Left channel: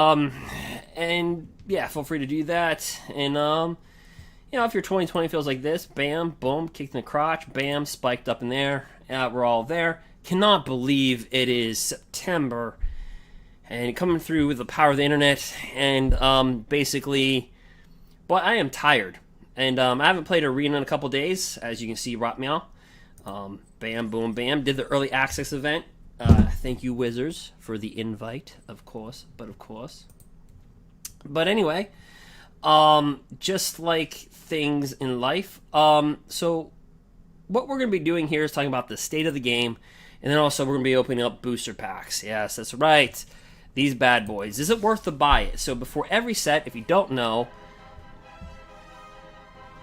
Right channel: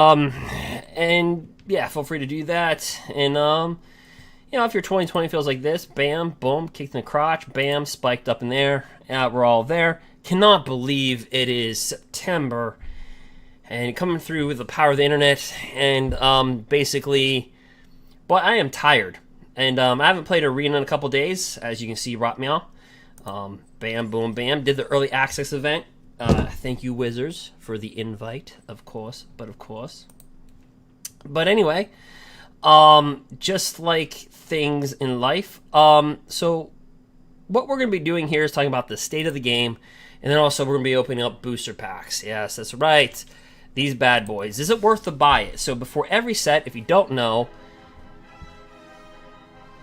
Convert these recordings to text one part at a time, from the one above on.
And yeah, feel free to do that. And if your 2020 feels like this, bam, boom, kicked in the crotch, bam, spiked up in there. We're all there. Cannot believe it is September and coming through with the power of the internet. And basically, but I am tired. And I haven't played Arena in a couple days, as you can see, Rot Meow. Bam, boom, bam. Did the early access event. Thank you, Wizards, for the invite, of course. But anyway, just like things in life. So what we're going to be doing here is talking about the state of the game, and then also we're going to be opening up booster packs. Yes, that's right. These bad boys. Is it worth to buy it? So before every set, if you don't know,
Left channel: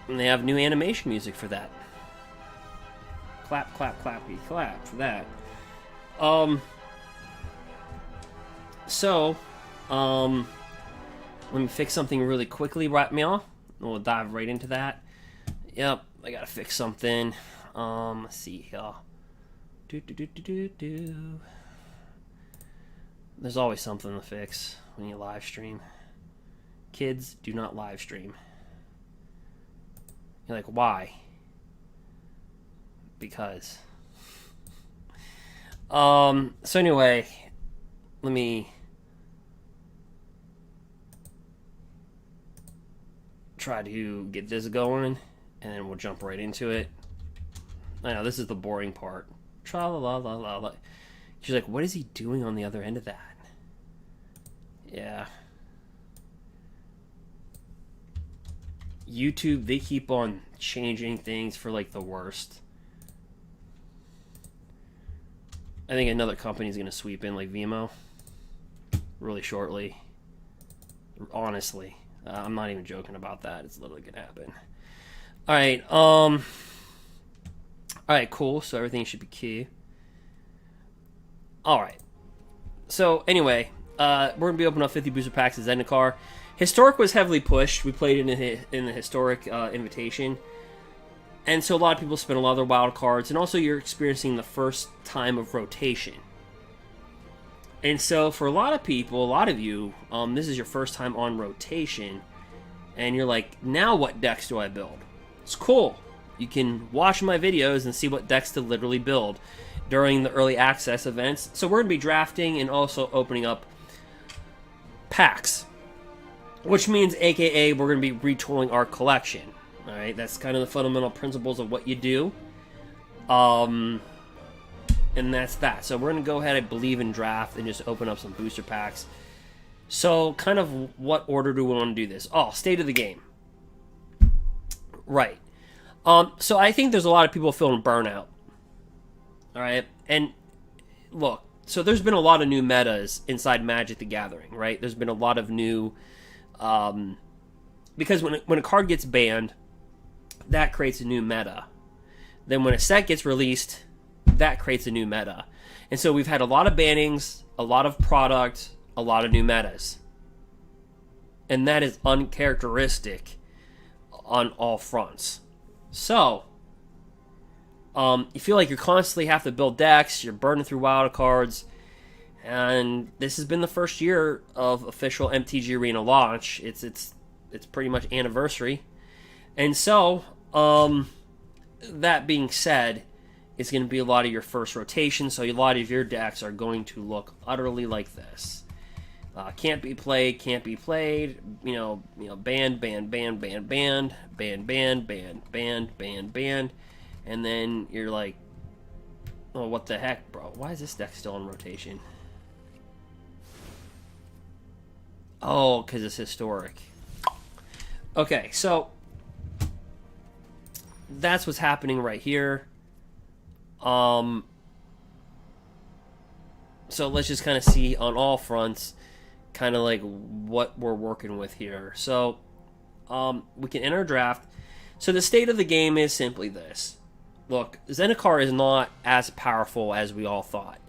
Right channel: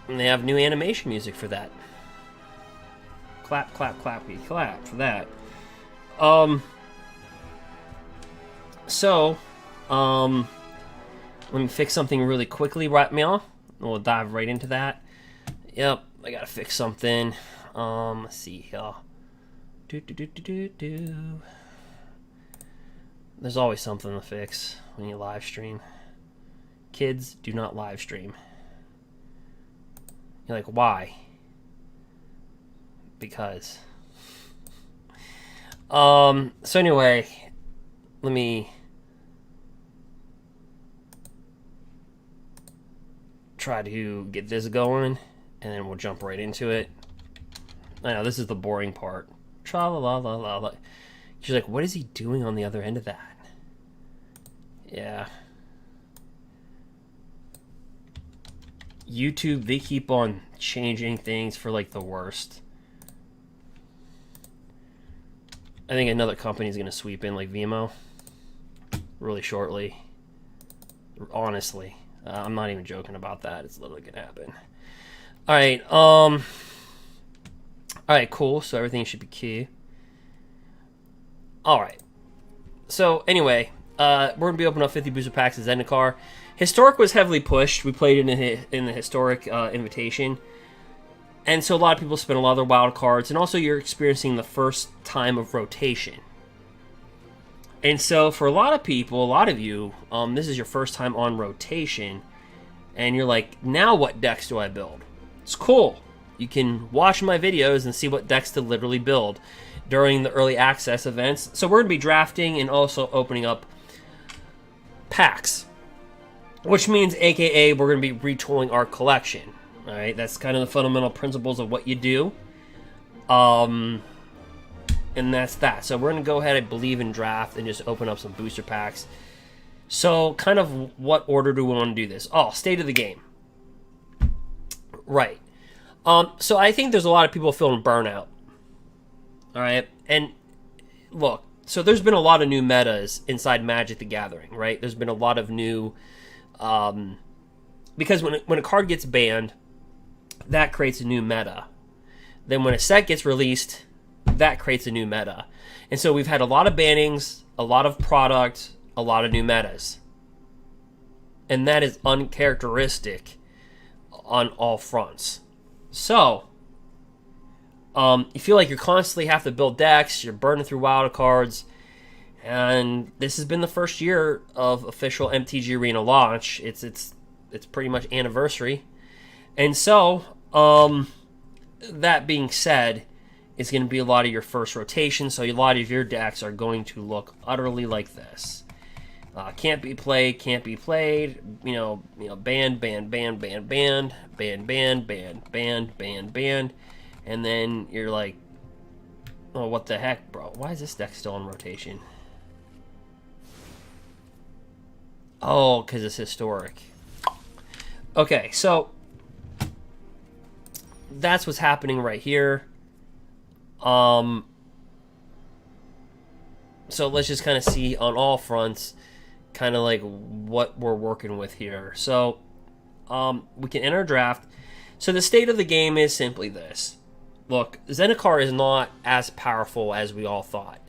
they have new animation music for that. Clap, clap, clappy, clap for that. Let me fix something really quickly right now. We'll dive right into that. Yep, I gotta fix something. Let's see here. There's always something to fix when you live stream. Kids, do not live stream. You're like, why? Because. So anyway, let me try to get this going, and then we'll jump right into it. I know, this is the boring part. Tra-la-la-la-la. She's like, what is he doing on the other end of that? Yeah. YouTube, they keep on changing things for, like, the worst. I think another company is going to sweep in, like Vimo, really shortly. Honestly. I'm not even joking about that. It's literally going to happen. Alright, cool. So everything should be key. Alright. So, anyway, we're going to be opening up 50 booster packs of Zendikar. Historic was heavily pushed. We played in the Historic invitation. And so a lot of people spend a lot of their wild cards. And also you're experiencing the first time of rotation. And so for a lot of people, a lot of you, this is your first time on rotation. And you're like, now what decks do I build? It's cool. You can watch my videos and see what decks to literally build during the early access events. So we're going to be drafting and also opening up packs. Which means, aka, we're going to be retooling our collection. Alright, that's kind of the fundamental principles of what you do. And that's that. So we're going to go ahead, I believe, and draft and just open up some booster packs. So, kind of what order do we want to do this? Oh, state of the game. Right. So I think there's a lot of people feeling burnout. Alright, and look, so there's been a lot of new metas inside Magic the Gathering, right? There's been a lot of new... because when a card gets banned, that creates a new meta. Then when a set gets released, that creates a new meta. And so we've had a lot of bannings, a lot of product, a lot of new metas. And that is uncharacteristic on all fronts. So, you feel like you constantly have to build decks, you're burning through wild cards, and this has been the first year of official MTG Arena launch. It's pretty much anniversary. And so, that being said, it's going to be a lot of your first rotation, so a lot of your decks are going to look utterly like this. Can't be played, banned, and then you're like, oh, what the heck, bro? Why is this deck still in rotation? Oh, because it's historic. Okay, so that's what's happening right here. So let's just kind of see on all fronts kind of like what we're working with here. So we can enter a draft. So the state of the game is simply this. Look, Zendikar is not as powerful as we all thought.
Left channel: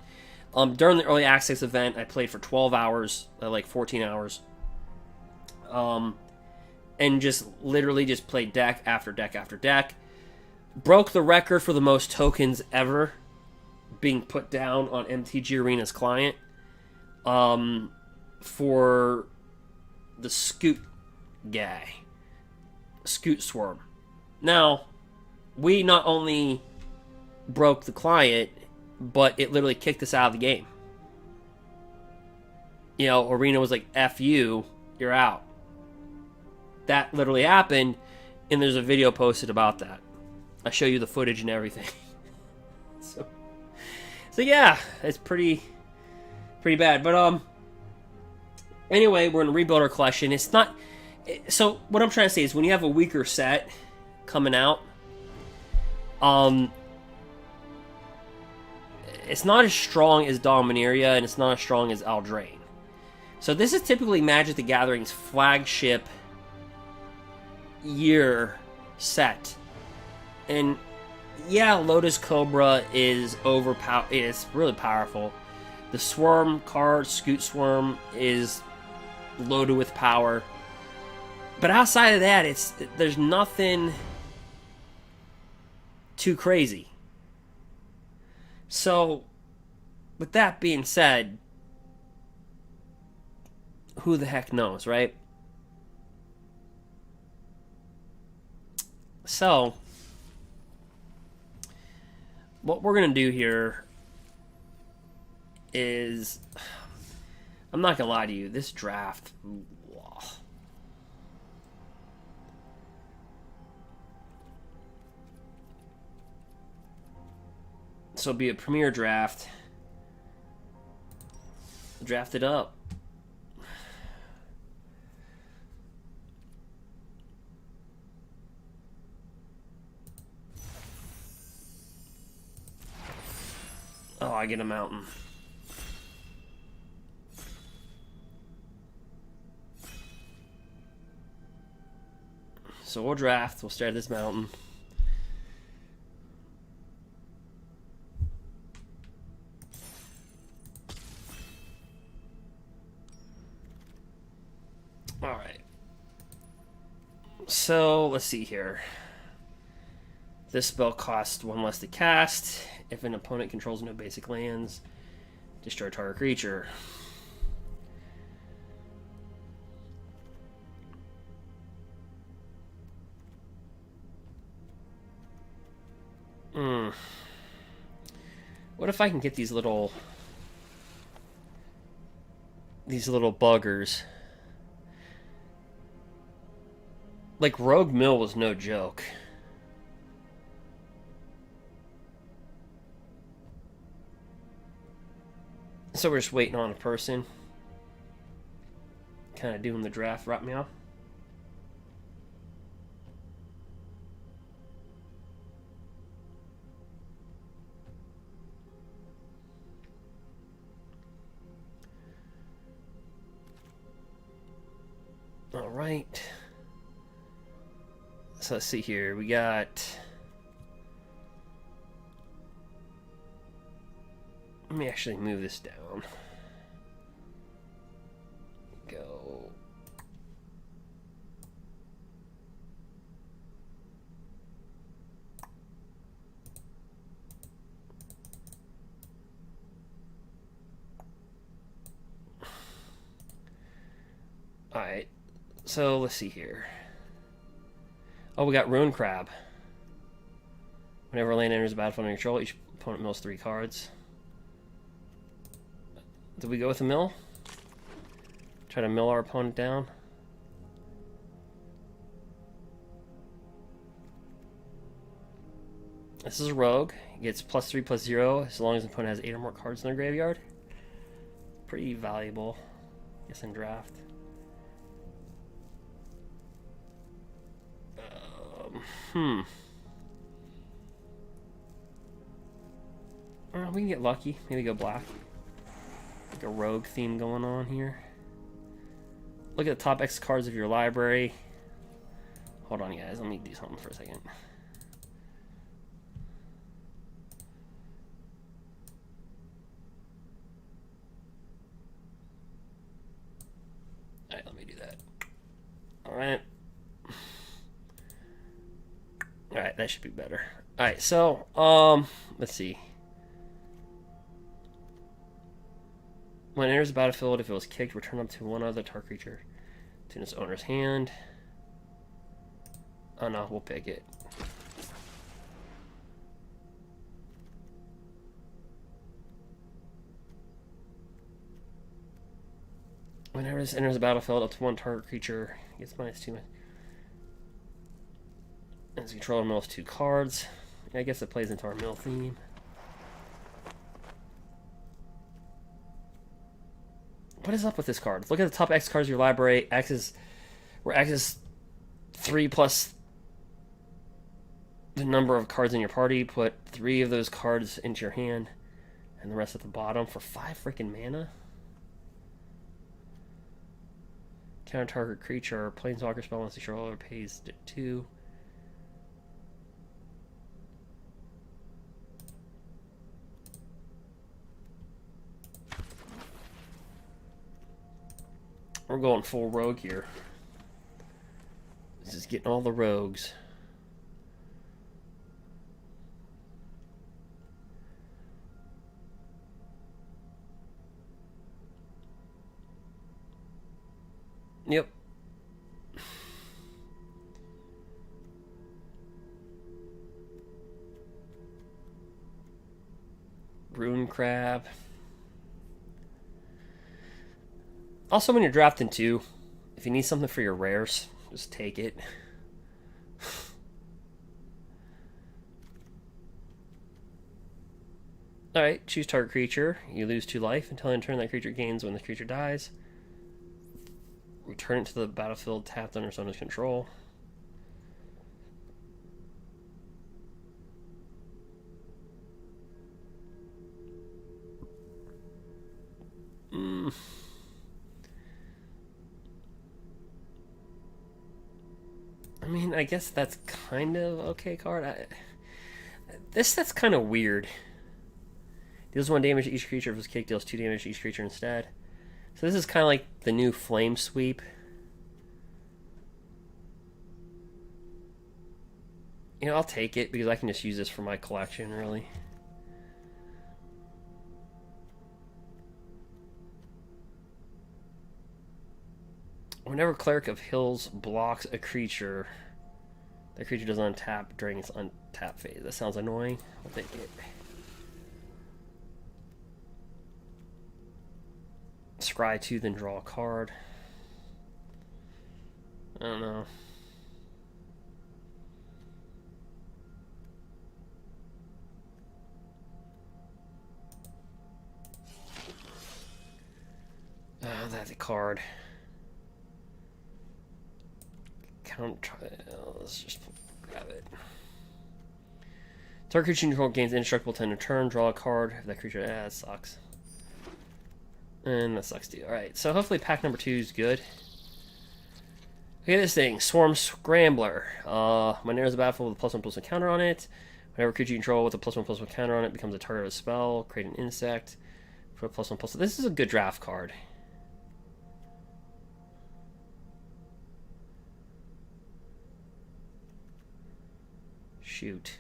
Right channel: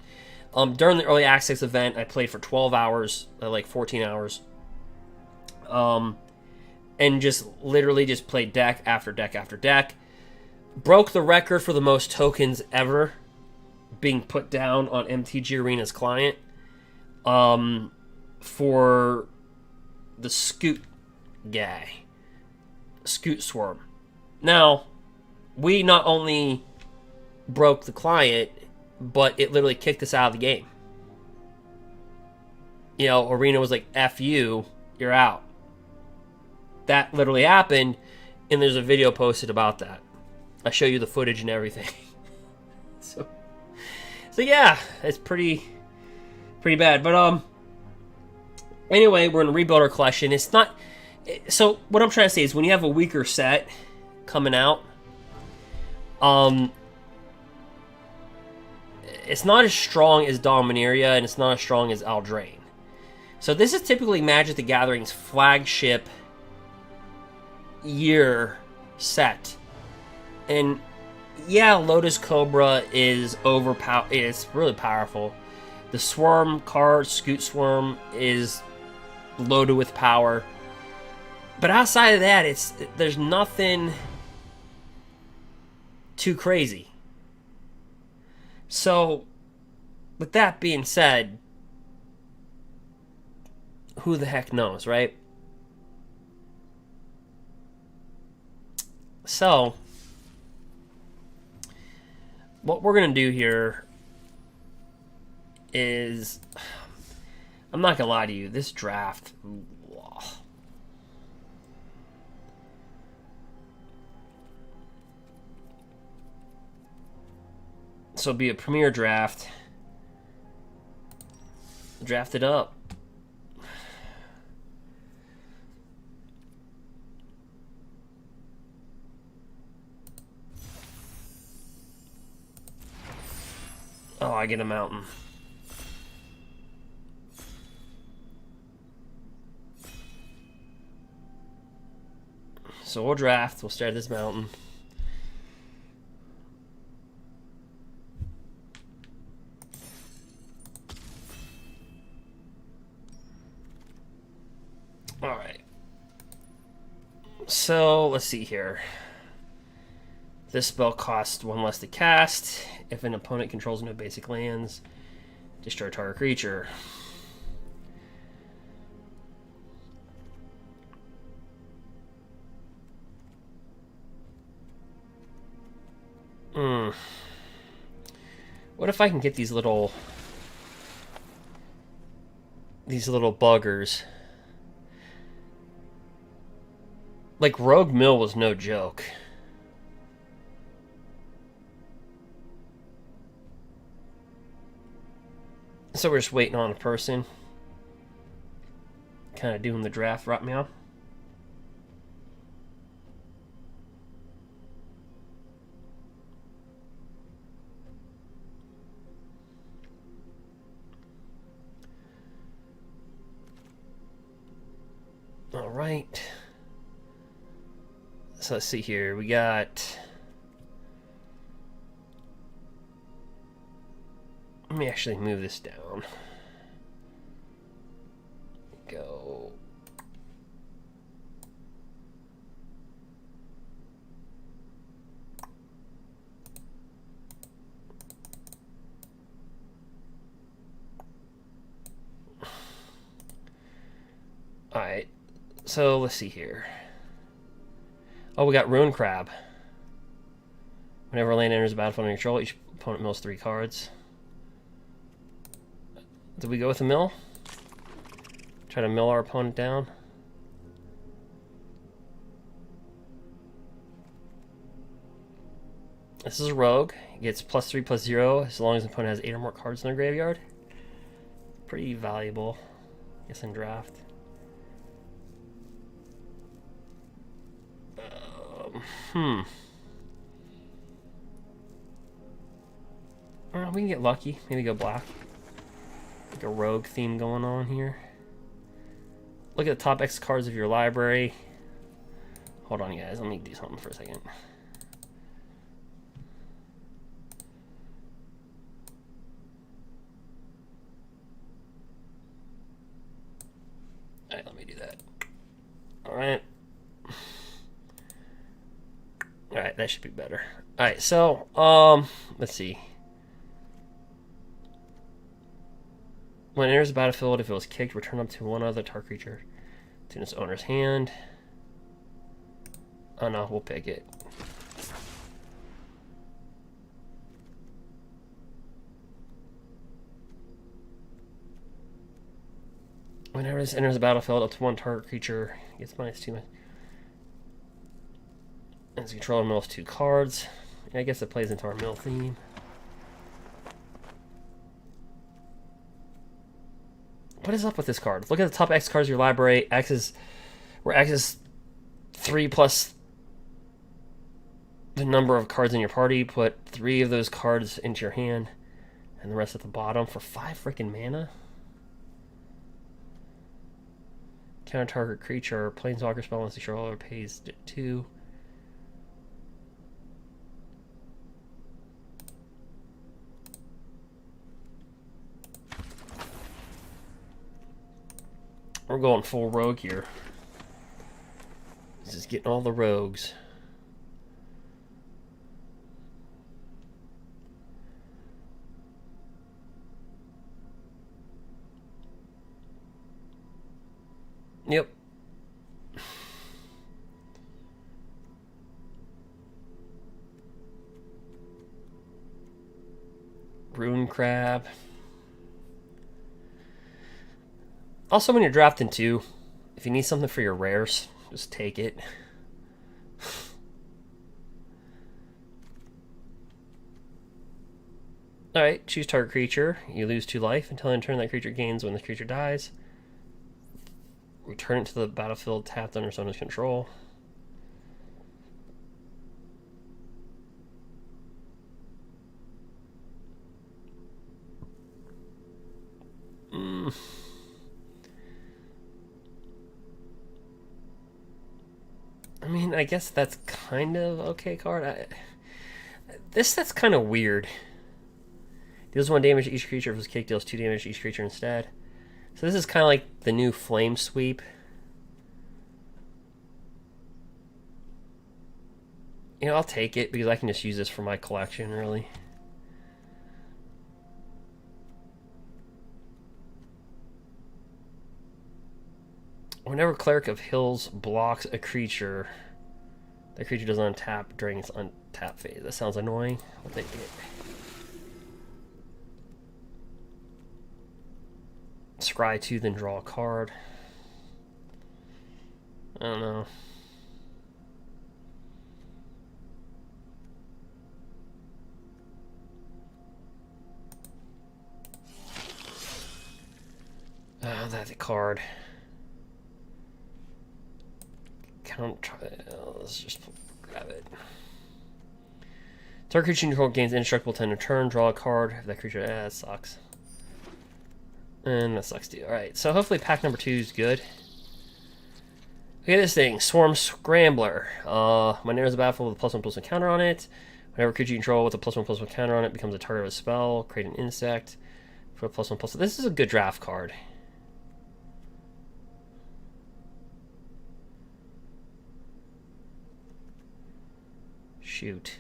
During the early access event, I played for 12 hours, like 14 hours. And just literally just played deck after deck after deck. Broke the record for the most tokens ever being put down on MTG Arena's client. for the Scoot guy. Scoot Swarm. Now, we not only broke the client, but it literally kicked us out of the game. You know, Arena was like, F you, you're out. That literally happened, and there's a video posted about that. I show you the footage and everything. so yeah, it's pretty bad. But anyway, we're gonna rebuild our collection. It's not. So what I'm trying to say is, when you have a weaker set coming out, it's not as strong as Dominaria, and it's not as strong as Eldraine. So this is typically Magic the Gathering's flagship year set. And yeah, Lotus Cobra is overpowered. It's really powerful. The Swarm card, Scoot Swarm, is loaded with power. But outside of that, there's nothing too crazy. So, with that being said, who the heck knows, right? So, what we're going to do here is, I'm not going to lie to you, this draft, so be a premier draft. Draft it up. Oh, I get a mountain. So we'll draft. We'll start at this mountain. Alright. So, let's see here. This spell costs 1 less to cast. If an opponent controls no basic lands, destroy target creature. What if I can get these little buggers? Like, Rogue Mill was no joke. So we're just waiting on a person. Kind of doing the draft right now. All right. So let's see here. We got... Let me actually move this down. Go. Alright. So let's see here. Oh, we got Ruin Crab. Whenever a land enters the battlefield under control, each opponent mills 3 cards. Did we go with a mill? Try to mill our opponent down. This is a rogue. He gets +3/+0 as long as the opponent has 8 or more cards in their graveyard. Pretty valuable, I guess, in draft. We can get lucky. Maybe go black. Like a rogue theme going on here. Look at the top X cards of your library. Hold on, guys. Let me do something for a second. Alright, let me do that. Alright. Alright, that should be better. Alright, so, let's see. When it enters the battlefield, if it was kicked, return up to one other target creature to its owner's hand. Oh no, we'll pick it. Whenever this enters the battlefield, up to one target creature gets -2. And its controller mills 2 cards. I guess it plays into our mill theme. What is up with this card? Look at the top X cards of your library. X is 3 plus the number of cards in your party. Put 3 of those cards into your hand, and the rest at the bottom for 5 freaking mana. Counter target creature, Planeswalker spell once the controller pays 2. We're going full rogue here. This is getting all the rogues. Yep. Rune Crab. Also, when you're drafting too, if you need something for your rares, just take it. Alright, choose target creature. You lose 2 life until in turn that creature gains when the creature dies. Return it to the battlefield tapped under its owner's control. I mean, I guess that's kind of okay card. This set's kind of weird. Deals 1 damage to each creature. If it's kicked, deals 2 damage to each creature instead. So this is kind of like the new Flame Sweep. You know, I'll take it because I can just use this for my collection, really. Whenever Cleric of Hills blocks a creature, that creature doesn't untap during its untap phase. That sounds annoying. I'll take it. Scry 2, then draw a card. I don't know. That's a card. Let's just grab it. Target creature you control gains indestructible 10 a turn. Draw a card. If that creature, that sucks. And that sucks too. Alright, so hopefully pack number 2 is good. Look at this thing. Swarm Scrambler. When enters the battlefield with a +1/+1 counter on it. Whenever creature you control with a +1/+1 counter on it becomes a target of a spell. Create an insect for a +1/+1. This is a good draft card. Shoot.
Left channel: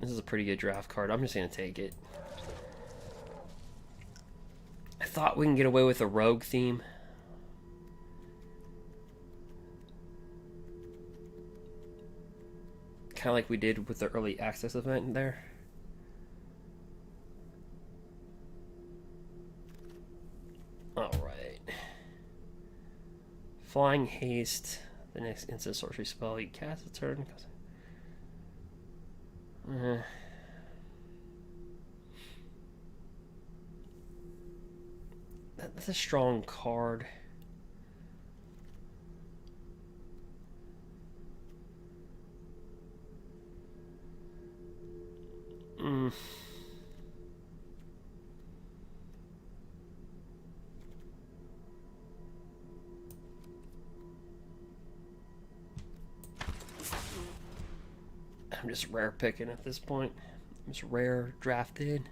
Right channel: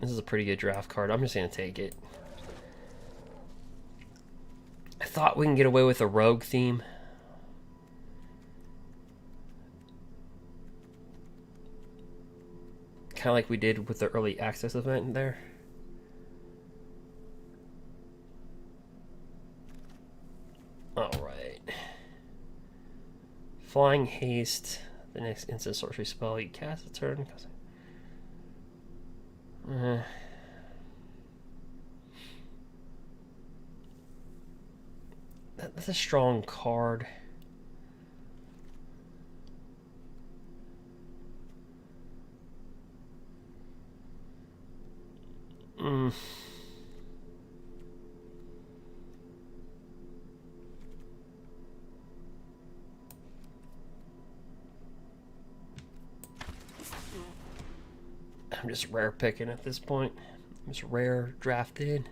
This is a pretty good draft card. I'm just going to take it. I thought we can get away with a rogue theme. Kind of like we did with the early access event there. Alright. Flying Haste. The next instant sorcery spell you cast a turn. That's a strong card. I'm just rare picking at this point. I'm just rare drafted.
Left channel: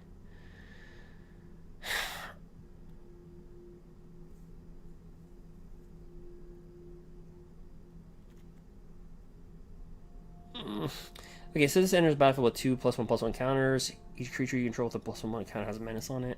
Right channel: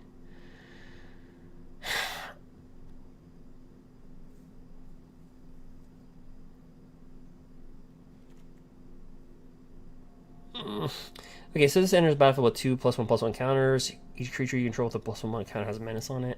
Okay, so this enters the battlefield with 2+1/+1 counters. Each creature you control with a +1/+1 counter has a menace on it.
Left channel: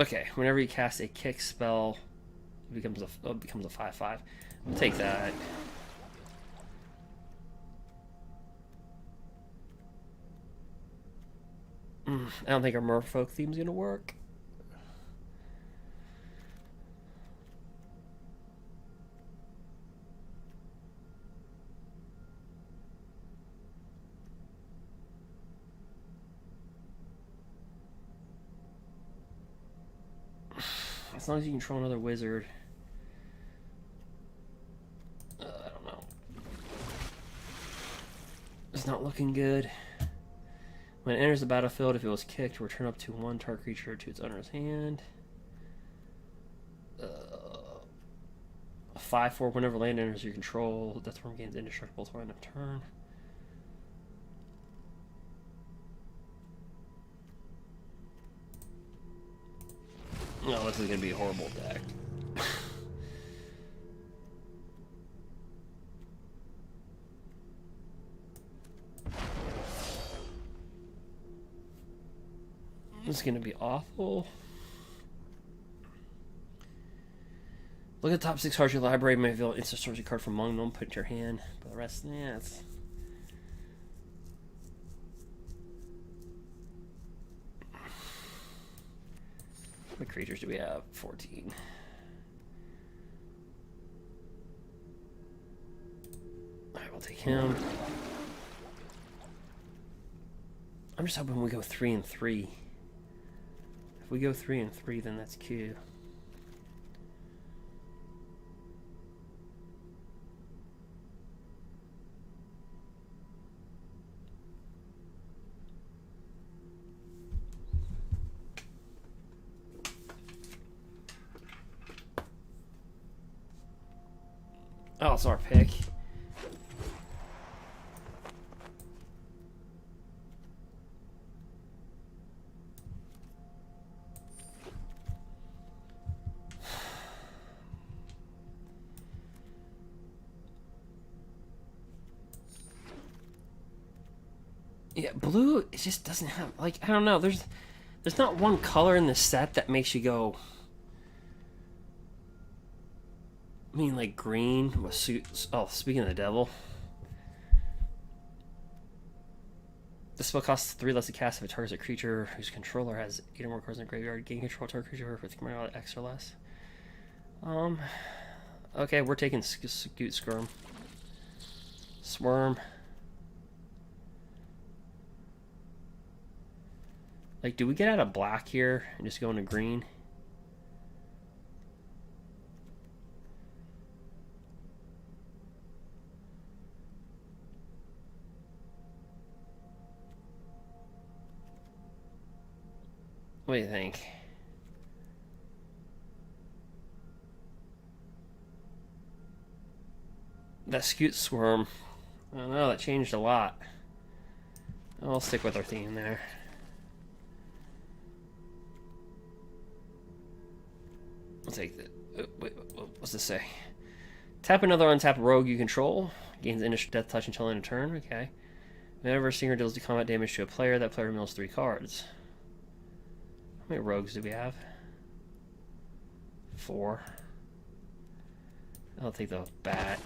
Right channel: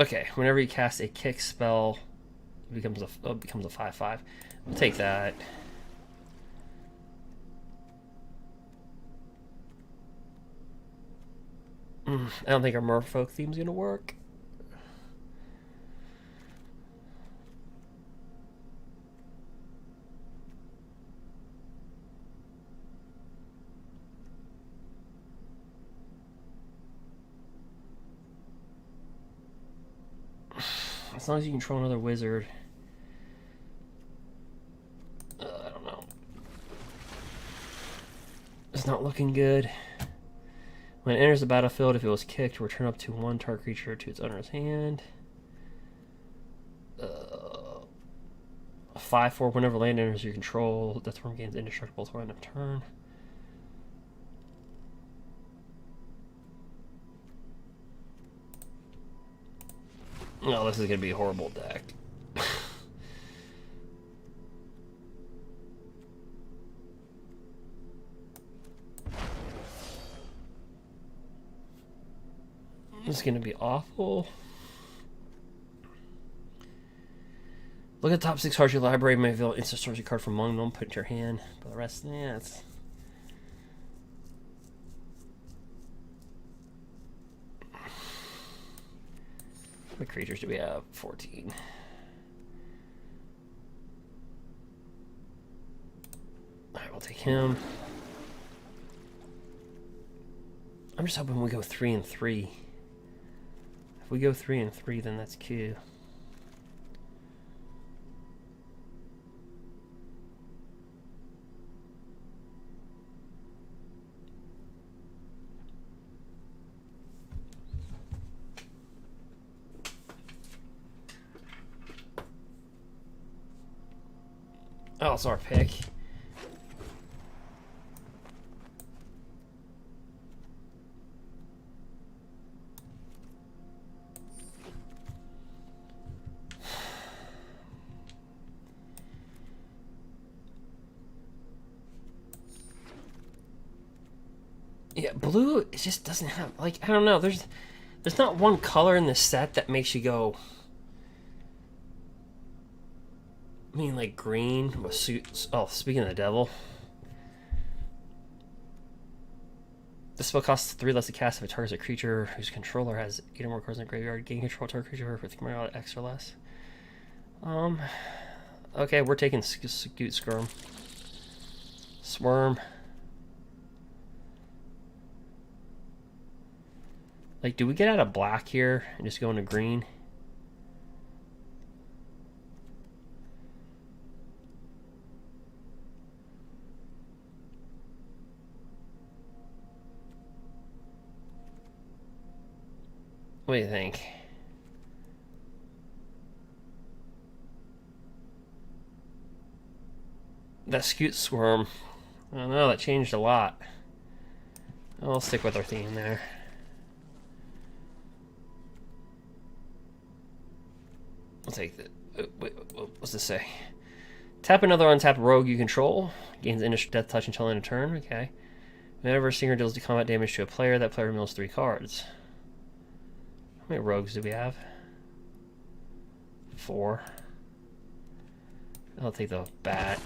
Okay, whenever you cast a kick spell, it becomes a 5/5. We'll take that. I don't think our Merfolk theme's gonna work. As long as you control another wizard. I don't know. It's not looking good. When it enters the battlefield, if it was kicked, return up to 1 target creature to its owner's hand. 5/4. Whenever land enters your control, Deathworm gains indestructible till end of turn. No, this is gonna be a horrible deck. This is gonna be awful. Look at the top 6 cards of your library. May reveal an instant source card from among them. Put it in your hand. But the rest, yeah, it's. What creatures do we have? 14. Alright, we'll take him. I'm just hoping we go 3 and 3. If we go 3 and 3, then that's Q. Oh, it's our pick. Yeah, blue, it just doesn't have, like, I don't know, there's not one color in the set that makes you go. I mean, like green was suits. Oh, speaking of the devil, this spell costs 3 less to cast if it targets a creature whose controller has 8 or more cards in the graveyard. Gain control of target creature with X or less. Okay, we're taking Scoot Skirm. Swarm. Like, do we get out of black here and just go into green? What do you think? That Scoot Swarm. I don't know, that changed a lot. I'll stick with our theme there. I'll take the. Wait, what's this say? Tap another untapped rogue you control. Gains initial death touch until end of turn. Okay. Whenever a stinger deals combat damage to a player, that player mills 3 cards. How many rogues do we have? 4. I'll take the bat.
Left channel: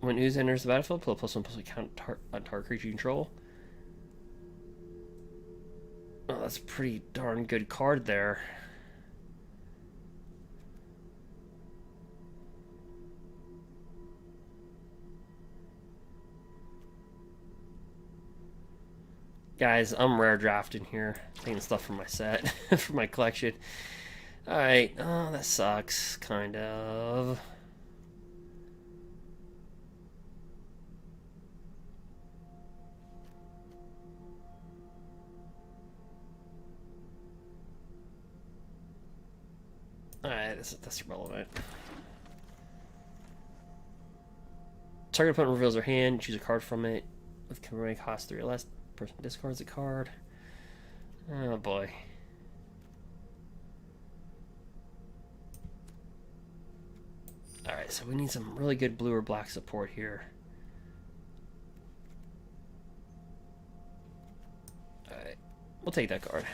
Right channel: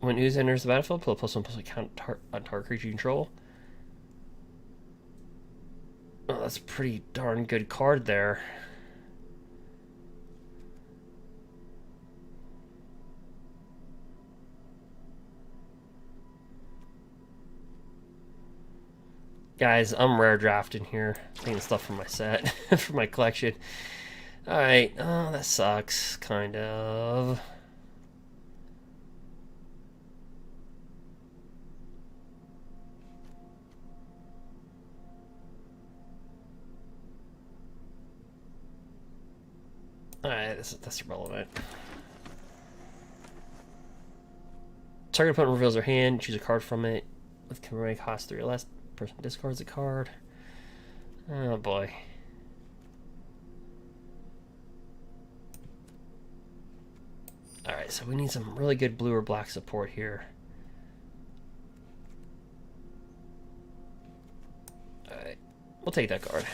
When ooze enters the battlefield, put a +1/+1 count on target creature you control. Oh, that's a pretty darn good card there. Guys, I'm rare drafting here. Taking stuff from my set, from my collection. Alright, oh, that sucks, kind of. Alright, that's irrelevant. Target opponent reveals their hand, choose a card from it. With commemorating cost 3 or less, person discards a card. Oh boy. Alright, so we need some really good blue or black support here. Alright, we'll take that card.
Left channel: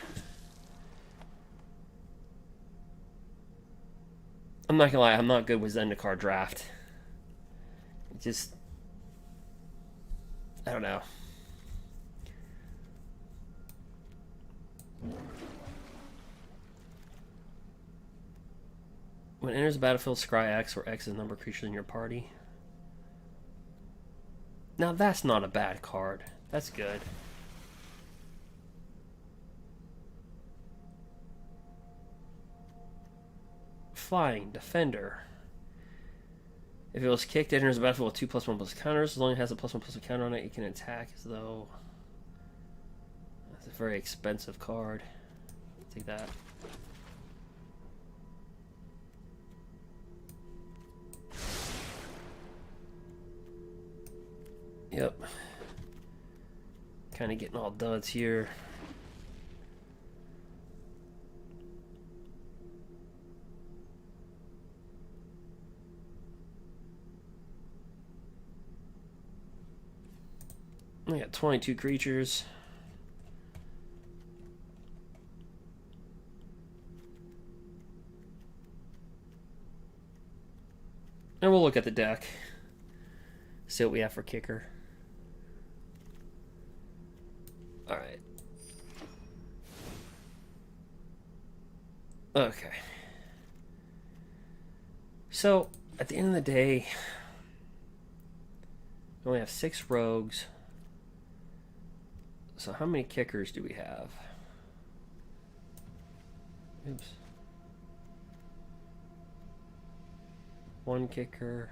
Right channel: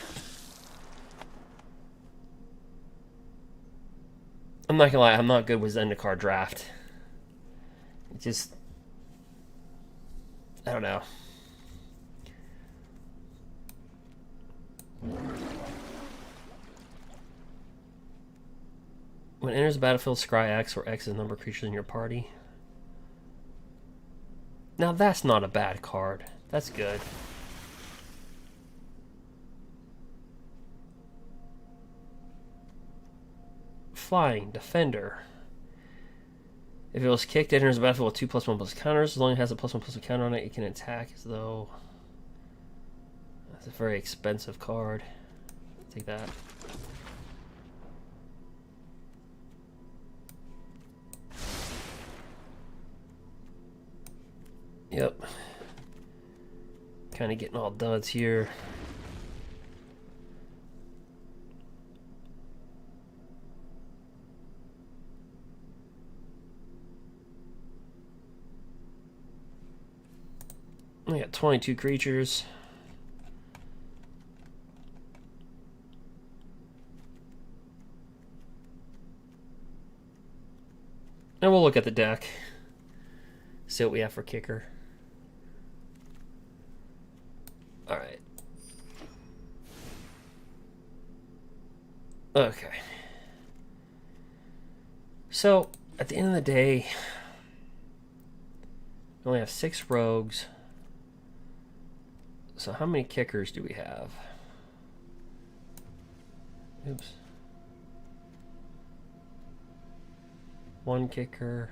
I'm not gonna lie, I'm not good with Zendikar draft. It just... I don't know. When it enters the battlefield, scry X, where X is the number of creatures in your party. Now that's not a bad card. That's good. Flying, Defender. If it was kicked, it enters the battlefield with 2+1+ counters. As long as it has a +1/+1 counter on it, it can attack as though... That's a very expensive card. Take that. Yep. Kind of getting all duds here. We got 22 creatures. And we'll look at the deck. See what we have for kicker. Alright. Okay. So, at the end of the day, we only have 6 rogues. So how many kickers do we have? Oops. 1 kicker.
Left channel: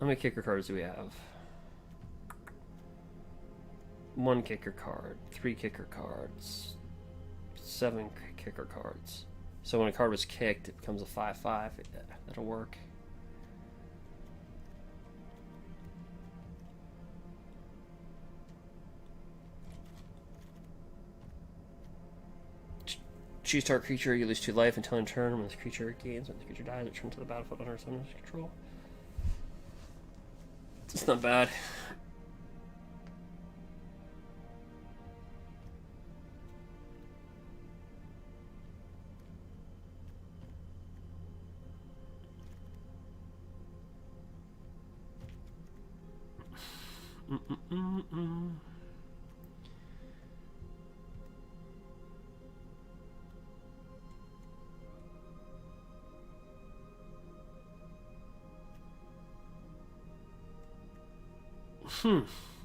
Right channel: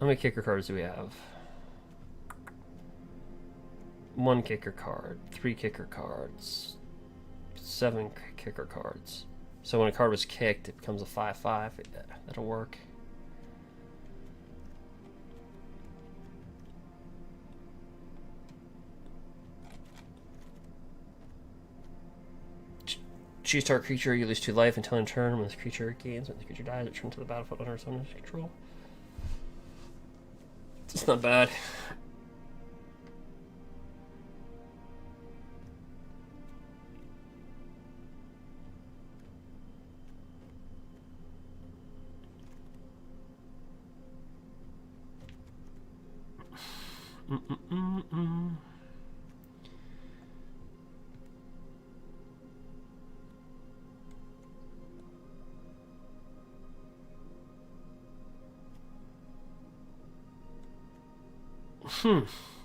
How many kicker cards do we have? 1 kicker card, 3 kicker cards, 7 kicker cards. So when a card was kicked, it becomes a 5/5. That'll work. Choose target creature, you lose 2 life until in turn. When this creature gains, when the creature dies, return to the battlefield under its owner's control. It's not bad.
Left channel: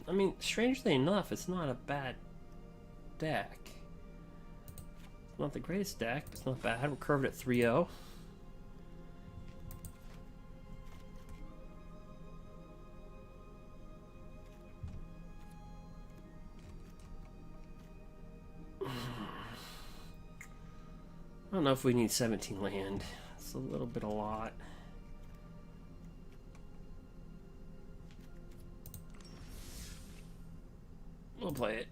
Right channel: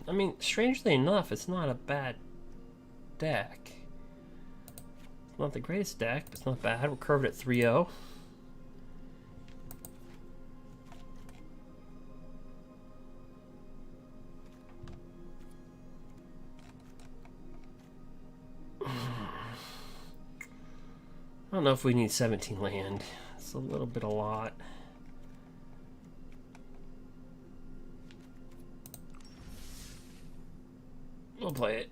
I mean, strangely enough, it's not a bad deck. It's not the greatest deck, but it's not bad. We're curved at 3-0. I don't know if we need 17 land. It's a little bit a lot. We'll play it.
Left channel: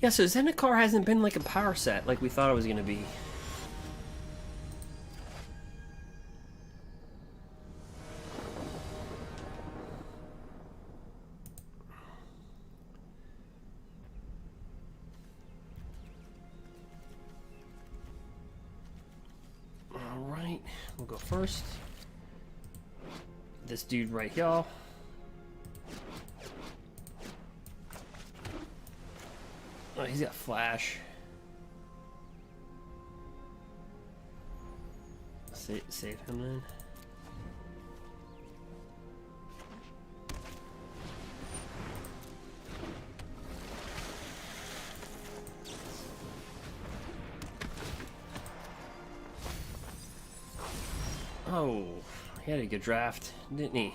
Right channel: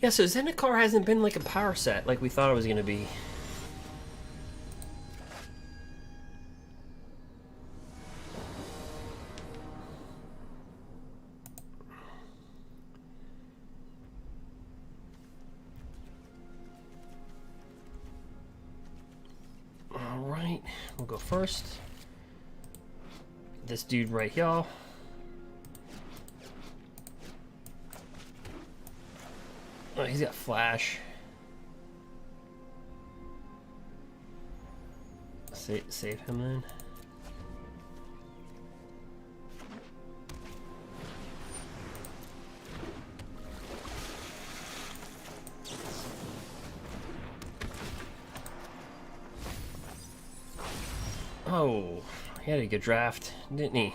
Yeah, so Zendikar hasn't been like a power set like we thought it was going to be. Alright, we'll go first. This dude right here. Oh, he's got flash. Save him then. Oh, he had a good draft, didn't he?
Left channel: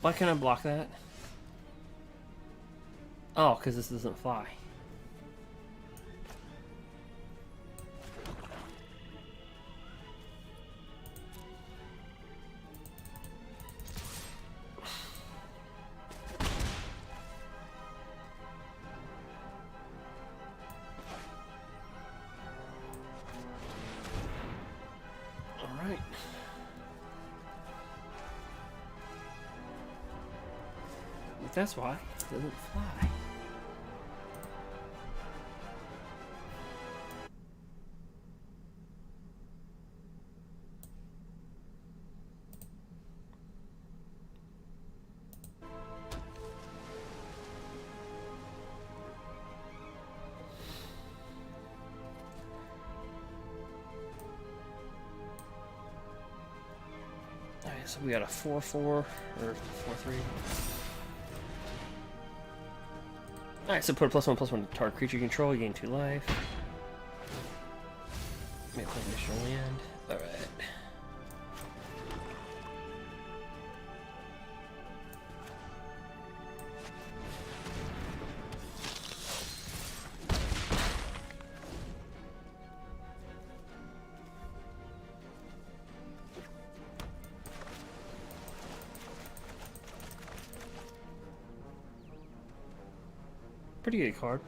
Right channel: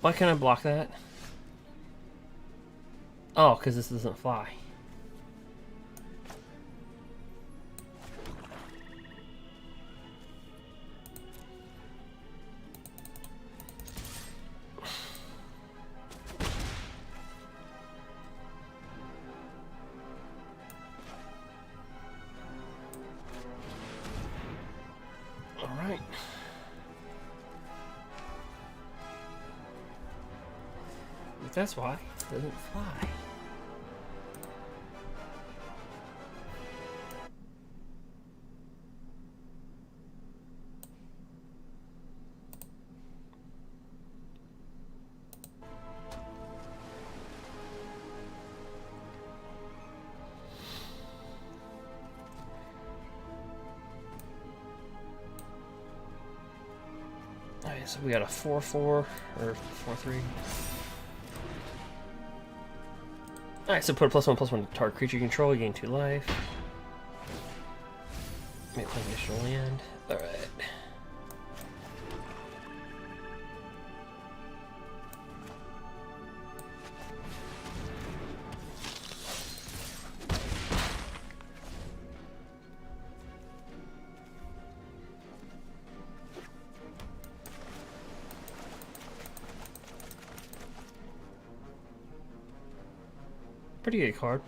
Why can't I block that? Oh, because this doesn't fly. Alright. That's why it doesn't fly. Alright, so we got a 4-4 or 4-3. Alright, so put a +1/+1 to target creature you control, you gain 2 life. May play additional land. Alright. Pretty good card.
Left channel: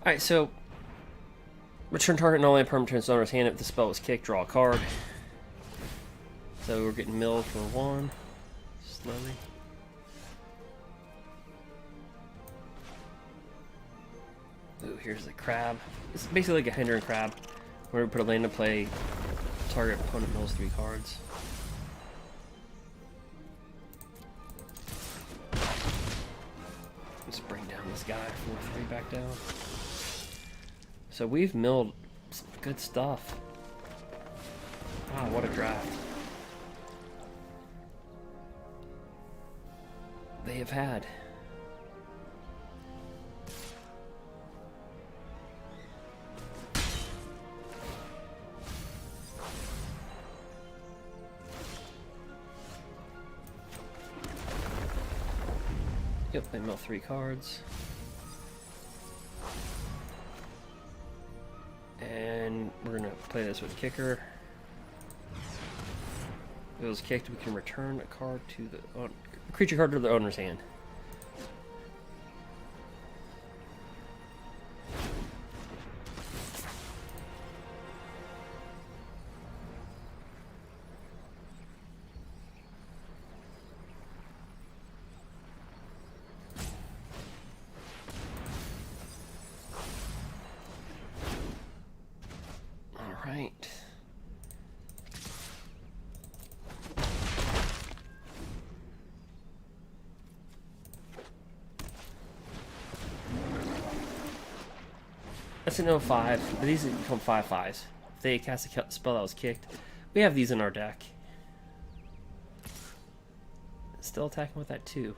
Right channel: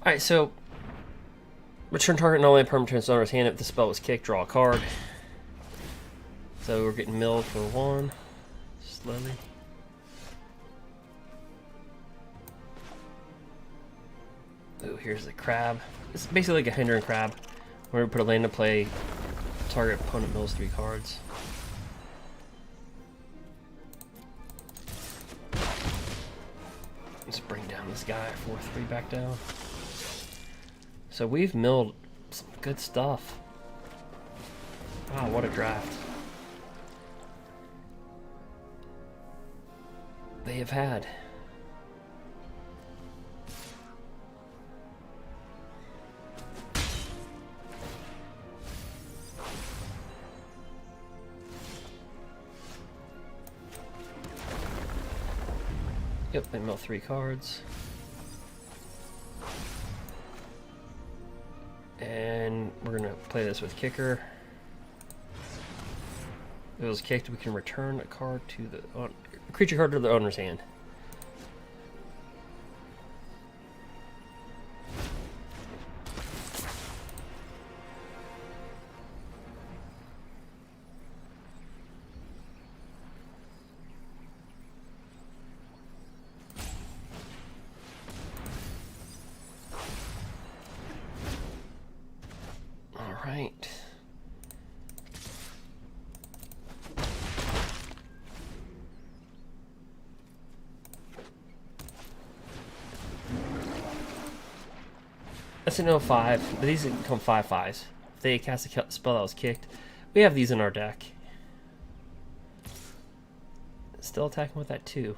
Alright, so return target non land permanent to its owner's hand if the spell was kicked, draw a card. So we're getting milled for 1, slowly. Ooh, here's the crab. It's basically like a hindering crab. Where we put a land to play, target opponent mills 3 cards. Let's bring down this guy, 4-3 back down. So we've milled some good stuff. Wow, what a draft. They have had. Yep, they mill 3 cards. And we're gonna play this with kicker. If it was kicked, we can return a card to the creature card to the owner's hand. All right. That's an 05, but these become 5/5s. If they cast a spell that was kicked, we have these in our deck. Still attacking with that 2.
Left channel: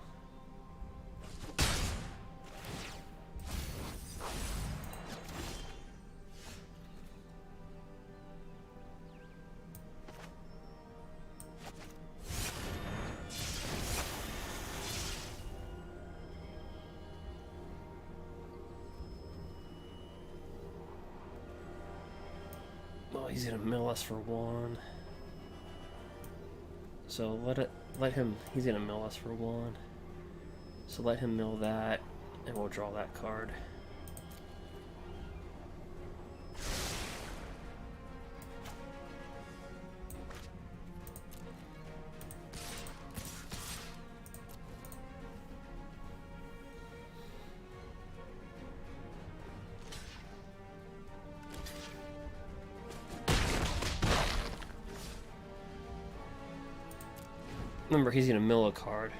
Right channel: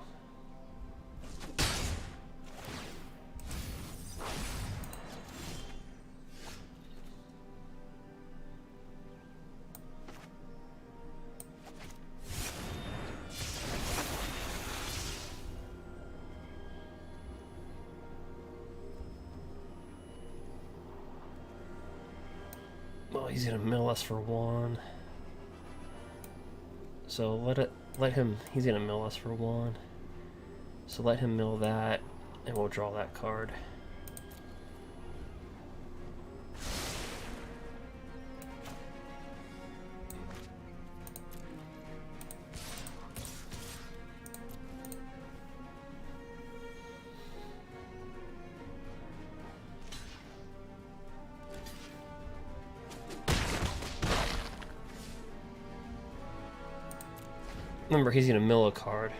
Well, he's gonna mill us for 1. So let him. He's gonna mill us for 1. So let him mill that, and we'll draw that card. Remember, he's gonna mill a card.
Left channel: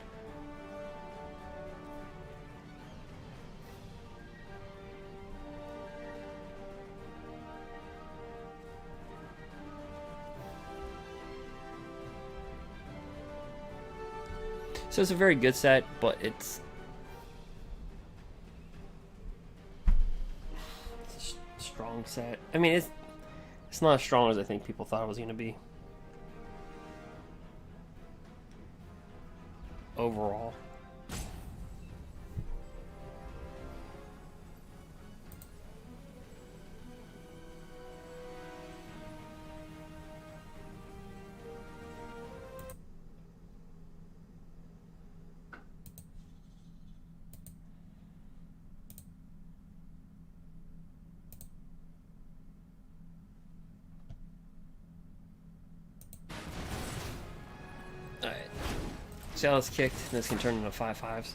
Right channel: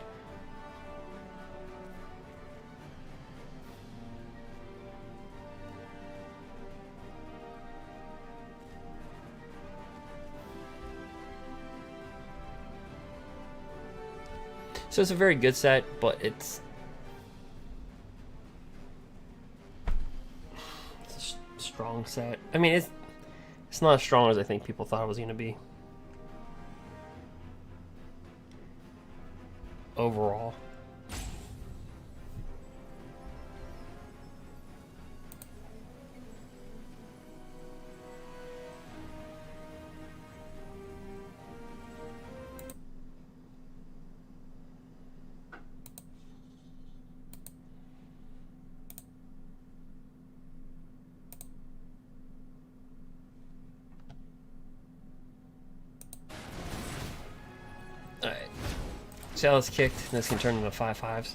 So it's a very good set, but it's a strong set. I mean, it's not as strong as I think people thought it was going to be. Overall. Alright. See how this kicked? This can turn into 5/5s.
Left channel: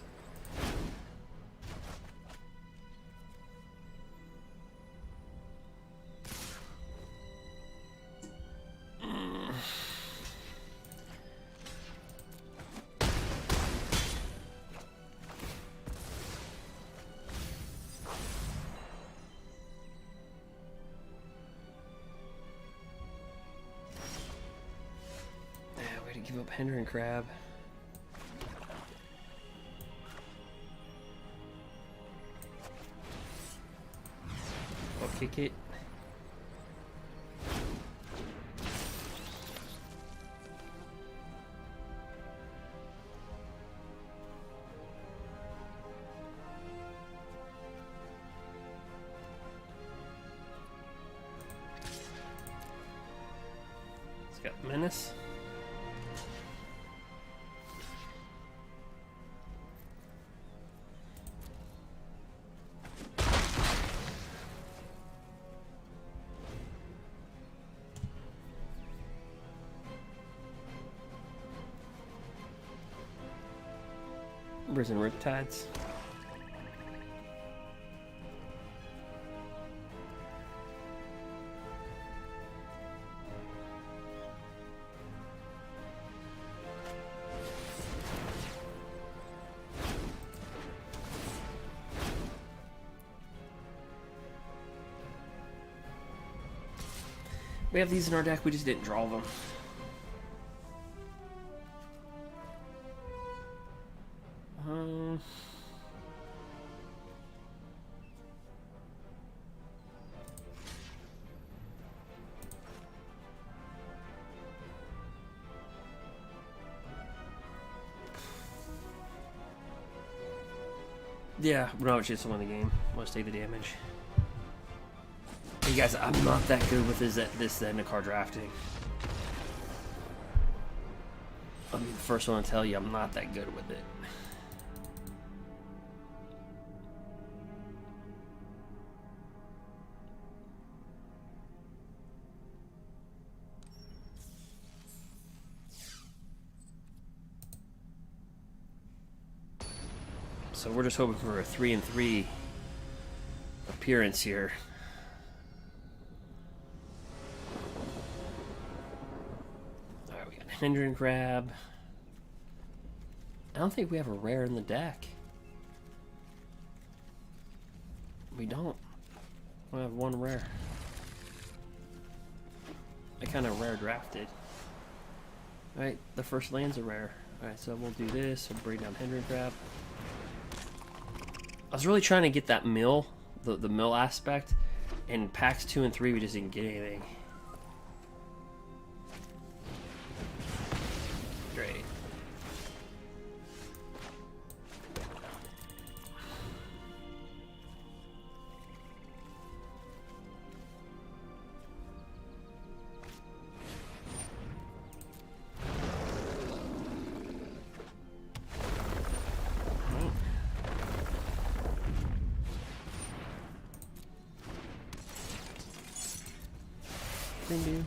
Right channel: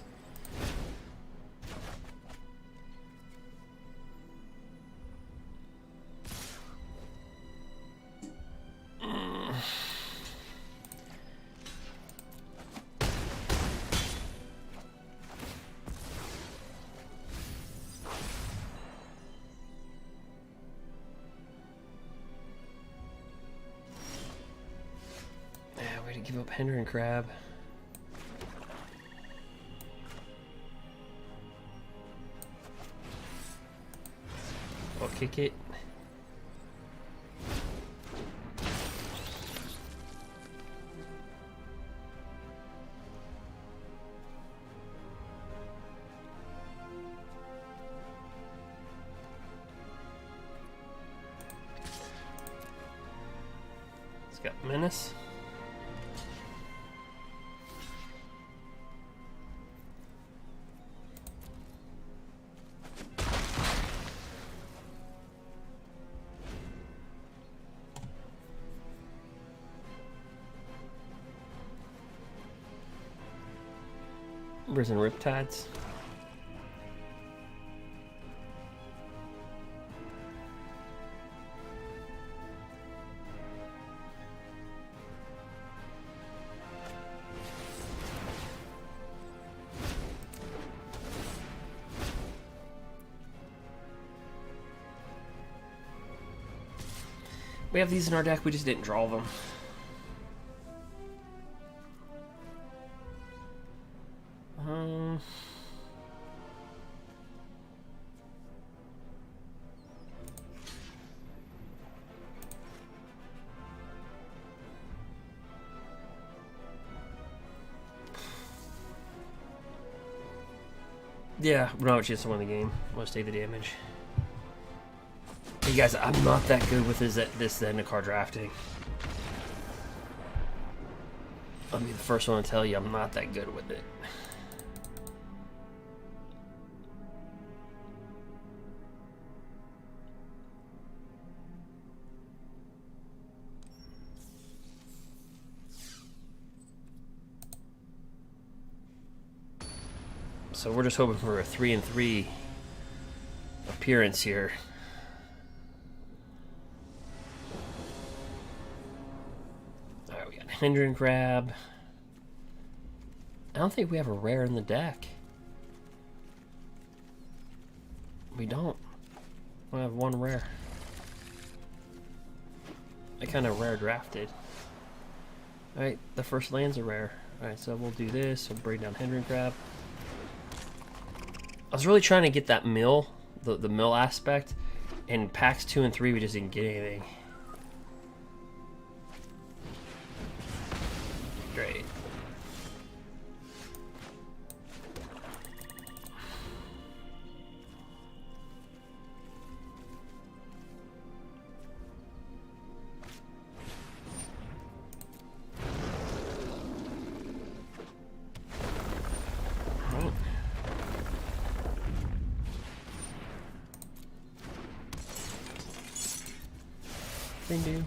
Way to give up Hinder and Crab. I'll kick it. It's got Menace. Risen Riptides. We have these in our deck, we just didn't draw them. Yeah, we're not chance to win the game. Let's take the damage. Hey guys, I'm not that good with this Zendikar drafting. I'll be the first one to tell you I'm not that good with it. So we're just hoping for a 3-3 appearance here. Alright, we got Hinder and Crab. I don't think we have a rare in the deck. We don't. We have one rare. I kind of rare drafted. Alright, the first land's a rare. Alright, so we'll do this. We'll bring down Hinder and Crab. I was really trying to get that mill, the mill aspect, and packs 2 and 3 we just didn't get anything. Great. Do.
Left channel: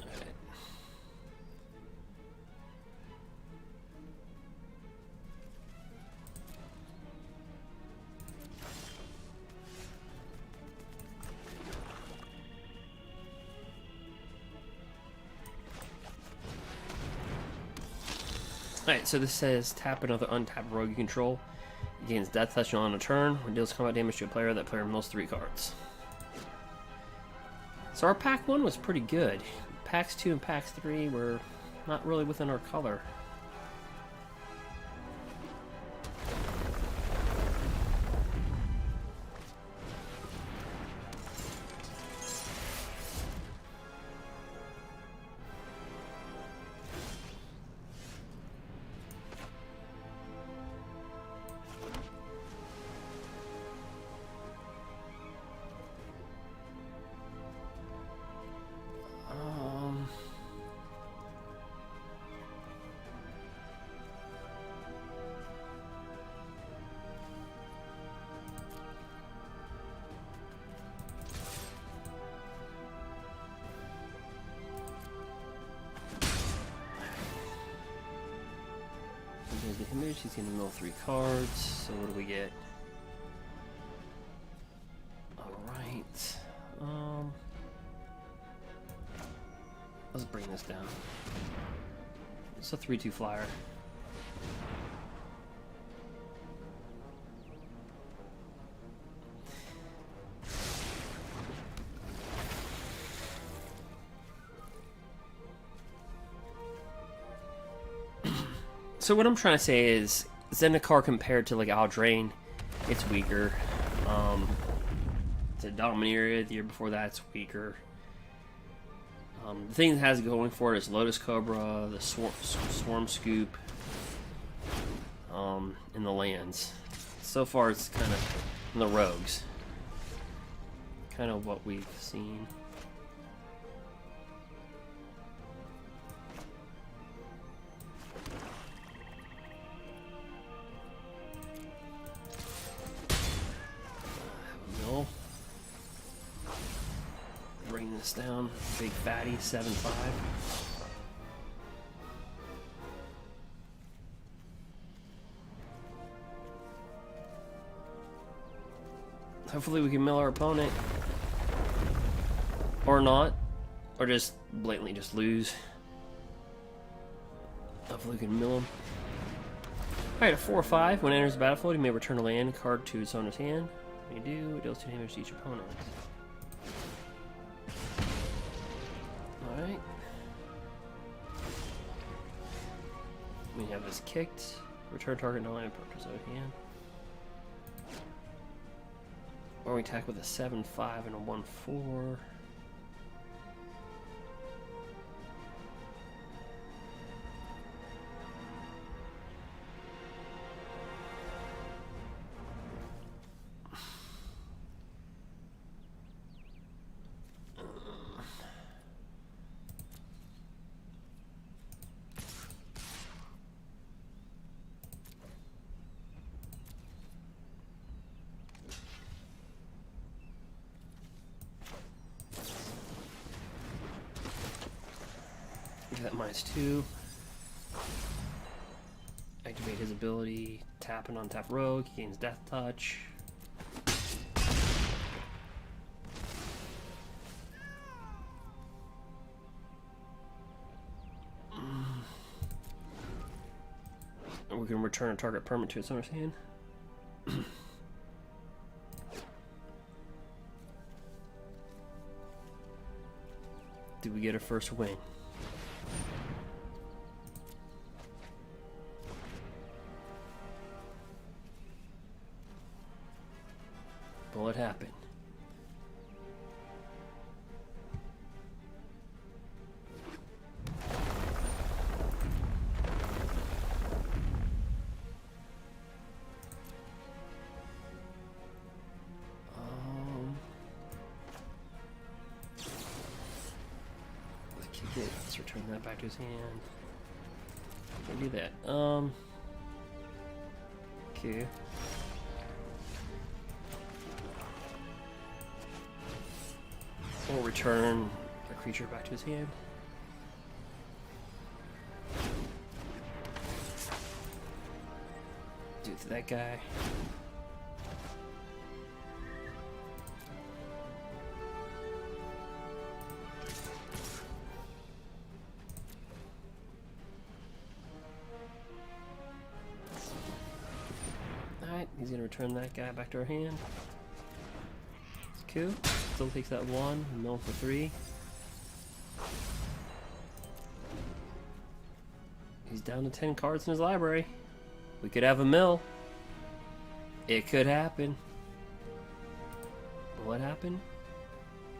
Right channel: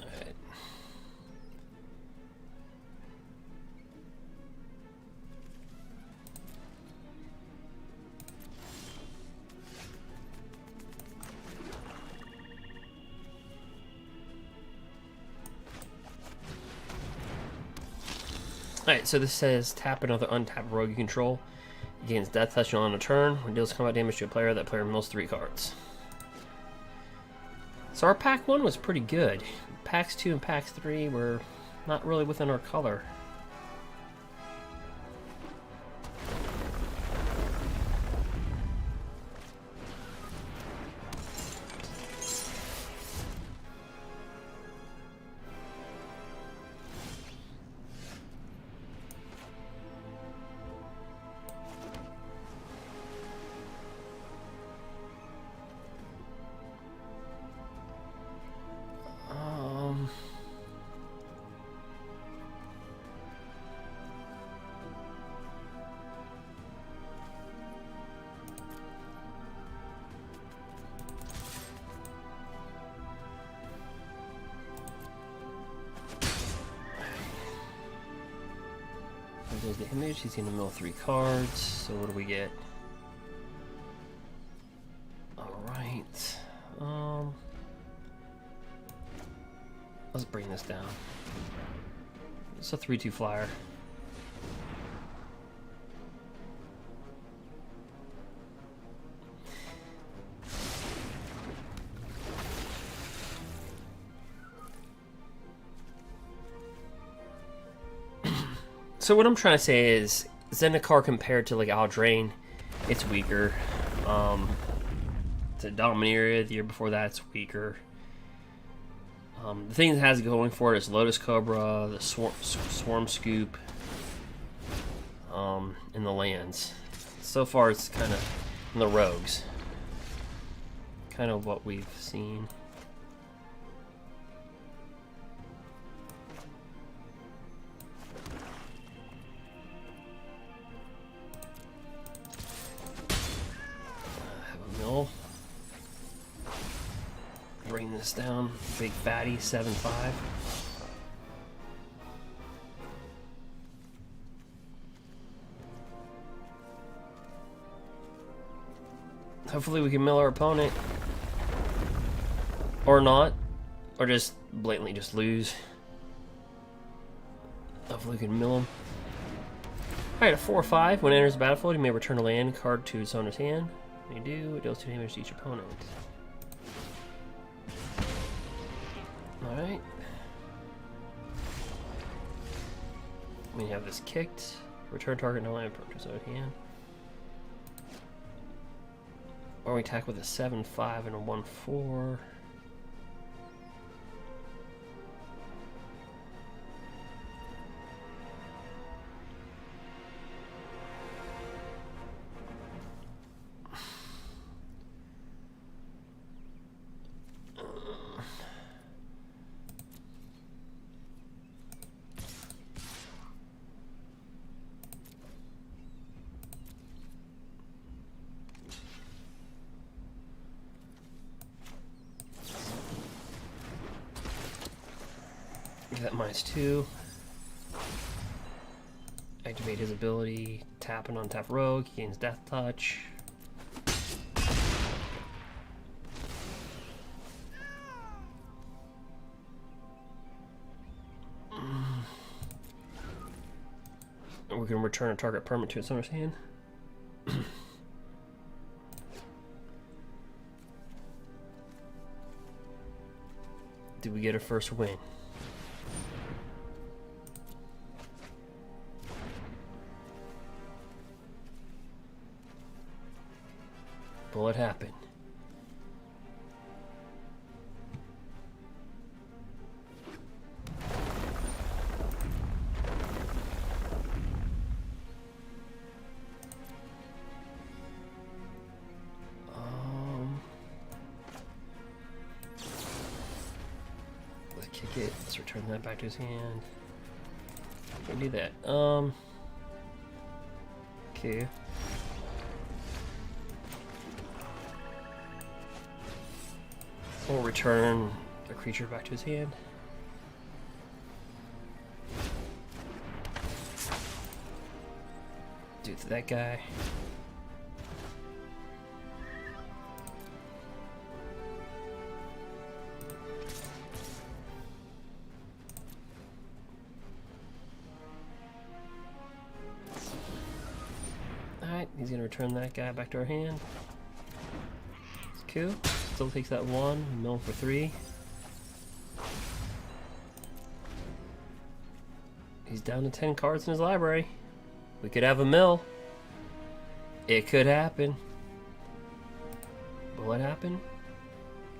Alright. Alright, so this says tap another untapped rogue you control. It gains death touch on a turn. When it deals combat damage to a player, that player mills 3 cards. So our pack 1 was pretty good. Packs 2 and packs 3 were not really within our color. There's the image. He's gonna mill 3 cards. So what do we get? Alright. Let's bring this down. It's a 3/2 flyer. So what I'm trying to say is, Zendikar compared to like Eldraine, it's weaker. To Dominaria the year before that, it's weaker. The thing it has going for it is Lotus Cobra, the Swarm Scoop, and the lands. So far, it's kind of in the rogues. Kind of what we've seen. Bring this down, big fatty 7/5. Hopefully we can mill our opponent, or not, or just blatantly just lose. Hopefully we can mill him. Alright, a 4/5. When it enters the battlefield, you may return a land card to its owner's hand. When you do, it deals 2 damage to each opponent. Alright. We have this kicked. Return target no land to its own hand. Or we attack with a 7/5 and a 1/4. That -2. Activate his ability. Tap and untap rogue. He gains death touch. And we can return a target permanent to its owner's hand. Did we get a first win? Will it happen? Let's kick it. Let's return that back to his hand. Can do that. Okay. We'll return a creature back to his hand. Do it to that guy. Alright, he's gonna return that guy back to our hand. It's cool. Still takes that 1, mill for 3. He's down to 10 cards in his library. We could have a mill. It could happen. Will it happen?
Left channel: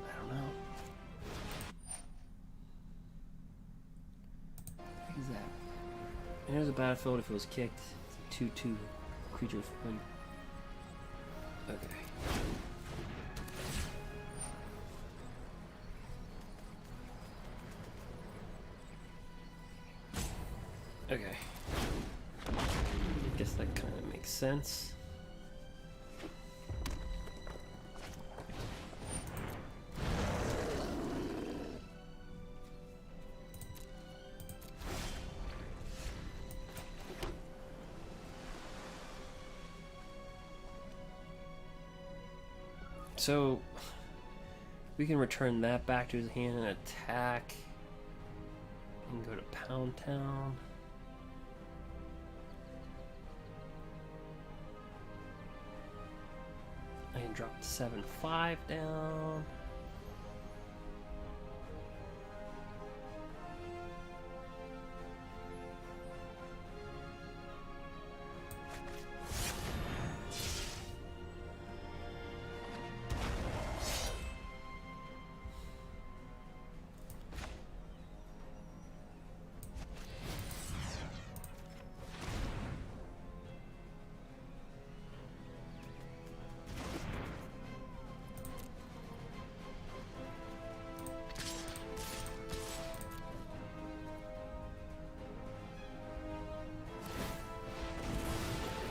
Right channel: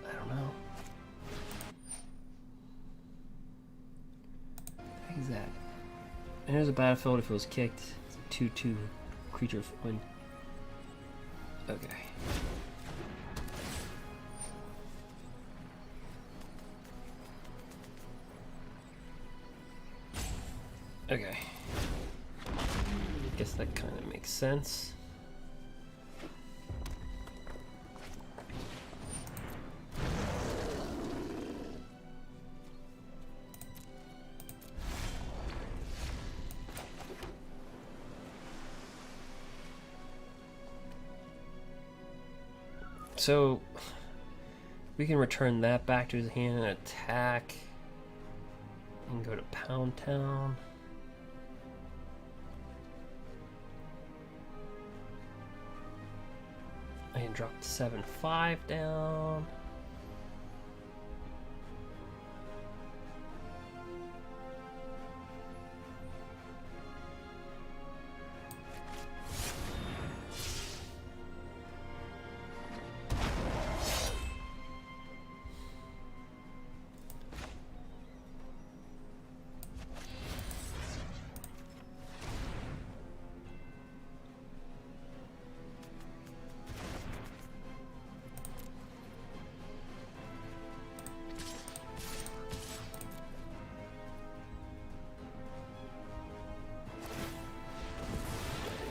I don't know. What the heck is that? And there's a battlefield if it was kicked. It's a 2/2 creature win. Okay. Okay. Guess that kind of makes sense. So we can return that back to his hand and attack and go to Pound Town. I can drop 7/5 down.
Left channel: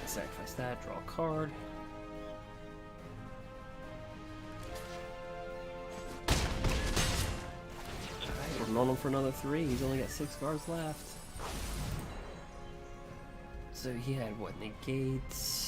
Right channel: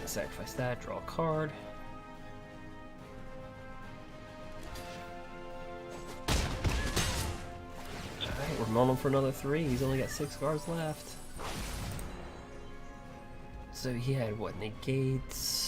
Sacrifice that, draw a card. Alright, we're milling him for another 3. He's only got 6 cards left. So he had what, negates?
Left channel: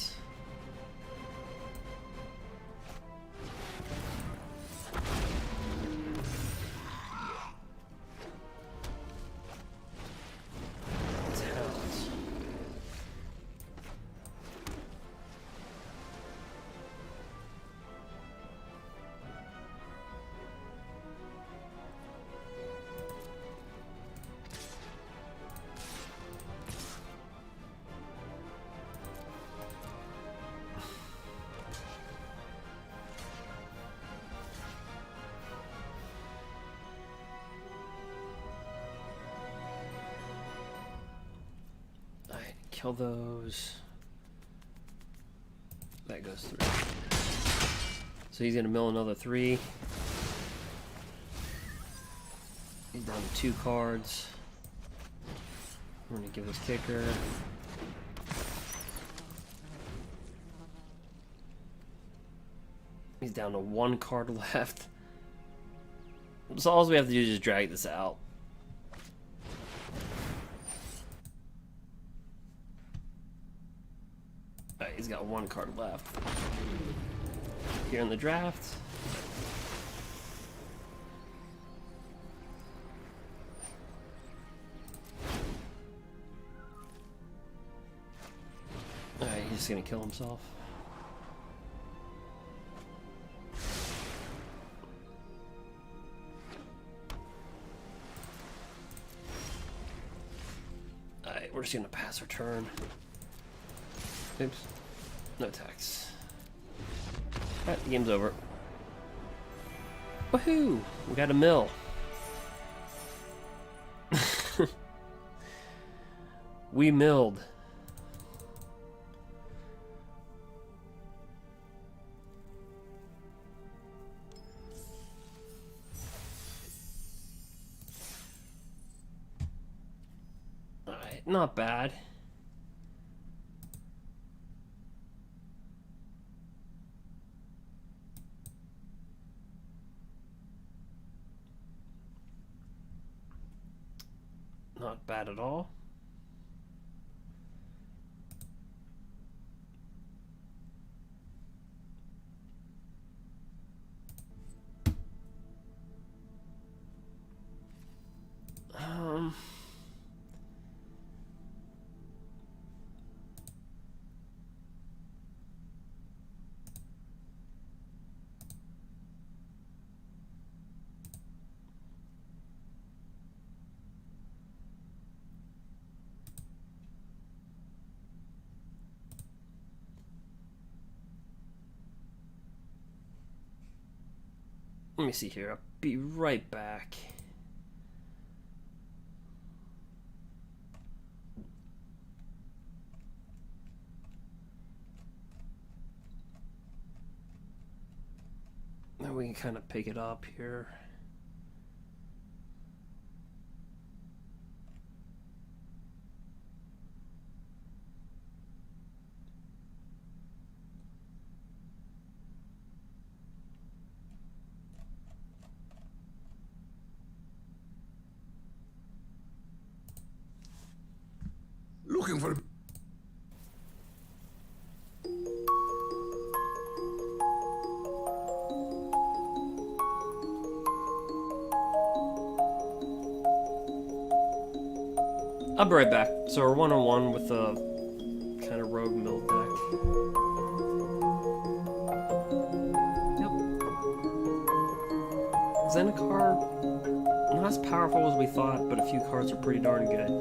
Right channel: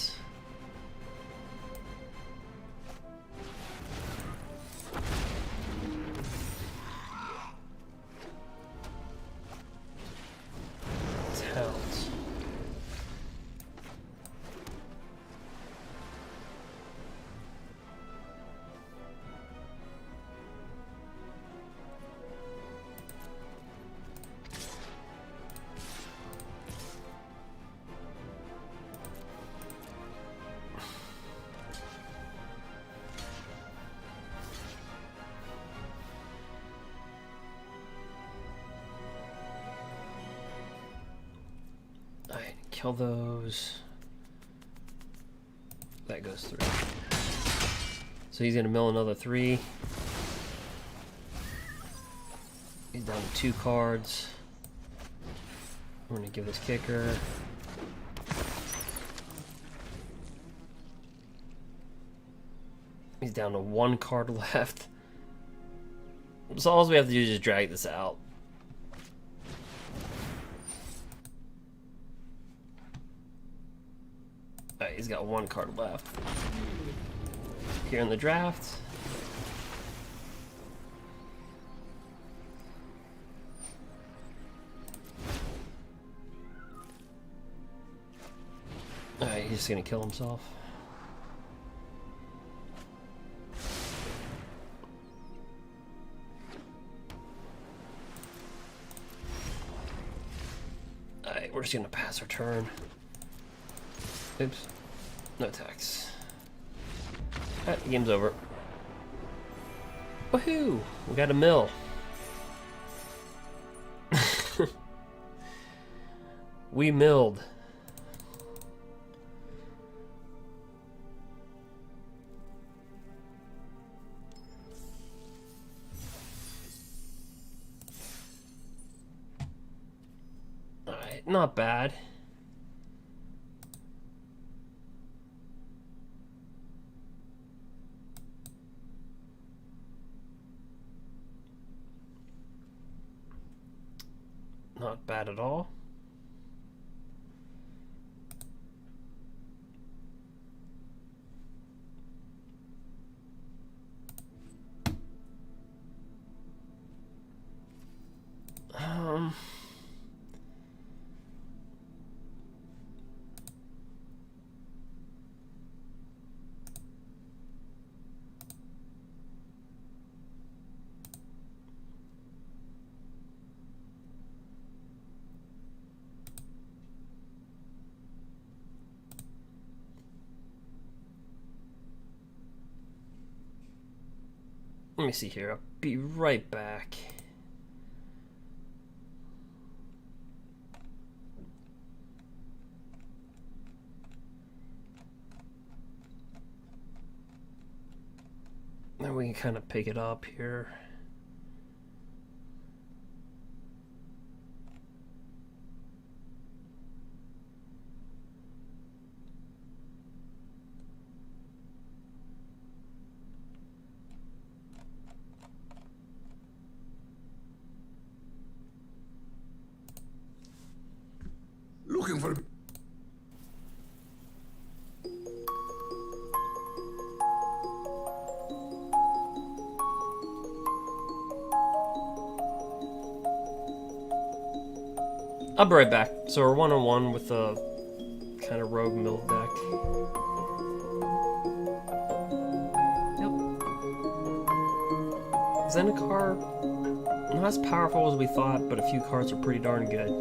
Kill those. That goes through. So he's gonna mill another 3. He's down to 2 cards. We're gonna give this kicker. He's down to 1 card left. So all we have to do is just drag this out. Alright, he's got 1 card left. Here in the draft. Alright, he's just gonna kill himself. Alright, we're just gonna pass our turn. Oops. No attacks. Alright, the game's over. Woohoo! We got a mill. We milled. Alright, not bad. Not bad at all. Let me see here. I'll be right back. Then we can kind of pick it up here. Looking for... I'll be right back. So we're 1-on-1 with a kind of rogue mill deck. Yep. Zendikar, not as powerful as we thought, but a few cards are pretty darn good.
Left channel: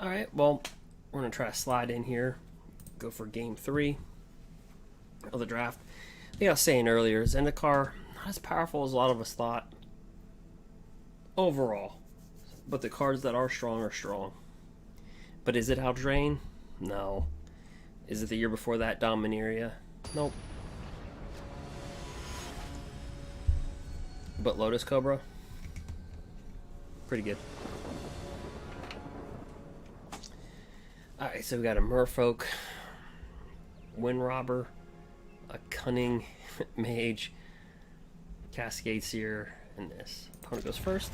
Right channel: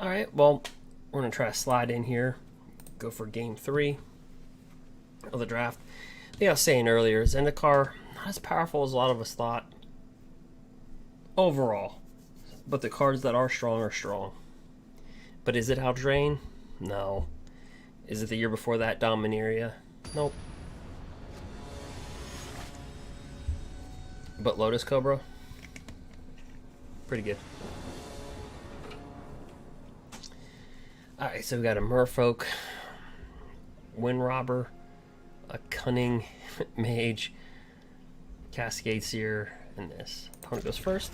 Alright, well, we're going to try to slide in here. Go for game 3 of the draft. I think I was saying earlier, Zendikar, not as powerful as a lot of us thought. Overall. But the cards that are strong. But is it Haldrain? No. Is it the year before that, Dominaria? Nope. But Lotus Cobra? Pretty good. Alright, so we got a Merfolk, Wind Robber, a Cunning Mage, Cascade Seer, and this. Opponent goes first.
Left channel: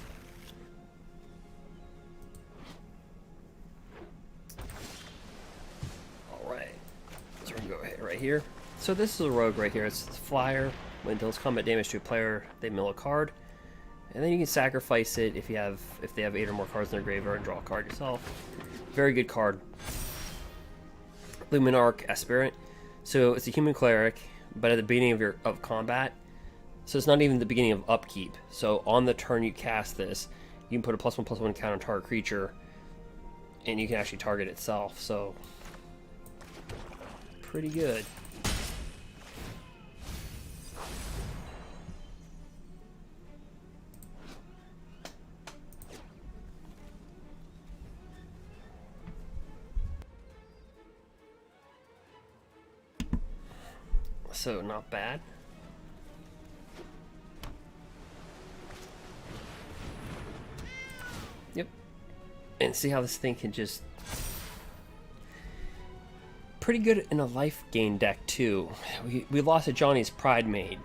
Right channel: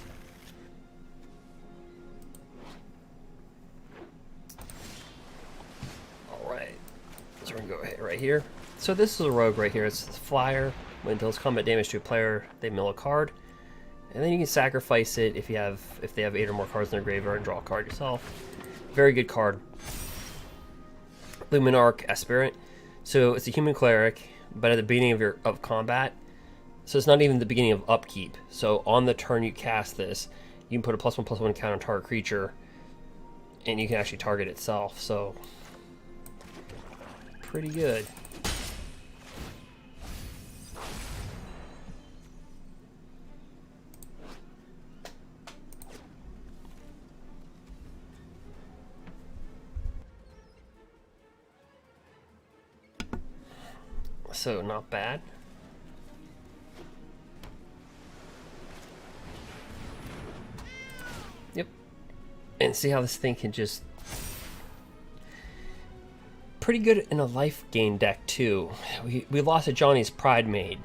Alright, so we're going to go right here. So this is a rogue right here. It's a flyer. When it deals combat damage to a player, they mill a card. And then you can sacrifice it if they have 8 or more cards in their graveyard and draw a card yourself. Very good card. Luminarch Aspirant. So it's a human cleric, but at the beginning of combat. So it's not even the beginning of upkeep. So on the turn you cast this, you can put a +1/+1 count on target creature, and you can actually target itself. So pretty good. So not bad. Yep. And see how this thing can just... Pretty good in a life gain deck, too. We lost a Johnny's Pride Maid.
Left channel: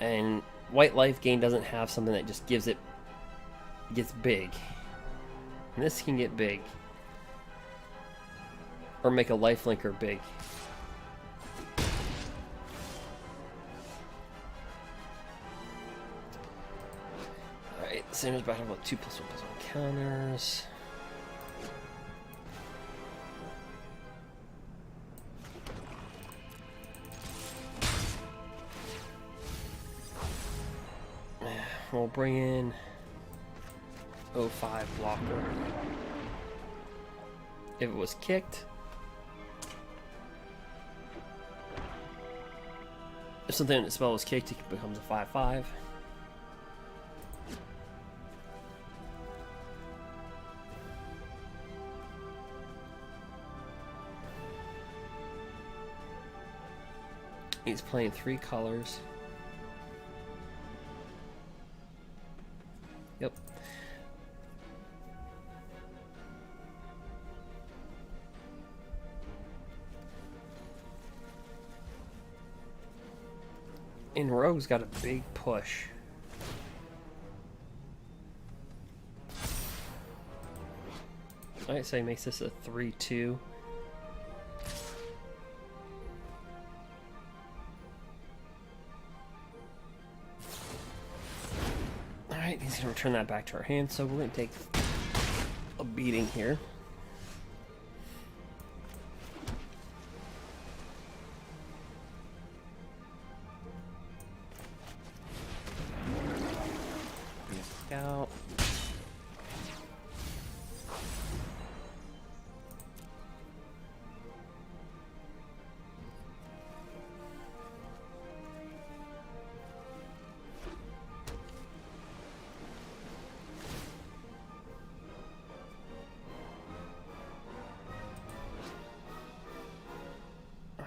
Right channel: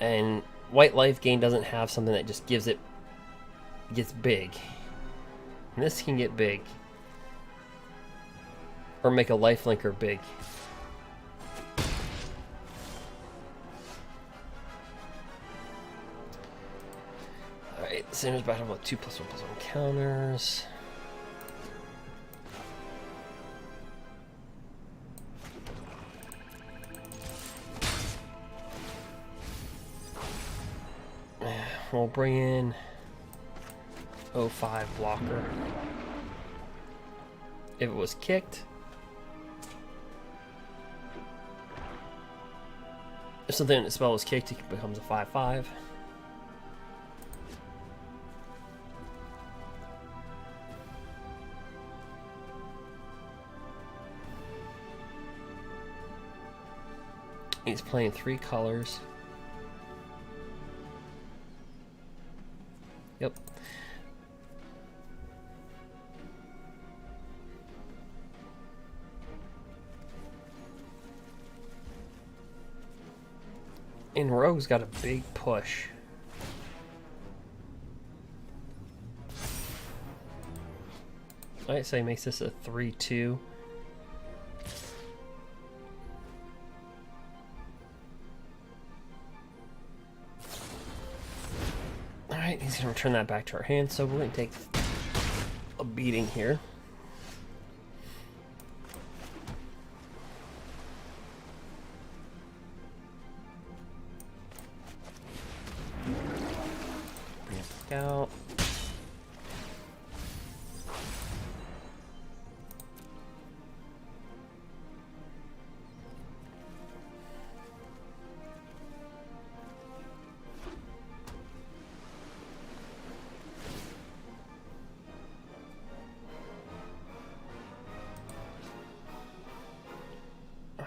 And white life gain doesn't have something that just gives it... gets big. And this can get big. Or make a life linker big. Alright, Sandra's battle with 2+1/+1 counters. We'll bring in 05 blocker. If it was kicked, if something in the spell was kicked, it becomes a 5/5. He's playing 3 colors. Yep. And Rogue's got a big push. I'd say makes this a 3/2. Alright, he's gonna return that back to our hand, so we're gonna take a beating here. Bring it back out.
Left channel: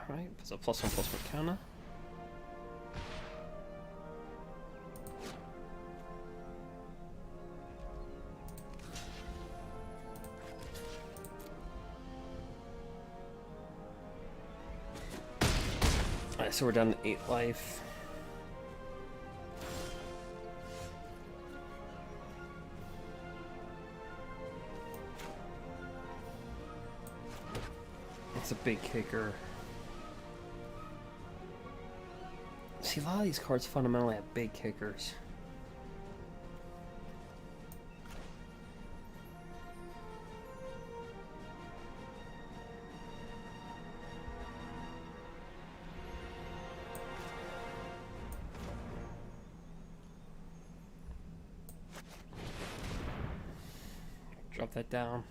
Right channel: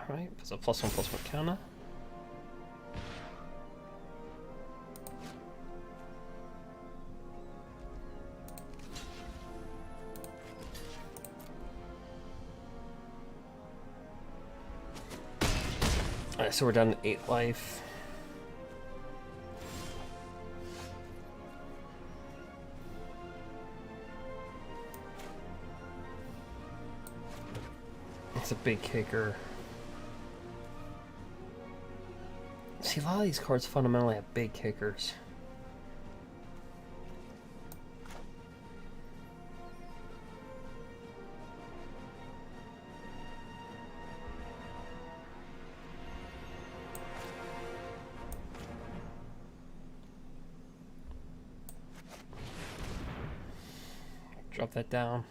Alright, so +1/+1 counter. Alright, so we're down to 8 life. It's a big kicker. See, a lot of these cards fundamentally have big kickers. Drop that down.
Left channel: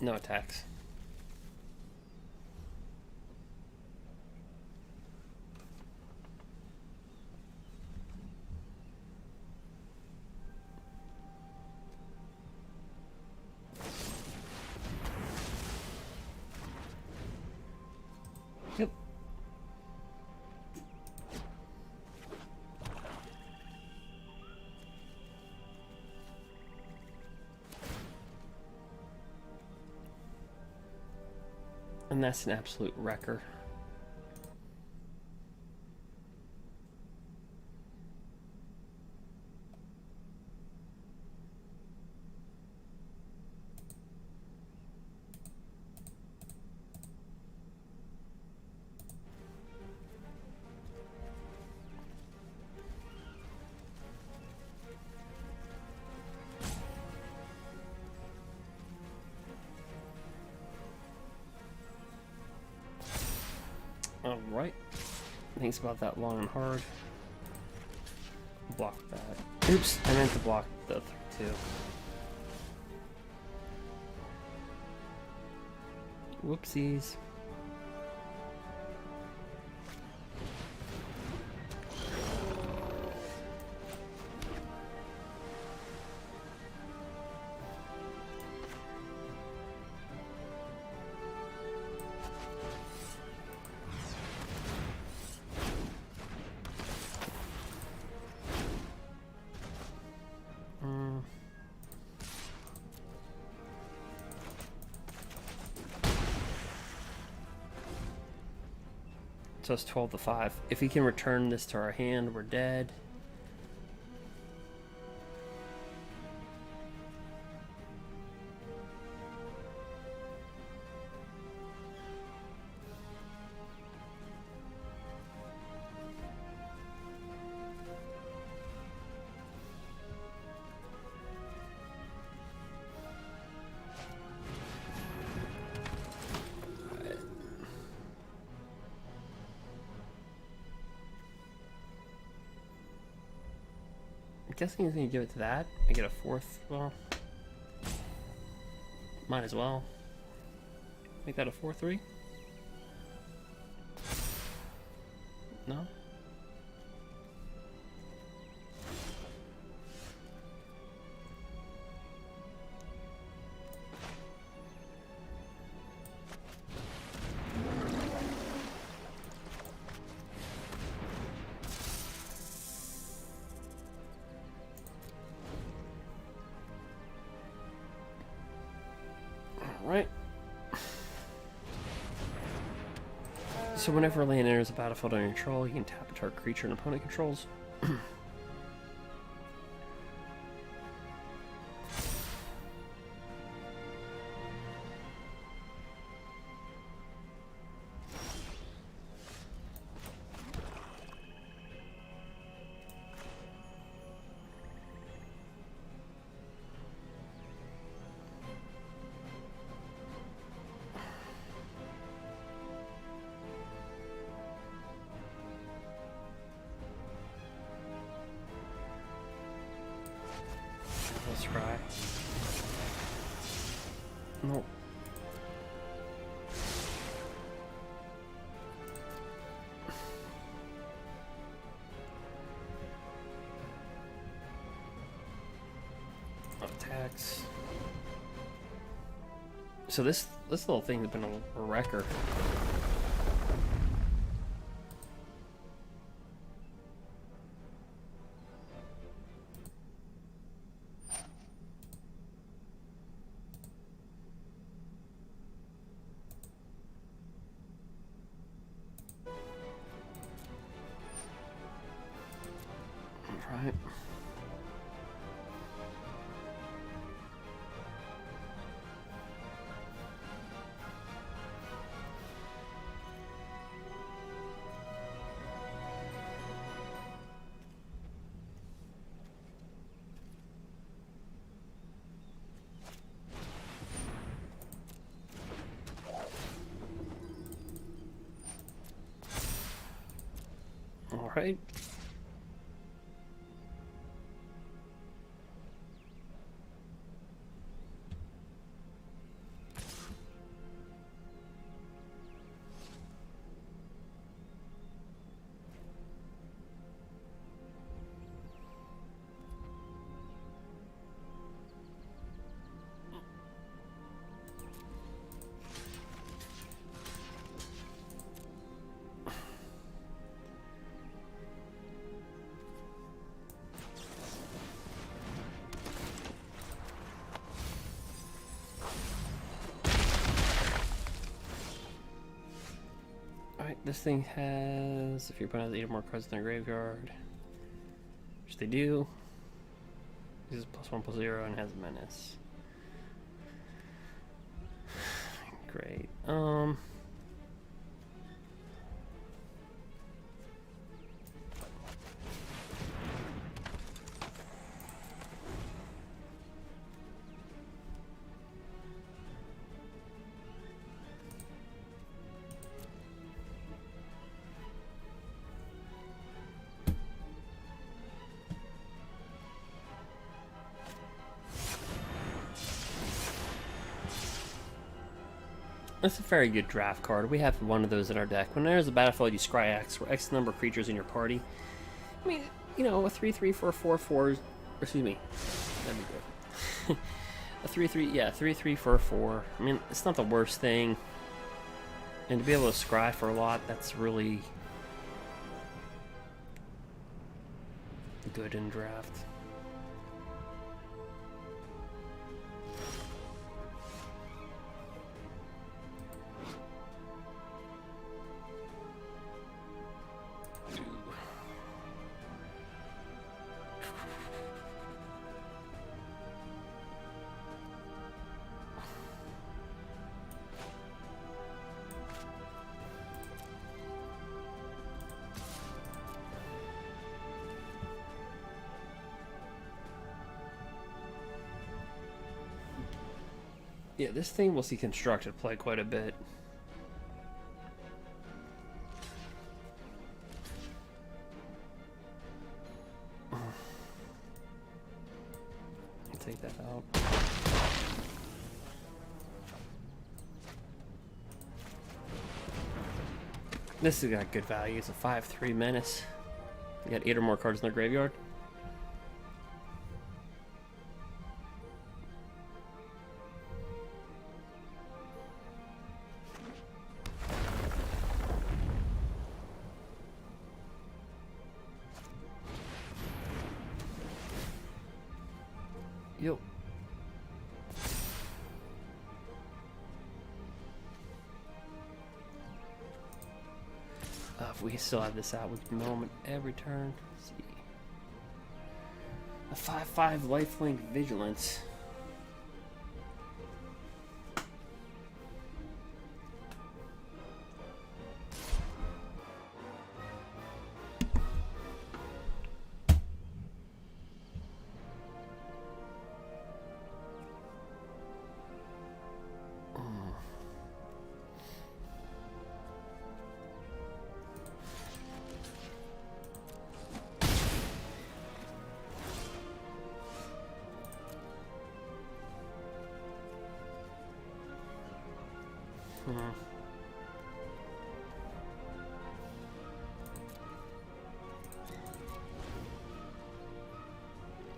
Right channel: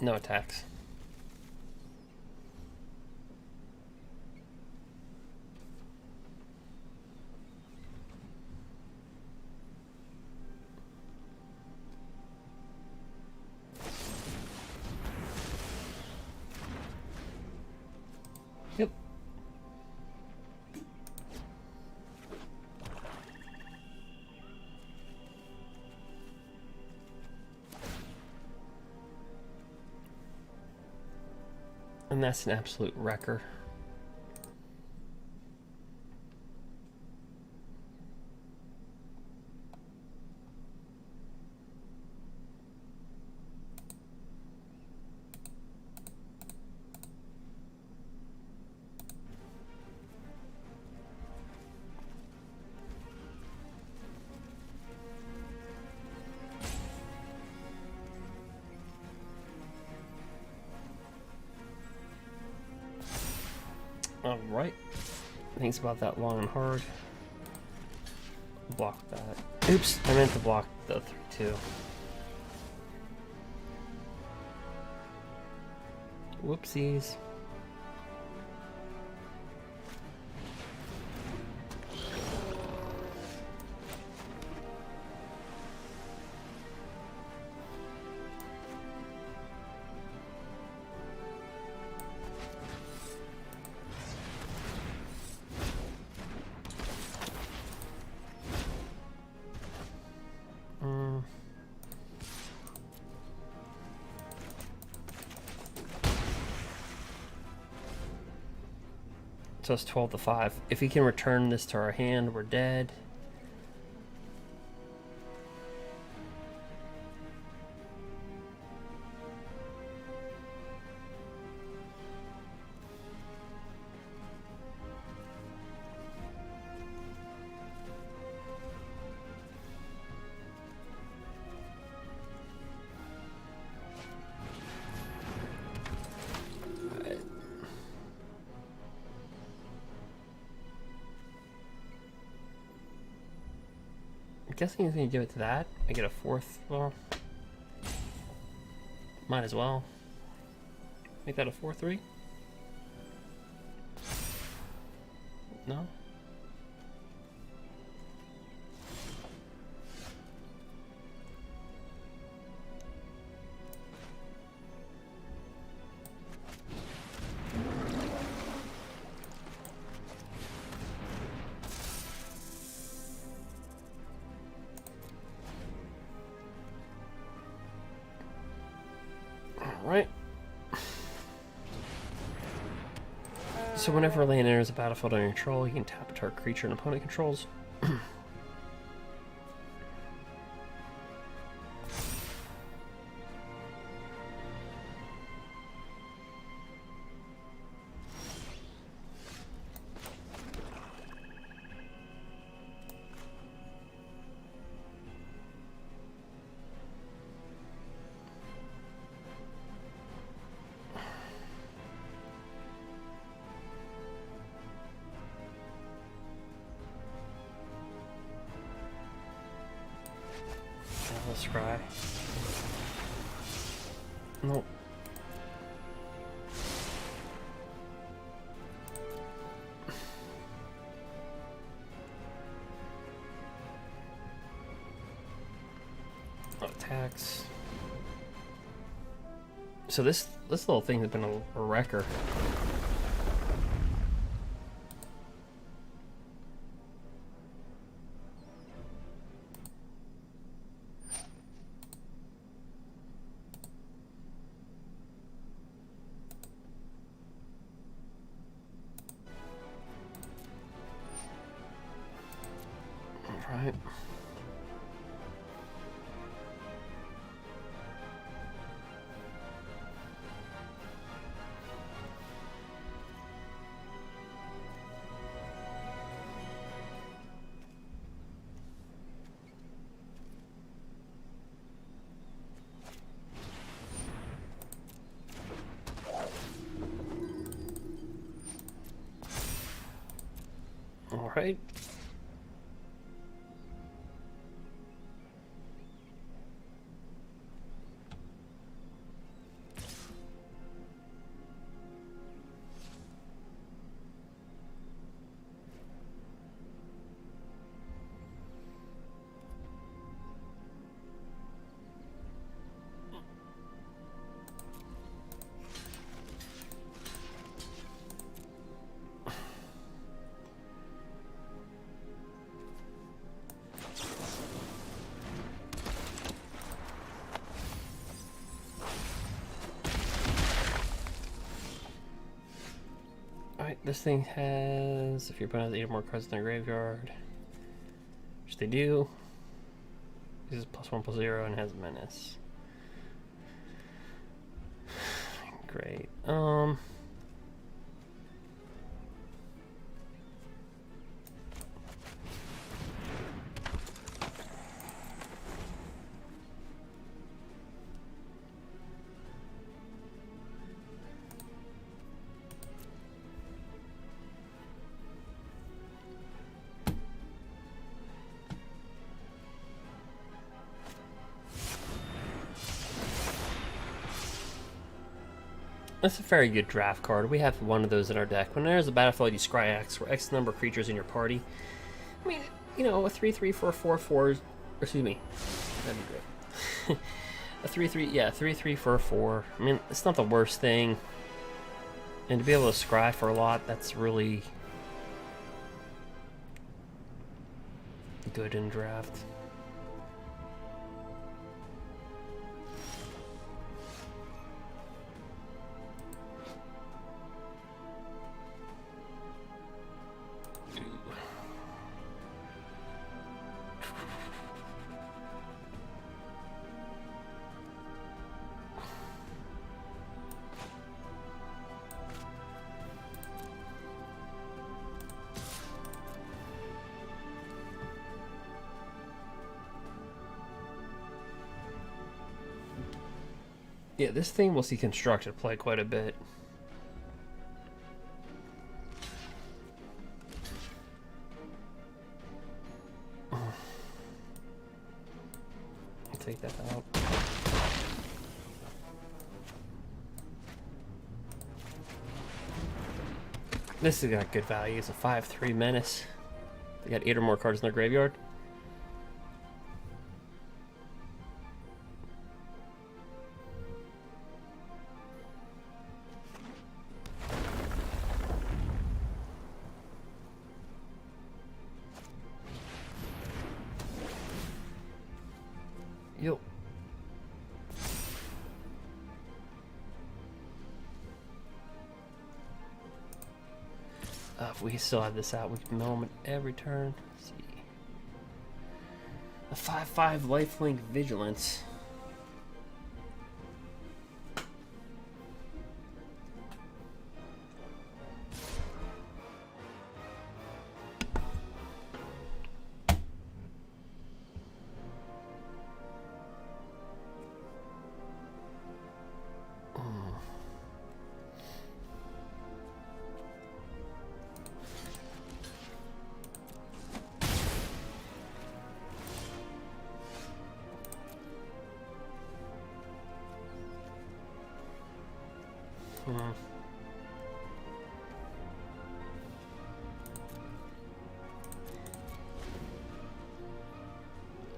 No attacks. Yep. And that's an absolute wrecker. Alright. Thanks about that long and hard. Block that. Oops, I meant to block the 3/2. Whoopsies. So it's 12 to 5. If we can return this to our hand, we're dead. I'm guessing he's gonna give it to that. I get a 4th. Well, might as well make that a 4/3. No. Right. So whenever a land enters a battlefield under your control, you can tap a target creature an opponent controls. Let's try. Nope. Attacks. So this little thing has been a wrecker. Right. All right. Alright, this thing has, if your opponent has 8 or more cards in their graveyard, which they do, uses +1/+0 and has menace. Great. That's a very good draft card. We have one of those in our deck. When there's a battlefield, you scry X, for X number of creatures in your party. I mean, you know, a 3/3 for a 4/4. Excuse me, that'd be great. A 3/3, yeah, 3/3 for a 4. I mean, it's not the worst thing. And to be able to scry for a lot, that's really good in draft. Yeah, this thing will see constructed play quite a bit. I'll take that out. This has got good value. It's a 5/3 menace. They got 8 or more cards in their graveyard. Yo. If we still have this out, we can mill them every turn. Let's see. A 5/5 lifelink vigilance.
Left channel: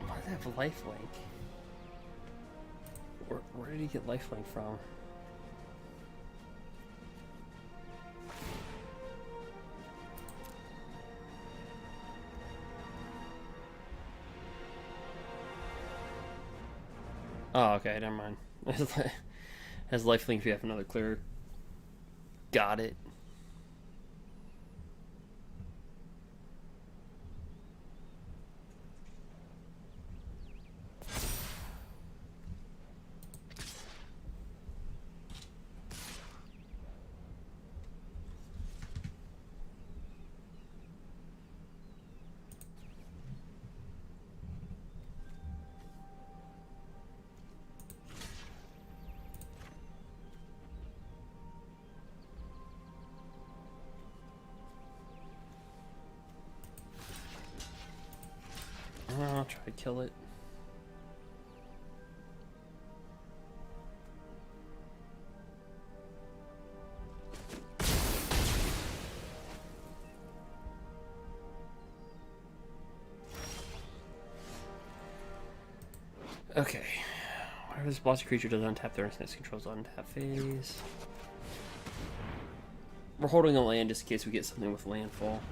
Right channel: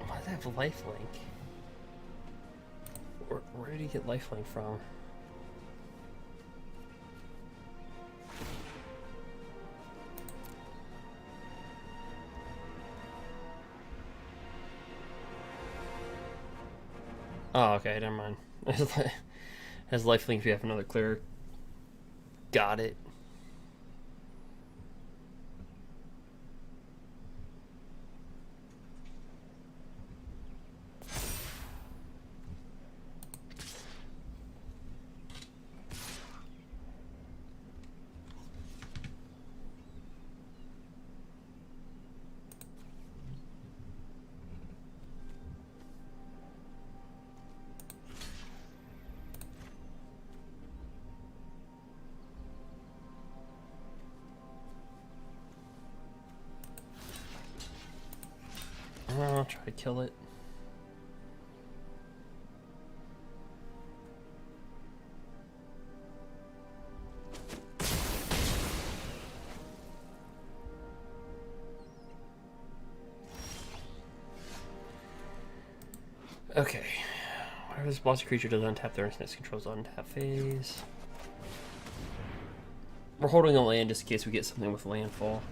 Why does it have lifelink? Where did he get lifelink from? Oh, okay, never mind. Has lifelink if you have another cleric. Got it. I'll try to kill it. Okay. Whenever this bossy creature does untap their next controls untap phase. We're holding a land just in case we get something with landfall.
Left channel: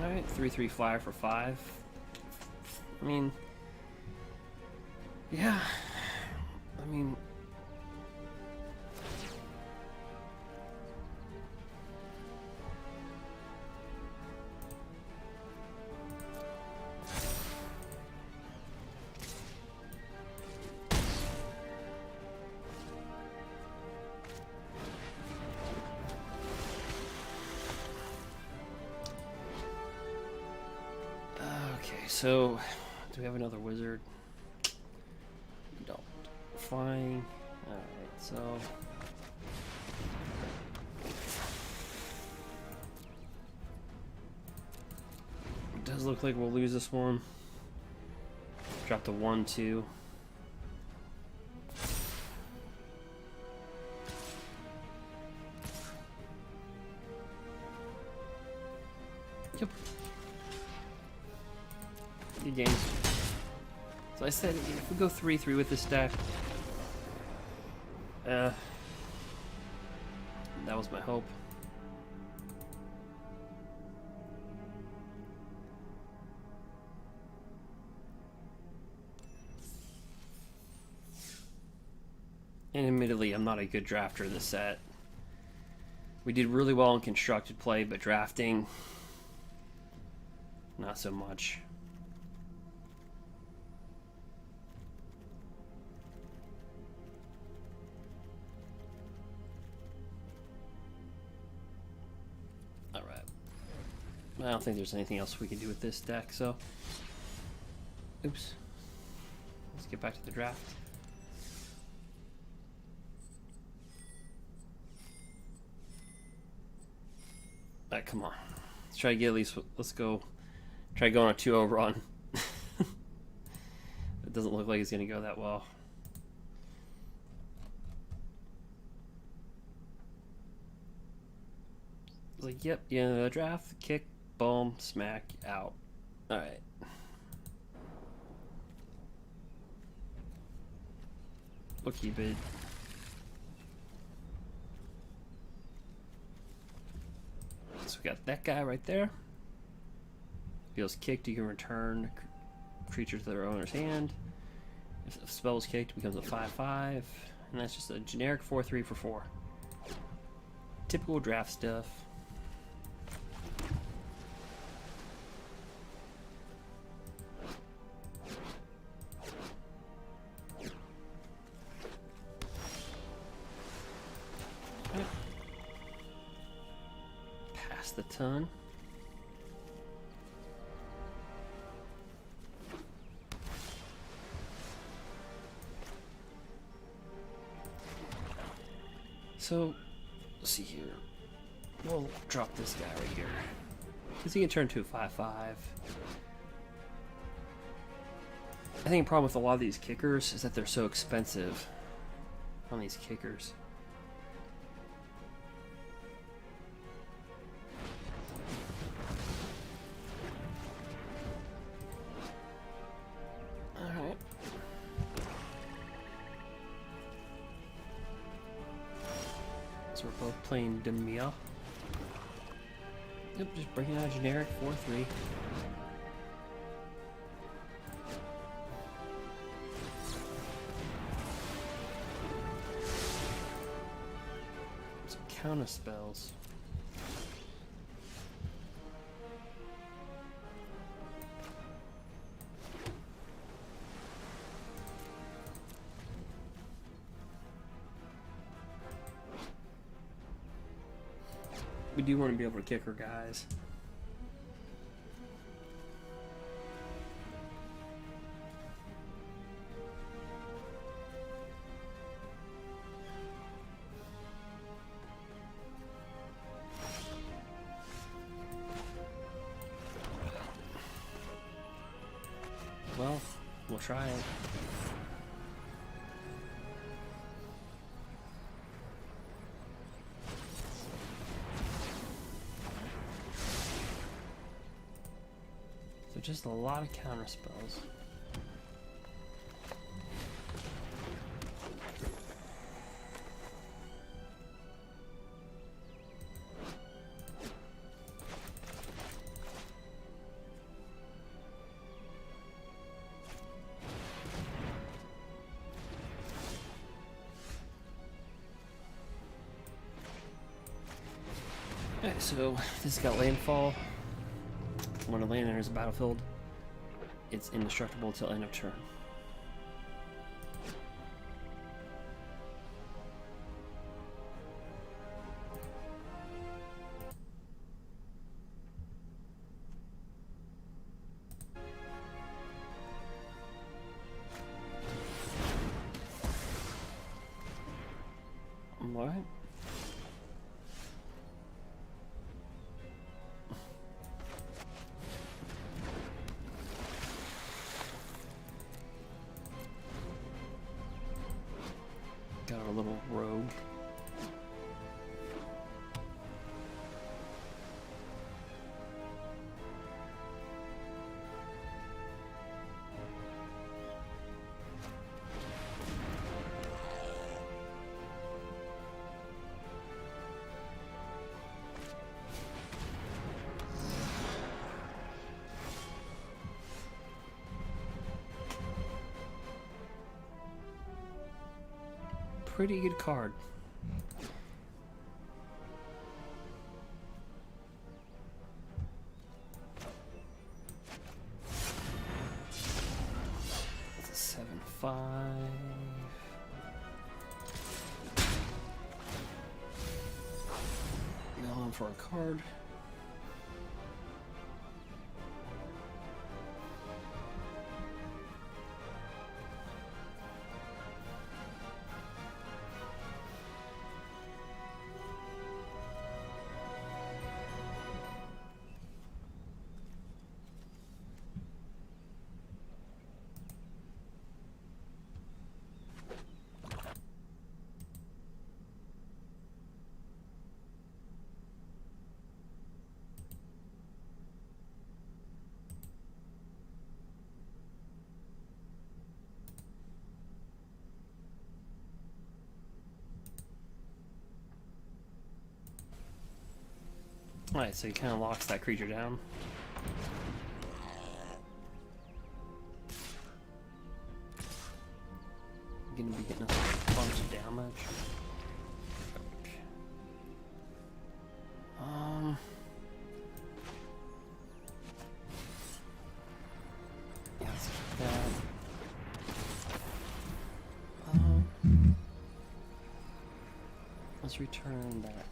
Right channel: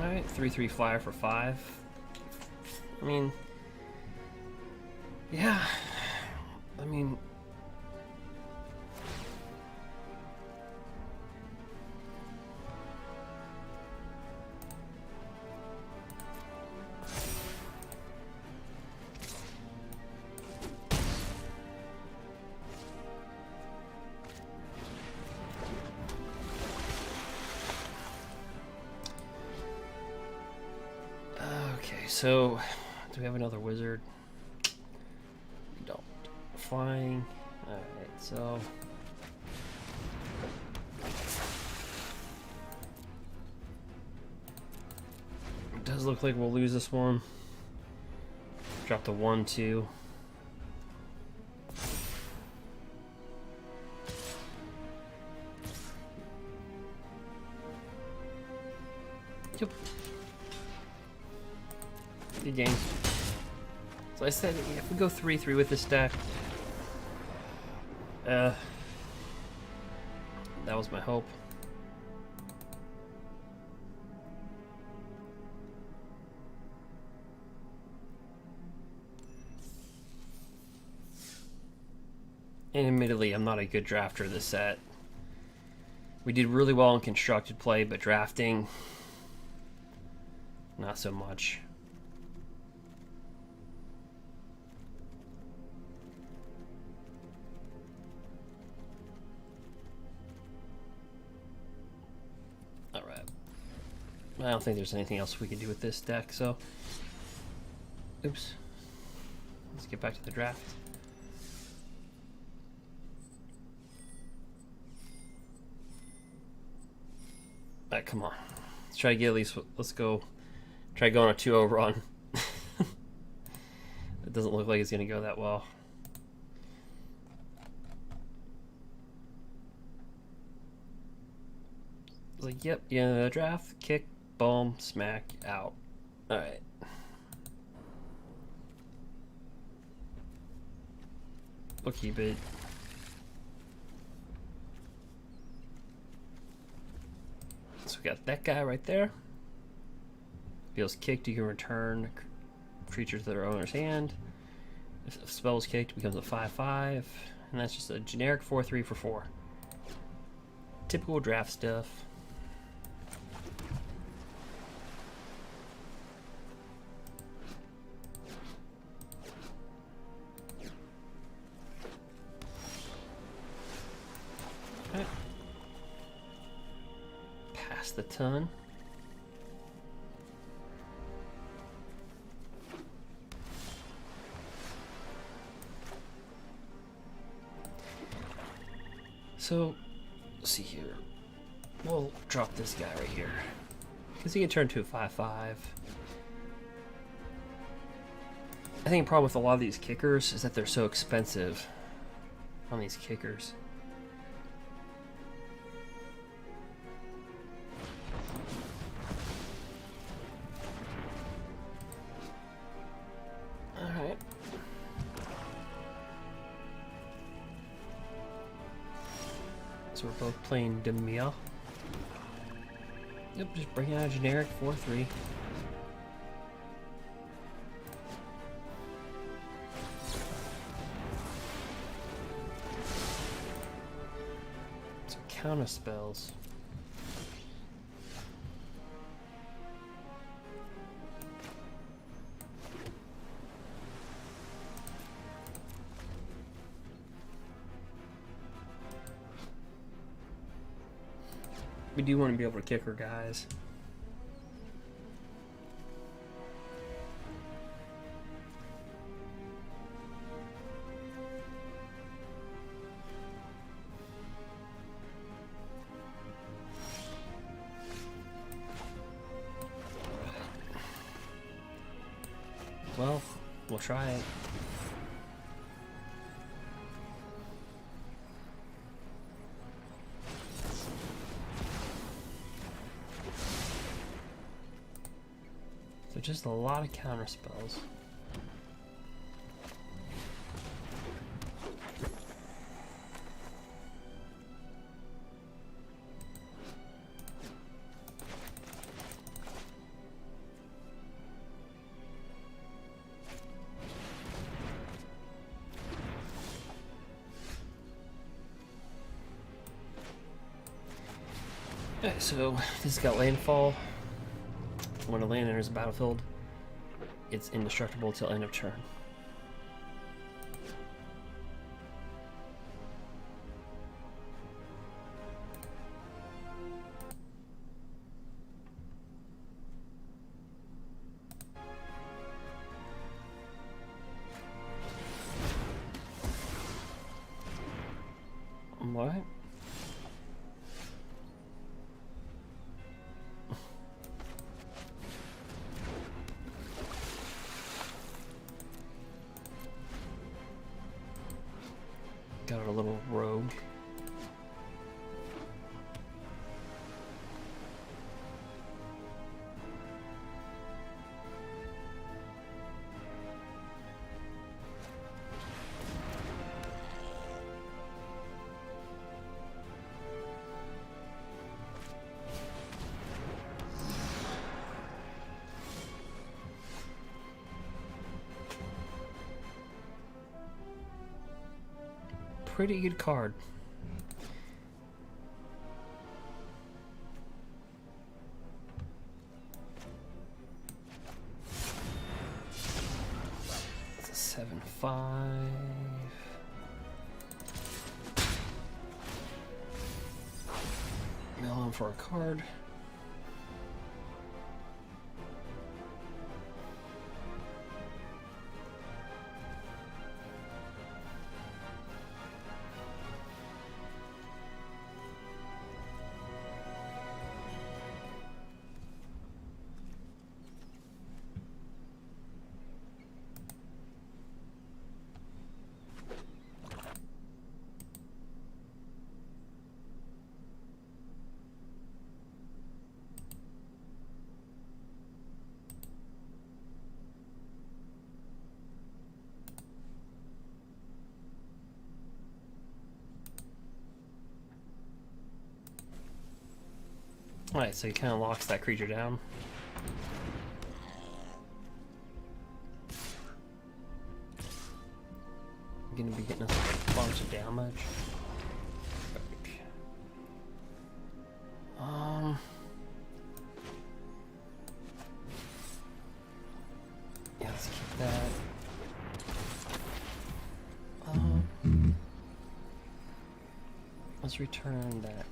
Alright, 3/3 flyer for 5. I mean, yeah. I mean, okay, so do we have another wizard? We don't. Flying. Alright, so it does look like we'll lose this one. Drop the 1/2. Yep. Good games. So I said if we go 3/3 with this deck, that was my hope. And admittedly, I'm not a good drafter of this set. We did really well in constructed play, but drafting, not so much. I don't think there's anything else we can do with this deck, so... Oops. Let's get back to the draft. Alright, come on. Let's try to get at least... Let's go... Try going on a 2-0 run. It doesn't look like it's going to go that well. Like, yep, yeah, draft, kick, boom, smack, out. Alright. We'll keep it. So we got that guy right there. If feels kicked, you can return creatures to their owner's hand. If a spell is kicked, it becomes a 5/5. And that's just a generic 4/3 for 4. Typical draft stuff. Pass the ton. So, let's see here. We'll drop this guy right here. Because he can turn to a 5/5. I think the problem with a lot of these kickers is that they're so expensive on these kickers. Alright. So we're both playing Demia. Yep, just bringing out a generic 4/3. Some counter spells. We do want to be able to kick her guys. Well, we'll try it. So just a lot of counter spells. Okay, so this has got landfall. When a land enters the battlefield, it's indestructible till end of turn. What? Got our little rogue. Pretty good card. It's a 7/5. Mill him for a card. Alright, so he kind of locks that creature down. I'm gonna be getting us a bunch of damage. Yeah, let's keep that. Let's return that.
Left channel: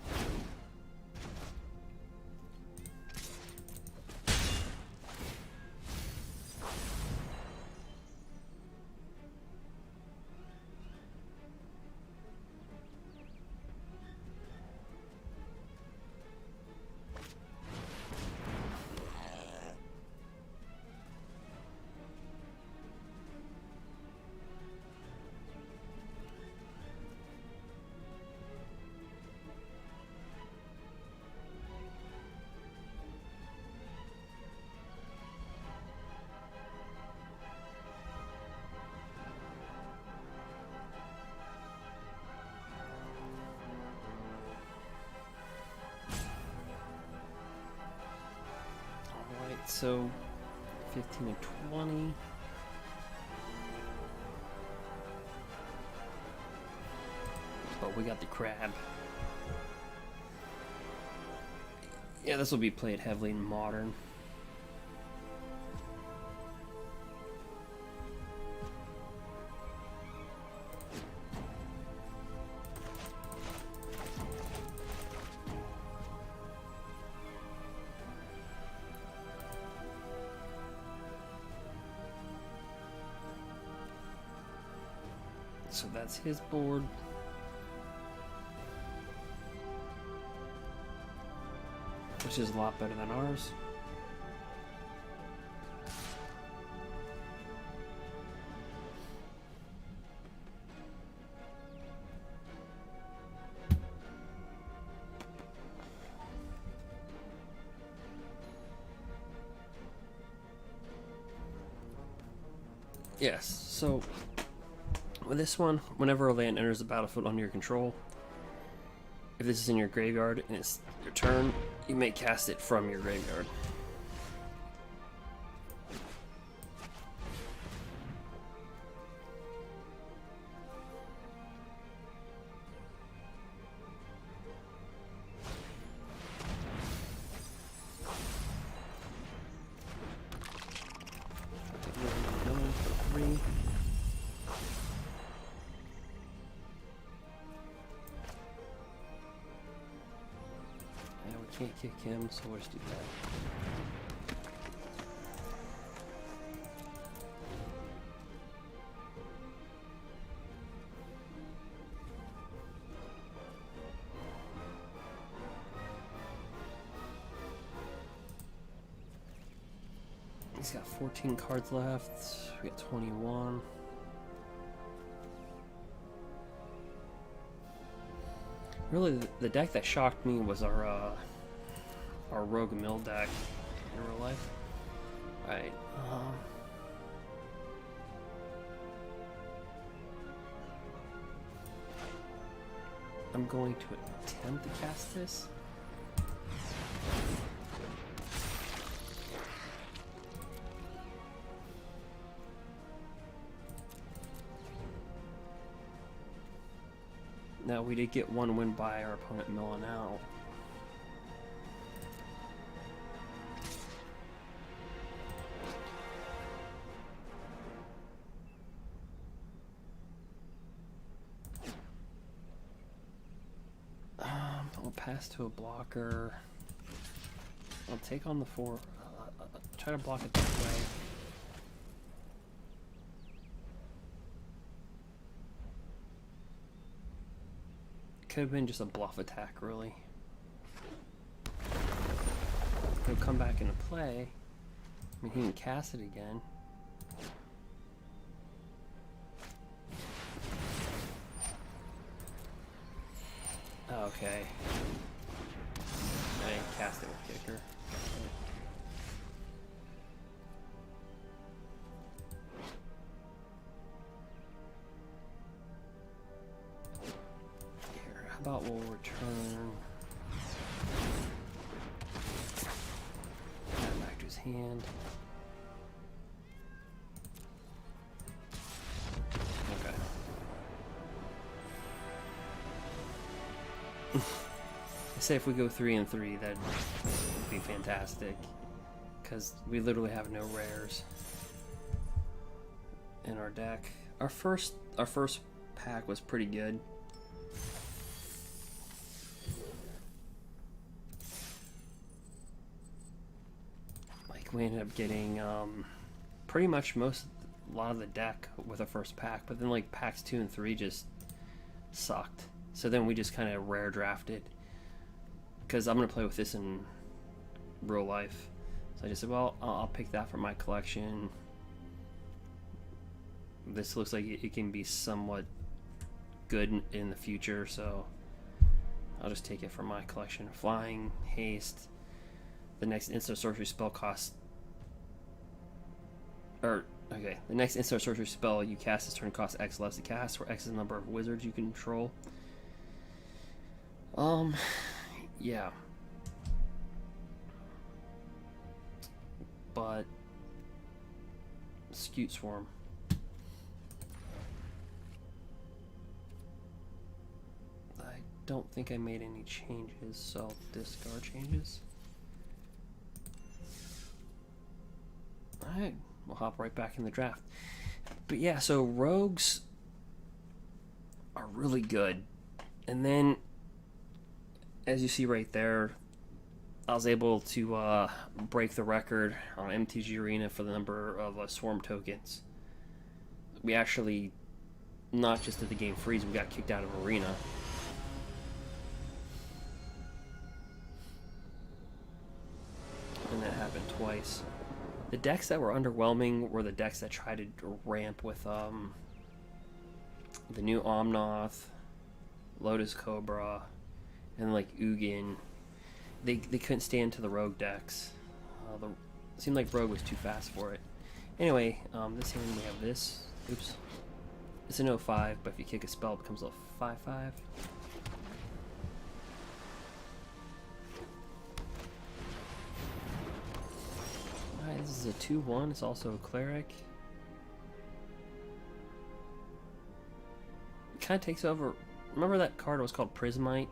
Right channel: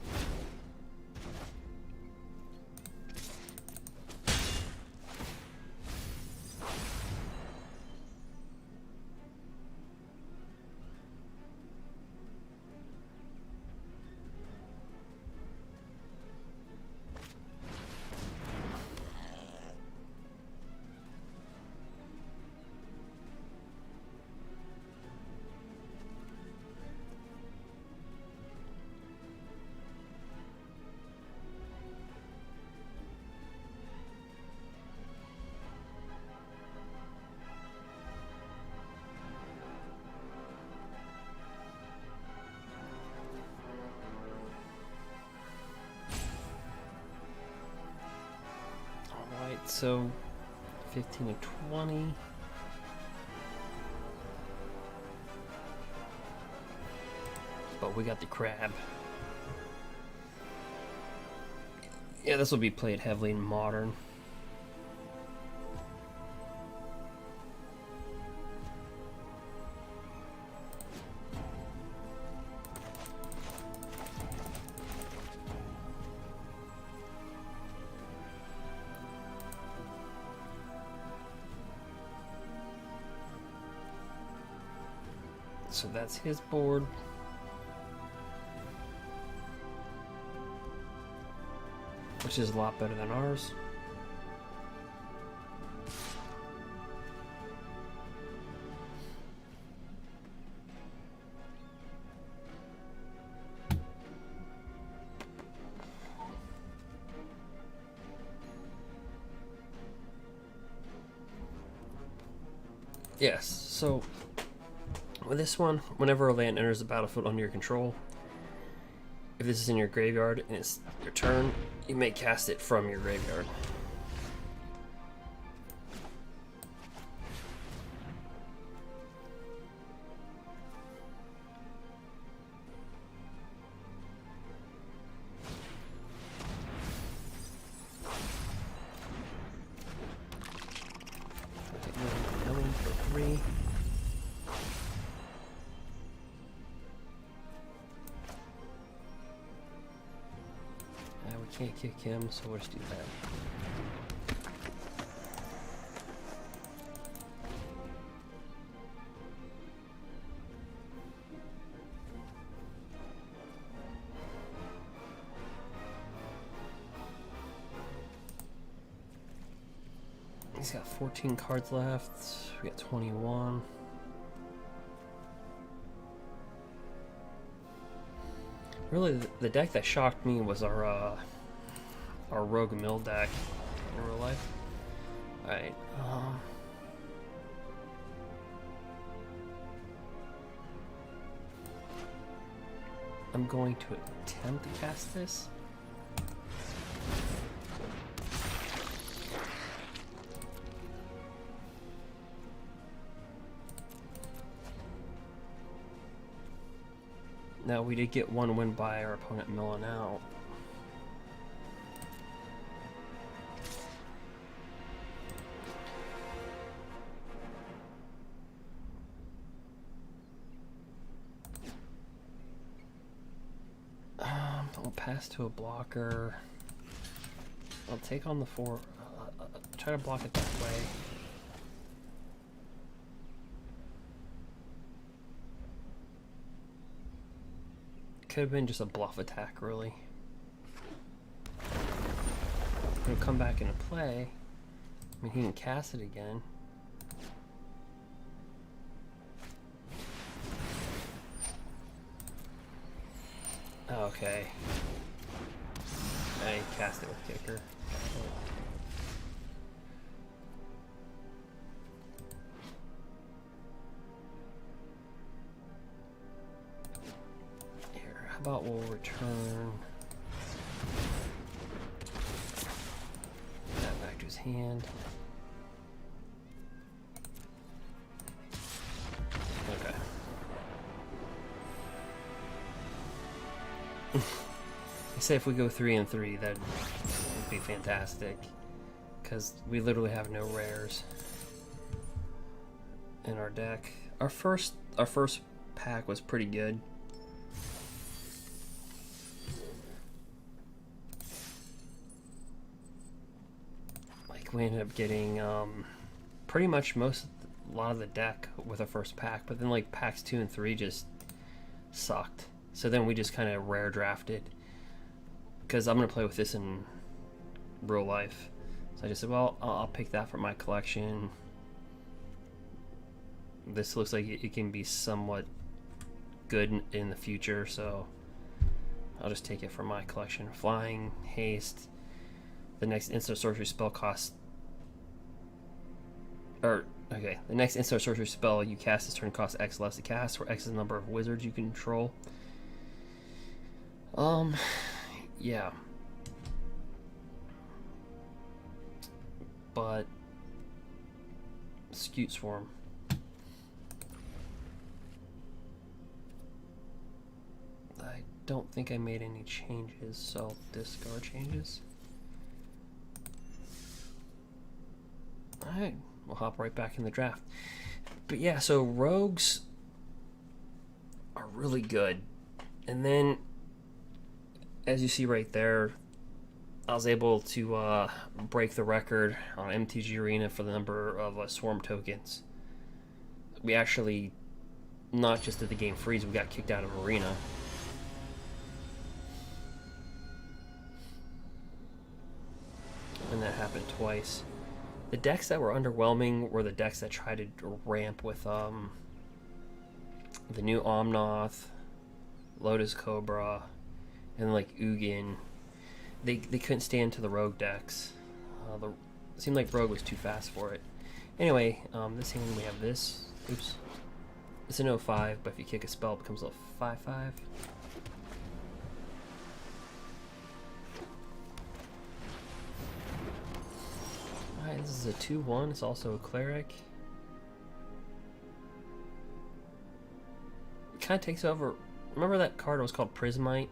Alright, so 15 and 20. But we got the crab. Yeah, this will be played heavily in Modern. So that's his board. Which is a lot better than ours. Yes, so with this one, whenever a land enters the battlefield under your control, if this is in your graveyard and it's your turn, you may cast it from your graveyard. Million for 3. Can't kick him, so we'll just do that. He's got 14 cards left. We got 21. Really, the deck that shocked me was our Rogue Mill deck in real life. Alright, I'm going to attempt to cast this. Now, we did get one win by our opponent milling out. I'll pass to a blocker. I'll take on the 4. Try to block it this way. Could have been just a bluff attack, really. He'll come back into play. I mean, he can cast it again. Okay. I didn't cast it with kicker. Here, how about we'll return hand. Okay. I say if we go 3 and 3, that would be fantastic. Because we literally have no rares in our deck. Our first pack was pretty good. Like we ended up getting pretty much a lot of the deck with our first pack, but then like packs 2 and 3 just sucked. So then we just kind of rare drafted, because I'm gonna play with this in real life. So I just said, well, I'll pick that for my collection. This looks like it can be somewhat good in the future, so I'll just take it for my collection. Flying, haste. The next instant sorcery spell costs, the next instant sorcery spell you cast this turn costs X less to cast, where X is the number of wizards you control. Yeah. But Scute Swarm. I don't think I made any changes, so I'll discard changes. Alright, we'll hop right back in the draft. But yeah, so rogues are really good. And then, as you see right there, I was able to break the record on MTG Arena for the number of swarm tokens. We actually, not just did the game freeze, we got kicked out of Arena. And that happened twice. The decks that were underwhelming were the decks that tried to ramp with the new Omnoth, Lotus Cobra, and like Ugin. They couldn't stand to the rogue decks. It seemed like rogue was too fast for it. Anyway, this hand we have this. Oops. It's an 05, but if you kick a spell, it becomes a 5/5. Alright, this is a 2/1. It's also a cleric. It kind of takes over. Remember that card was called Prismite?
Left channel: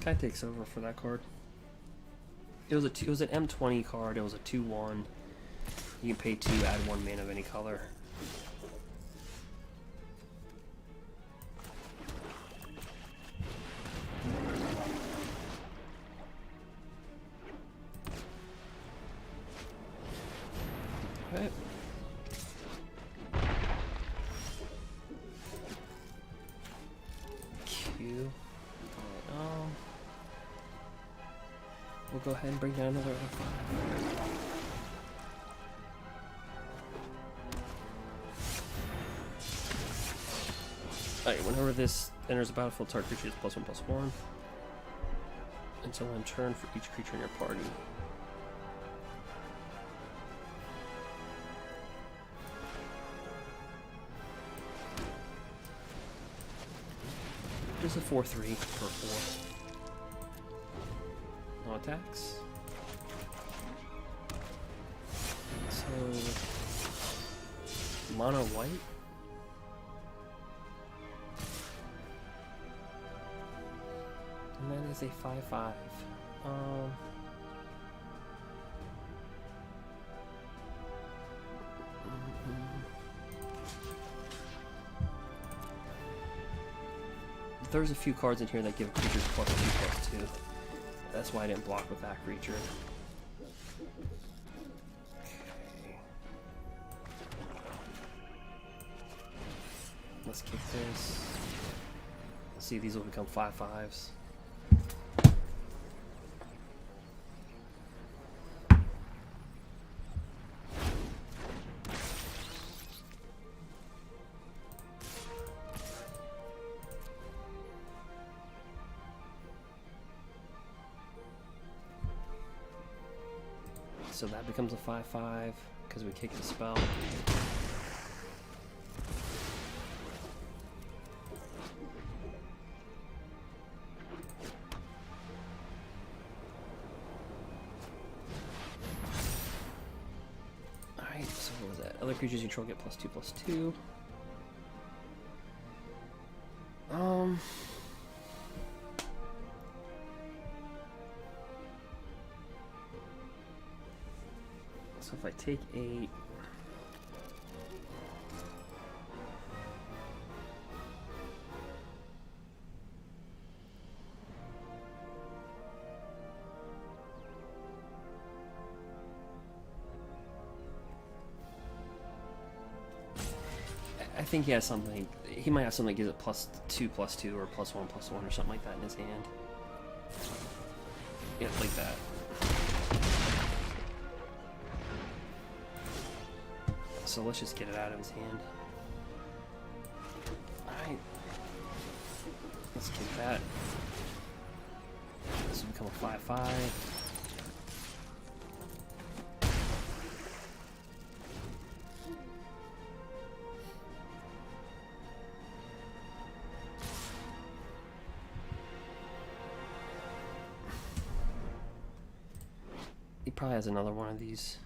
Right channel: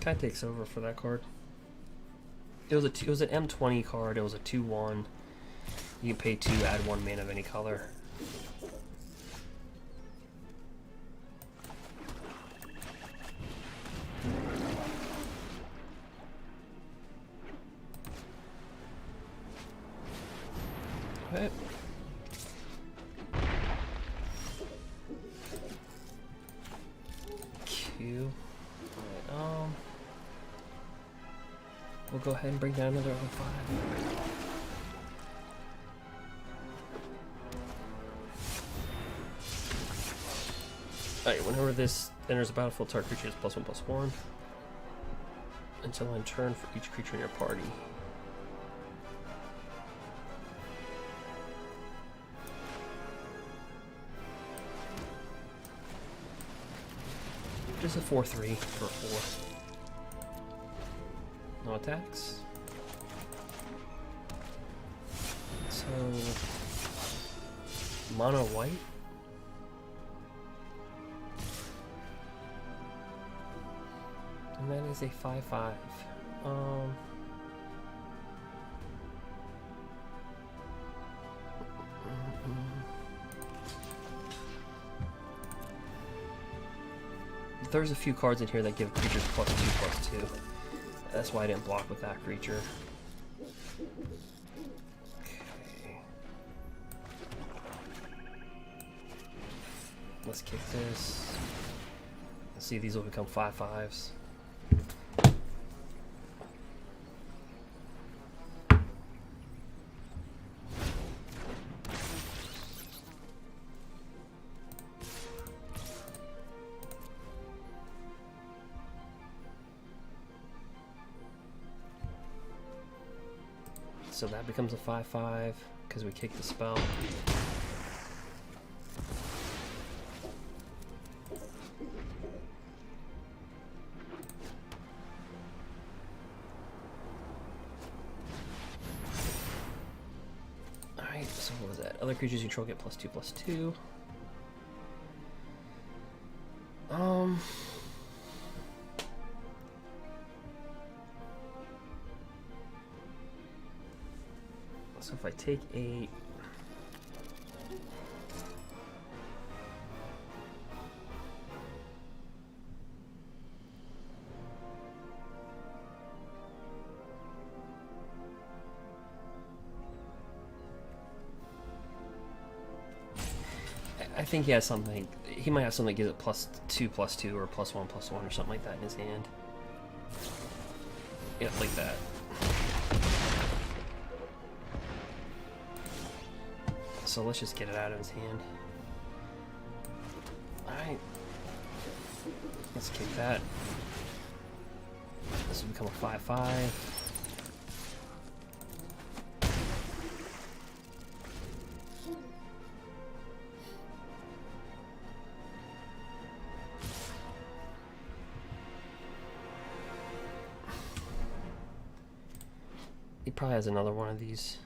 Kind of takes over for that card. It was an M20 card. It was a 2/1. You can pay 2, add 1 mana of any color. Okay. Q. Alright, we'll go ahead and bring down another 05. Alright, whenever this enters the battlefield, target creature is +1/+1 until end turn for each creature in your party. Just a 4/3 for 4. No attacks. So mono white. And that is a 5/5. There's a few cards in here that give creatures +2/+2. That's why I didn't block with that creature. Okay. Let's kick this. Let's see if these will become 5/5s. So that becomes a 5/5 because we kicked the spell. Other creatures you control get +2/+2. So if I take 8, I think he has something. He might have something that gives it +2/+2 or +1/+1 or something like that in his hand. Yeah, like that. So let's just get it out of his hand. Alright. Let's kick that. This will become a 5/5. He probably has another one of these.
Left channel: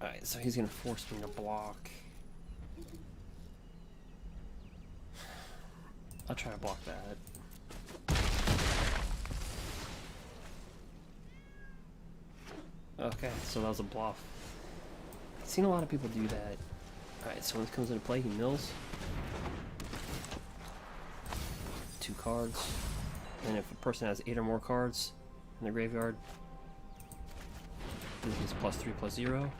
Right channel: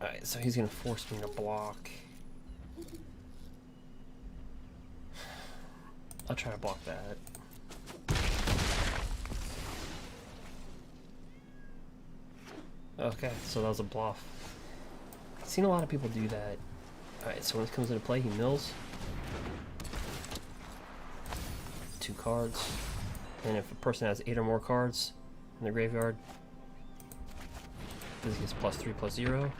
Alright, so he's gonna force me to block. I'll try to block that. Okay, so that was a bluff. I've seen a lot of people do that. Alright, so when this comes into play, he mills 2 cards. And if a person has 8 or more cards in their graveyard, this gets +3/+0.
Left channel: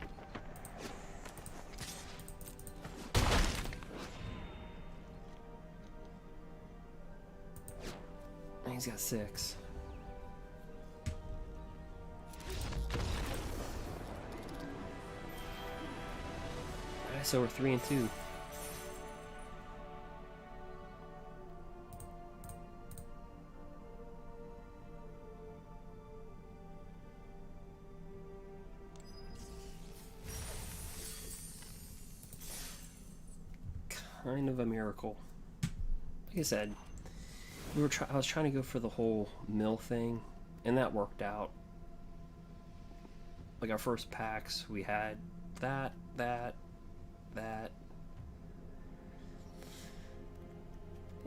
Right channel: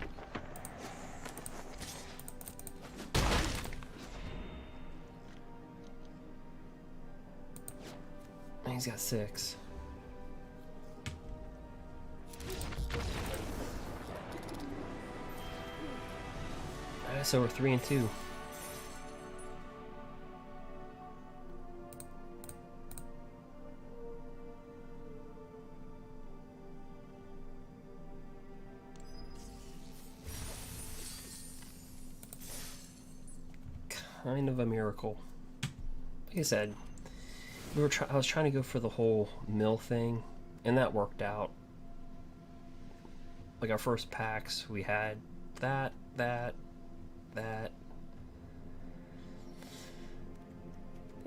And he's got 6. Alright, so we're 3-2. Kind of a miracle. Like I said, I was trying to go for the whole mill thing, and that worked out. Like our first packs, we had that,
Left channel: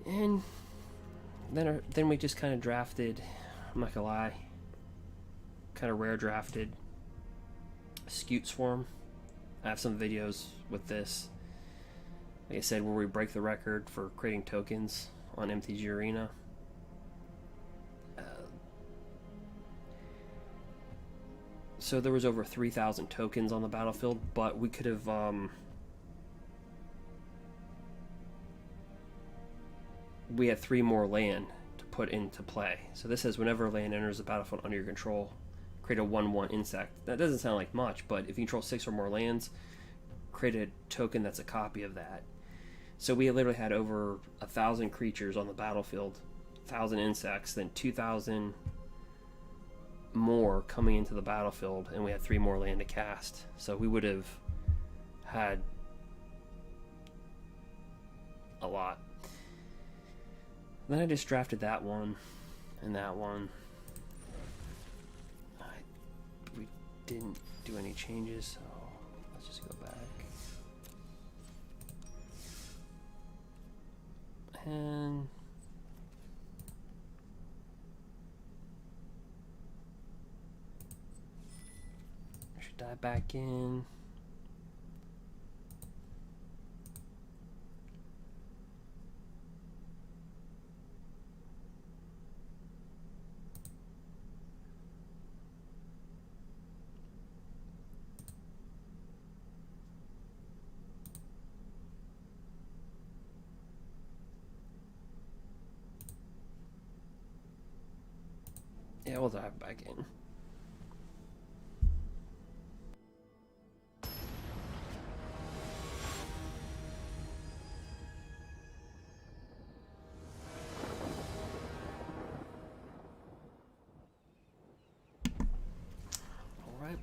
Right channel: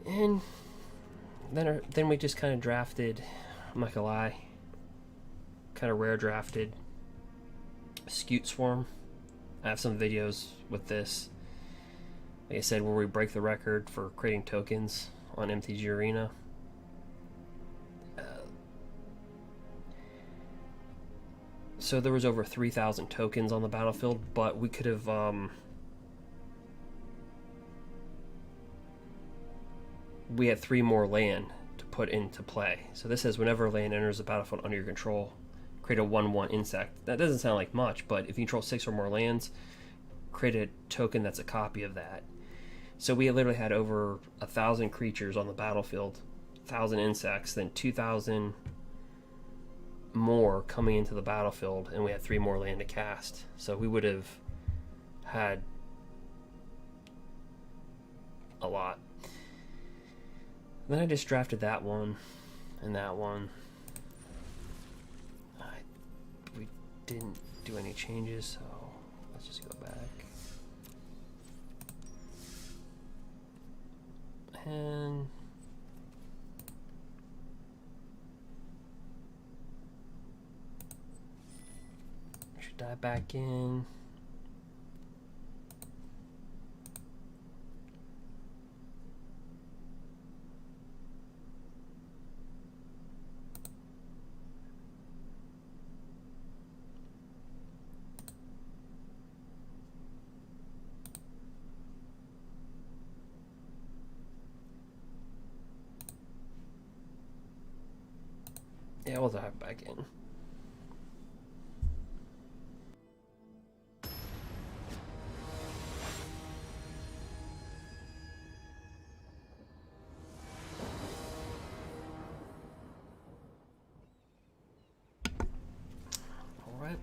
and then we just kind of drafted. I'm not gonna lie, kind of rare drafted Scute Swarm. I have some videos with this. Like I said, where we break the record for creating tokens on MTG Arena. So there was over 3,000 tokens on the battlefield, but we could have we had 3 more land to put into play. So this says whenever a land enters the battlefield under your control, create a 1/1 insect. That doesn't sound like much, but if you control 6 or more lands, create a token that's a copy of that. So we literally had over 1,000 creatures on the battlefield, 1,000 insects, then 2,000 more coming into the battlefield, and we had 3 more land to cast. So we would have had a lot. Then I just drafted that one and that one. We didn't do any changes, so let's just go back. And I should dive back in. Yeah, we'll dive back in. All right.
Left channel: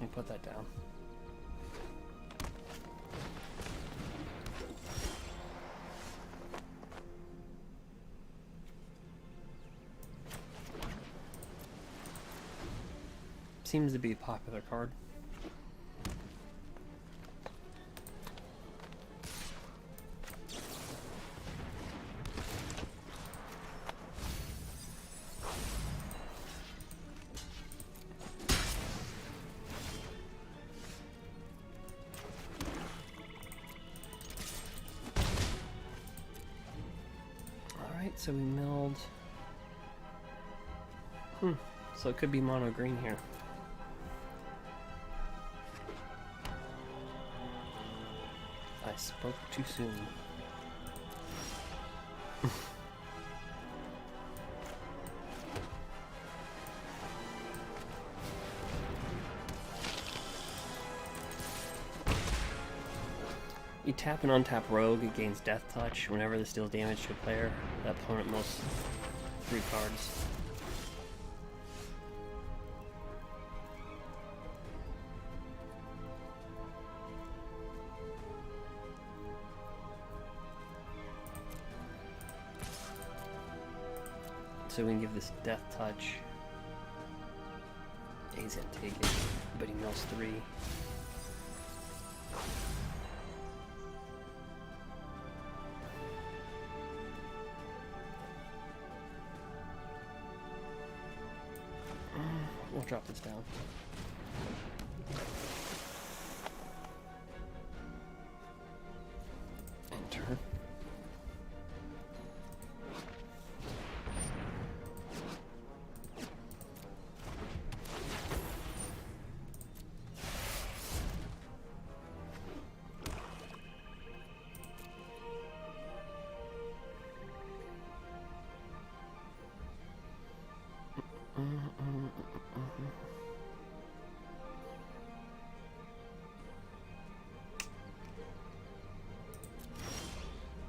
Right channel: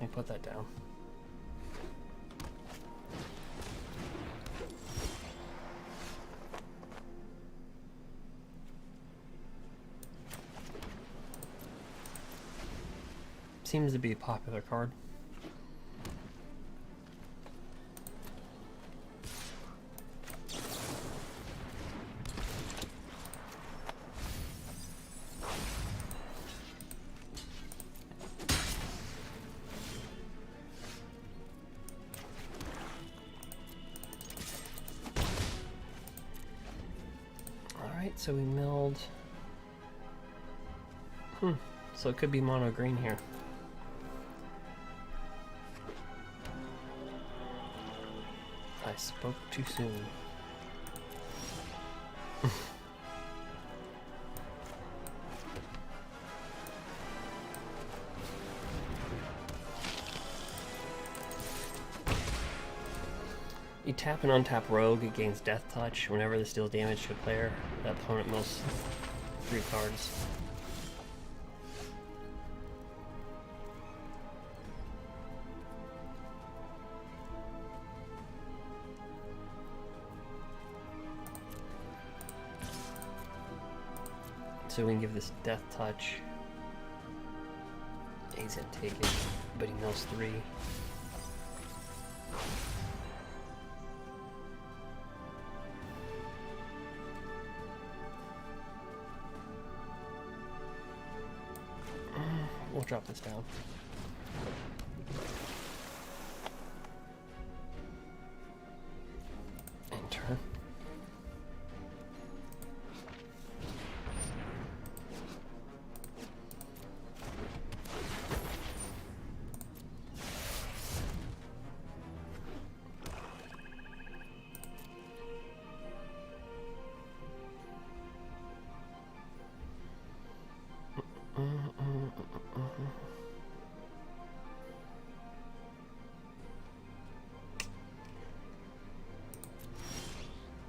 Let me put that down. Seems to be a popular card. Alright, so we milled. So it could be mono green here. I spoke too soon. You tap and untap Rogue, it gains Death Touch. Whenever this deals damage to a player, the opponent mills 3 cards. So we can give this Death Touch. He's gonna take it, but he mills 3. We'll drop this down. Enter.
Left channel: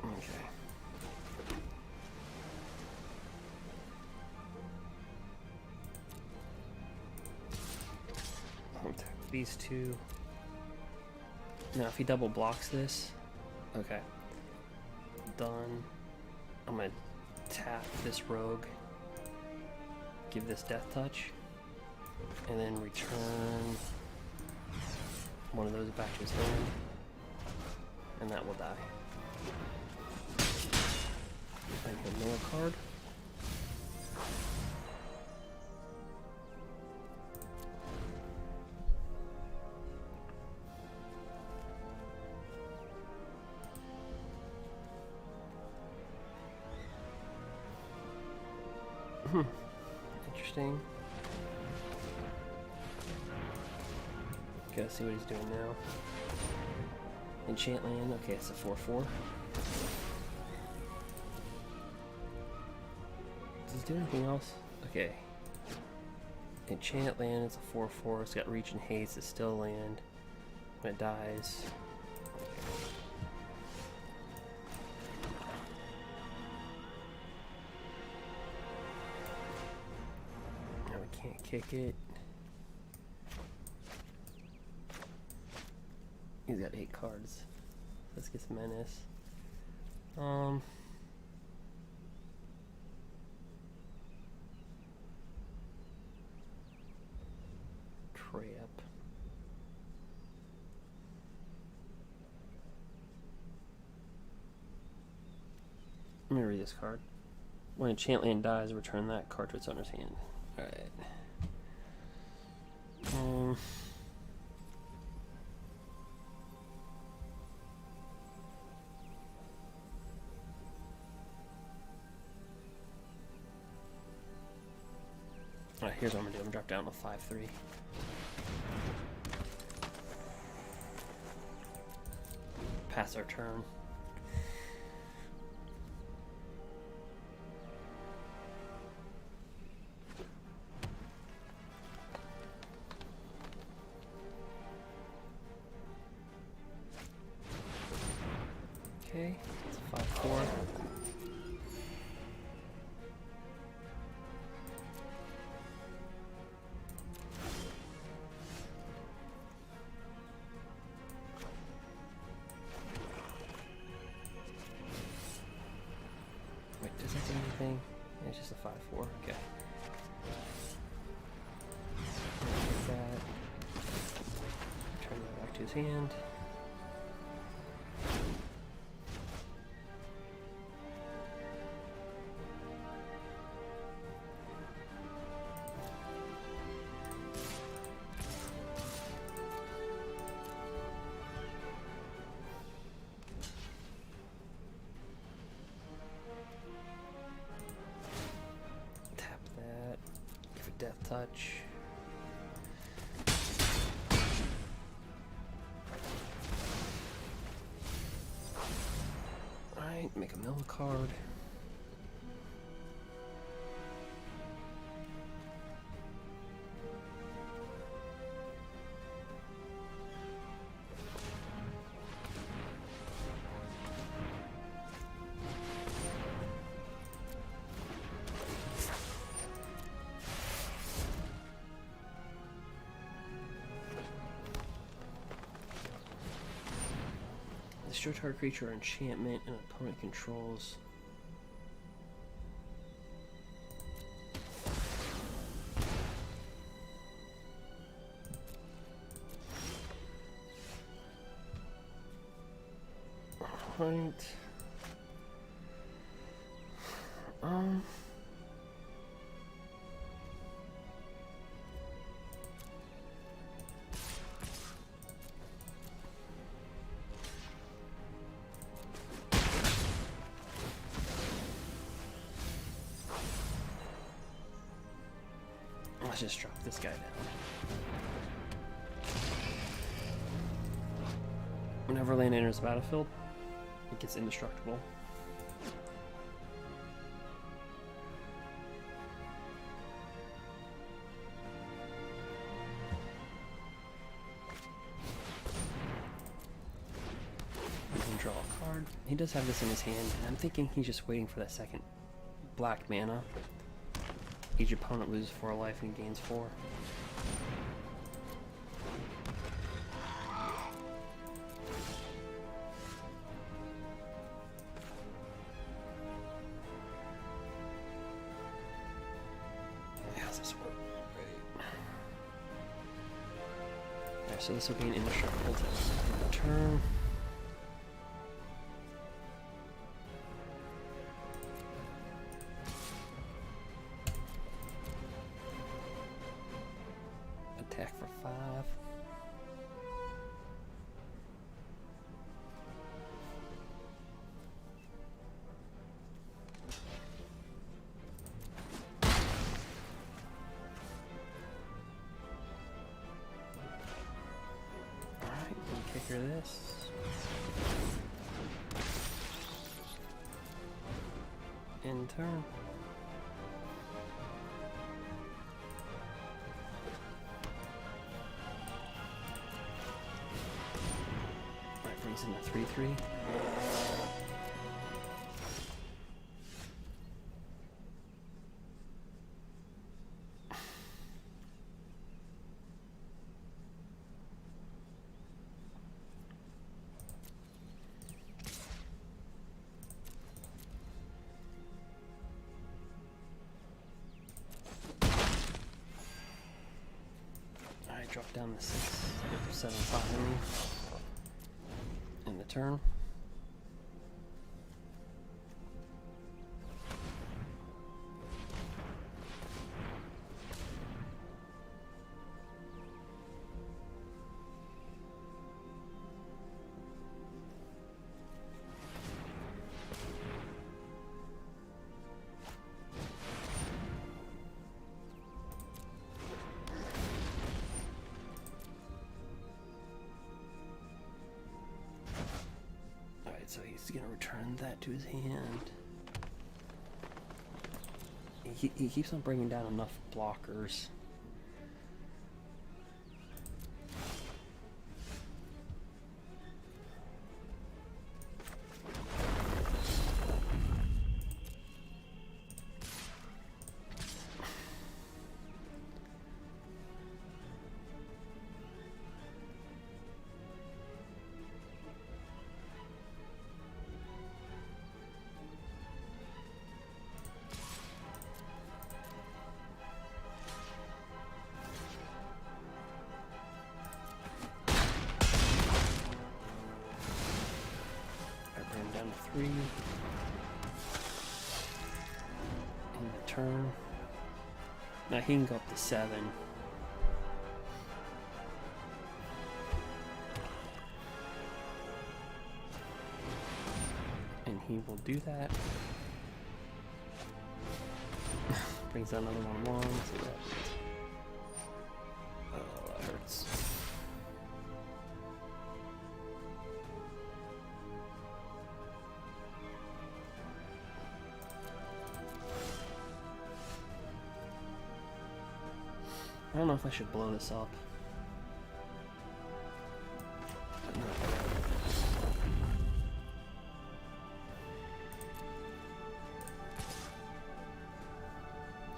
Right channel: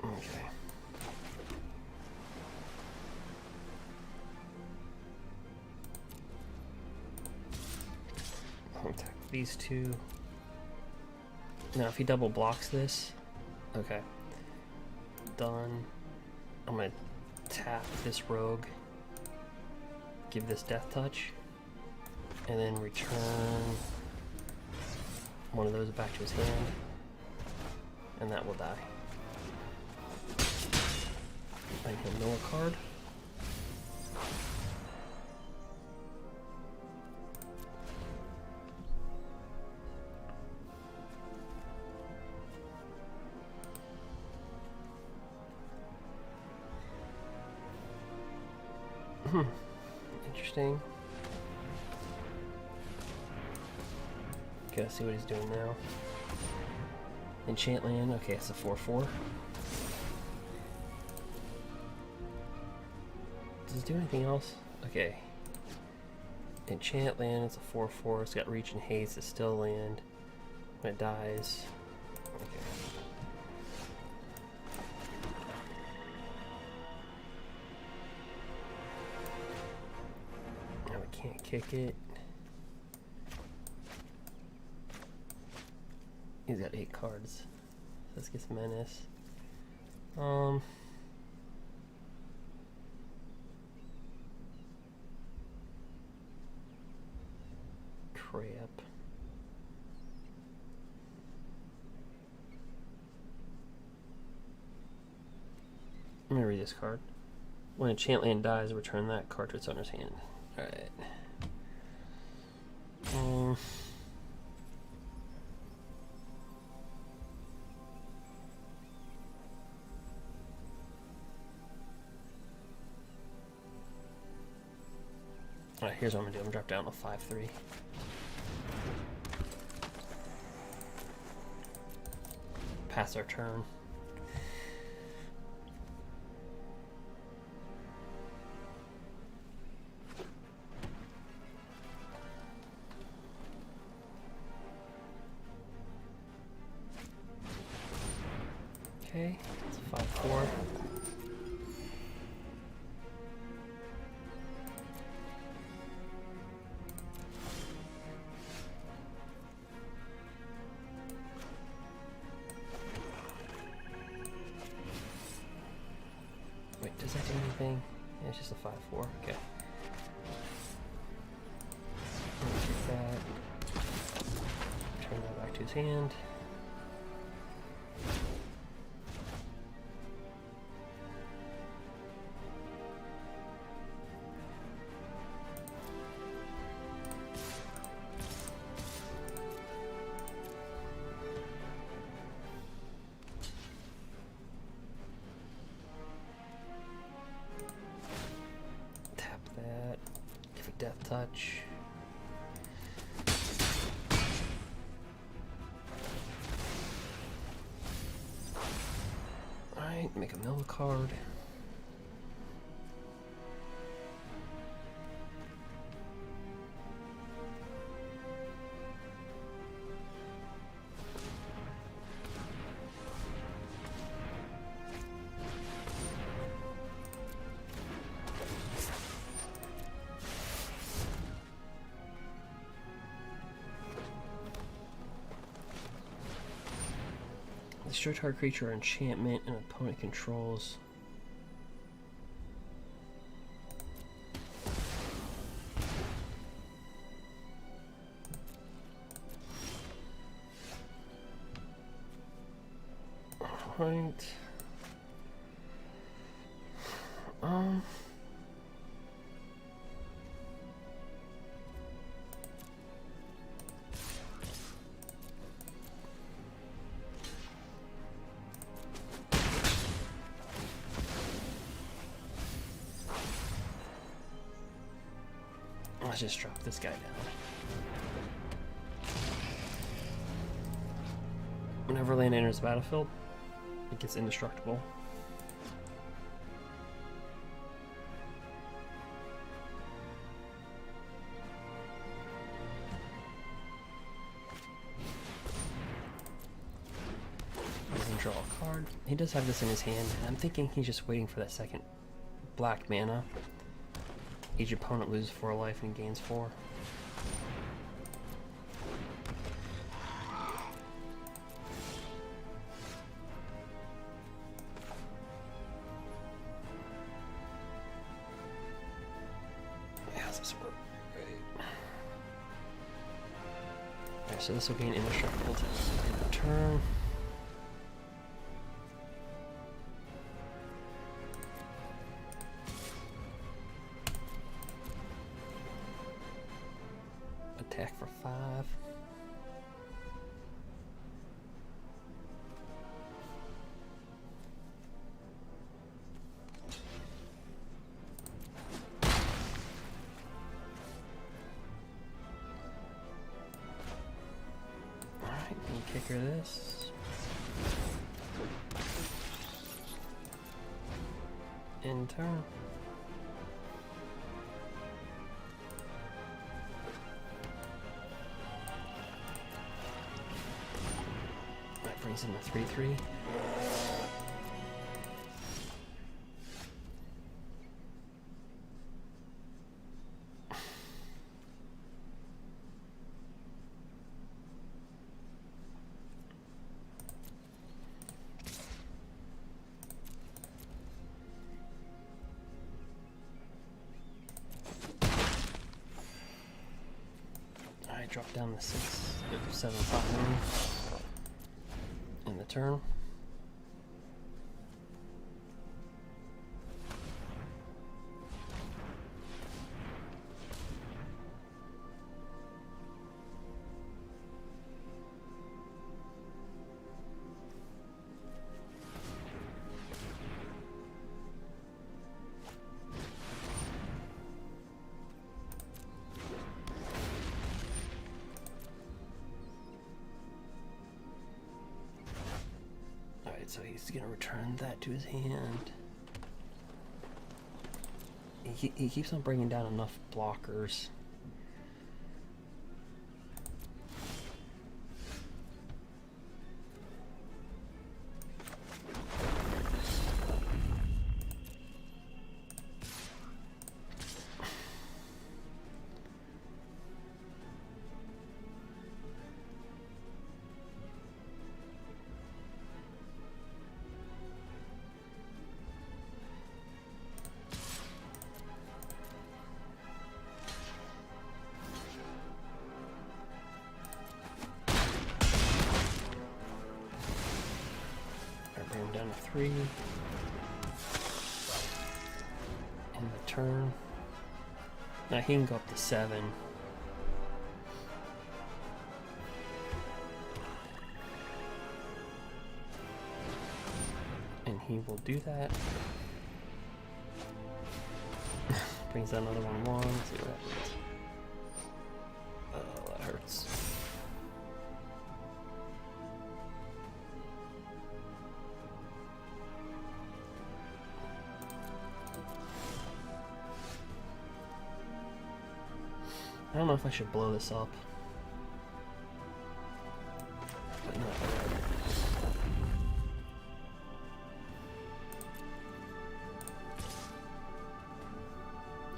Okay. I'll attack these 2. Now if he double blocks this, okay. Done. I'm gonna tap this Rogue, give this Death Touch, and then return one of those back to his hand, and that will die. I can mill a card. Interesting. Gotta see what he's doing now. Enchant land. Okay, it's a 4/4. Does it do anything else? Okay. Enchant land, it's a 4/4. It's got reach and haste. It's still land. When it dies. Okay. Now we can't kick it. He's got 8 cards. Let's get some menace. Crap. Let me read this card. When enchant land dies, return that card to its owner's hand. Alright. Alright, here's what I'm gonna do. I'm gonna drop down to 5/3. Pass our turn. Okay, it's a 5/4. Wait, does that do anything? Yeah, it's just a 5/4. Okay. Take that. Turn that back to his hand. That. Give a death touch. Alright, make a mill card. Destroy target creature or enchantment an opponent controls. Alright. Let's just drop this guy down. Whenever land enters the battlefield, it gets indestructible. Doesn't draw a card. He does have this in his hand, and I'm thinking he's just waiting for that second black mana. Each opponent loses 4 life and gains 4. How's this work? Right. Alright, so this will be an indestructible to turn. Attack for 5. Alright, we'll kick her this. End turn. Brings in the 3/3. I drop down the 6/7/5 in the turn. So he's gonna return that to his hand. He keeps on bringing down enough blockers. 3 in the turn. Now he can go up to 7. And he will do that. Brings down another 1/1. Let's see what happens. Oh, that hurts. I don't know if I should blow this up. But no,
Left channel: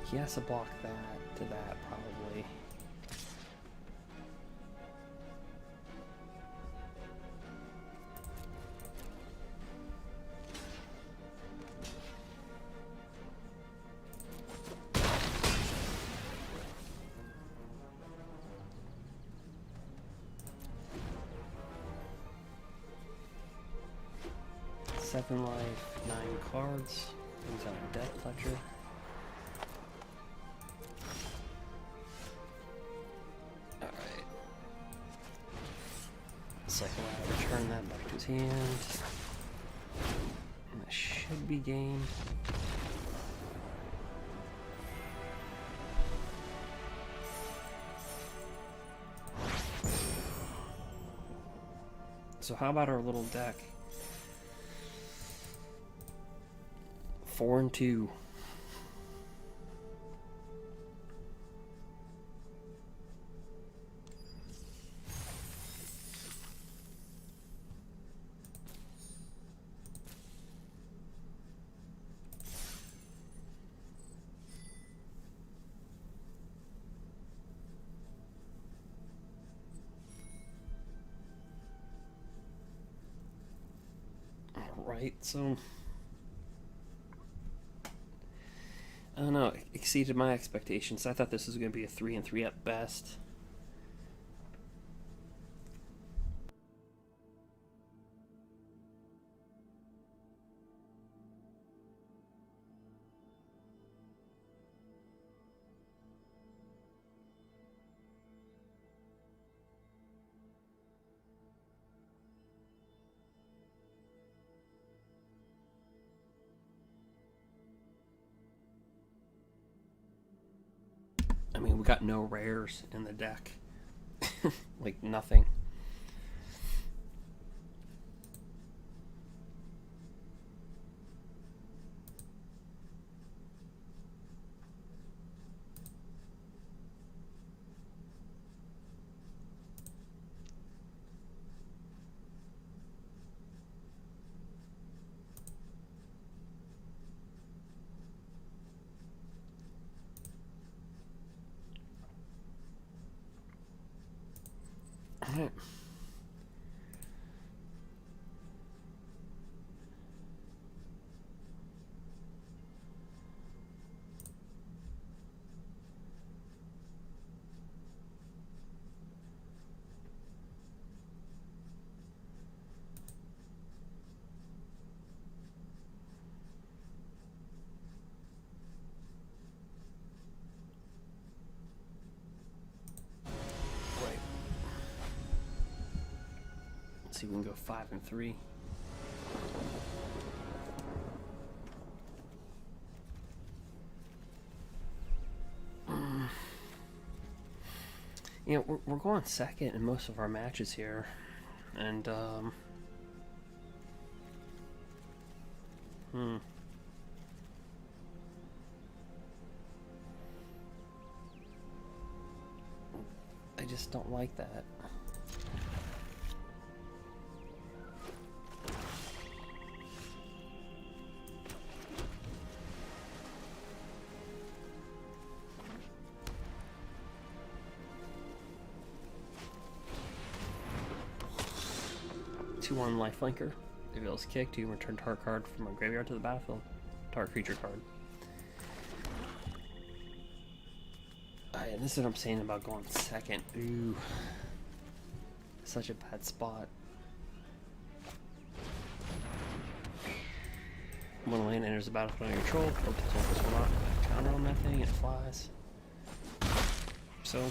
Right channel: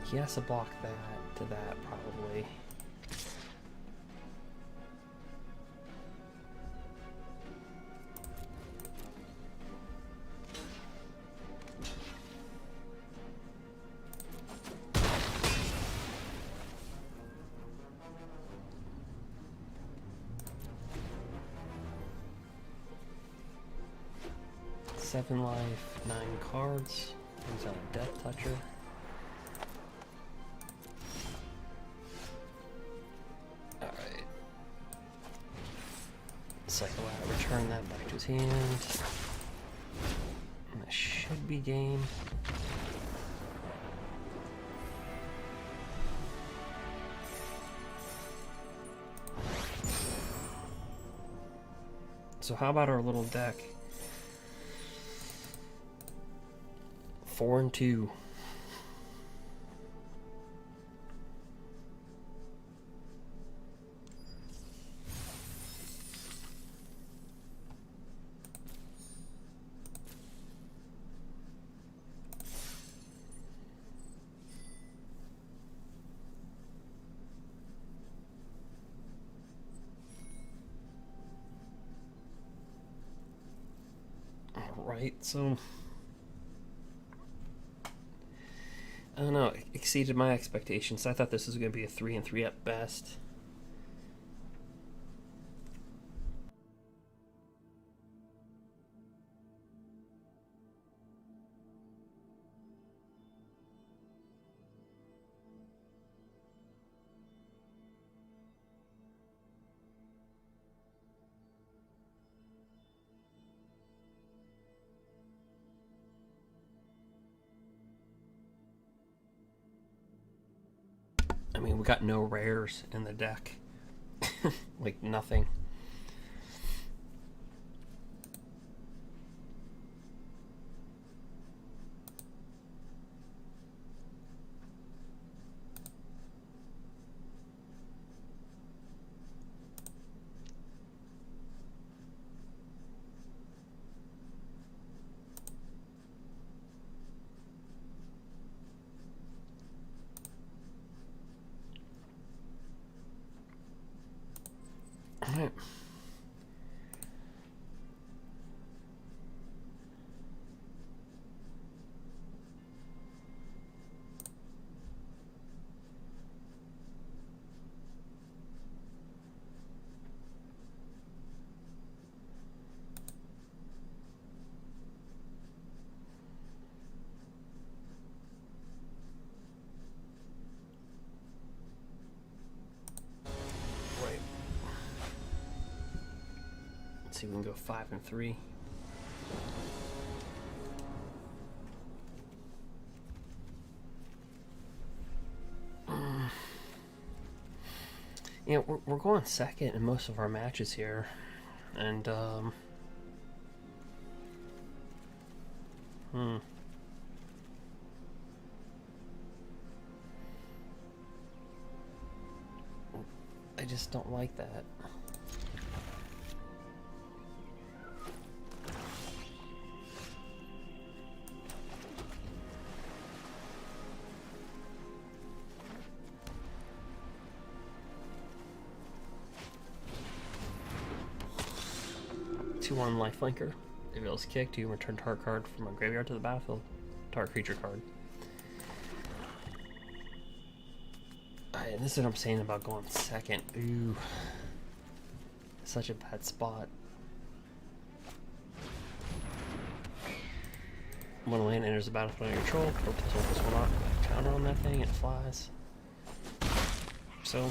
he has to block that to that, probably. Seven life, 9 cards. Brings out a Death Toucher. Alright. Cycle out, return that back to his hand. And that should be game. So how about our little deck? 4 and 2. All right, so I don't know, it exceeded my expectations. I thought this was going to be a 3 and 3 at best. I mean, we got no rares in the deck. Like, nothing. Alright. See, we can go 5 and 3. You know, we're going second in most of our matches here, and I just don't like that. One lifelinker. Reveals kick to return target card from a graveyard to the battlefield. Target creature card. And this is what I'm saying about going second. Ooh. Such a bad spot. When a land enters the battlefield under control, Planesalker will not counter on that thing, and it flies. So,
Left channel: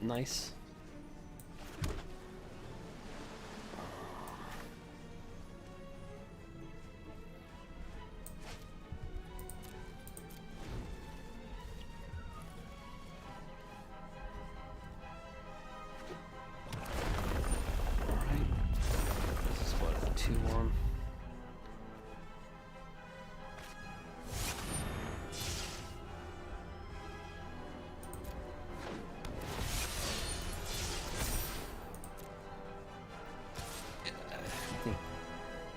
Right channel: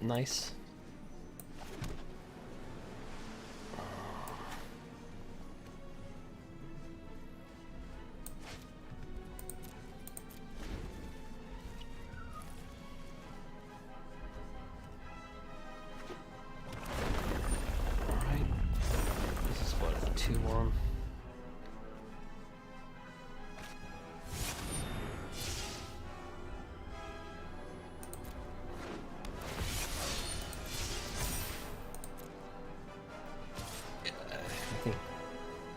nice. Alright. This is what, a 2-1.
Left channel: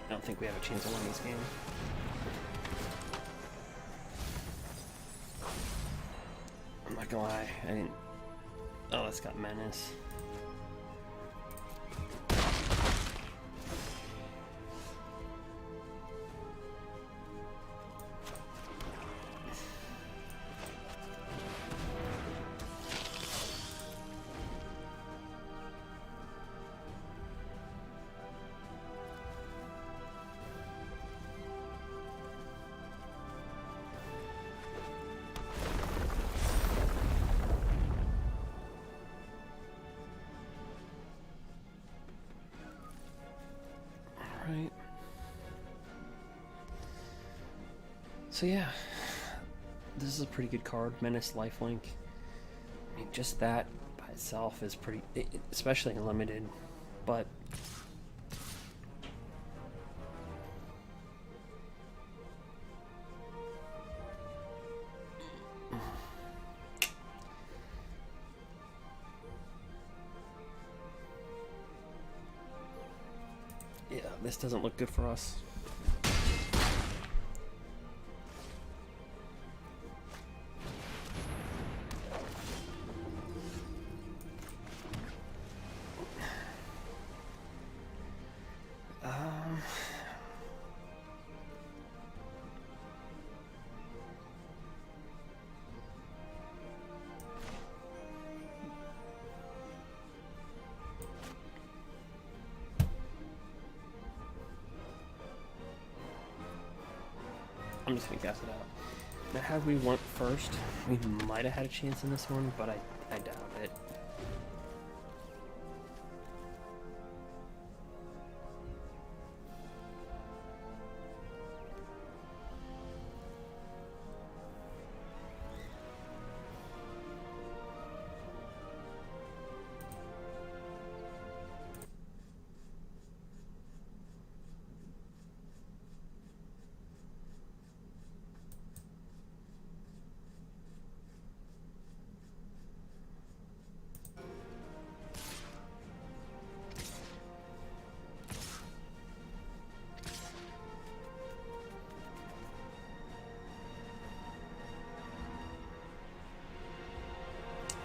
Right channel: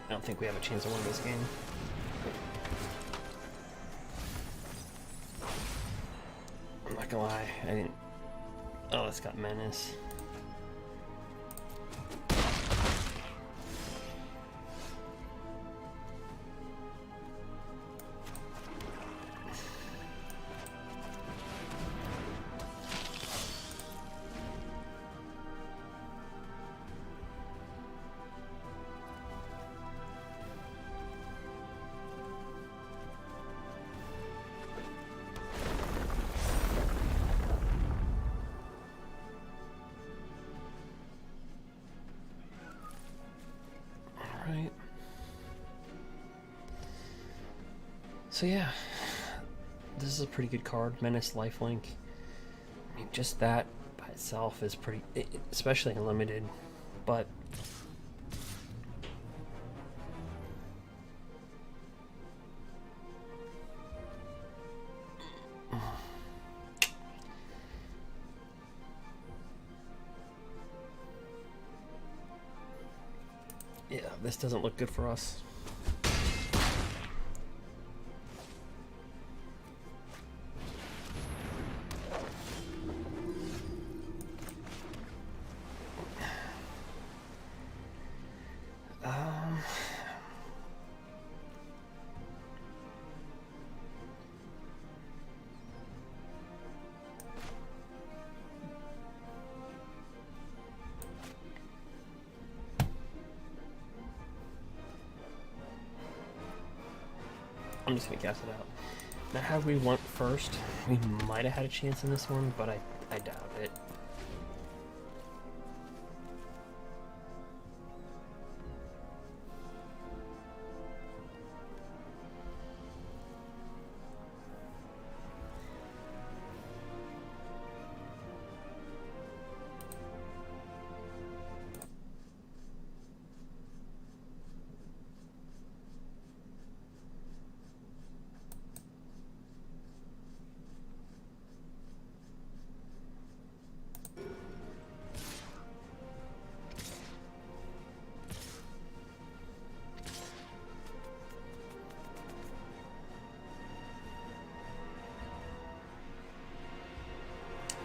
I don't think we have a chance to win this game. I'm not gonna lie, I didn't... Oh, it's got Menace. Right. So yeah, this is a pretty good card. Menace, Lifelink. I mean, just that by itself is pretty, especially in limited. But yeah, this doesn't look good for us. I'm just gonna cast it out. Now, had we went first, we might have had a chance in this one, but I doubt it.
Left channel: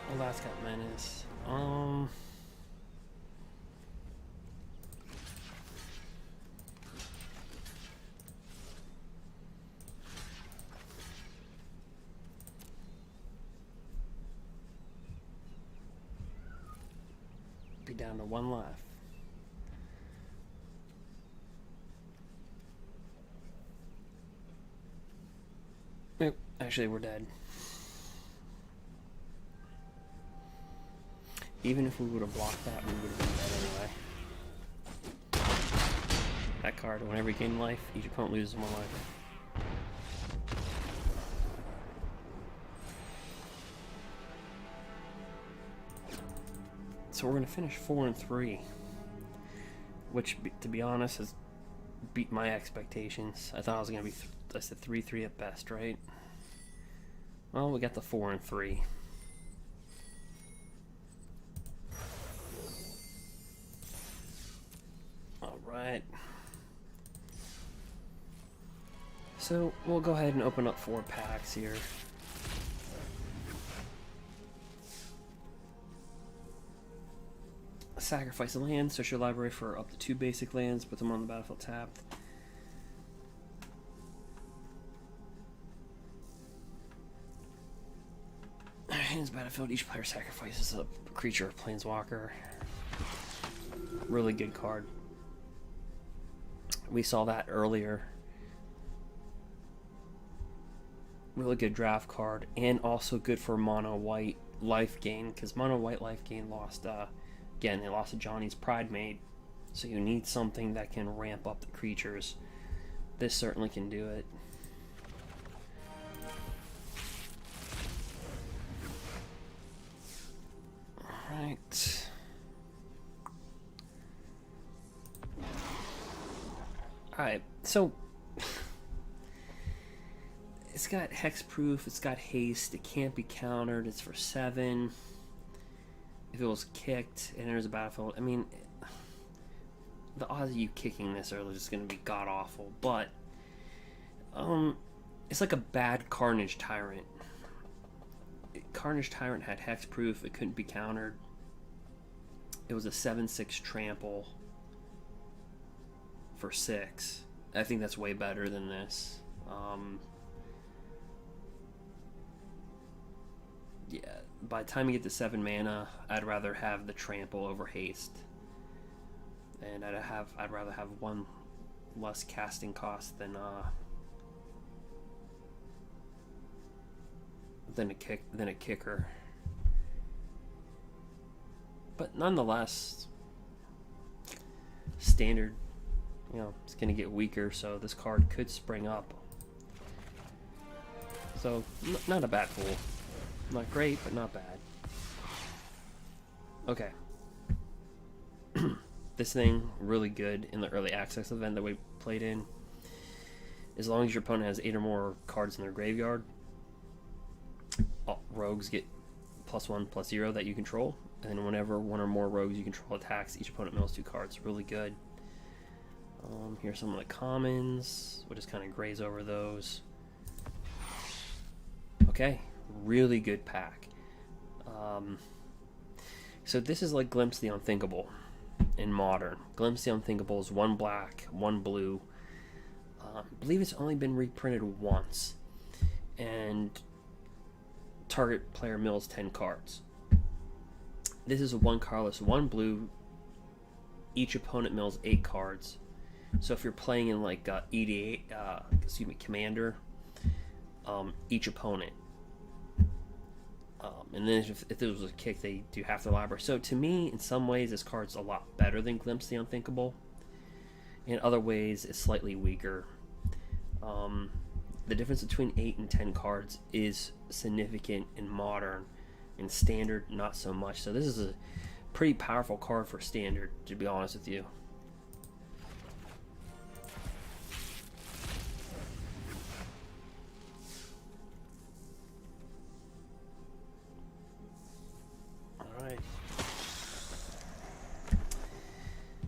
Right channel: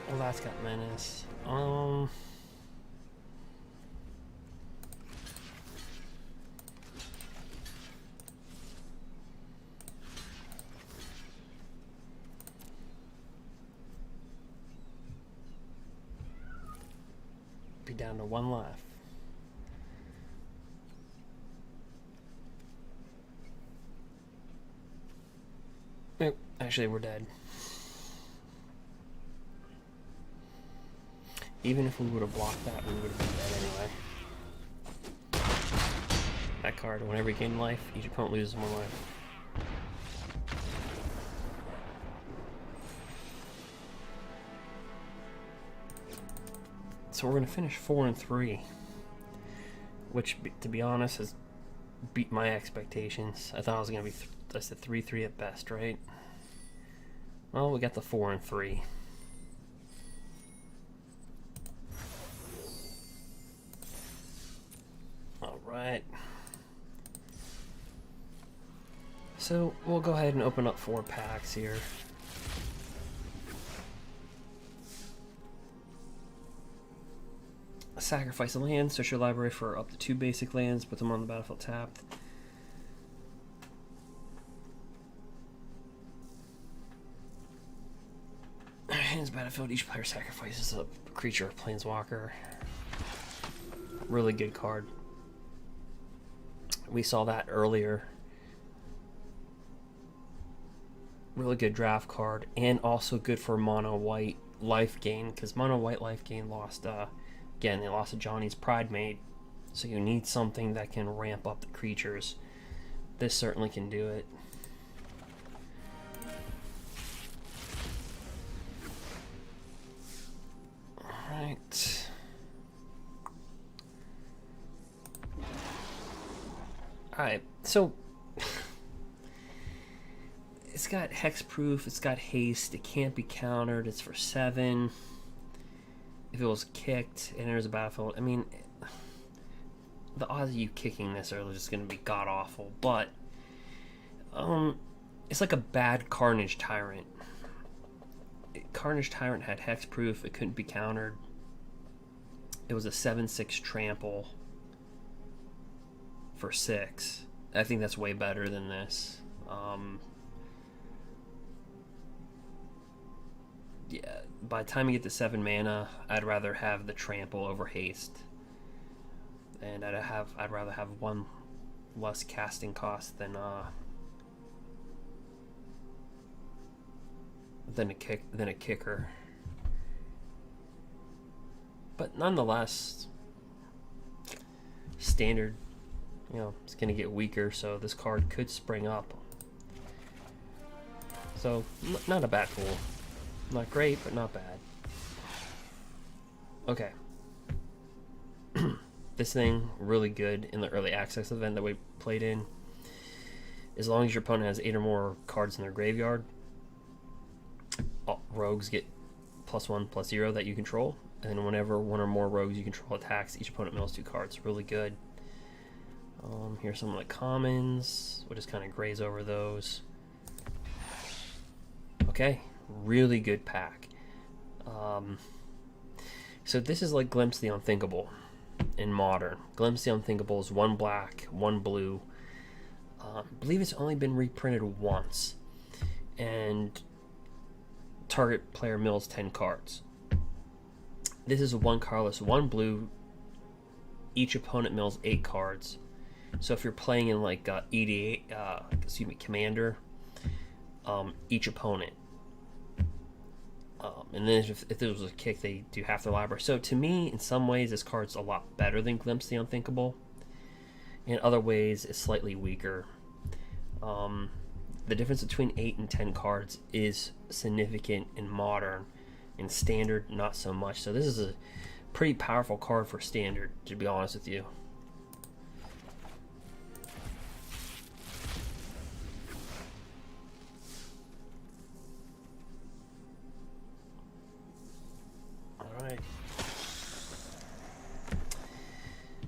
Well, that's got Menace. Be down to 1 life. Nope, actually we're dead. Even if we would have blocked that, we would have been dead anyway. That card, whenever you gain life, each opponent loses 1 life. So we're going to finish 4-3, which, to be honest, has beat my expectations. I thought it was going to be, I said 3-3 at best, right? Well, we got the 4-3. Alright. So, we'll go ahead and open up 4 packs here. Sacrifice a land, search your library for up to 2 basic lands, put them on the battlefield tapped. Hands battlefield, each player sacrifices a creature or planeswalker. Really good card. We saw that earlier Really good draft card, and also good for mono white life gain, because mono white life gain lost, again, they lost a Johnny's Pride Mate, so you need something that can ramp up the creatures. This certainly can do it. Alright. Alright, so it's got hexproof, it's got haste, it can't be countered, it's for 7. If it was kicked and there's a battlefield, I mean, the odds of you kicking this are just going to be god awful, but it's like a bad Carnage Tyrant. Carnage Tyrant had hexproof, it couldn't be countered. It was a 7/6 trample for 6. I think that's way better than this. Yeah, by the time you get to 7 mana, I'd rather have the trample over haste, and I'd rather have 1 less casting cost than a kicker. But nonetheless, standard, it's going to get weaker, so this card could spring up. So, not a bad pool. Not great, but not bad. Okay. This thing, really good in the early access event that we played in. As long as your opponent has 8 or more cards in their graveyard, rogues get +1/+0 that you control. And then whenever 1 or more rogues you control attacks, each opponent mills 2 cards. Really good. Here's some of the commons. We'll just kind of graze over those. Okay. Really good pack. So this is like Glimpse the Unthinkable in Modern. Glimpse the Unthinkable is 1 black, 1 blue. I believe it's only been reprinted once. And target player mills 10 cards. This is a 1 colorless, 1 blue. Each opponent mills 8 cards. So if you're playing in like Commander, each opponent. And then if there was a kick, they do half the library. So to me, in some ways, this card's a lot better than Glimpse the Unthinkable. In other ways, it's slightly weaker. The difference between 8 and 10 cards is significant in Modern. In Standard, not so much. So this is a pretty powerful card for Standard, to be honest with you.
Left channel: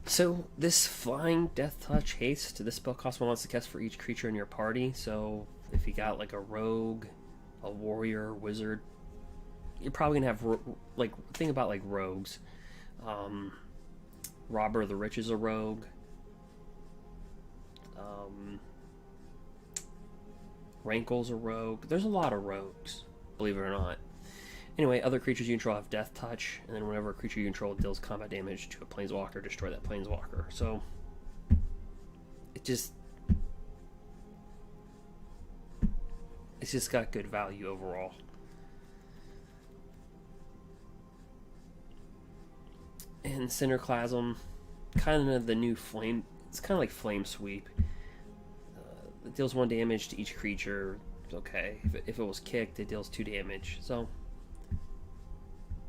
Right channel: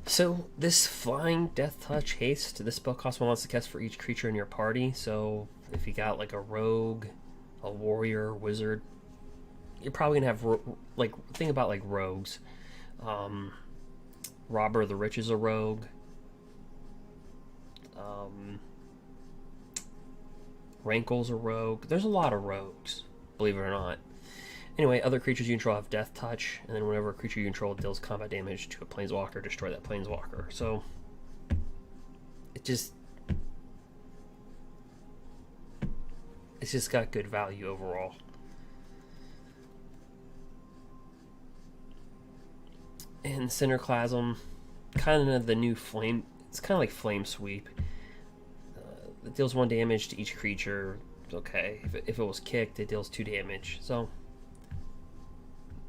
So this flying Death Touch haste, this spell costs 1 less to cast for each creature in your party. So if you got like a rogue, a warrior, wizard, you're probably gonna have think about like rogues. Robber of the Rich is a rogue. Rankle's a rogue. There's a lot of rogues, believe it or not. Anyway, other creatures you control have Death Touch, and then whenever a creature you control deals combat damage to a Planeswalker, destroy that Planeswalker. So, it's just got good value overall. And Cinderclasm, kind of the new flame. It's kind of like Flame Sweep. It deals 1 damage to each creature. It's okay. If it was kicked, it deals 2 damage. So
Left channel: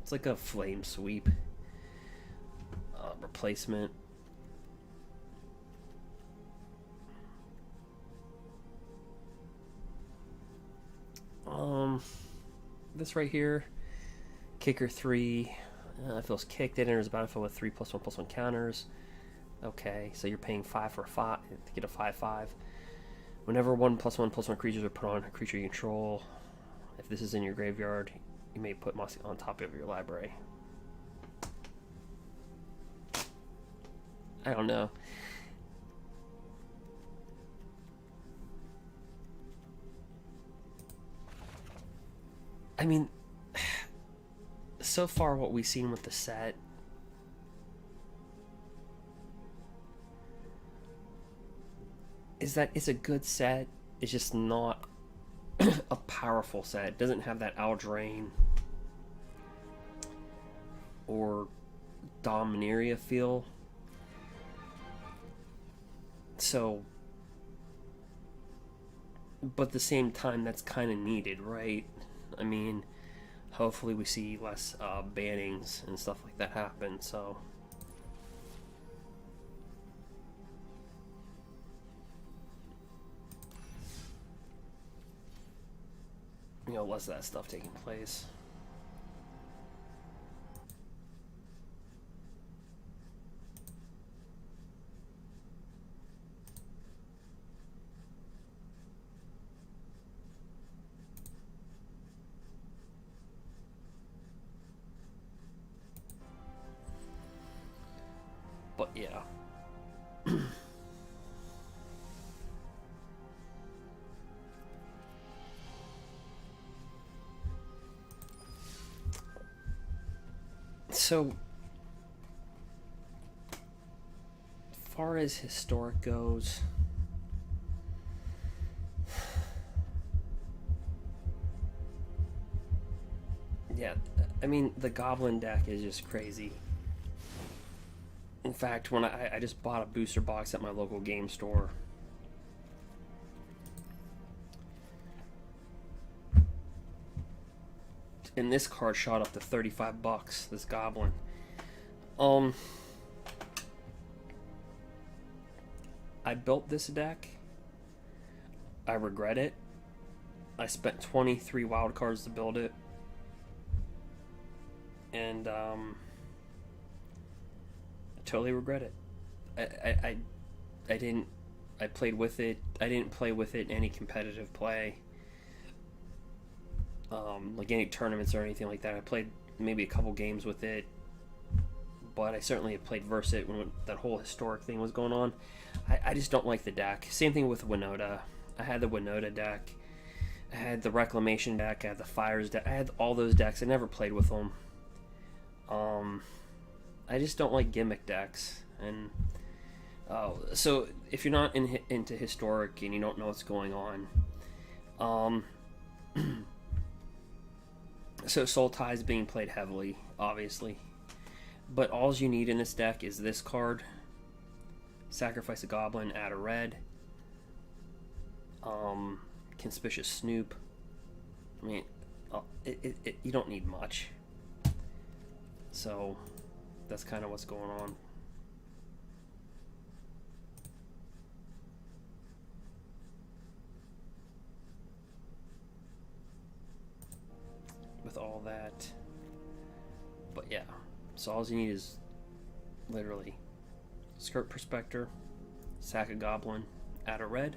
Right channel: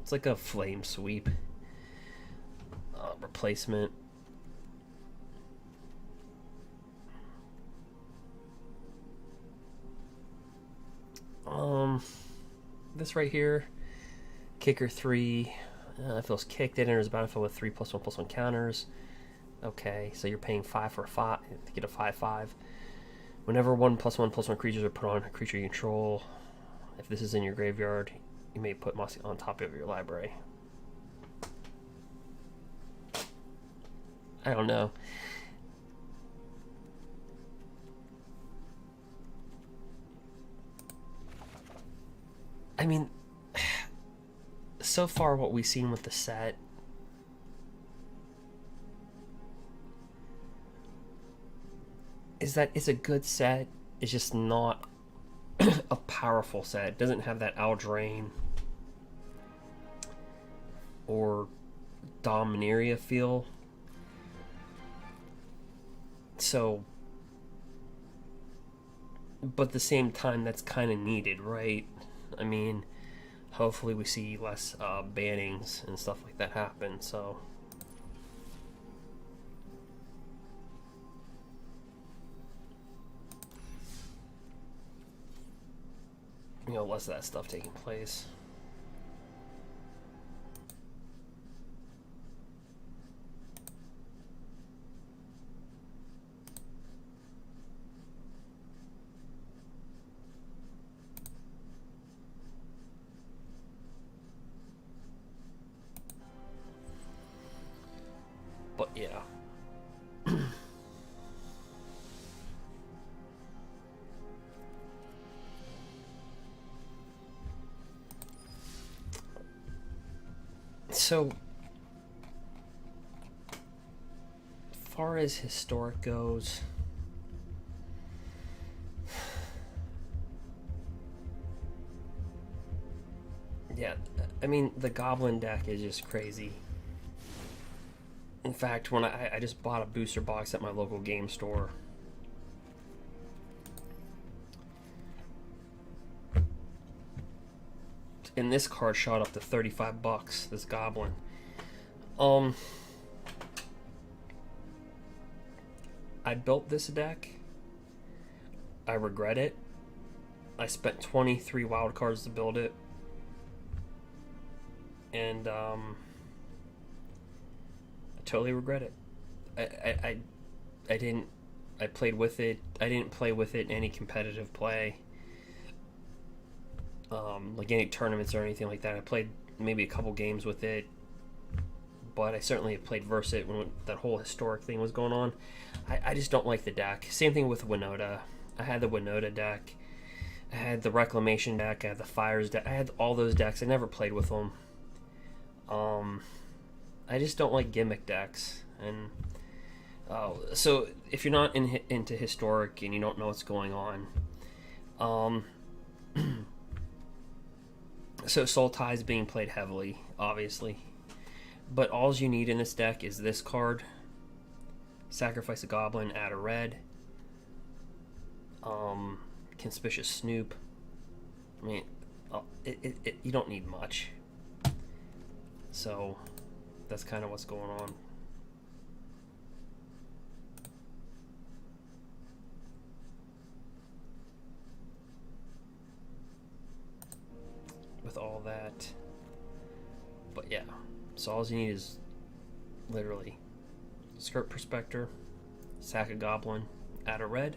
it's like a Flame Sweep replacement. This right here, Kicker 3. If it was kicked, it enters the battlefield with 3+1/+1 counters. Okay, so you're paying 5 for a 5 to get a 5/5. Whenever 1+1/+1 creatures are put on a creature you control, if this is in your graveyard, you may put Mossy on top of your library. I don't know. I mean, so far what we've seen with the set, is that it's a good set. It's just not a powerful set. It doesn't have that Aldrain or Dominaria feel. So, but at the same time, that's kind of needed, right? I mean, hopefully we see less bannings and stuff like that happen, so... You know, less of that stuff taking place. But yeah. So, far as historic goes, yeah, I mean, the Goblin deck is just crazy. In fact, when I just bought a booster box at my local game store. And this card shot up to $35, this Goblin. I built this deck. I regret it. I spent 23 wild cards to build it. And I totally regret it. I didn't. I played with it. I didn't play with it in any competitive play. Like any tournaments or anything like that. I played maybe a couple games with it, but I certainly have played versus it when that whole historic thing was going on. I just don't like the deck. Same thing with Winota. I had the Winota deck. I had the Reclamation deck. I had the Fires deck. I had all those decks. I never played with them. I just don't like gimmick decks. And so if you're not into historic and you don't know what's going on, so Soul Tie is being played heavily, obviously. But all you need in this deck is this card. Sacrifice a Goblin, add a red. Conspicuous Snoop. I mean, you don't need much. So, that's kind of what's going on. With all that. But yeah, so all you need is literally Skirt Prospector, sack a Goblin, add a red.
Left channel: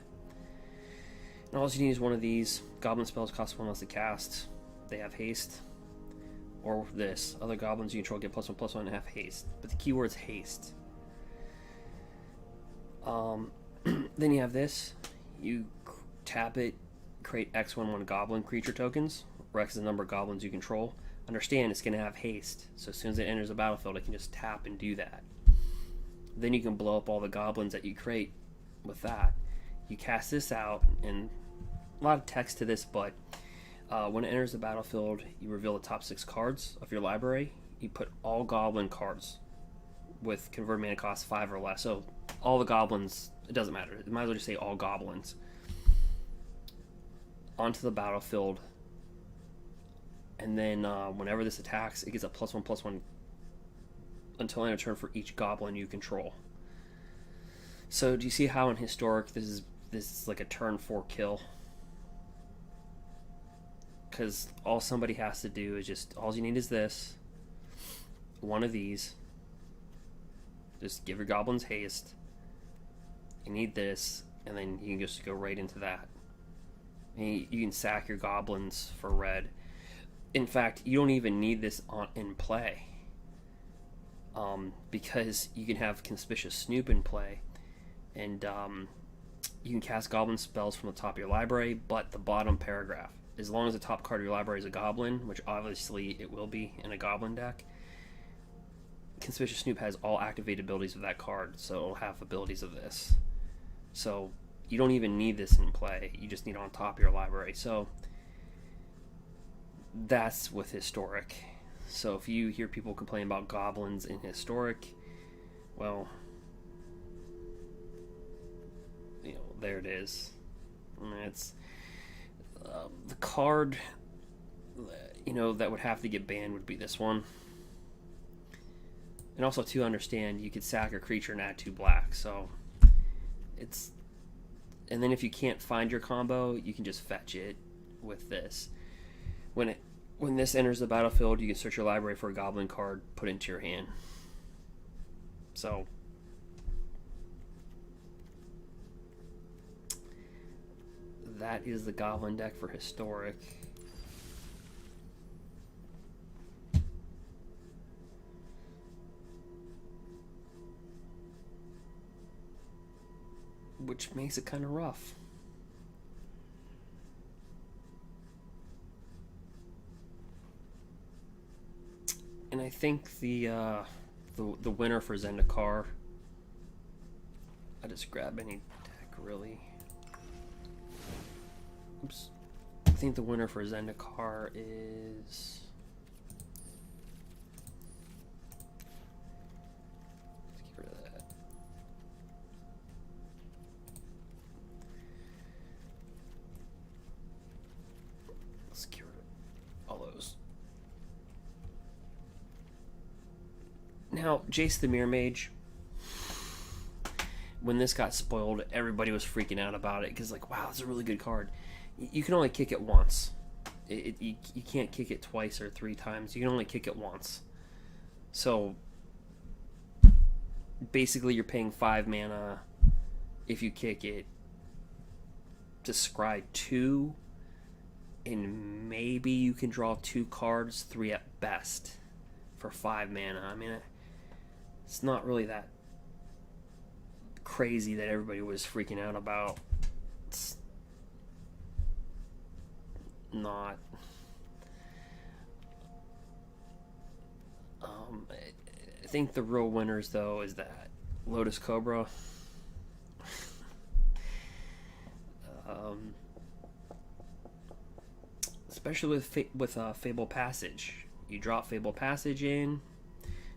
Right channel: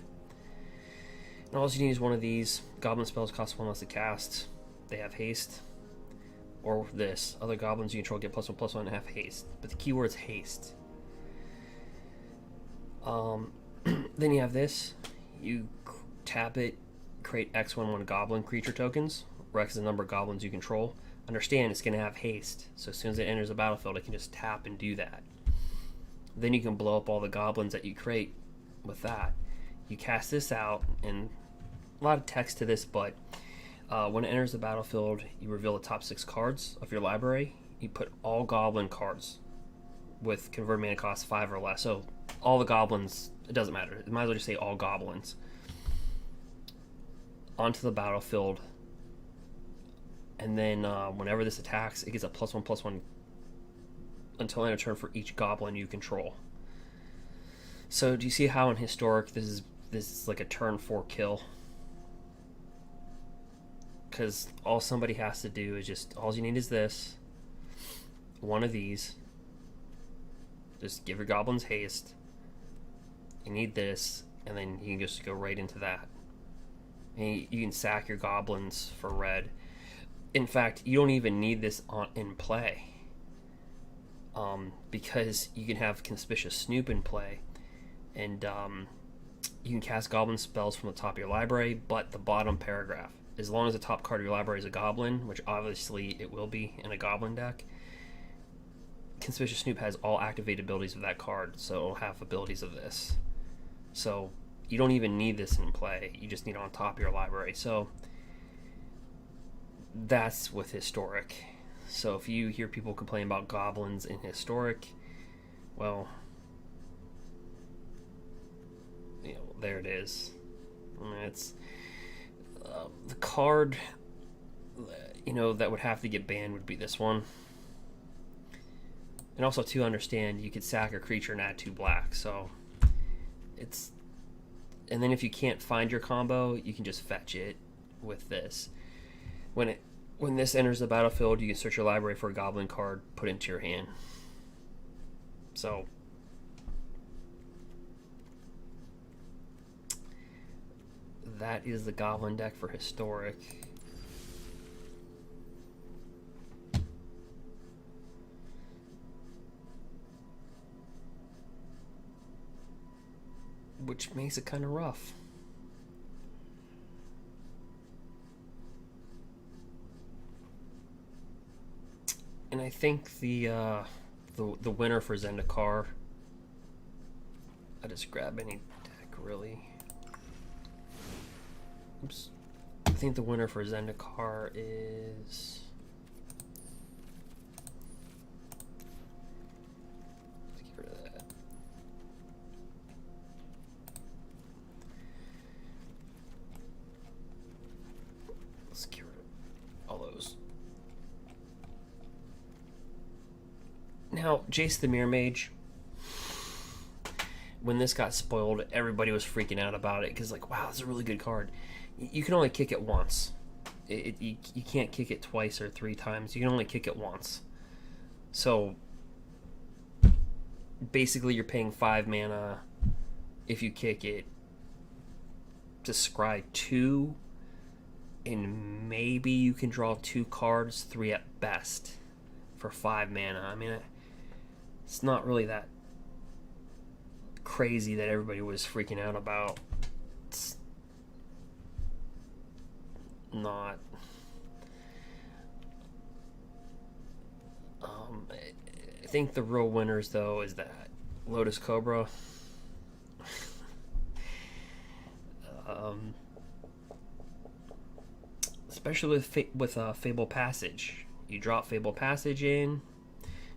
And all you need is one of these. Goblin spells cost 1 less to cast. They have haste. Or this. Other goblins you control get +1/+1 and have haste. But the keyword's haste. Then you have this. You tap it, create X11 goblin creature tokens. Where X is the number of goblins you control. Understand it's going to have haste. So as soon as it enters the battlefield, it can just tap and do that. Then you can blow up all the goblins that you create with that. You cast this out, and a lot of text to this, but when it enters the battlefield, you reveal the top 6 cards of your library. You put all goblin cards with converted mana cost 5 or less. So all the goblins, it doesn't matter. It might as well just say all goblins. Onto the battlefield. And then whenever this attacks, it gets a +1/+1 until end of turn for each goblin you control. So do you see how in historic this is like a turn 4 kill? Because all somebody has to do is just, all you need is this, one of these. Just give your goblins haste. You need this, and then you can just go right into that. And you can sack your goblins for red. In fact, you don't even need this in play. Because you can have Conspicuous Snoop in play. And you can cast goblin spells from the top of your library, but the bottom paragraph. As long as the top card of your library is a goblin, which obviously it will be in a goblin deck, Conspicuous Snoop has all activated abilities of that card, so it'll have abilities of this. So you don't even need this in play. You just need it on top of your library. So that's with Historic. So if you hear people complain about goblins in Historic, well, there it is. I mean, it's the card, that would have to get banned would be this one. And also, to understand, you could sack a creature and add 2 black. So it's, and then if you can't find your combo, you can just fetch it with this. When this enters the battlefield, you can search your library for a goblin card, put it into your hand. So that is the goblin deck for Historic. Which makes it kind of rough. And I think the winner for Zendikar, I just grab any deck really. Oops. I think the winner for Zendikar is, let's get rid of that. Let's get rid of all those. Now, Jace the Mirror Mage, when this got spoiled, everybody was freaking out about it because, like, wow, it's a really good card. You can only kick it once. You can't kick it twice or 3 times. You can only kick it once. So basically, you're paying 5 mana if you kick it to scry 2, and maybe you can draw 2 cards, 3 at best, for 5 mana. I mean, it's not really that crazy that everybody was freaking out about. It's not. I think the real winners, though, is that Lotus Cobra. Especially with Fable Passage. You drop Fable Passage in,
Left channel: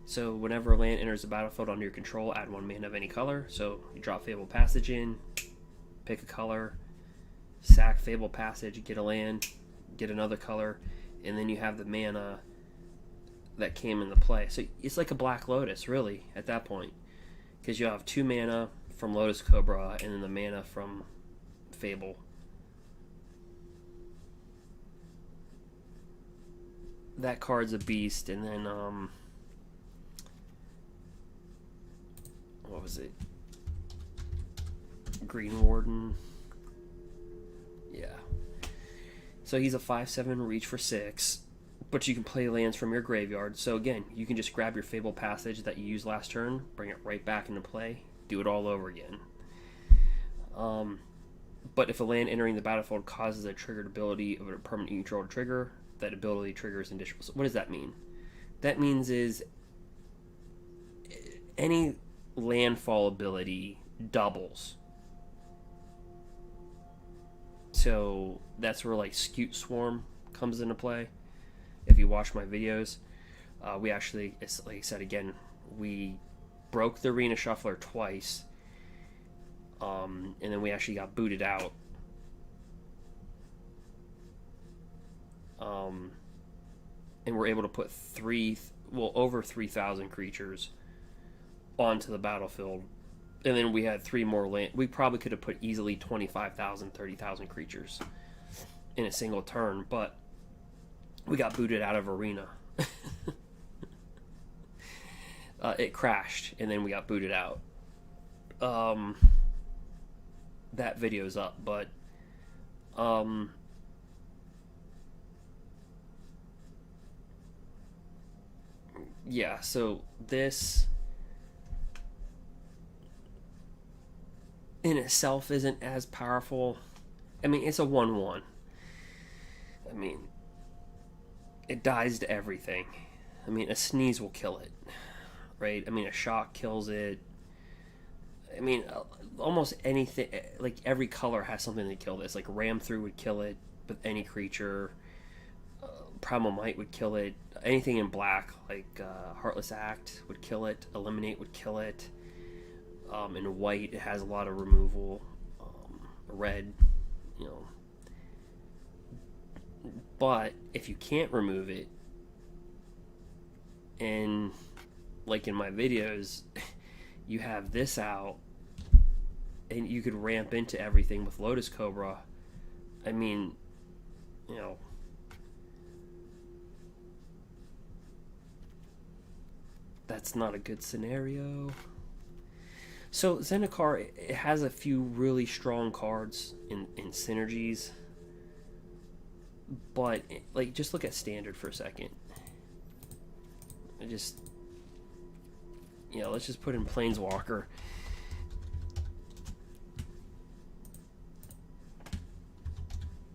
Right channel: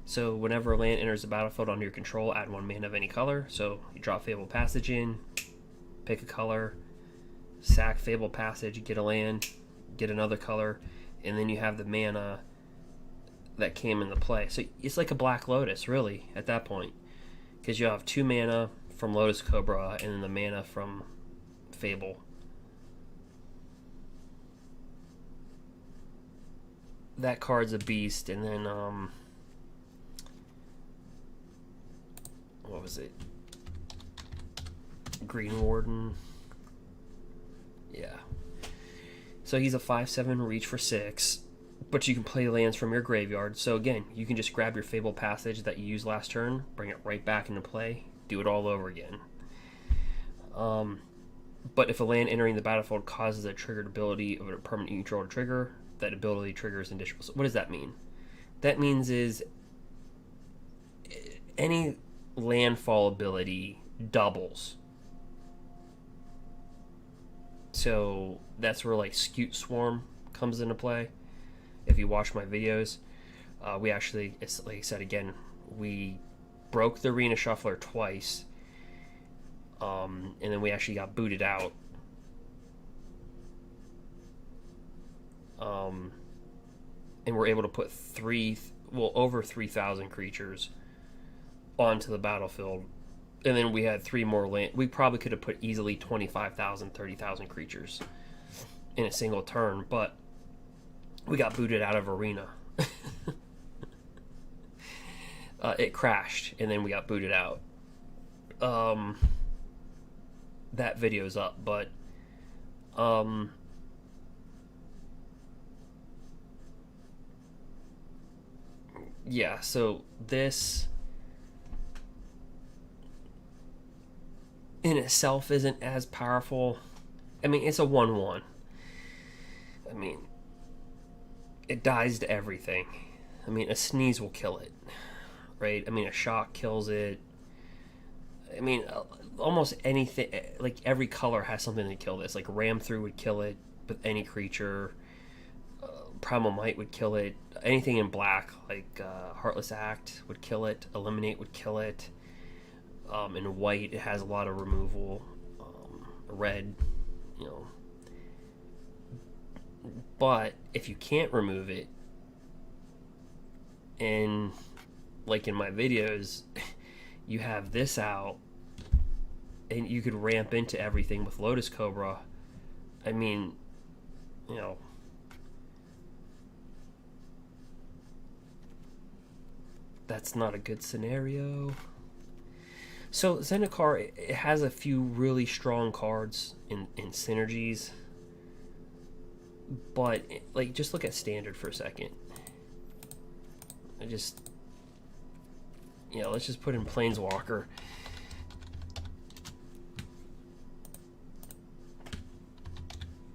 so whenever a land enters the battlefield under your control, add 1 mana of any color. So you drop Fable Passage in, pick a color, sack Fable Passage, get a land, get another color, and then you have the mana that came into play. So it's like a Black Lotus, really, at that point, because you'll have 2 mana from Lotus Cobra and then the mana from Fable. That card's a beast. And then what was it? Greenwarden. Yeah. So he's a 5/7 reach for 6, but you can play lands from your graveyard. So again, you can just grab your Fable Passage that you used last turn, bring it right back into play, do it all over again. But if a land entering the battlefield causes a triggered ability of a permanent you control to trigger, that ability triggers additional. So what does that mean? That means is any landfall ability doubles. So that's where like Scute Swarm comes into play. If you watch my videos, we actually, it's like I said again, we broke the Arena Shuffler twice, and then we actually got booted out. And we're able to put over 3,000 creatures onto the battlefield. And then we had 3 more land. We probably could have put easily 25,000, 30,000 creatures in a single turn, but we got booted out of Arena. It crashed, and then we got booted out. That video's up, but yeah, so this in itself isn't as powerful. I mean, it's a 1/1. I mean, it dies to everything. I mean, a sneeze will kill it, right? I mean, a shock kills it. I mean, almost anything, like every color has something to kill this. Like Ram Through would kill it with any creature. Primal Might would kill it. Anything in black, like Heartless Act, would kill it. Eliminate would kill it. In white, it has a lot of removal. Red, you know. But if you can't remove it, and like in my videos, you have this out, and you could ramp into everything with Lotus Cobra. I mean, you know, that's not a good scenario. So Zendikar, it has a few really strong cards in synergies, but like just look at standard for a second. Let's just put in Planeswalker.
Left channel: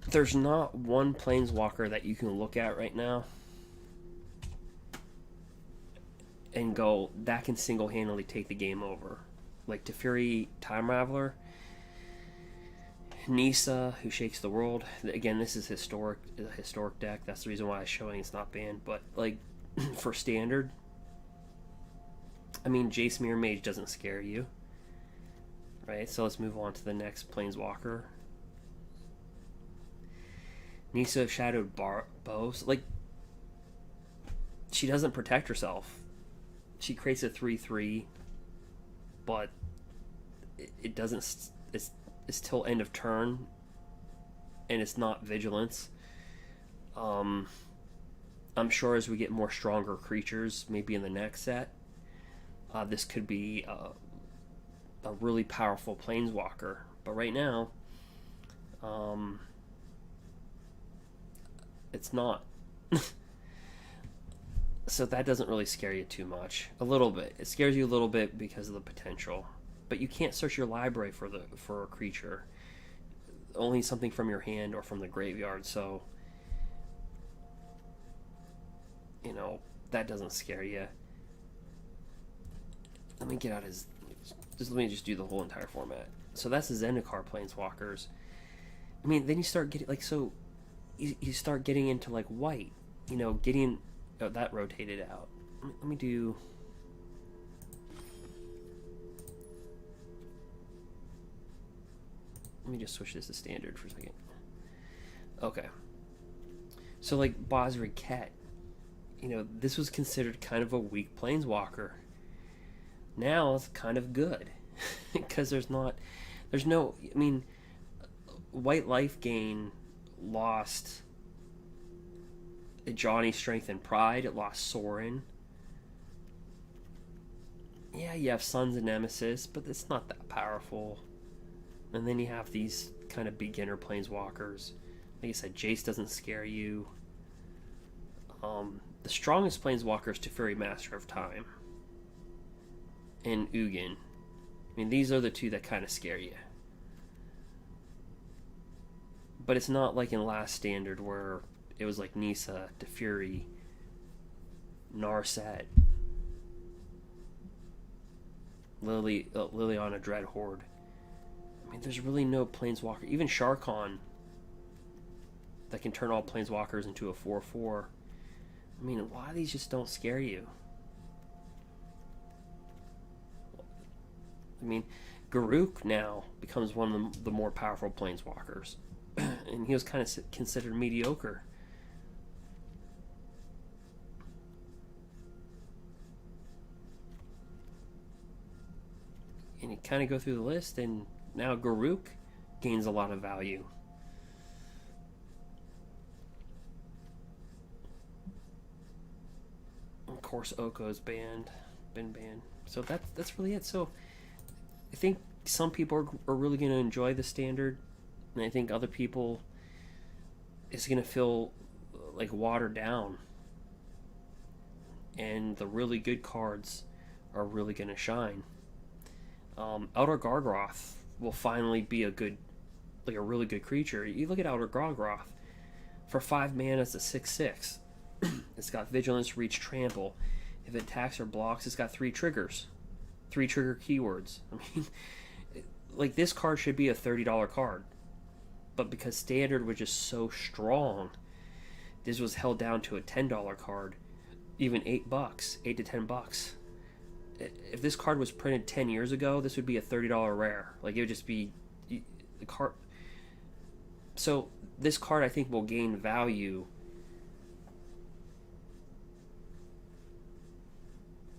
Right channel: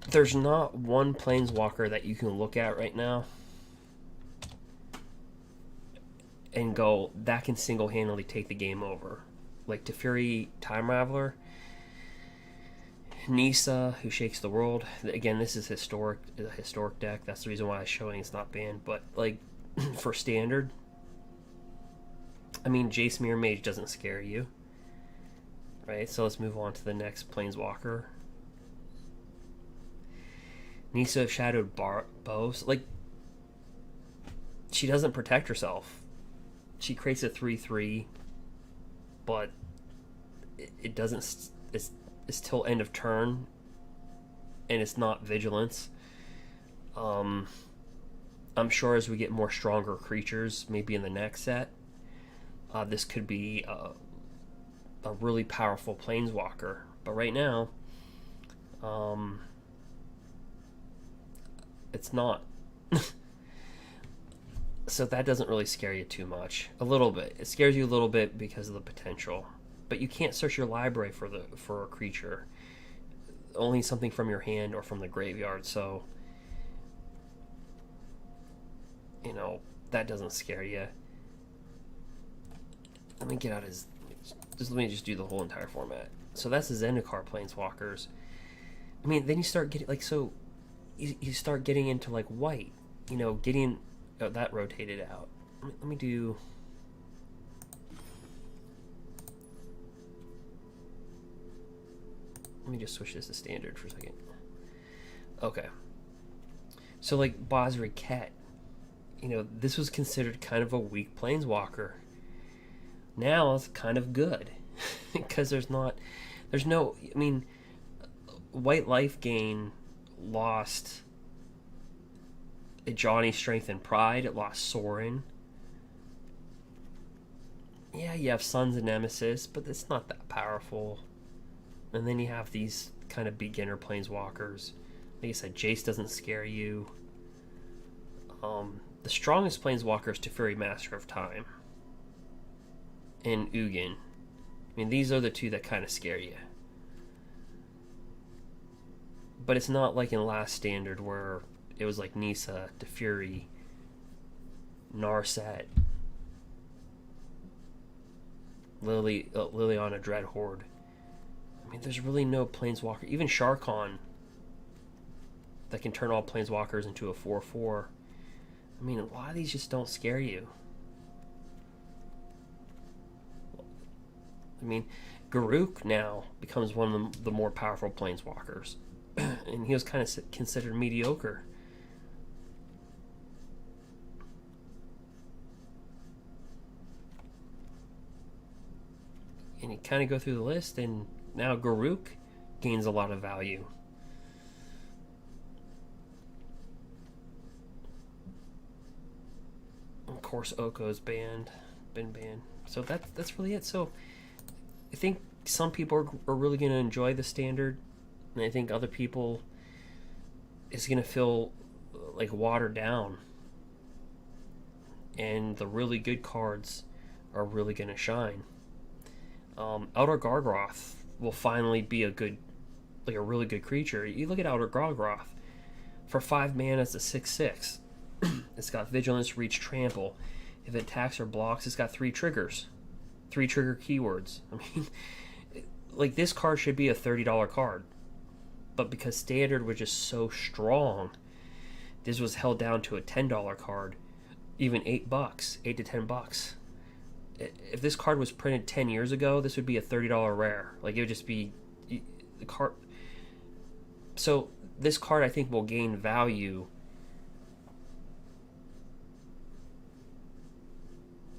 There's not one Planeswalker that you can look at right now and go, that can single-handedly take the game over. Like Teferi Time Raveler, Nissa, who shakes the world. Again, this is a historic deck. That's the reason why I'm showing it's not banned. But like for standard, I mean, Jace Miror Mage doesn't scare you, right? So let's move on to the next Planeswalker. Nissa of Shadowed Boughs. Like, she doesn't protect herself. She creates a 3/3, but it doesn't. It's till end of turn, and it's not vigilance. I'm sure as we get more stronger creatures, maybe in the next set, this could be a really powerful Planeswalker. But right now, it's not. So that doesn't really scare you too much. A little bit. It scares you a little bit because of the potential. But you can't search your library for a creature. Only something from your hand or from the graveyard. So, you know, that doesn't scare you. Let me get out his... let me just do the whole entire format. So that's the Zendikar Planeswalkers. I mean, then you start getting... like, so... You start getting into, like, white. You know, getting... oh, that rotated out. Let me do... let me just switch this to standard for a second. Okay. So, like, Basri Ket. You know, this was considered kind of a weak Planeswalker. Now it's kind of good. Because there's no... I mean, White Life Gain lost Johnny Strength and Pride. It lost Sorin. Yeah, you have Sons of Nemesis, but it's not that powerful. And then you have these kind of beginner Planeswalkers. Like I said, Jace doesn't scare you. The strongest Planeswalker is Teferi Master of Time. And Ugin. I mean, these are the two that kind of scare you. But it's not like in last standard where it was like Nissa, Teferi, Narset, Liliana Dreadhorde. I mean, there's really no Planeswalker. Even Sharkon that can turn all Planeswalkers into a 4/4. I mean, a lot of these just don't scare you. I mean, Garruk now becomes one of the more powerful Planeswalkers. And he was kind of considered mediocre. And you kind of go through the list, and now Garruk gains a lot of value. Of course, Oko's been banned. So that's really it. So I think some people are really going to enjoy the standard, and I think other people it's going to feel like watered down. And the really good cards are really going to shine. Elder Gargroth will finally be a really good creature. You look at Elder Gargroth. For 5 mana, it's a 6/6. It's got Vigilance, Reach, Trample. If it attacks or blocks, it's got 3 triggers. 3 trigger keywords. I mean, like, this card should be a $30 card. But because Standard was just so strong, this was held down to a $10 card. Even $8, $8 to $10. If this card was printed 10 years ago, this would be a $30 rare. Like, it would just be the card. So this card, I think, will gain value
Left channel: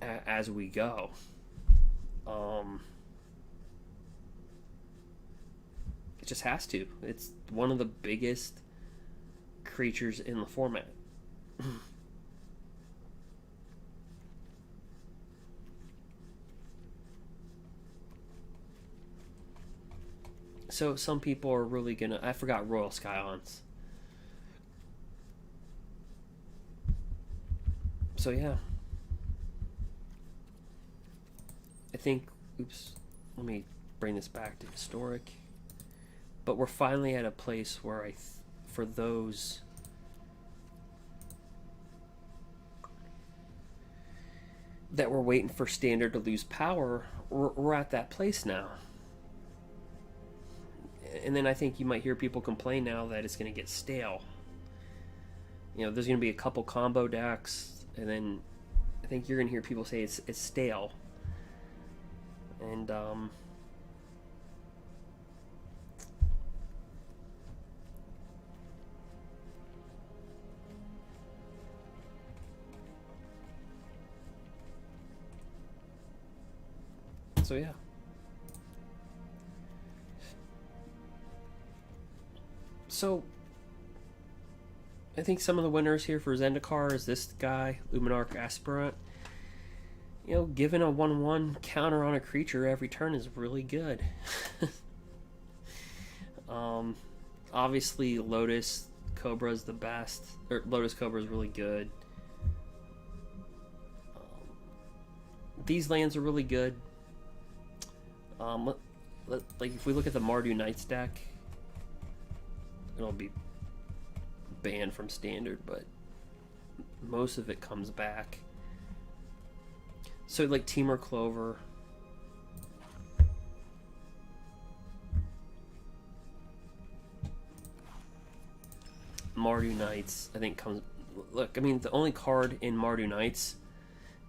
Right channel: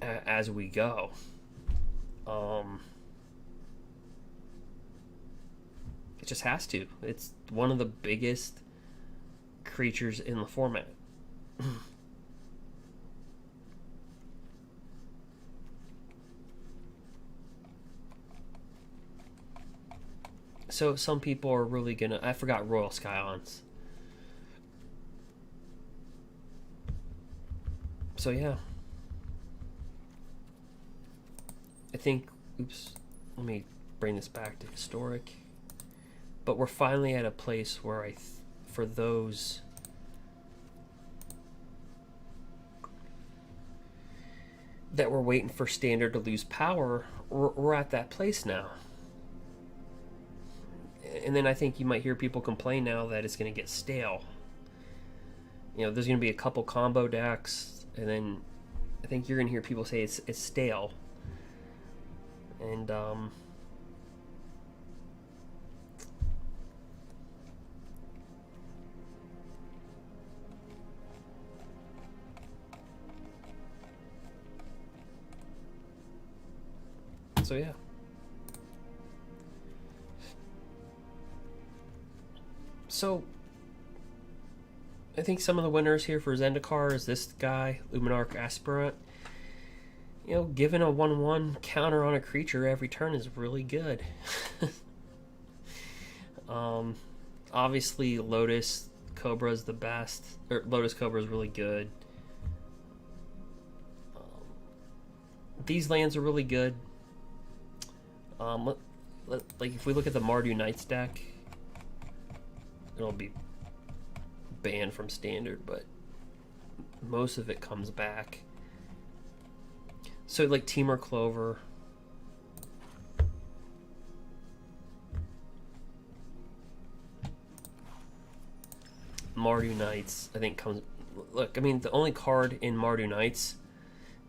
as we go. It just has to. It's one of the biggest creatures in the format. So some people are really gonna... I forgot Royal Scions. So yeah. I think... Oops. Let me bring this back to Historic. But we're finally at a place where for those... that were waiting for Standard to lose power, we're at that place now. And then I think you might hear people complain now that it's going to get stale. You know, there's going to be a couple combo decks, and then I think you're going to hear people say it's stale. And so yeah. So, I think some of the winners here for Zendikar is this guy, Luminarch Aspirant. You know, giving a 1/1 counter on a creature every turn is really good. Obviously, Lotus Cobra is the best. Or Lotus Cobra is really good. These lands are really good. Like if we look at the Mardu Knights deck, it'll be banned from Standard, but most of it comes back. So like Temur Clover, Mardu Knights, I think comes... Look, I mean, the only card in Mardu Knights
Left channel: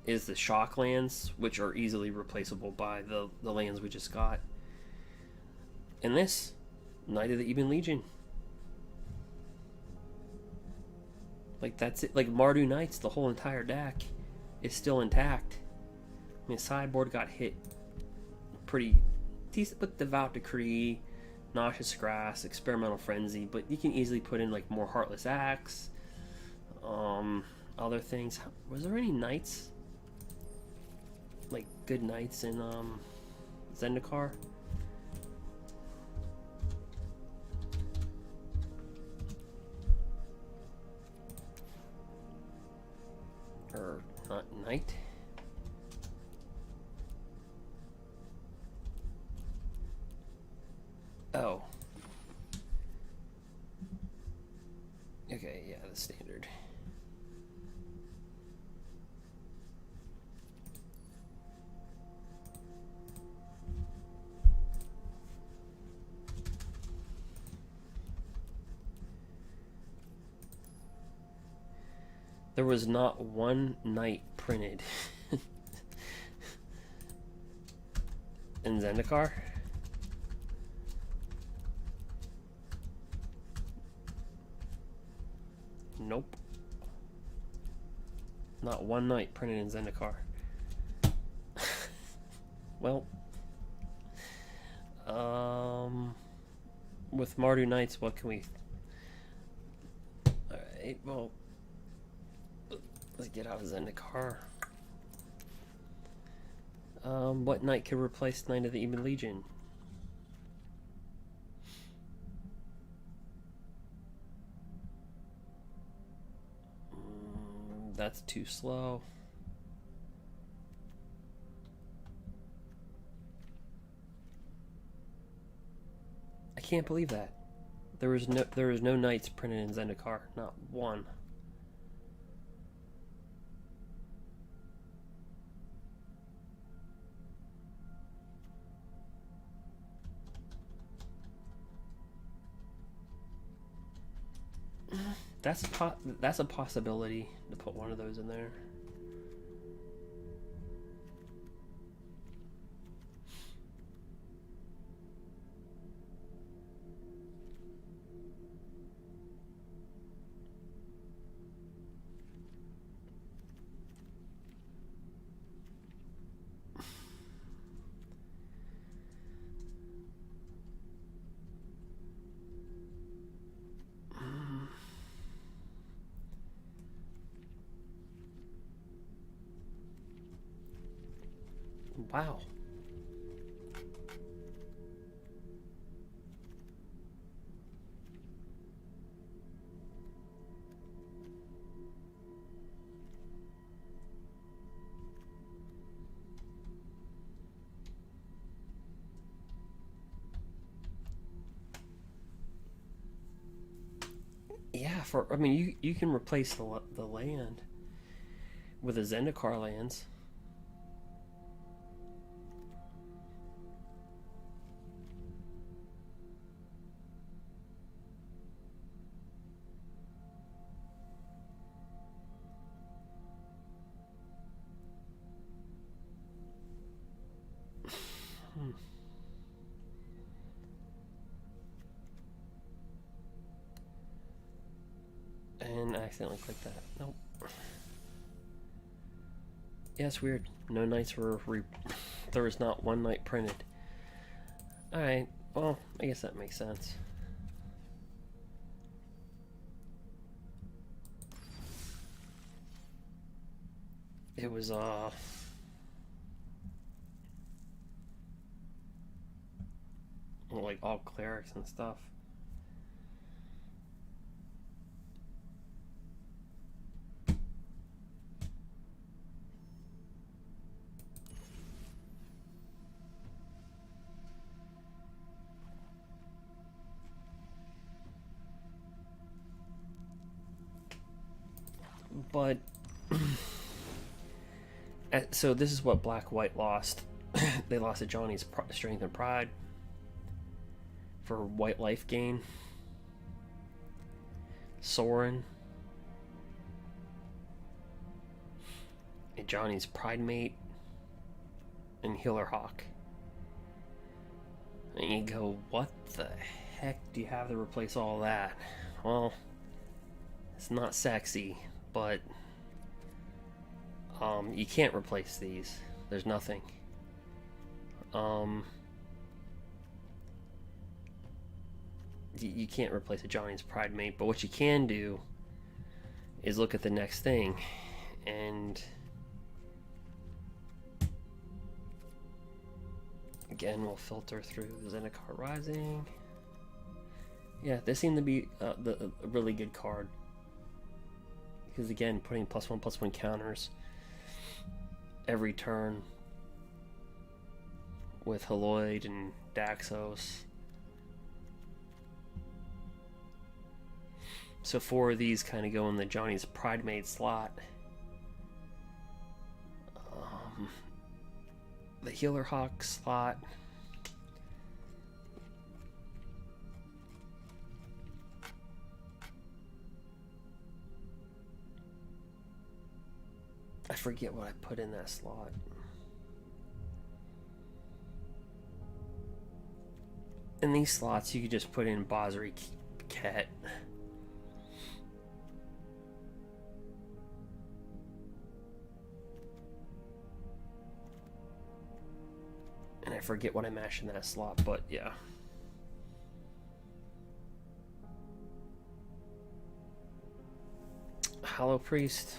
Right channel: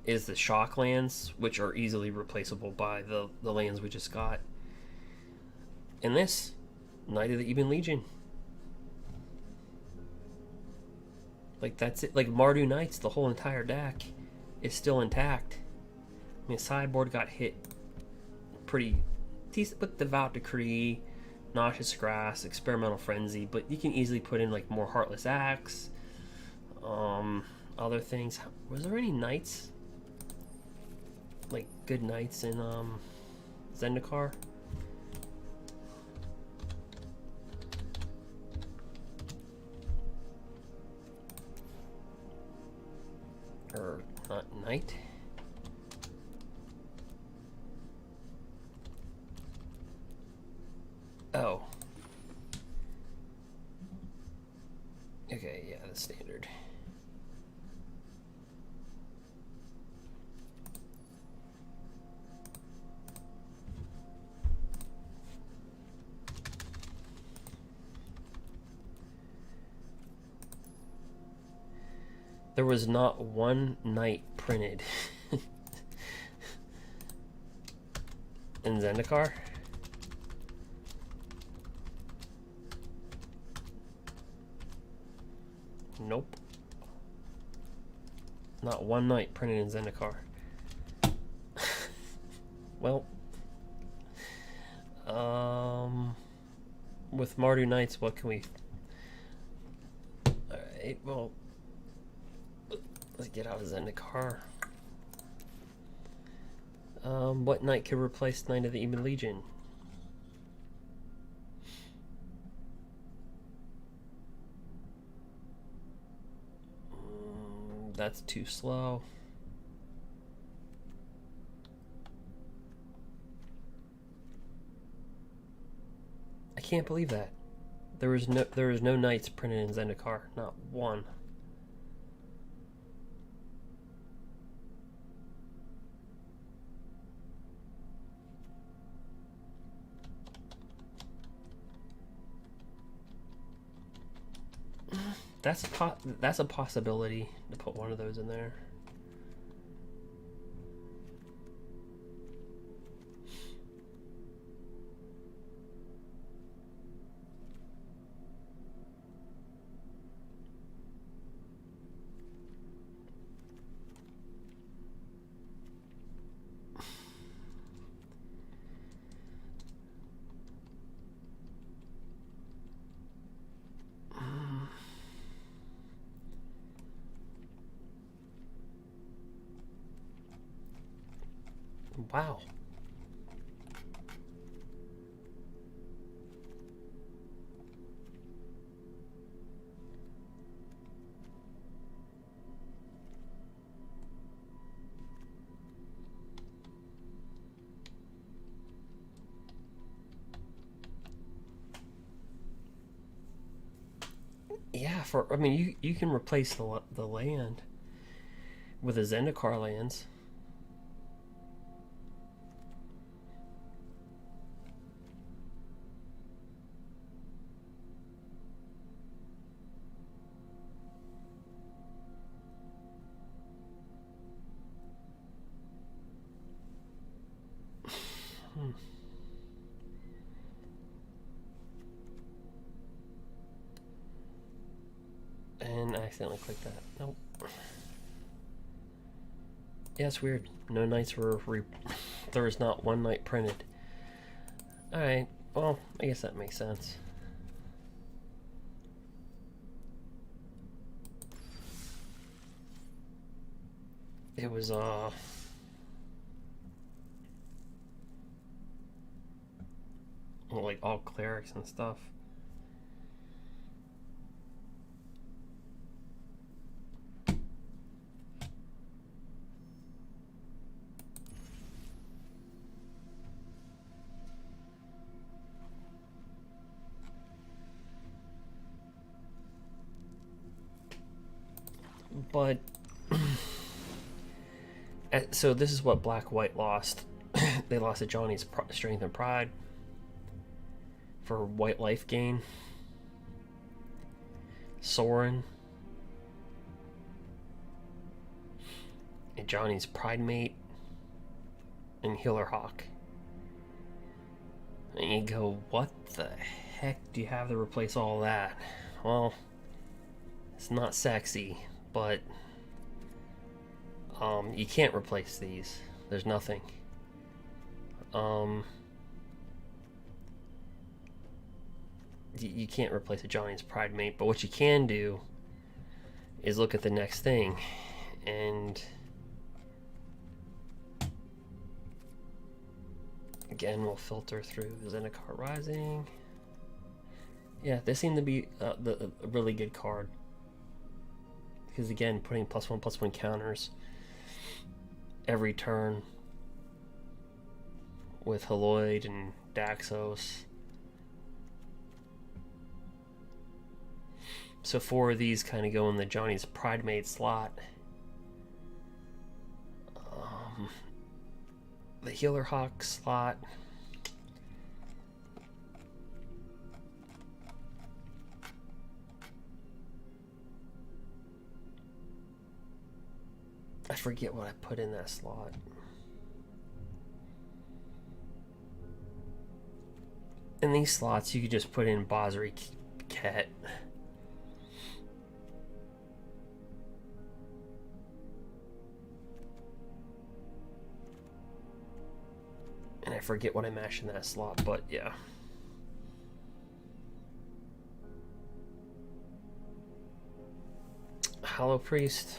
is the shock lands, which are easily replaceable by the lands we just got. And this, Knight of the Ebon Legion. Like, that's it. Like, Mardu Knights, the whole entire deck is still intact. I mean, sideboard got hit pretty decent with Devout Decree, Noxious Grass, Experimental Frenzy, but you can easily put in, like, more Heartless Axe, other things. Was there any Knights? Like, good Knights in, Zendikar? Or not Knight? Oh. Okay, yeah, the standard. There was not one Knight printed in Zendikar. Nope. Not one Knight printed in Zendikar. Well, with Mardu Knights, what can we... Alright, well, let's get out of Zendikar. What Knight could replace Knight of the Ebon Legion? That's too slow. I can't believe that. There was no Knights printed in Zendikar, not one. that's a possibility to put one of those in there. Wow. Yeah, I mean, you can replace the land with the Zendikar lands. And I accidentally clicked that. Nope. Yeah, it's weird. No knights were there was not one knight printed. Alright, well, I guess that makes sense. It was like all clerics and stuff. But so this is what Black-White lost. They lost to Johnny's Strength and Pride for white life gain. Soren. And Johnny's Pride Mate. And Healer Hawk. And you go, what the heck do you have to replace all that? Well, it's not sexy, but you can't replace these. There's nothing. You can't replace a Johnny's Pride Mate, but what you can do is look at the next thing, and again we'll filter through Zendikar Rising. Yeah, this seemed to be a really good card, because again, putting +1/+1 counters every turn with Haloid and Daxos. So 4 of these kind of go in the Johnny's Pride Mate slot. The Healer Hawk slot. I forget what I put in that slot. In these slots, you could just put in Bozri Ket. And I forget what I mashed in that slot, but yeah. Hollow Priest.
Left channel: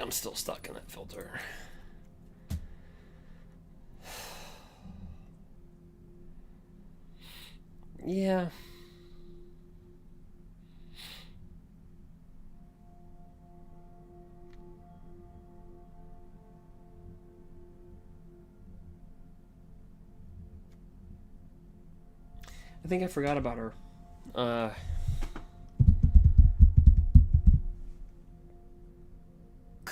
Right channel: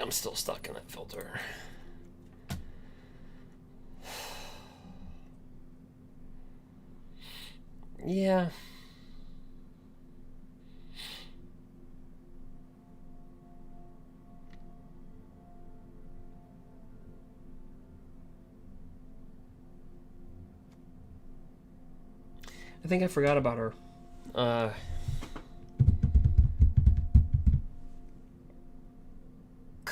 I'm still stuck in that filter. Yeah. I think I forgot about her.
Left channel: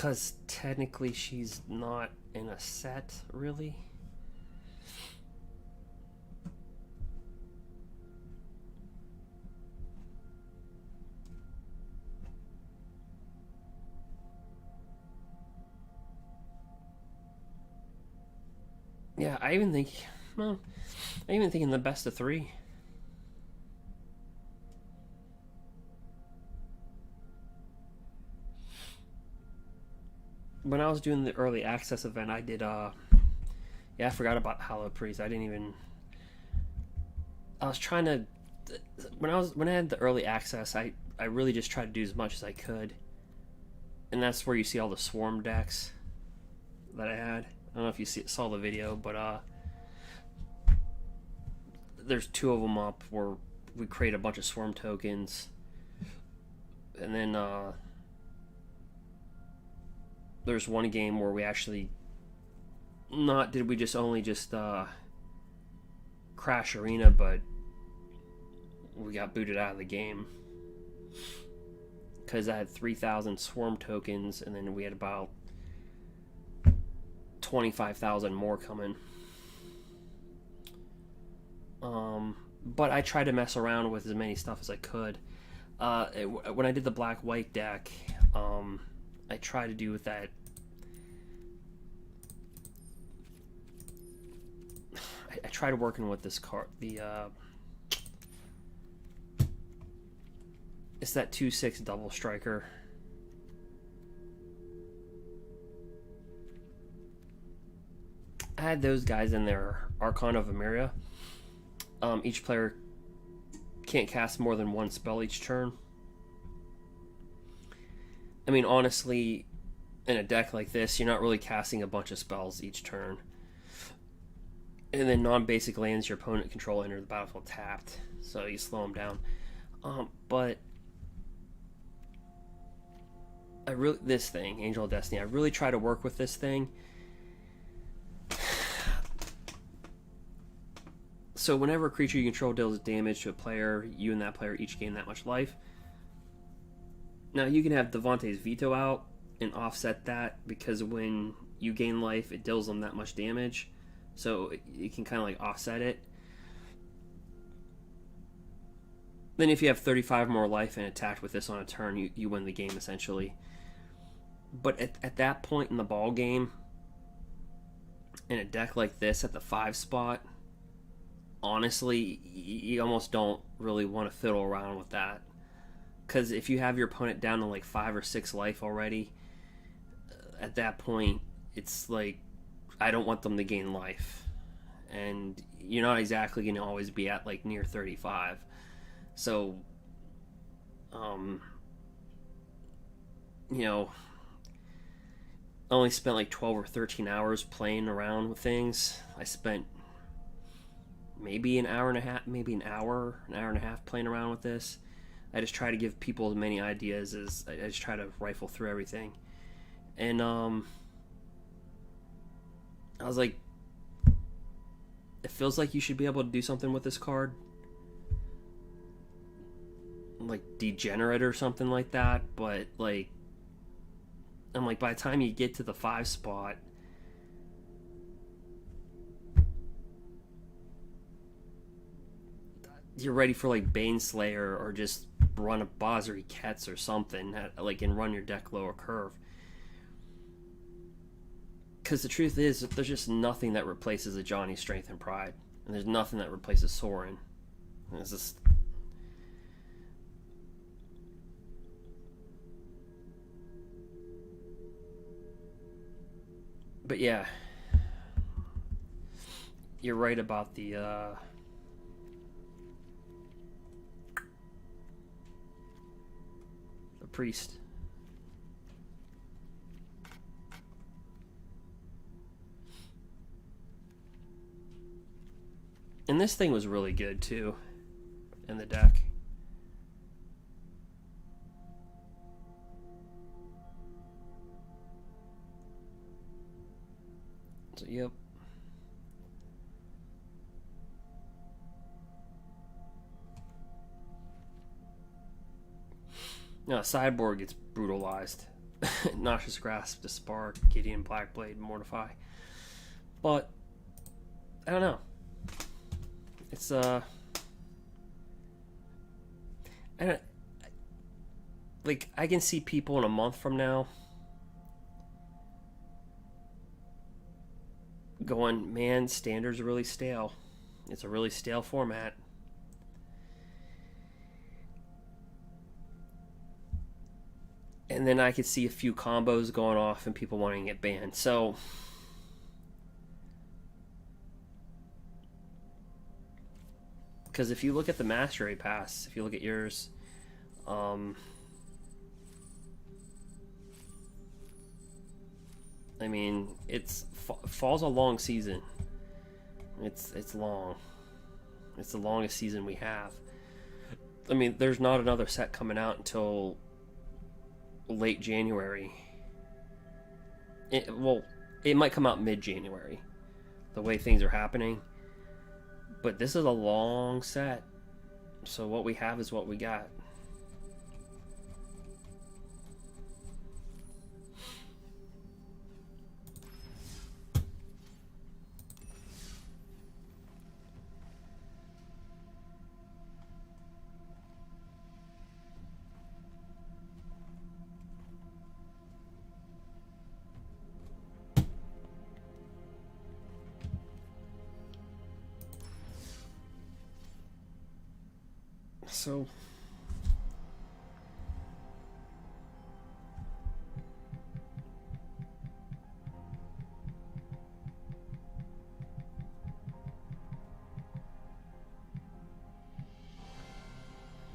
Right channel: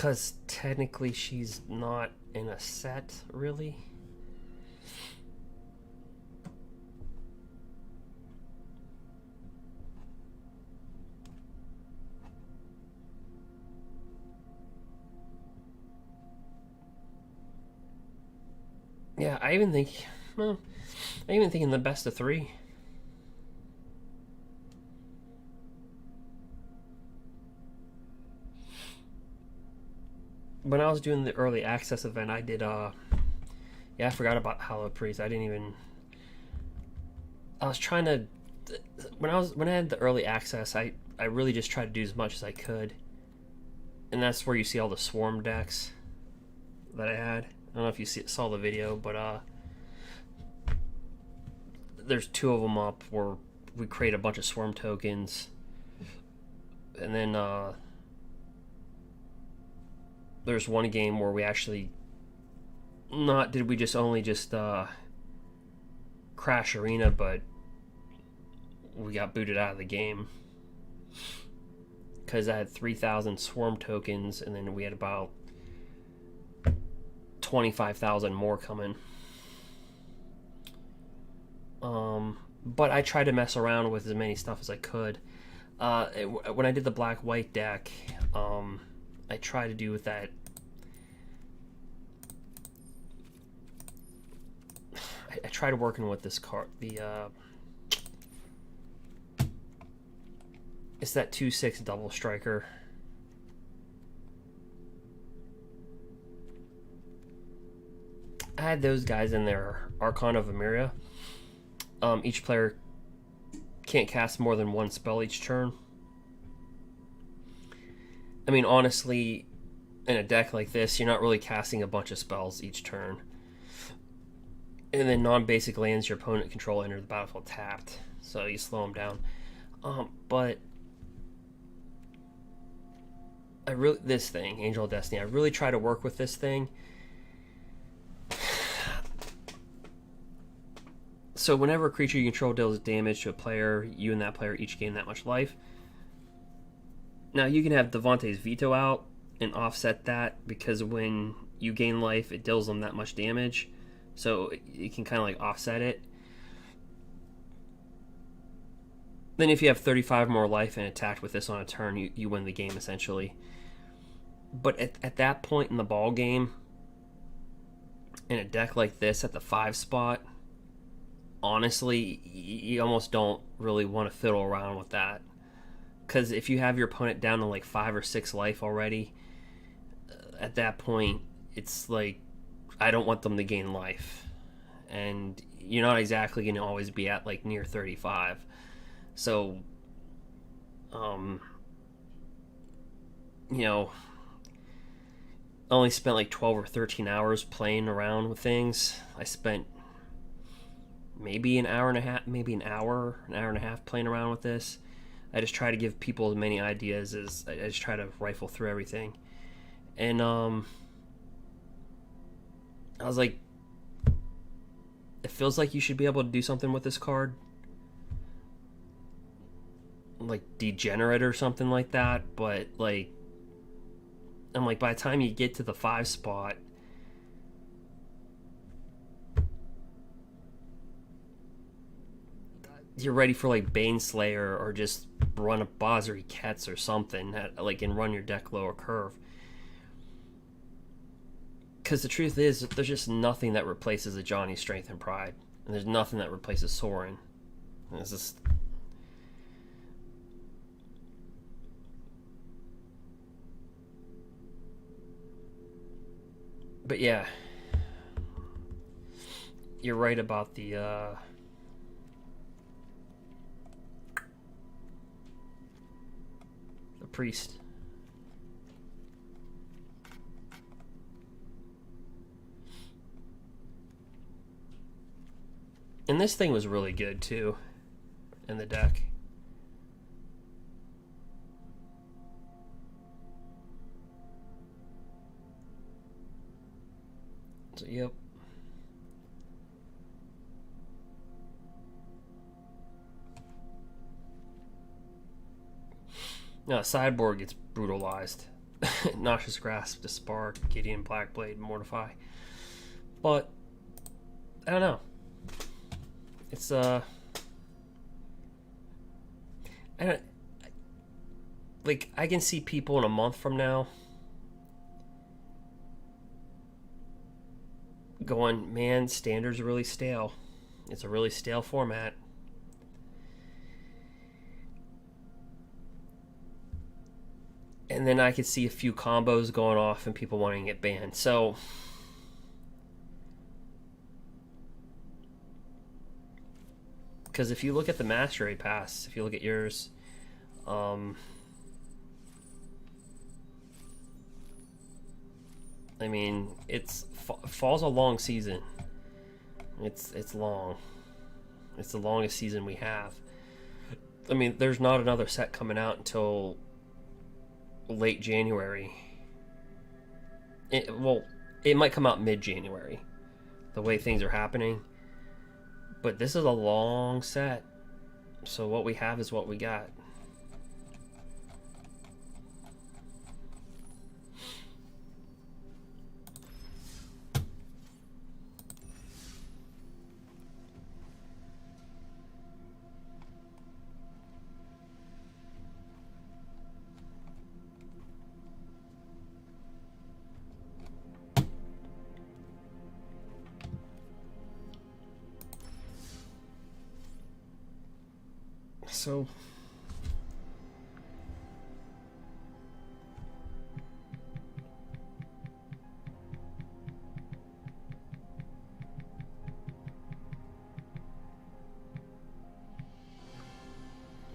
Because technically she's not in a set, really. Yeah, I even think in the best of 3. When I was doing the early access event, I did yeah, I forgot about Hallowed Priest. I was trying to when I had the early access, I really just tried to do as much as I could. And that's where you see all the swarm decks that I had. I don't know if you saw the video, but there's 2 of them up where we create a bunch of swarm tokens, and then there's one game where we actually only just crash arena, but we got booted out of the game because I had 3,000 swarm tokens, and then we had about 25,000 more coming. But I tried to mess around with as many stuff as I could. When I did the black-white deck, I tried to do with that. I tried working with this card. It's that 2/6 double striker. I had those guys in there. Archon of Emiria. Each player can't cast more than 1 spell each turn. I mean, honestly, in a deck like this, you're not really casting a bunch of spells each turn. And then non-basic lands your opponent control enter the battlefield tapped, so you slow them down. But this thing, Angel of Destiny, I really try to work with this thing. So whenever a creature you control deals damage to a player, you and that player each gain that much life. Now you can have Devontae's Veto out and offset that, because when you gain life, it deals them that much damage. So you can kind of like offset it. Then if you have 35 more life and attacked with this on a turn, you win the game essentially. But at that point in the ball game, in a deck like this at the 5 spot, honestly, you almost don't really want to fiddle around with that. Because if you have your opponent down to like 5 or 6 life already, at that point, it's like, I don't want them to gain life. And you're not exactly going to always be at like near 35. So, you know, I only spent like 12 or 13 hours playing around with things. I spent maybe an hour and a half playing around with this. I just try to give people as many ideas as I just try to rifle through everything. And I was like, it feels like you should be able to do something with this card, like Degenerate or something like that. But like, I'm like, by the time you get to the 5 spot, you're ready for like Baneslayer, or just run a Bozzery Ketz or something, like, and run your deck lower curve. Because the truth is, there's just nothing that replaces a Johnny Strength and Pride, and there's nothing that replaces Sorin. And it's just, but yeah, you're right about the priest. And this thing was really good too in the deck. So, yep. Now, sideboard gets brutalized. Noxious Grasp, Dispark, Gideon, Blackblade, Mortify. But I don't know. It's I don't like. I can see people in a month from now going, man, Standard's really stale. It's a really stale format. And then I could see a few combos going off and people wanting it banned. So because if you look at the Mastery Pass, if you look at yours, I mean, fall's a long season. It's long. It's the longest season we have. I mean, there's not another set coming out until late January. It might come out mid-January, the way things are happening. But this is a long set. So what we have is what we got.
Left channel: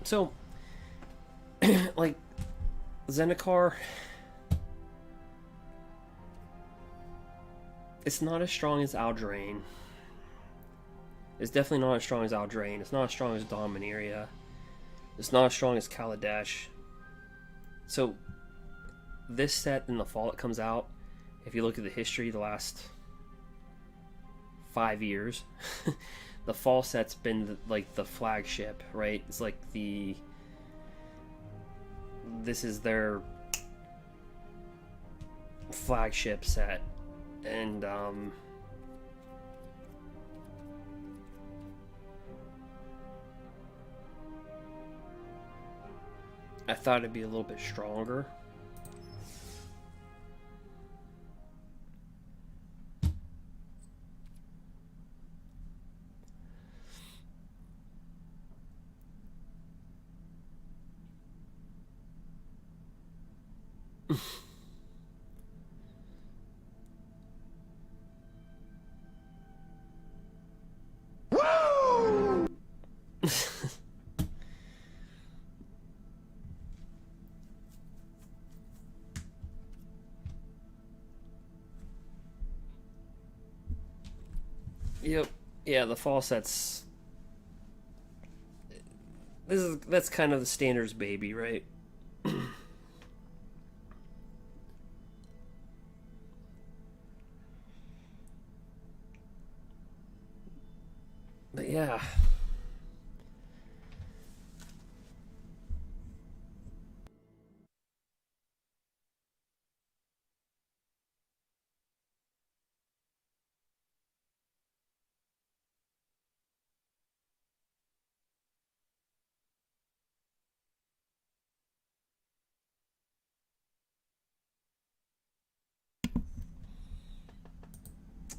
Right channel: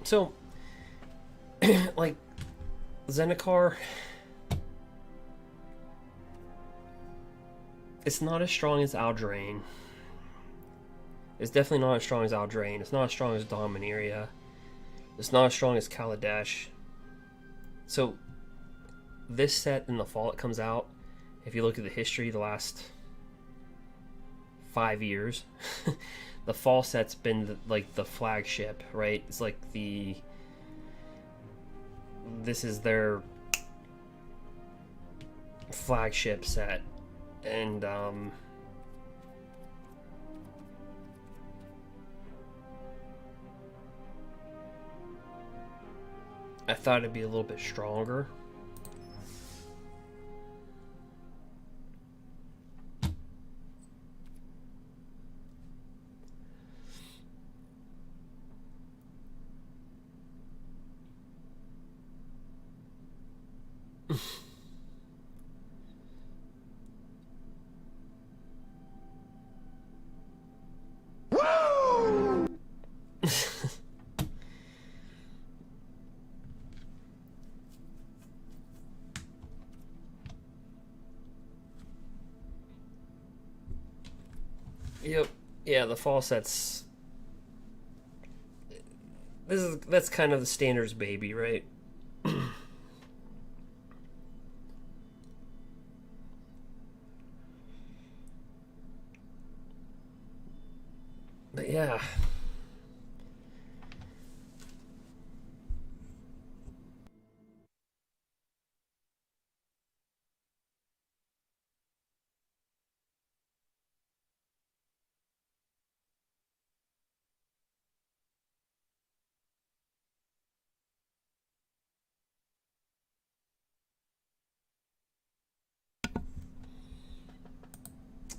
So like Zendikar, it's not as strong as Aldrain. It's definitely not as strong as Aldrain. It's not as strong as Dominaria. It's not as strong as Kaladesh. So this set in the fall it comes out, if you look at the history the last 5 years, the fall set's been like the flagship, right? It's like this is their flagship set. And I thought it'd be a little bit stronger. Yep. Yeah, the fall sets. That's kind of the standards baby, right? But yeah.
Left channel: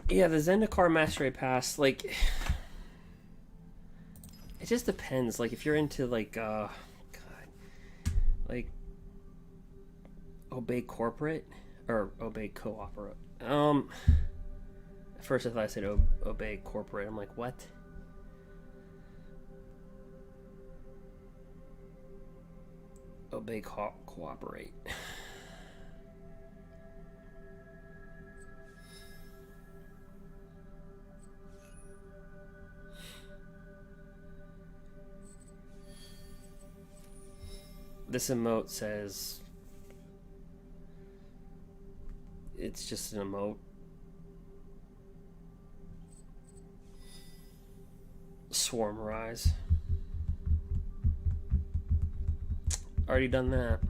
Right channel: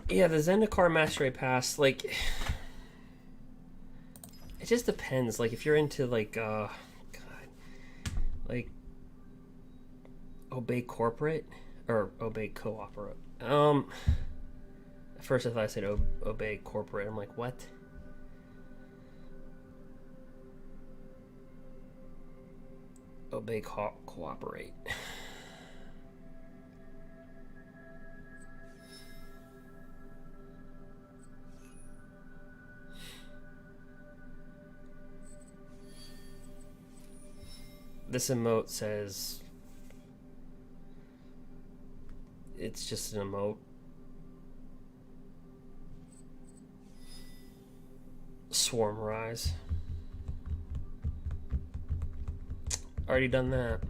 Yeah, the Zendikar Mastery Pass, like, it just depends. Like, if you're into, like, God, like, Obey Corporate, or Obey Cooperate. At first I thought I said Obey Corporate. I'm like, what? Obey Cooperate. This emote says it's just an emote. Swarm Rise. Already done that.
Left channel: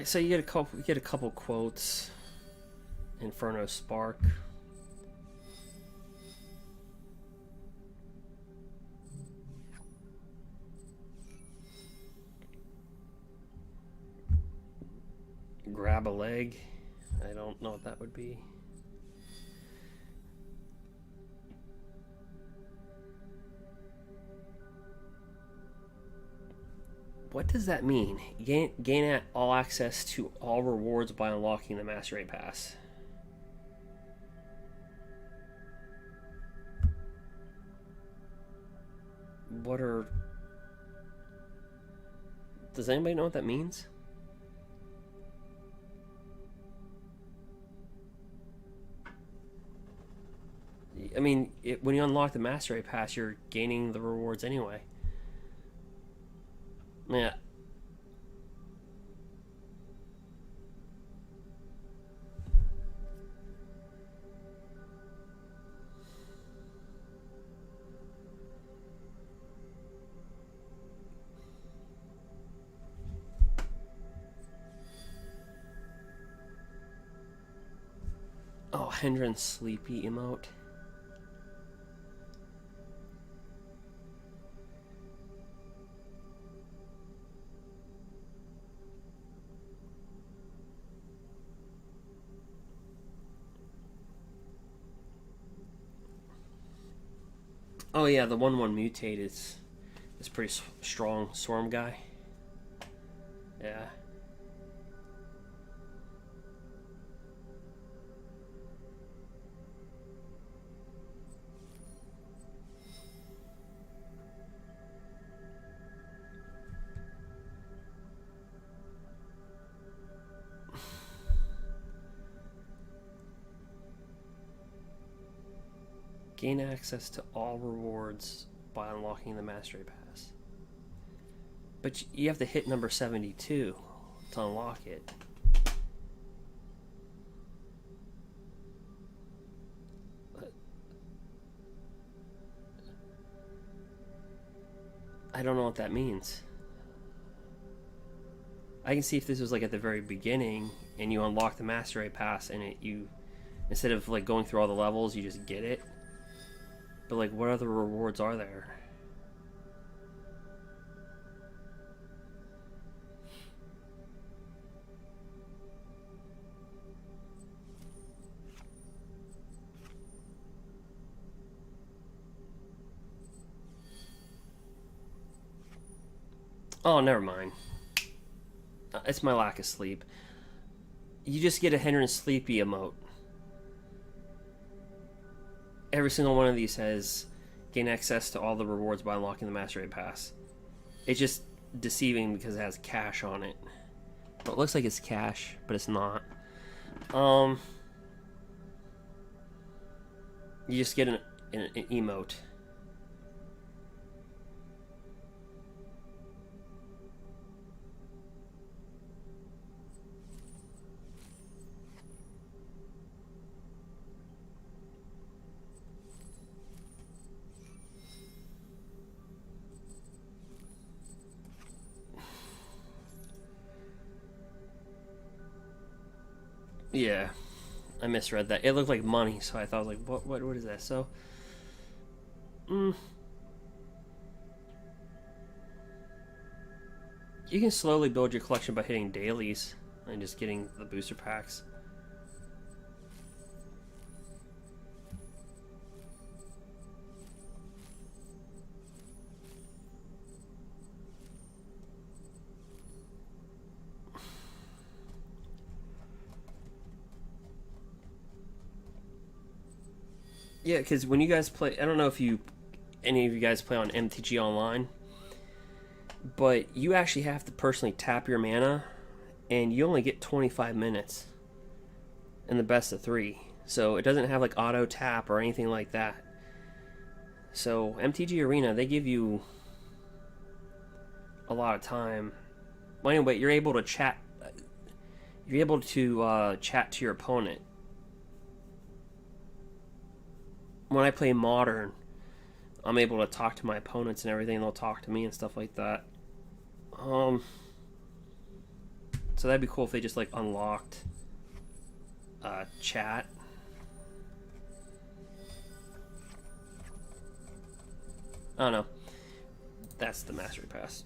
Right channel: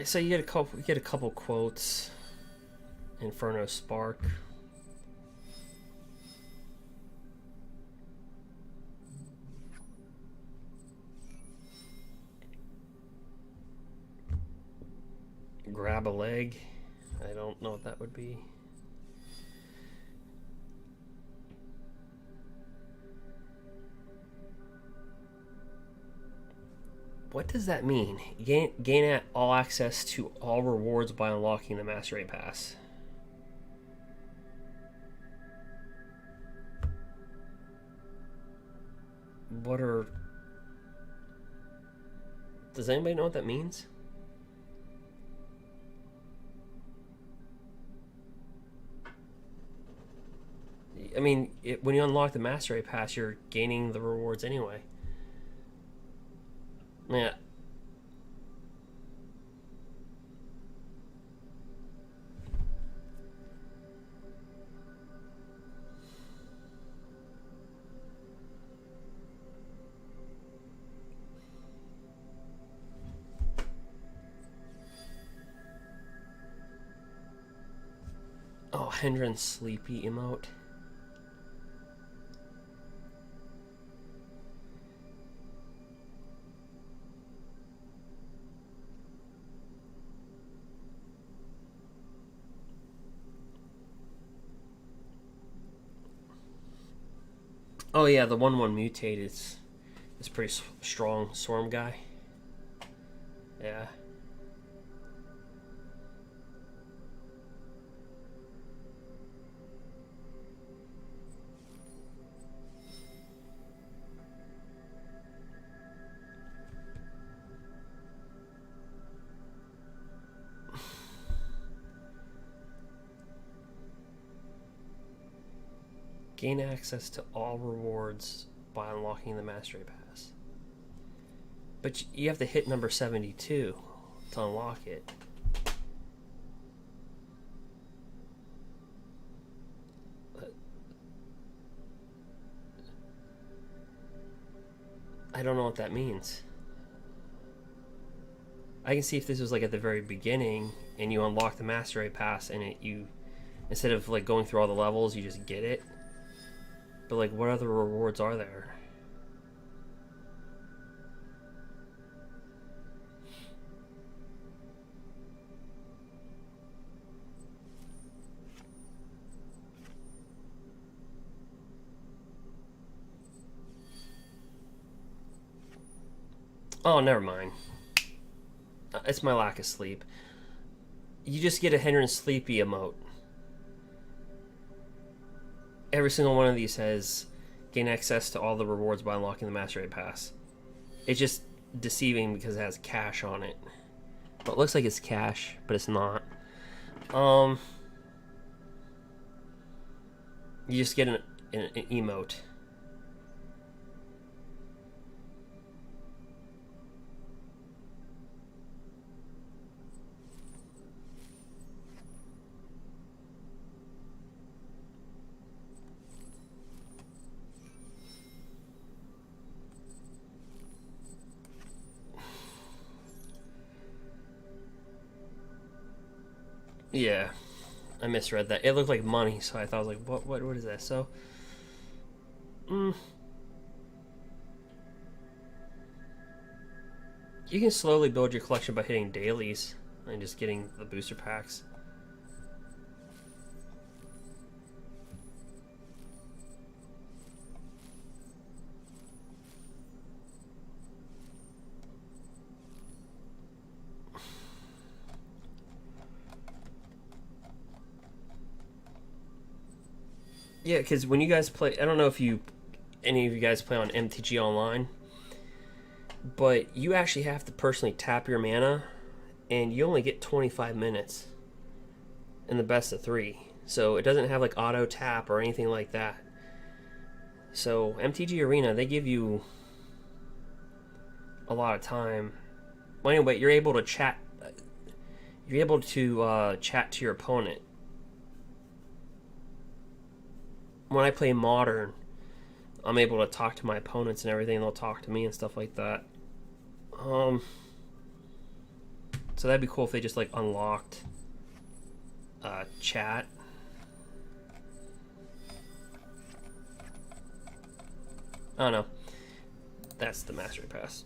Alright, so you get a couple quotes. Inferno Spark. Grab a leg. I don't know what that would be. What does that mean? Gain all access to all rewards by unlocking the Master Raid Pass. What are... Does anybody know what that means? I mean, when you unlock the Master Raid Pass, you're gaining the rewards anyway. Yeah. Oh, Hendren Sleepy emote. Oh yeah, the 1/1 mutate is pretty strong swarm guy. Yeah. Gain access to all rewards by unlocking the Master Raid Pass. But you have to hit number 72 to unlock it. I don't know what that means. I can see if this was like at the very beginning and you unlock the Master Raid Pass and you instead of like going through all the levels, you just get it. But like, what other rewards are there? Oh, never mind. It's my lack of sleep. You just get a Hendren Sleepy emote. Every single one of these says gain access to all the rewards by unlocking the Master Raid Pass. It's just deceiving because it has cash on it. Well, it looks like it's cash, but it's not. You just get an emote. Yeah, I misread that. It looked like money, so I thought, I was like, what is that? So, you can slowly build your collection by hitting dailies and just getting the booster packs. Yeah, because when you guys play, I don't know if any of you guys play on MTG Online, but you actually have to personally tap your mana, and you only get 25 minutes in the best of 3. So it doesn't have like auto tap or anything like that. So MTG Arena, they give you a lot of time. Well, anyway, you're able to chat. You're able to chat to your opponent. When I play Modern, I'm able to talk to my opponents and everything, and they'll talk to me and stuff like that. So that'd be cool if they just like unlocked chat. Oh no, that's the mastery pass.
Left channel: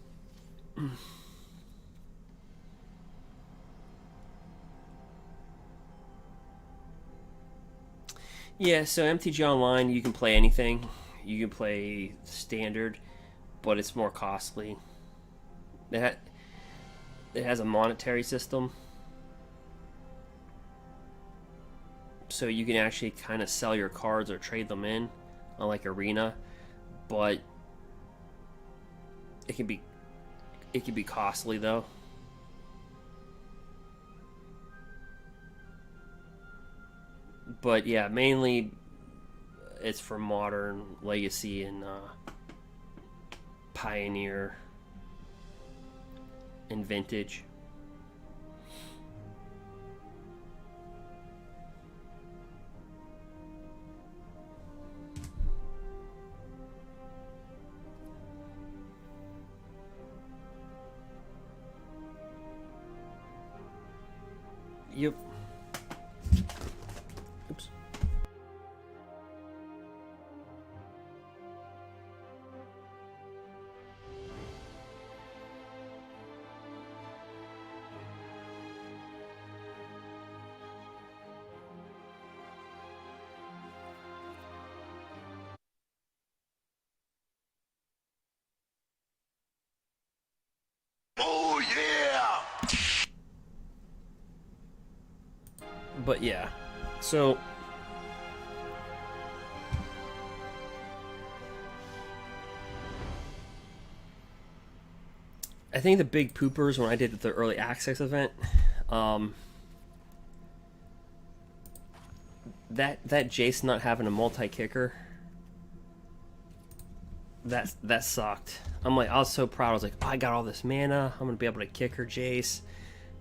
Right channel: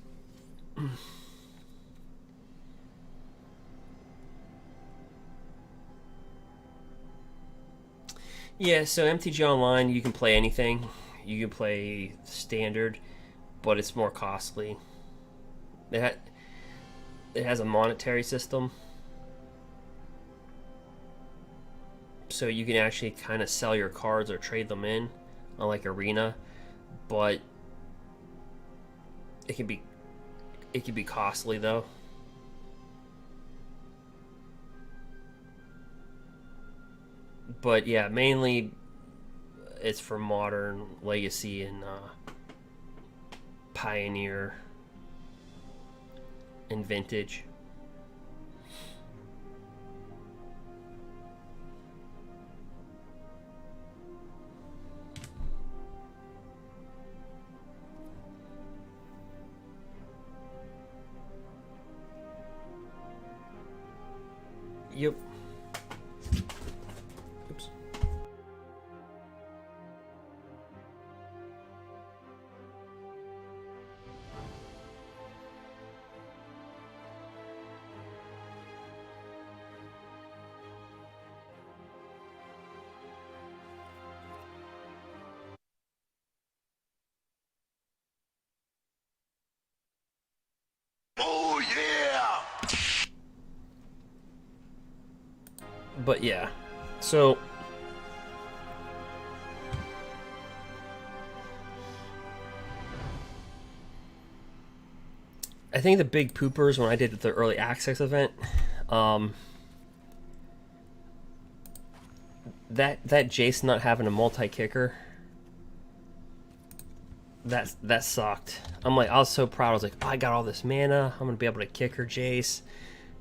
Yeah, so MTG Online, you can play anything. You can play standard, but it's more costly. It has a monetary system, so you can actually kind of sell your cards or trade them in, unlike Arena, but it can be costly though. But yeah, mainly it's for Modern, Legacy, and Pioneer and Vintage. Yep. Oops. Oh yeah! But yeah, so I think the big poopers when I did the early access event, that Jace not having a multi-kicker, that sucked. I'm like, I was so proud. I was like, oh, I got all this mana. I'm gonna be able to kick her Jace.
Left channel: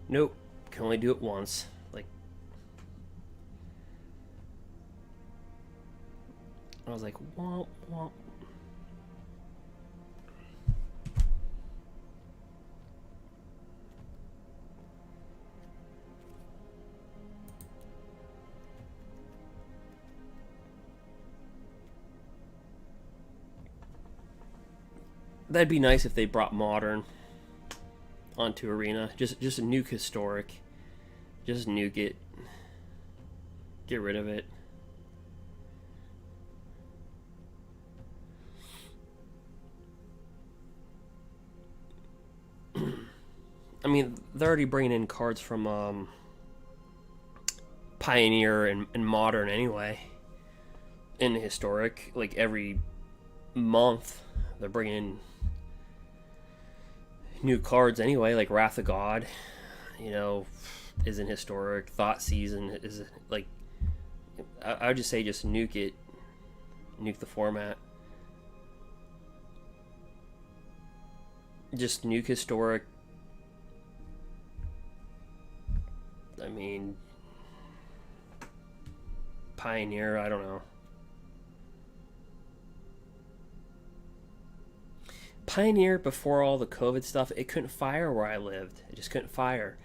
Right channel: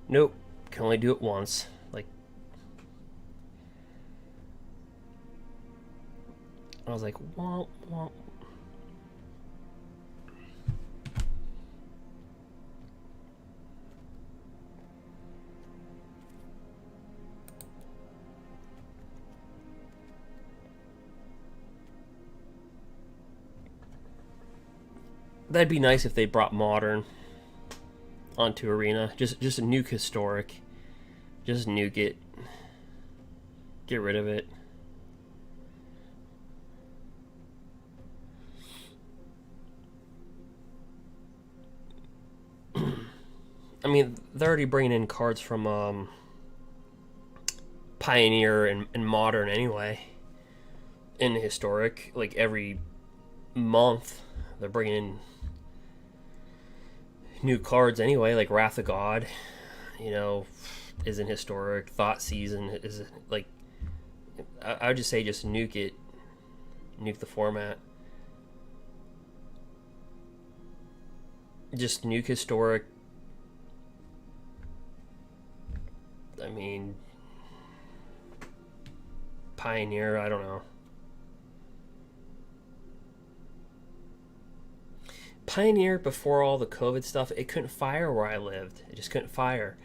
Nope, can only do it once. Like, I was like, womp womp. That'd be nice if they brought Modern onto Arena. Just nuke Historic. Just nuke it. Get rid of it. I mean, they're already bringing in cards from Pioneer and Modern anyway. In Historic, like every month, they're bringing in new cards anyway, like Wrath of God, is in Historic. Thought Season is like, I would just say just nuke it, nuke the format. Just nuke Historic. I mean, Pioneer, I don't know. Pioneer, before all the COVID stuff, it couldn't fire where I lived. It just couldn't fire.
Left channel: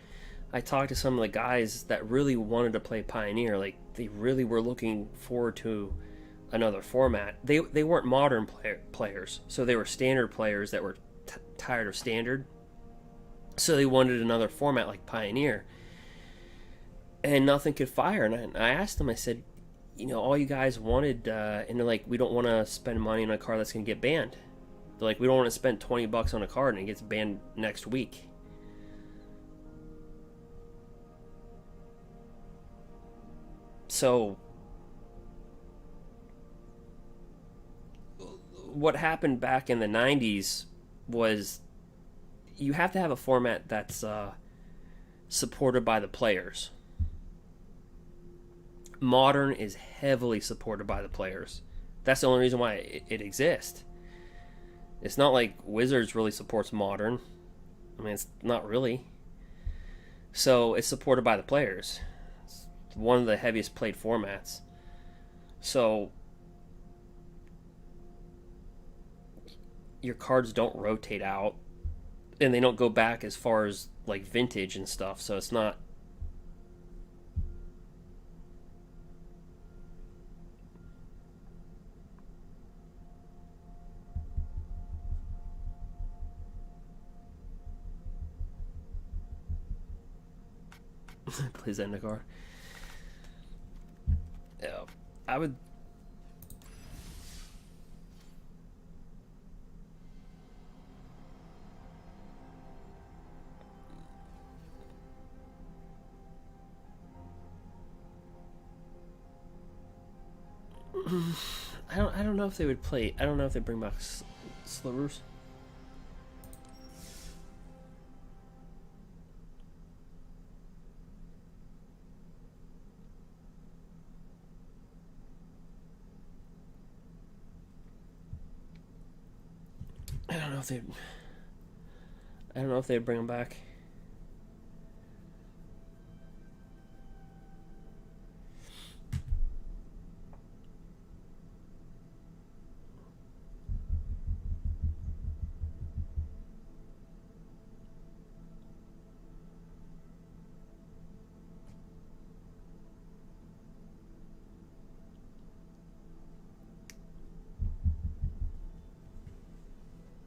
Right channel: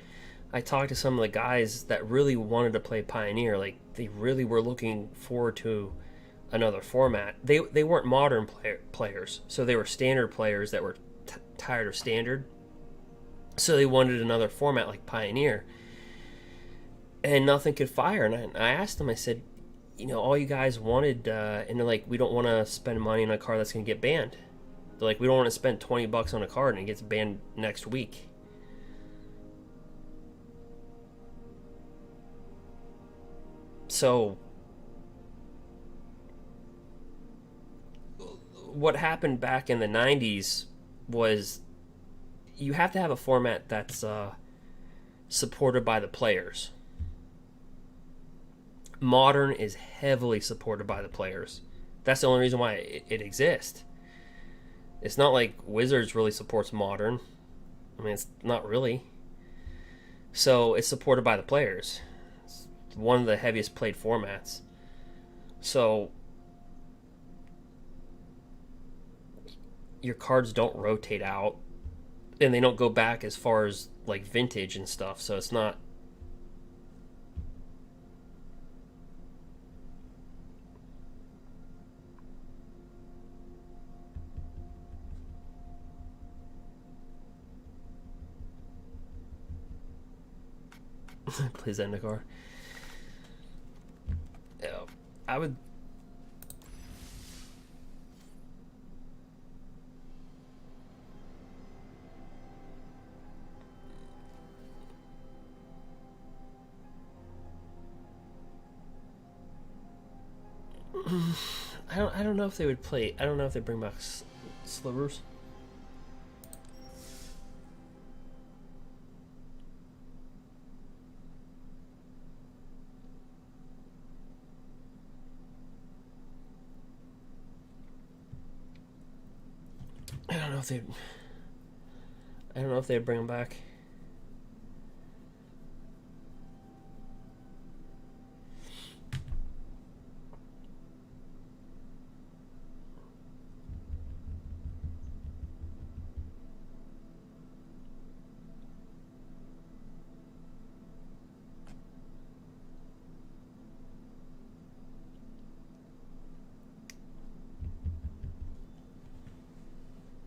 I talked to some of the guys that really wanted to play Pioneer. Like, they really were looking forward to another format. They weren't Modern players, so they were Standard players that were tired of Standard. So they wanted another format like Pioneer. And nothing could fire. And I asked them, I said, all you guys wanted, and they're like, we don't want to spend money on a card that's going to get banned. They're like, we don't want to spend $20 on a card and it gets banned next week. So, what happened back in the 90s was you have to have a format that's supported by the players. Modern is heavily supported by the players. That's the only reason why it exists. It's not like Wizards really supports Modern. I mean, it's not really. So it's supported by the players. It's one of the heaviest played formats. So your cards don't rotate out. and they don't go back as far as like vintage and stuff, so it's not. Play Zendikar. Yeah, I would. I don't know if they would play. I don't know if they bring back slivers. I don't know if they. I don't know if they'd bring them back.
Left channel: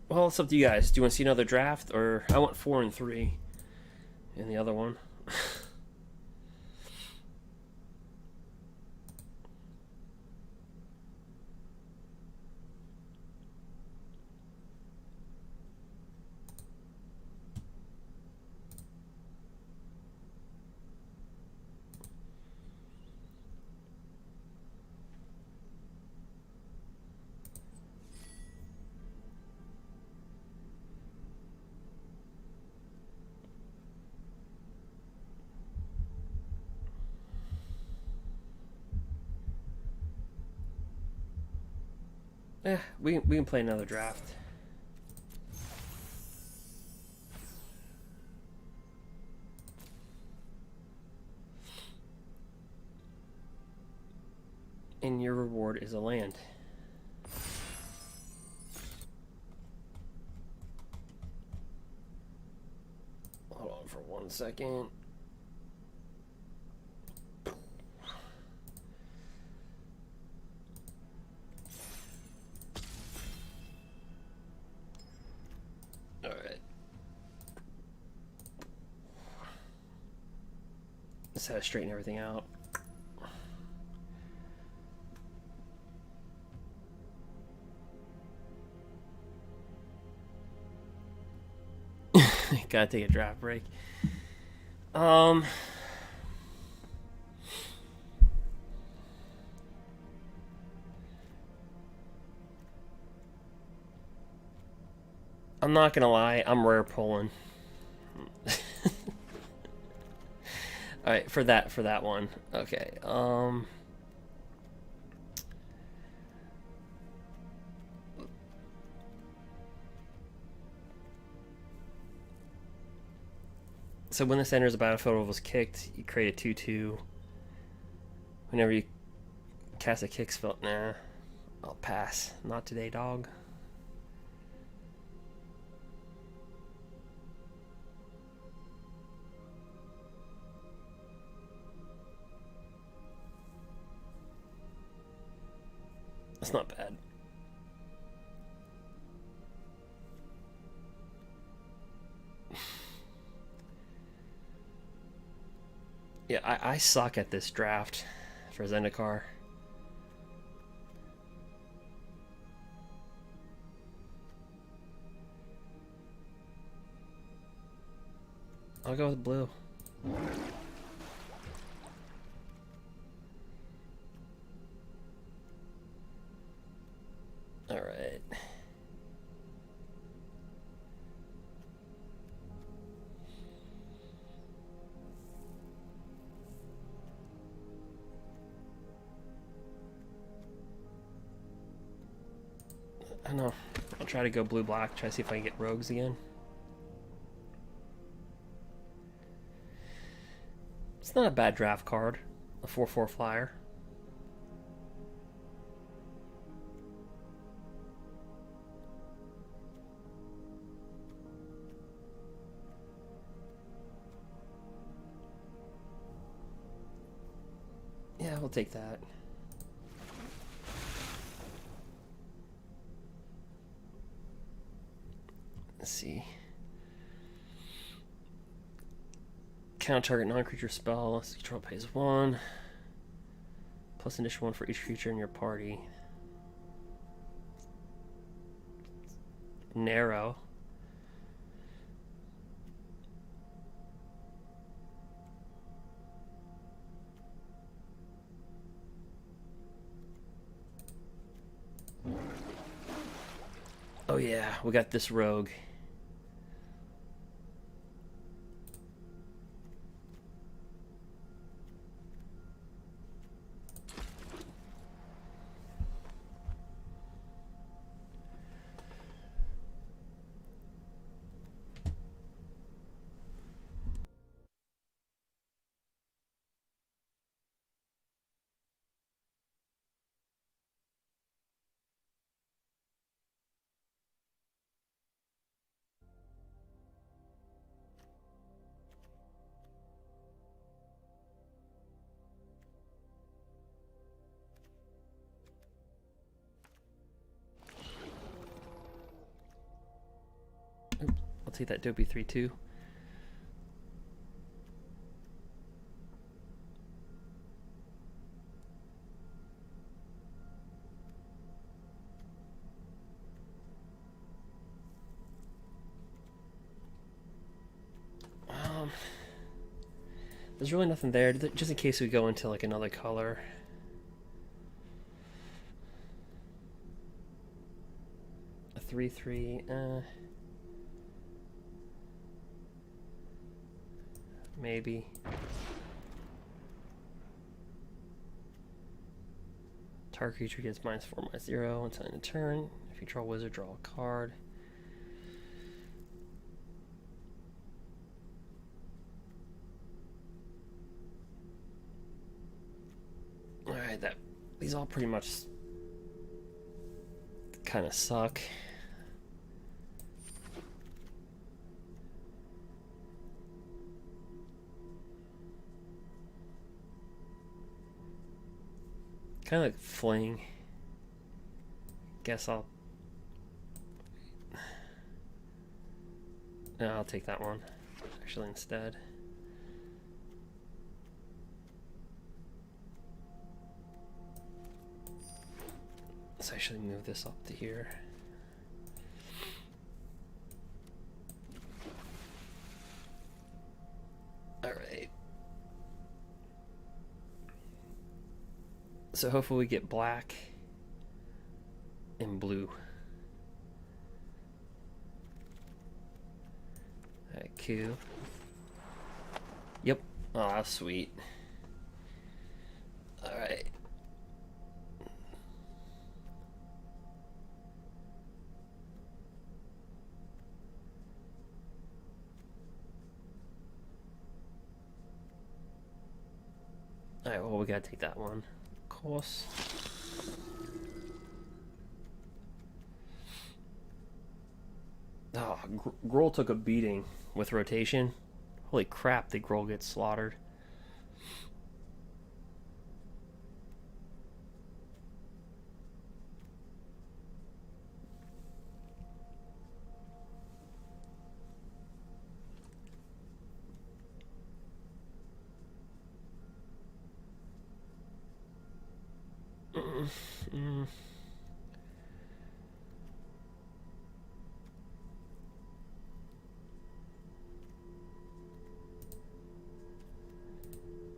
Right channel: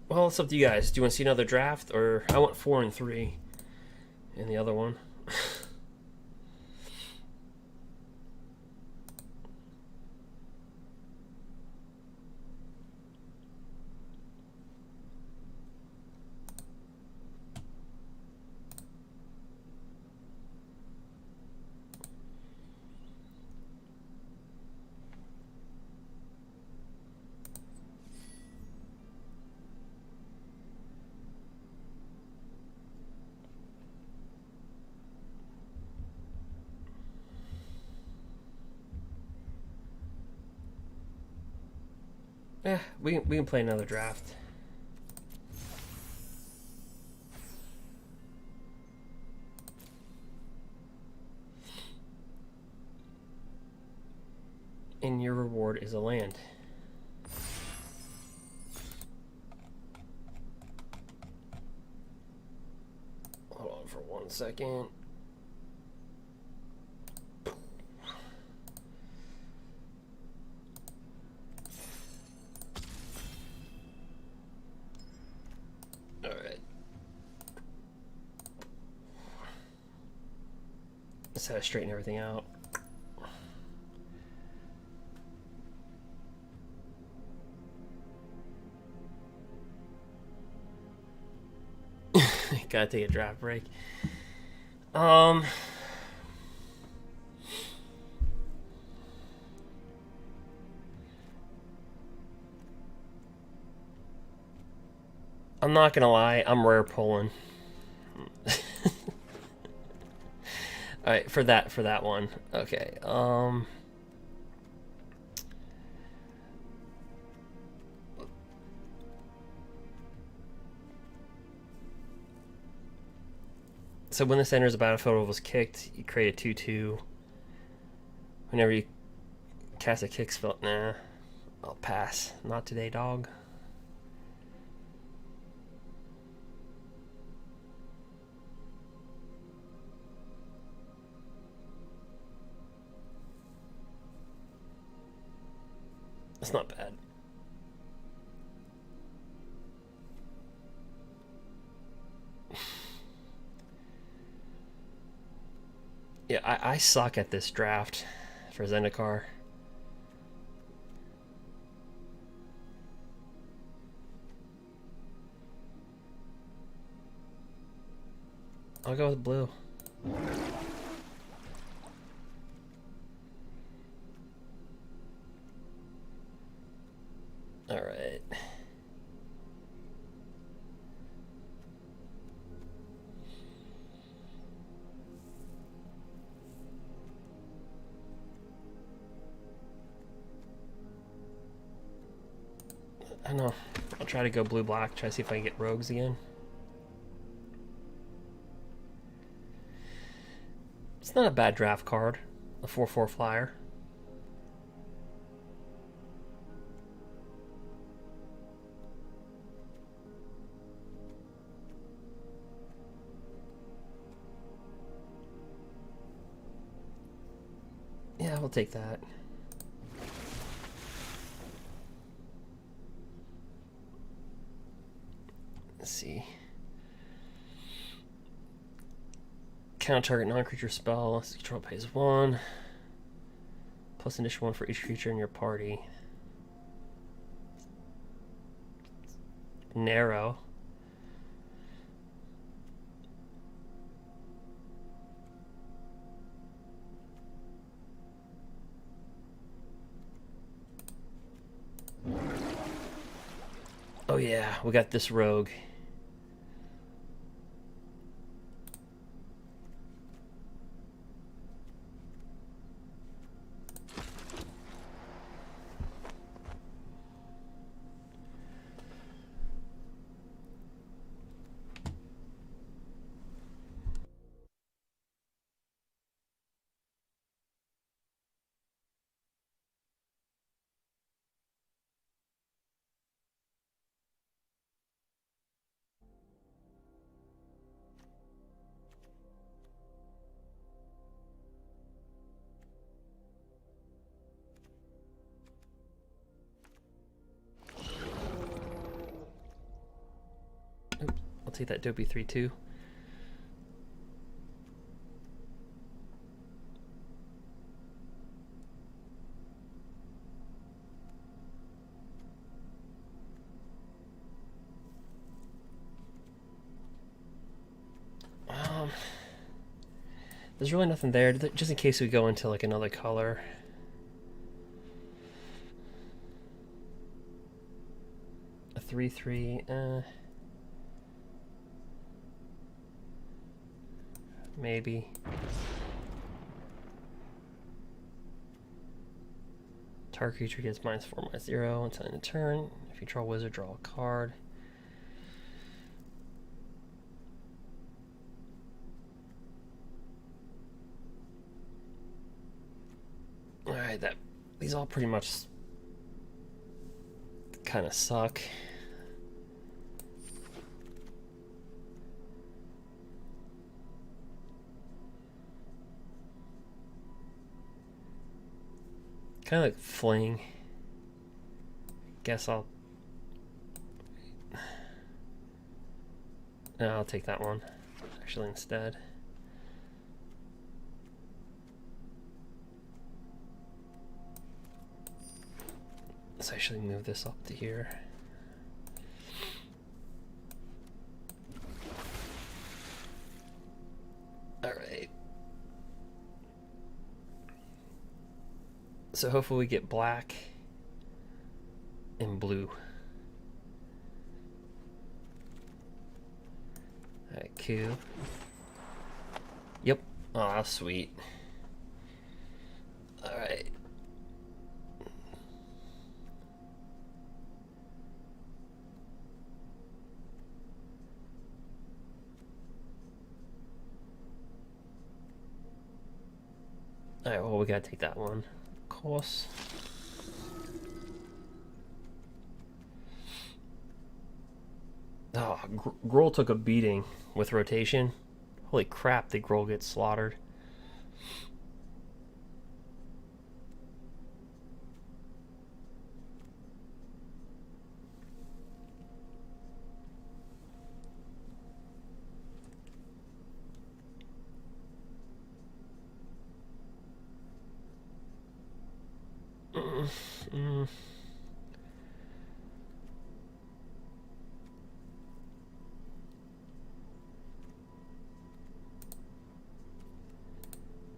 Well, it's up to you guys. Do you want to see another draft, or I want 4 and 3 in the other one? Yeah, we can play another draft. And your reward is a land. Hold on for 1 second. Alright. Let's have to straighten everything out. Gotta take a draft break. I'm not gonna lie, I'm rare pulling. Alright, for that one. Okay. So when this enters the battlefield was kicked, you create a 2/2. Whenever you cast a kick spell, nah, I'll pass. Not today, dog. That's not bad. Yeah, I suck at this draft for Zendikar. I'll go with blue. Alright. I know. I'll try to go blue-black, try to see if I can get rogues again. It's not a bad draft card. A 4/4 flyer. we'll take that. Let's see. Counter target non-creature spell. This control pays 1. Plus additional 1 for each creature in your party. Narrow. Oh yeah, we got this rogue. I'll take that Dopey 3/2. There's really nothing there, just in case we go into like another color. A 3/3, maybe. Target creature gets -4/-0 until end of turn. If you draw a wizard, draw a card. Alright, these all pretty much kind of suck. Kind of like fling. Guess I'll take that one actually instead. Let's actually move this up to here. All right. So hopefully we get black and blue. All right, Q. Yep. Oh, sweet. All right. Alright, well, we gotta take that one, of course. Oh, Grohl took a beating with rotation. Holy crap, did Grohl get slaughtered.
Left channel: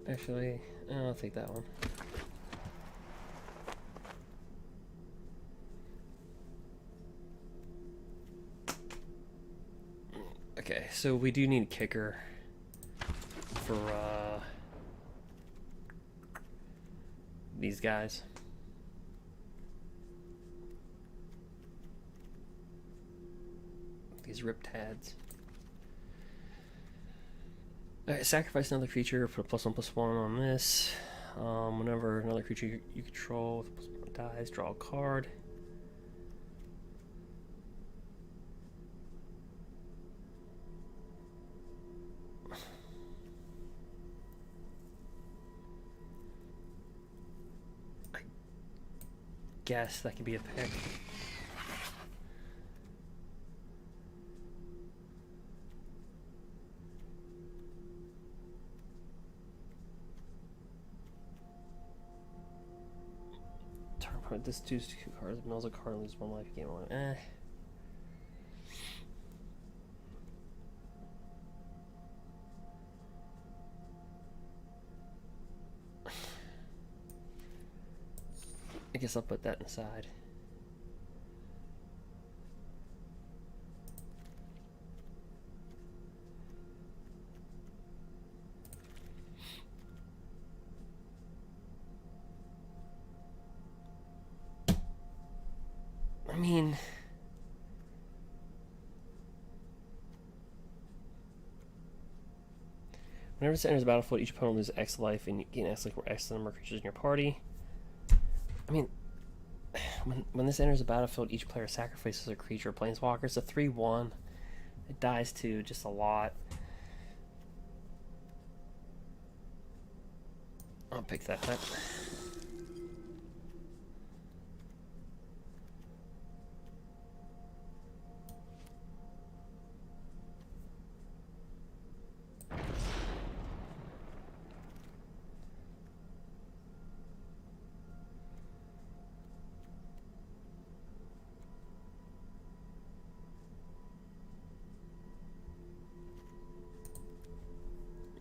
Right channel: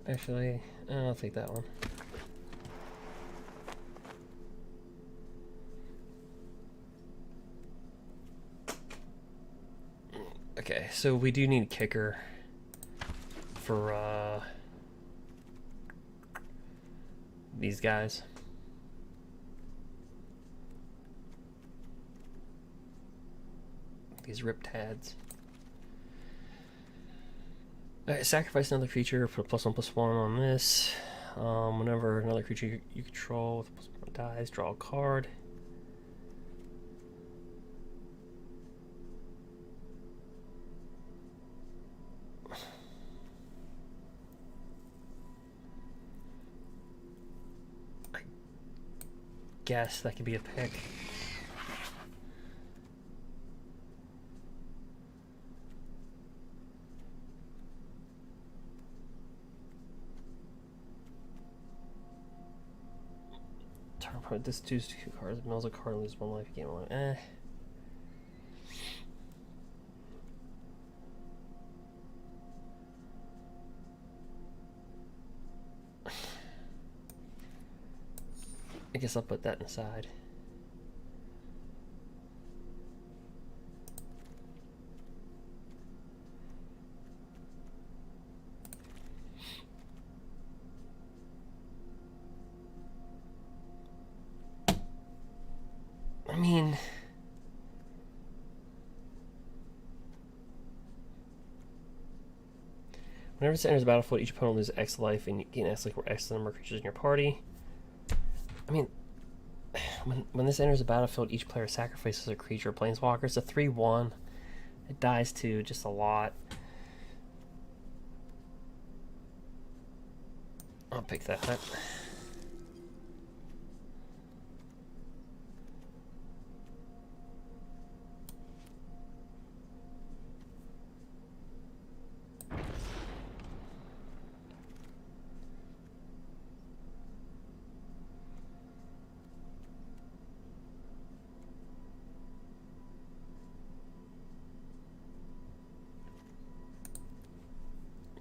Actually, I'll take that one. Okay, so we do need a kicker for these guys. These riptads. Alright, sacrifice another creature, put a +1/+1 on this. Whenever another creature you control with +1 dies, draw a card. guess that could be a pick. This 2 cards. Mills a card, lose 1 life, gain 1. I guess I'll put that inside. I mean, whenever it enters the battlefield, each opponent loses X life and you gain X life or X number of creatures in your party. I mean, when this enters the battlefield, each player sacrifices a creature or planeswalker. It's a 3/1. It dies to just a lot. I'll pick that.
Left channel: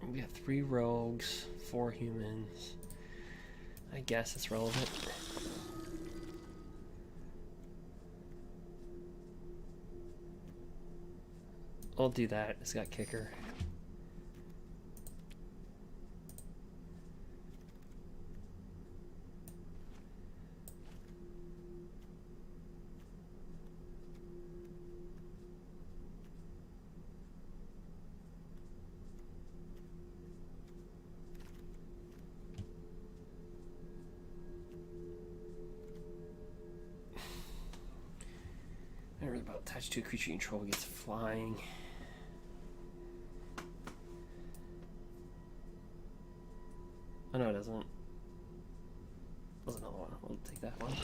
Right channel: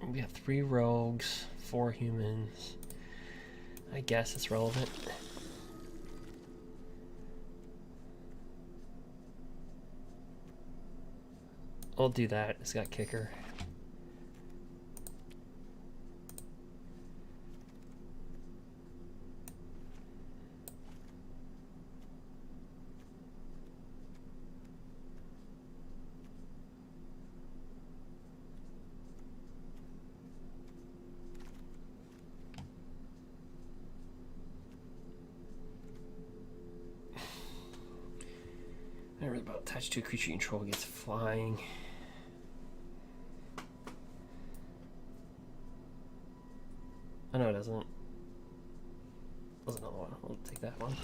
We have 3 rogues, 4 humans. I guess it's relevant. I'll do that. It's got kicker. Never about attached to a creature you control gets flying. Oh no, it doesn't. There's another one. We'll take that one.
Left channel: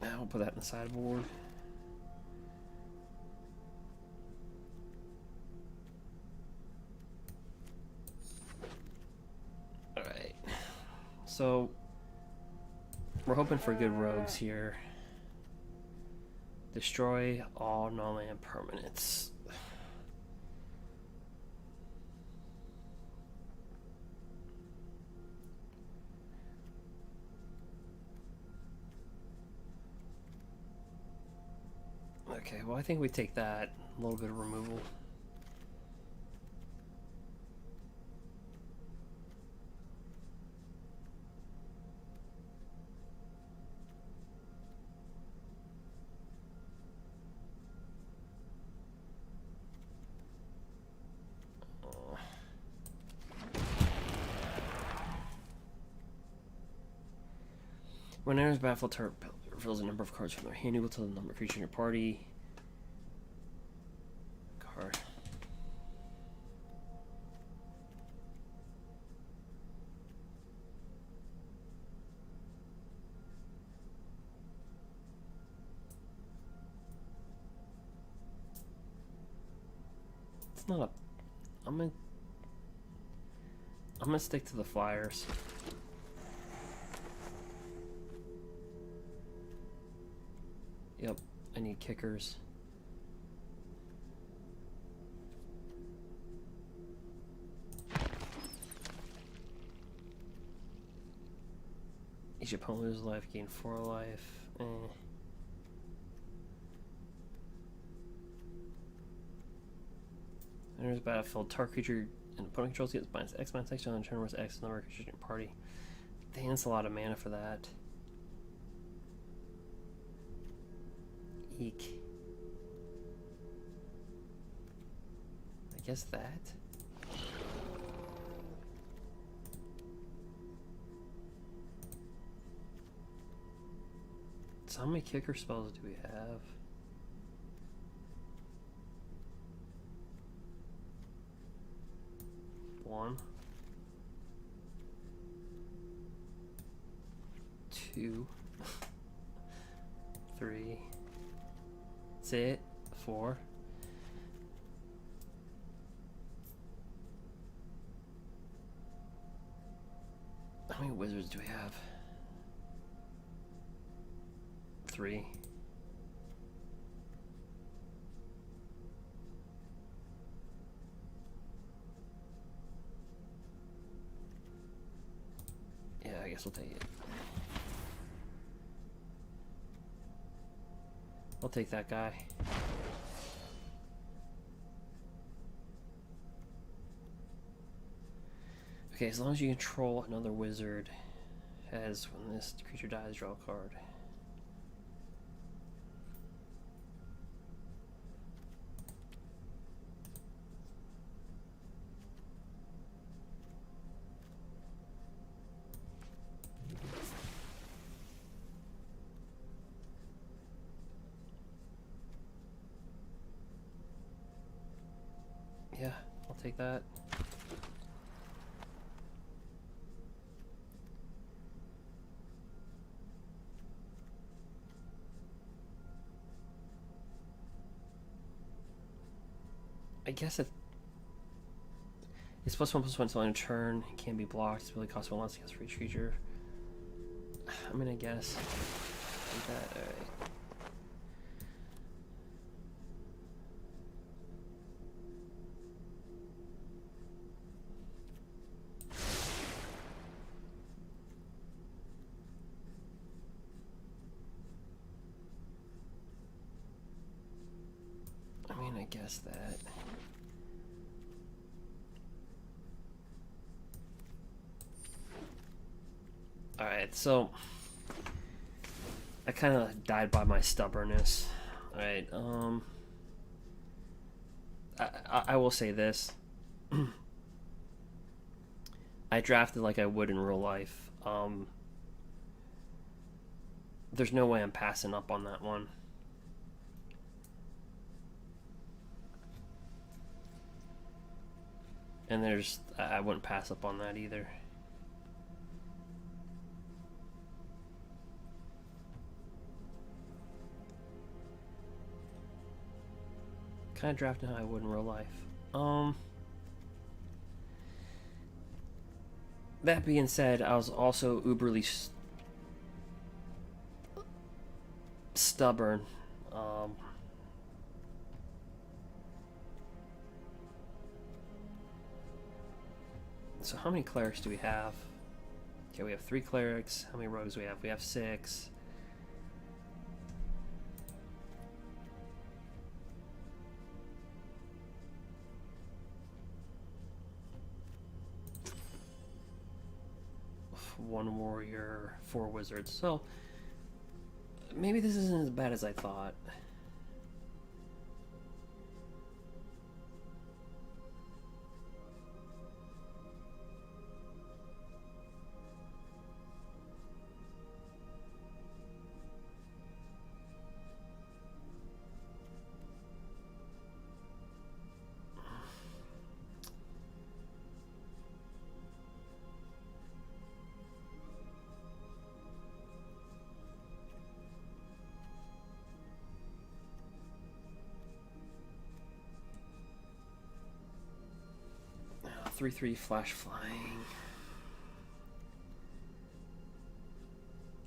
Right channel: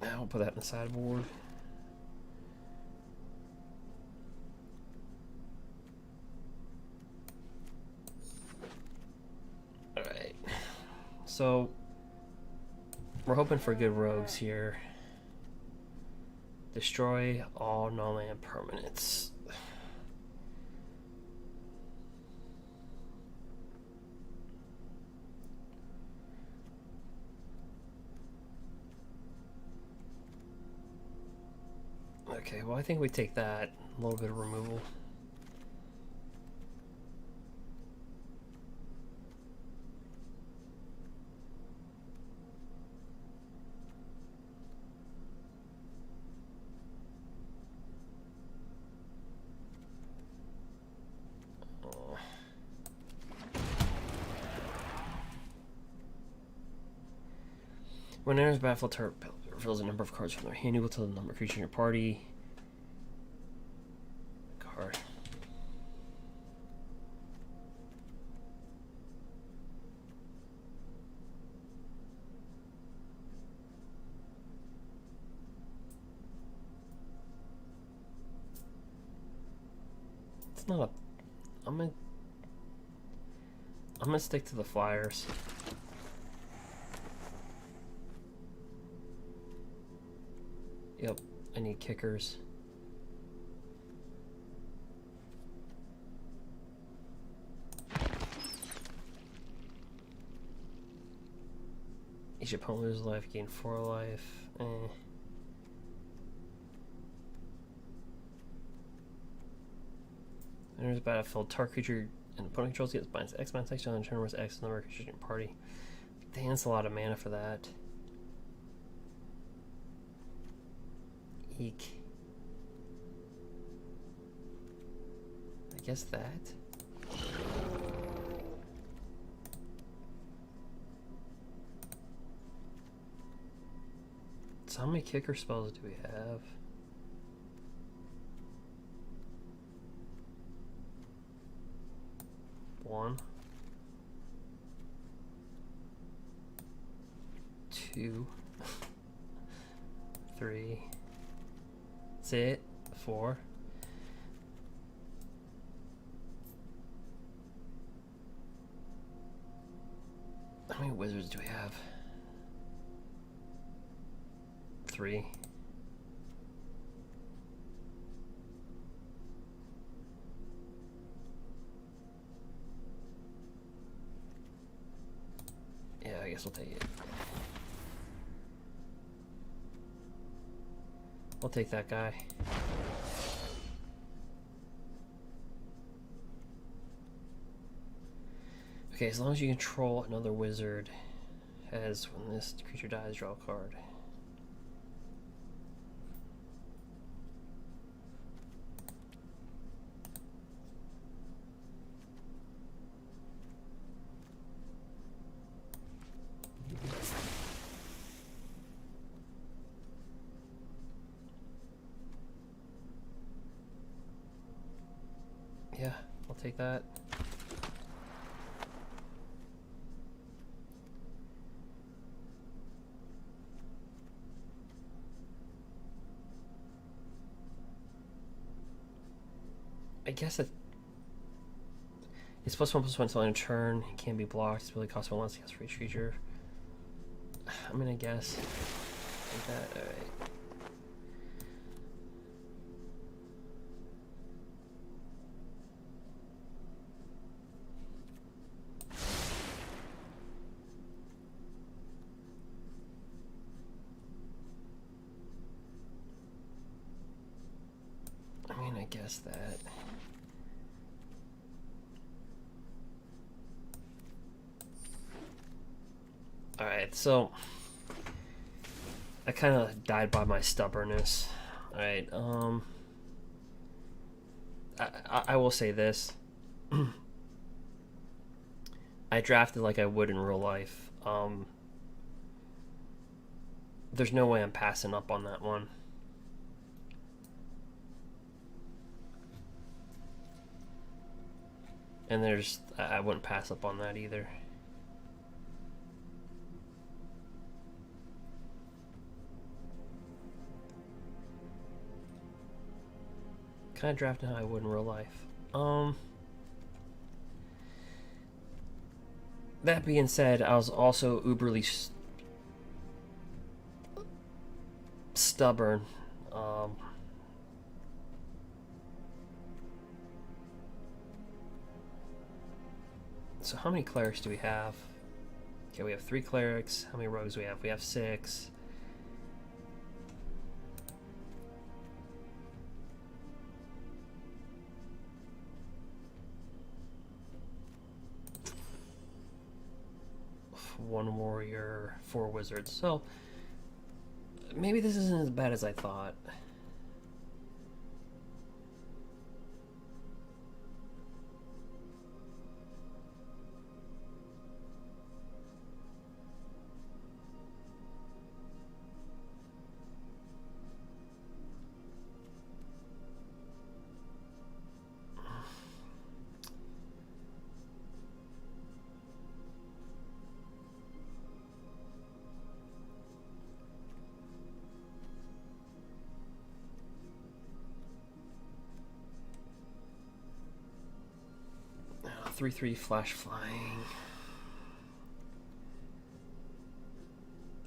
Now we'll put that in the sideboard. Alright. So we're hoping for good rogues here. Destroy all non-land permanents. Okay, well I think we take that. A little bit of removal. When enters battlefield, target reveals a number of cards from their hand equal to the number of creatures in your party. Card. It's not a. I'm gonna stick to the flyers. Yep, I need kickers. Each opponent loses life, gain 4 life. Enters battlefield, target creature and opponent controls gets minus X minus X on turn with X number of creatures in your party. Dang, that's a lot of mana for that. Eek. I guess that. So how many kicker spells do we have? 2, 3. That's it. 4. How many wizards do we have? 3. Yeah, I guess we'll take it. We'll take that guy. Okay, as long as you control another wizard, as when this creature dies, draw a card. Yeah, I'll take that. I guess it's +1/+1 until end of turn. It can't be blocked. It's really costs 1 less against for each creature. I mean, I guess. Like that. Alright. I mean, I guess that. Alright, so I kind of died by my stubbornness. Alright, I will say this. I drafted like I would in real life. There's no way I'm passing up on that one. And I wouldn't pass up on that either. Kind of drafting how I would in real life. That being said, I was also uberly stubborn. So how many clerics do we have? Okay, we have 3 clerics. How many rogues do we have? We have 6. One warrior, 4 wizards. So maybe this isn't as bad as I thought. Oh, 3/3 flash flying.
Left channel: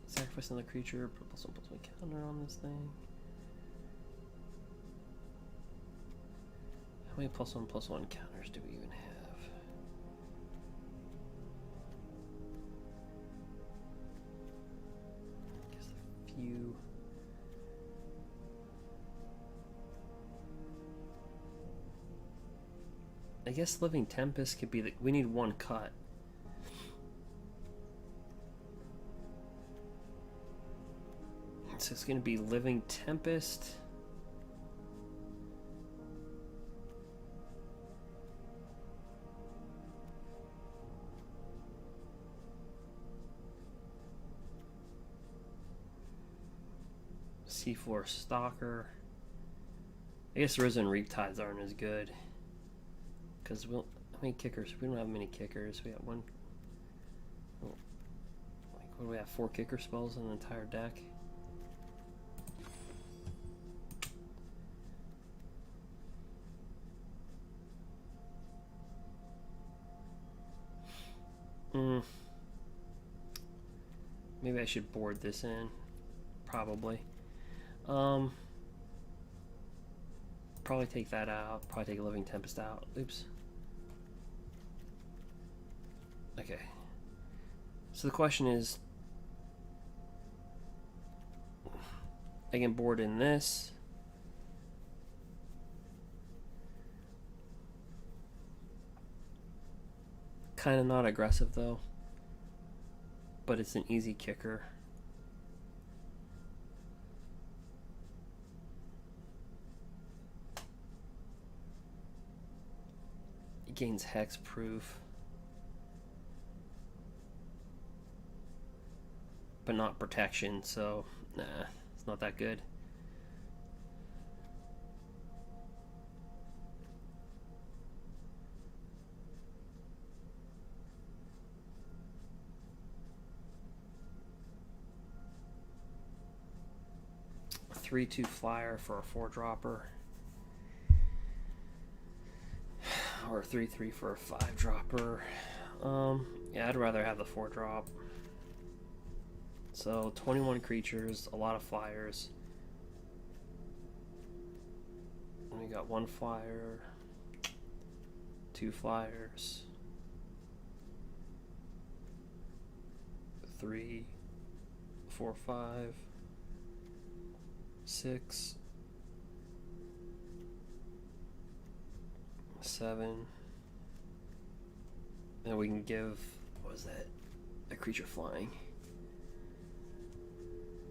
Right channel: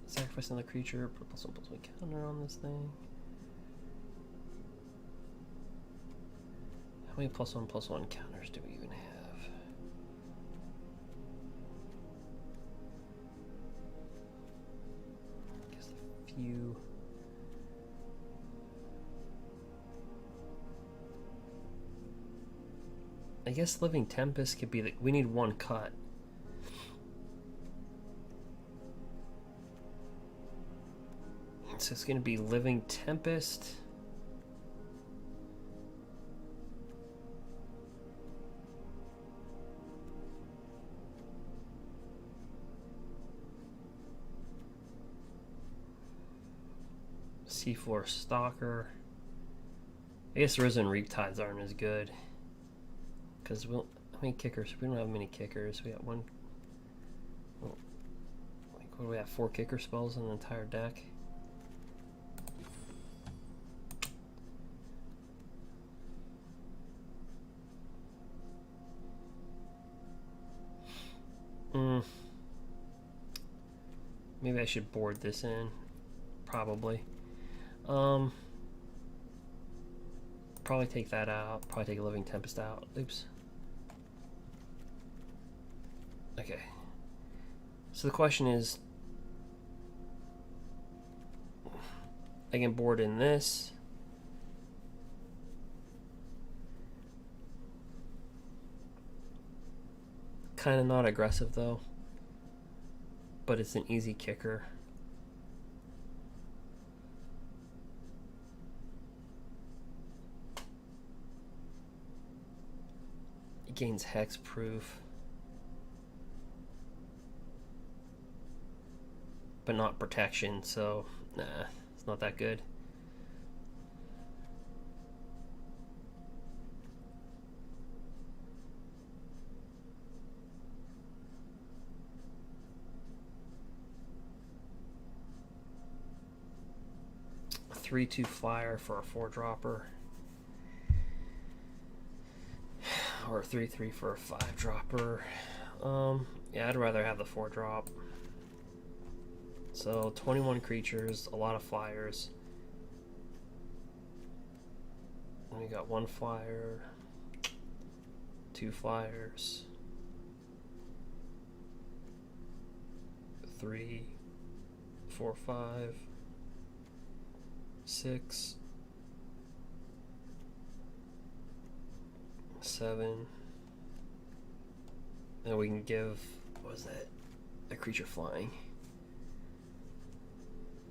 Sacrifice another creature, put +1/+1 counter on this thing. How many +1/+1 counters do we even have? I guess a few. I guess Living Tempest could be the. We need 1 cut. So it's going to be Living Tempest. Seafloor Stalker. I guess Risen Reaptides aren't as good. Because how many kickers? We don't have many kickers. We got 1. Well, like What do we have? 4 kicker spells in the entire deck. Maybe I should board this in. Probably. Probably take that out. Probably take a Living Tempest out. Oops. Okay. So the question is, I can board in this. Kind of not aggressive though, but it's an easy kicker. It gains hexproof, but not protection, so nah, it's not that good. A 3/2 flyer for a 4-dropper. Or a 3/3 for a 5-dropper. Yeah, I'd rather have the 4-drop. So 21 creatures, a lot of flyers. And we got 1 flyer, 2 flyers, 3, 4, 5, 6, 7. And we can give, what was that? A creature flying.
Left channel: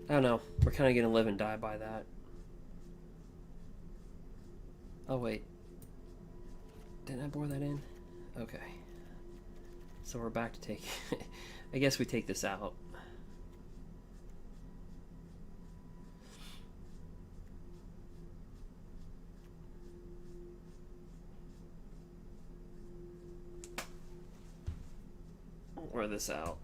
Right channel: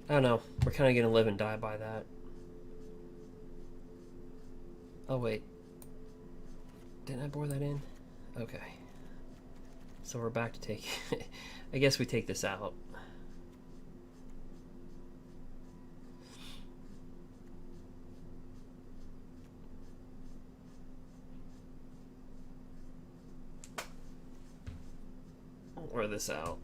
I don't know. We're kind of going to live and die by that. Oh, wait. Didn't I bore that in? Okay. So we're back to take... I guess we take this out. Or this out.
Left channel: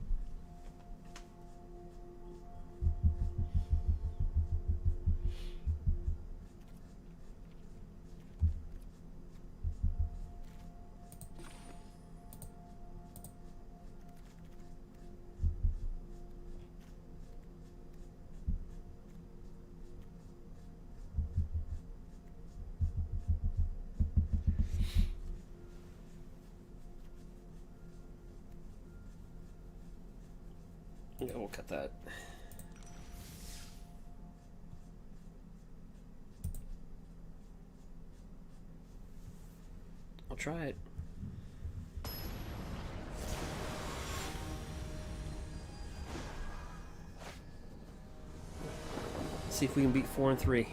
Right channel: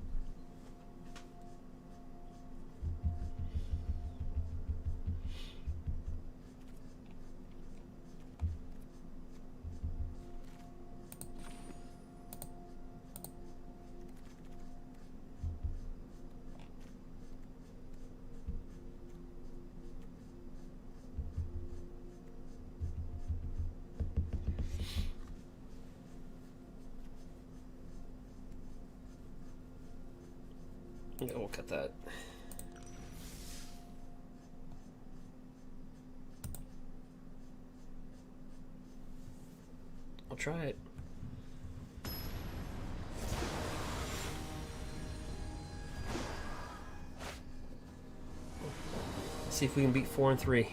Yeah, we'll cut that. I'll try it. See if we can beat 4 and 3.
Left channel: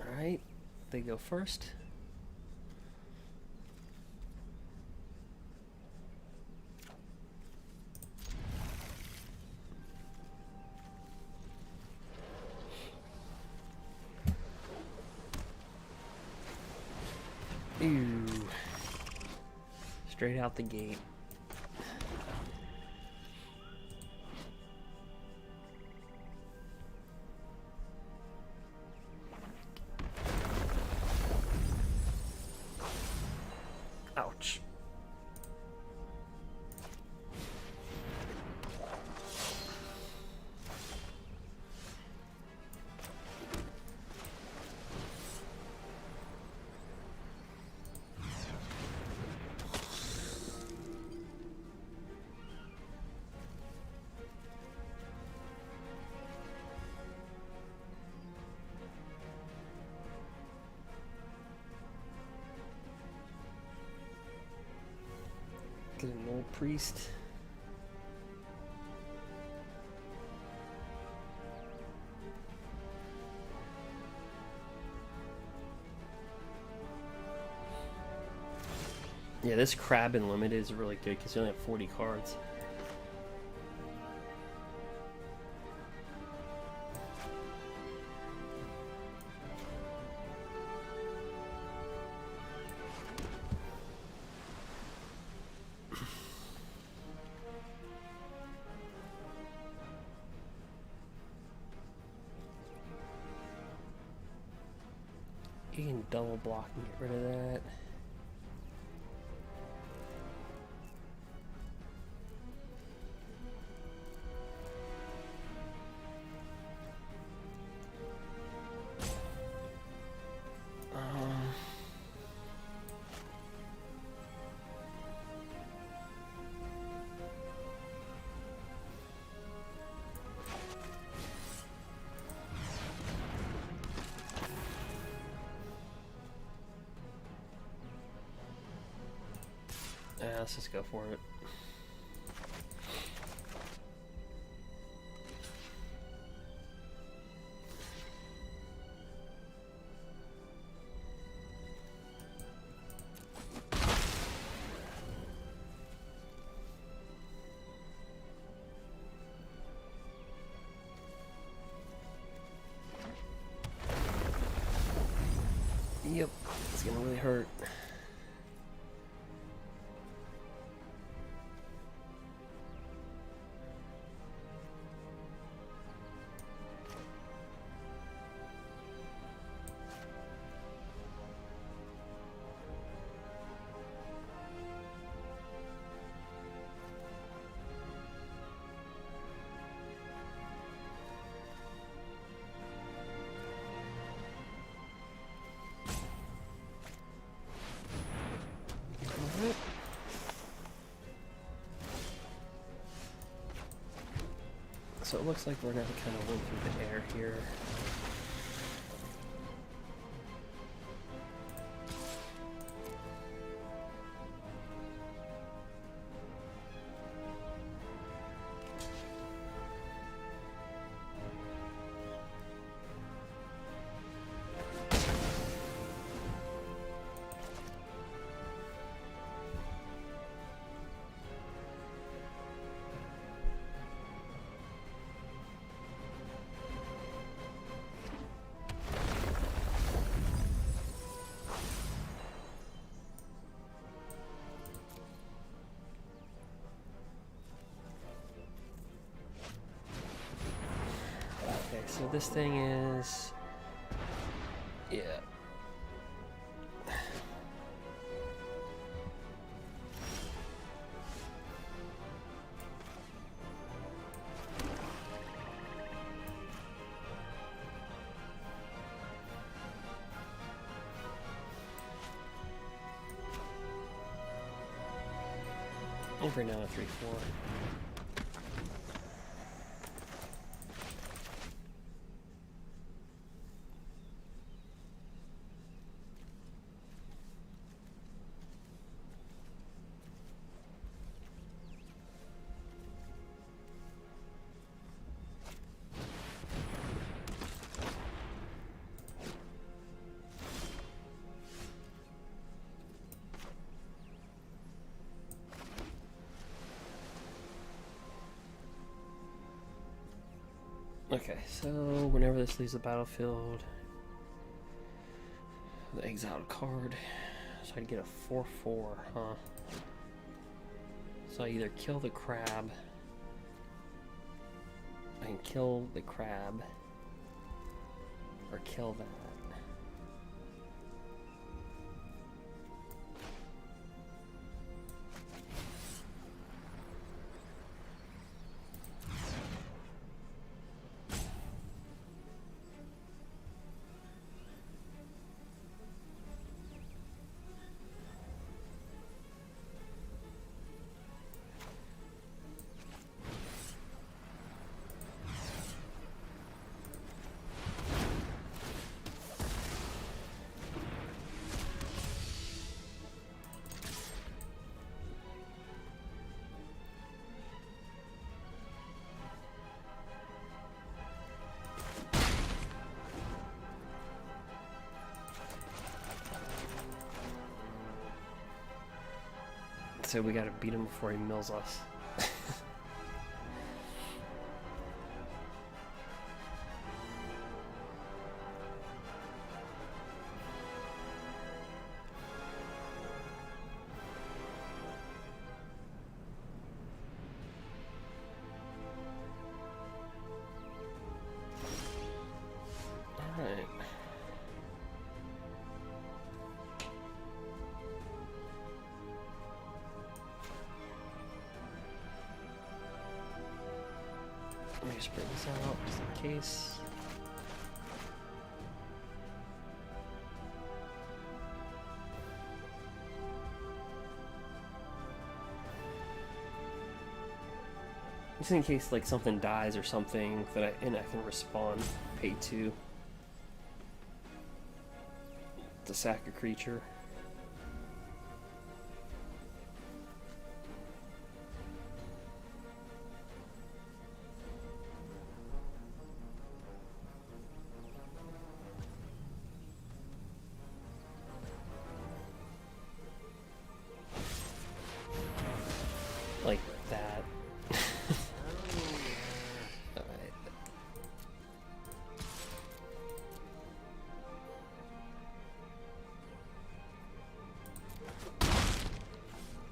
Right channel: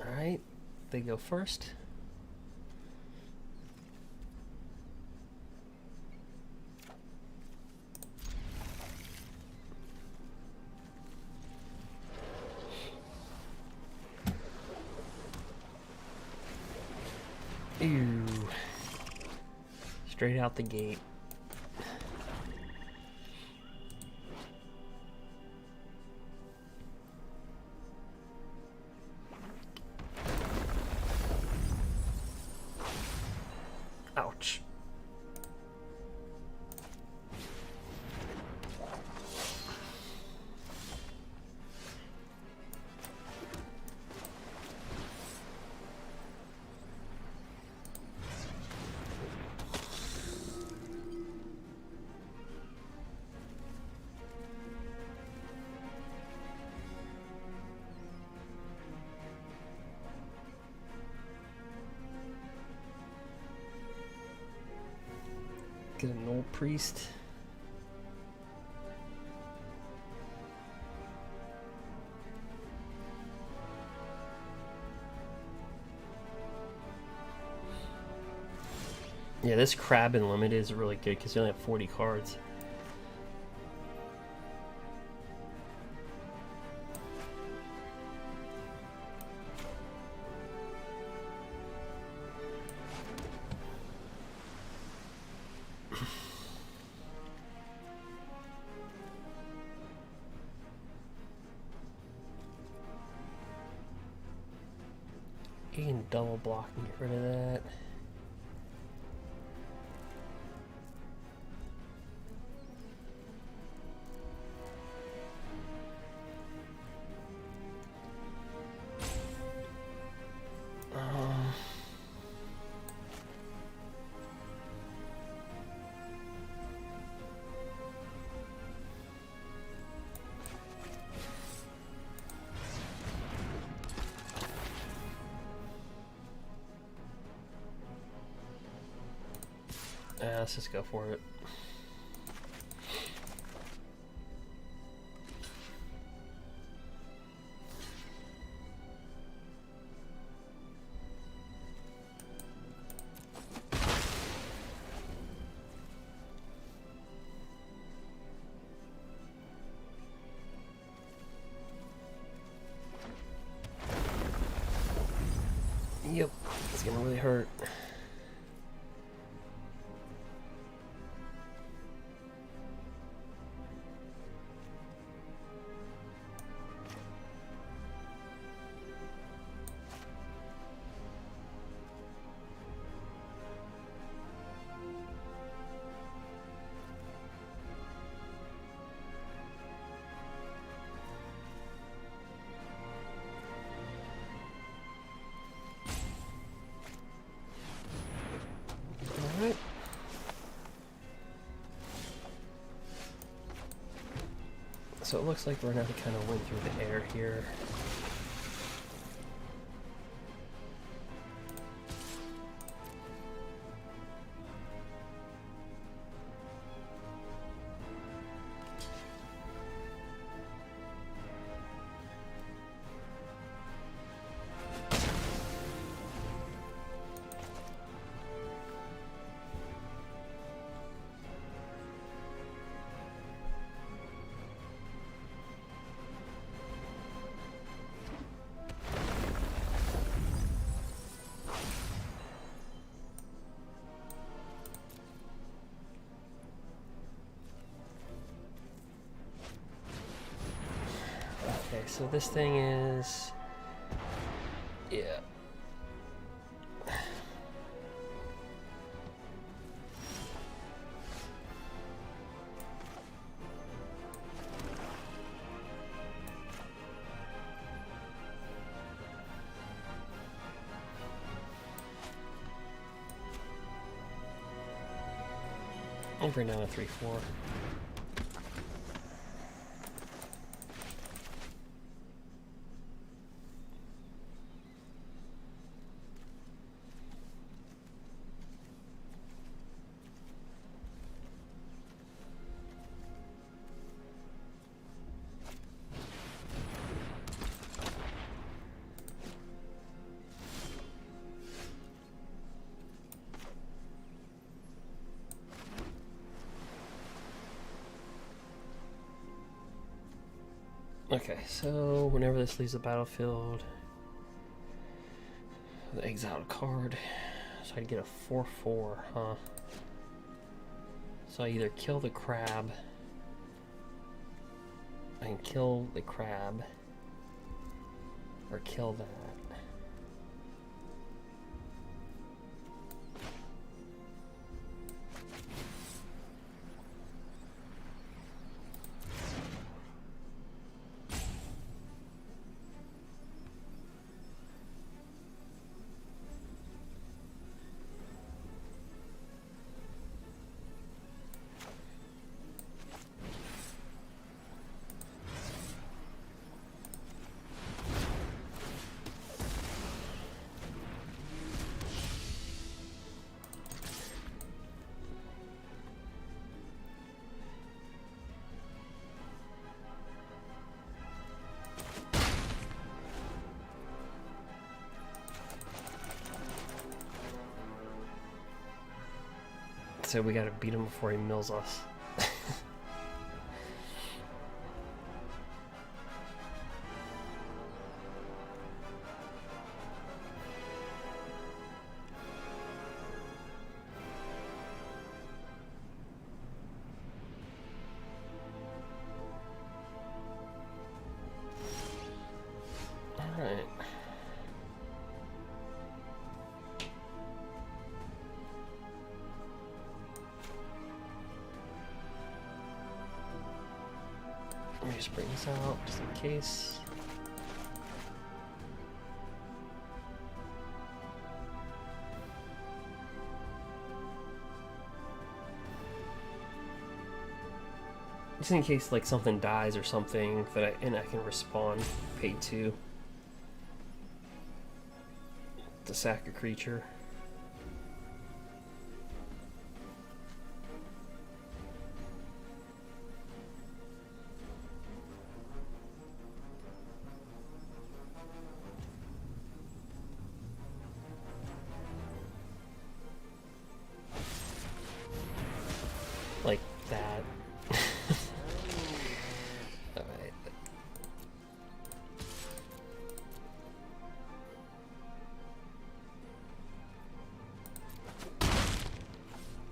All right, they go first. Ew. Straight out the gate. Ouch. Get an old priest. Yeah, this crab in limited is really good because you only have 40 cards. he can double block and get rid of that. Let's just go for it. Yep, it's gonna really hurt. Alright. So it looks like we're gonna have to kind of win through the air here. Okay, so this thing is... yeah. I'll bring down a 3/4. Okay, so whenever this leaves the battlefield, the exile a card. So I'd get a 4/4, huh? So I either kill the crab, I can kill the crab, or kill that. So we gotta beat him before he mills us. Alright. Let me just bring this out just in case. Just in case like something dies or something that I can respawn pay 2 to sack a creature. Like that. Alright.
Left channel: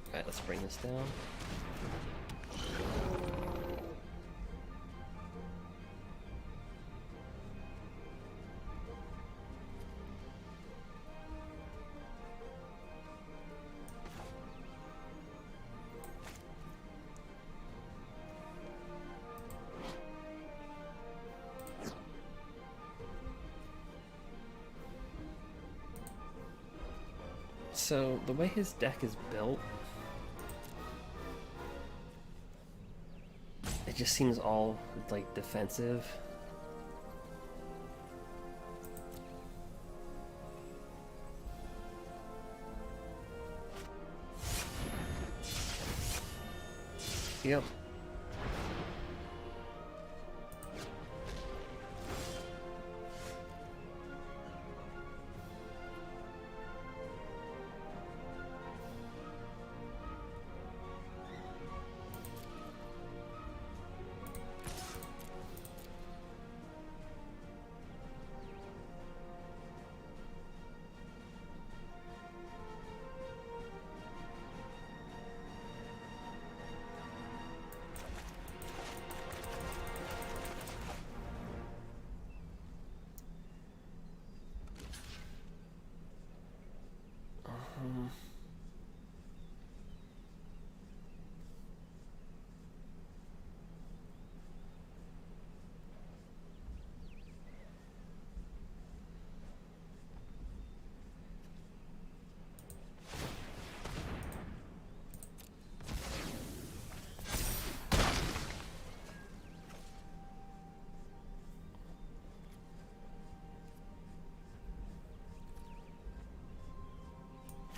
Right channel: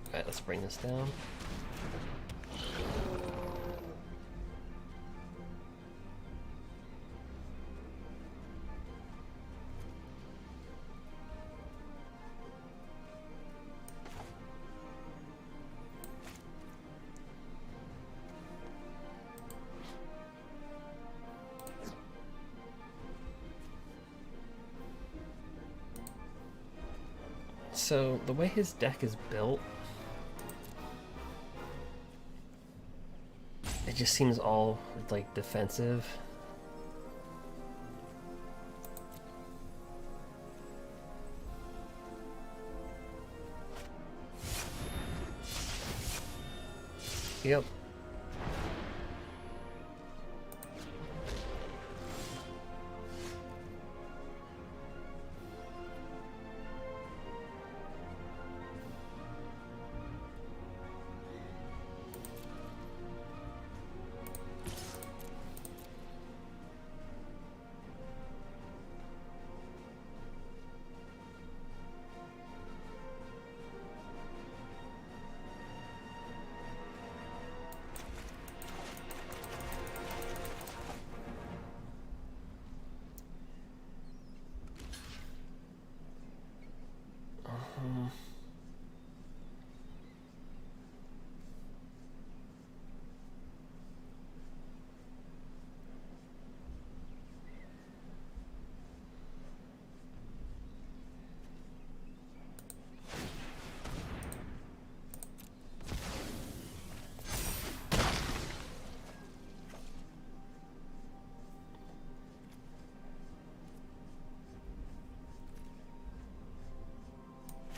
Alright, let's bring this down. So, the way his deck is built, it just seems all, like, defensive. Yep.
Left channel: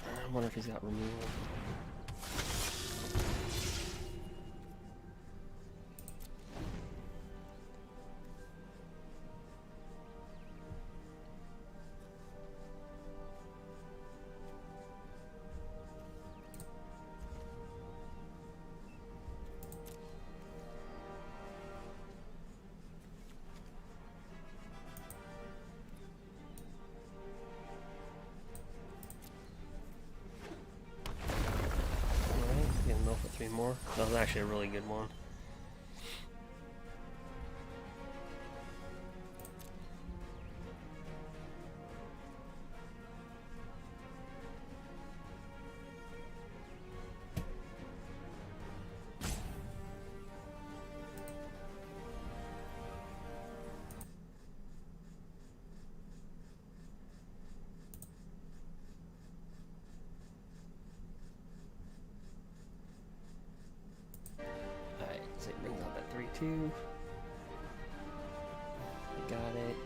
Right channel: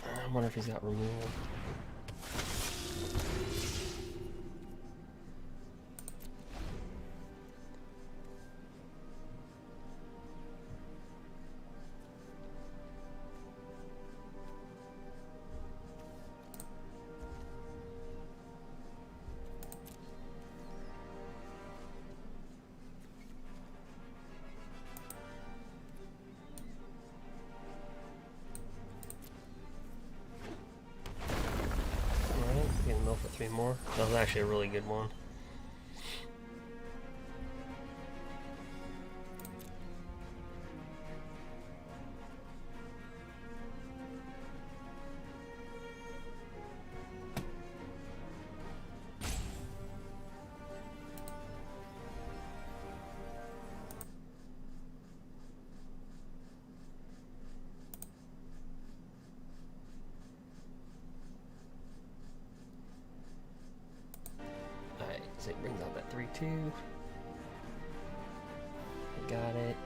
I wonder if he's got removal. For 3 more. That was actually a really good one. So it brings out that 3/2. I got it.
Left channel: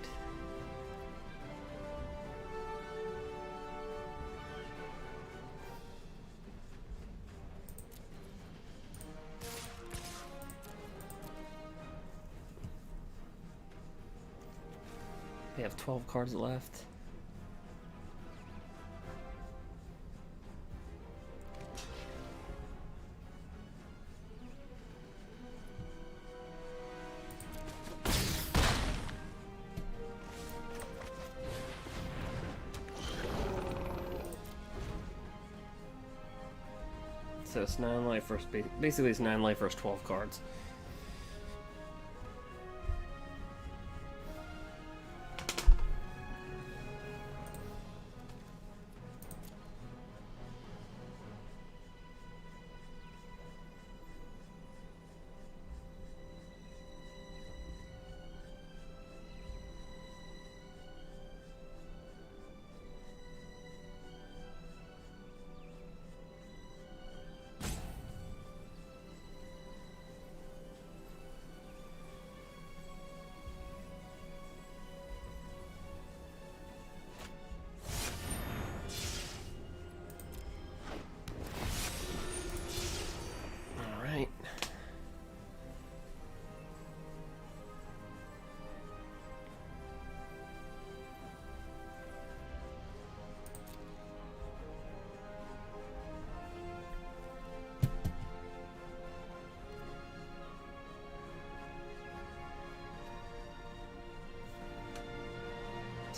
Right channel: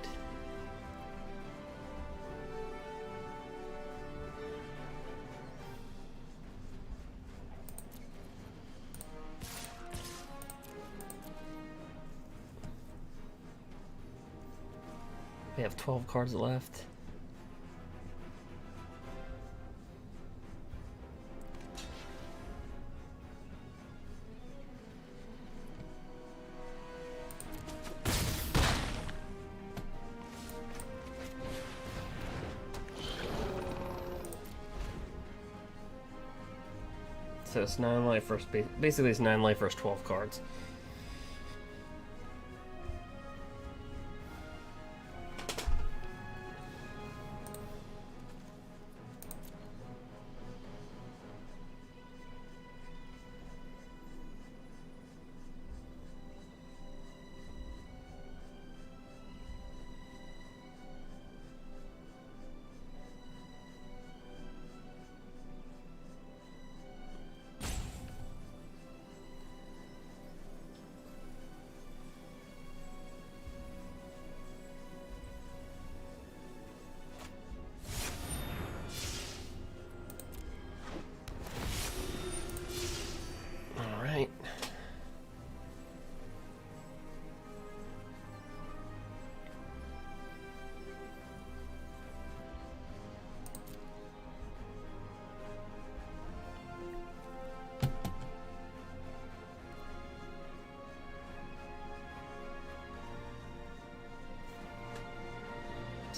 We have 12 cards left. So it's 9 life first. Basically, it's 9 life first 12 cards.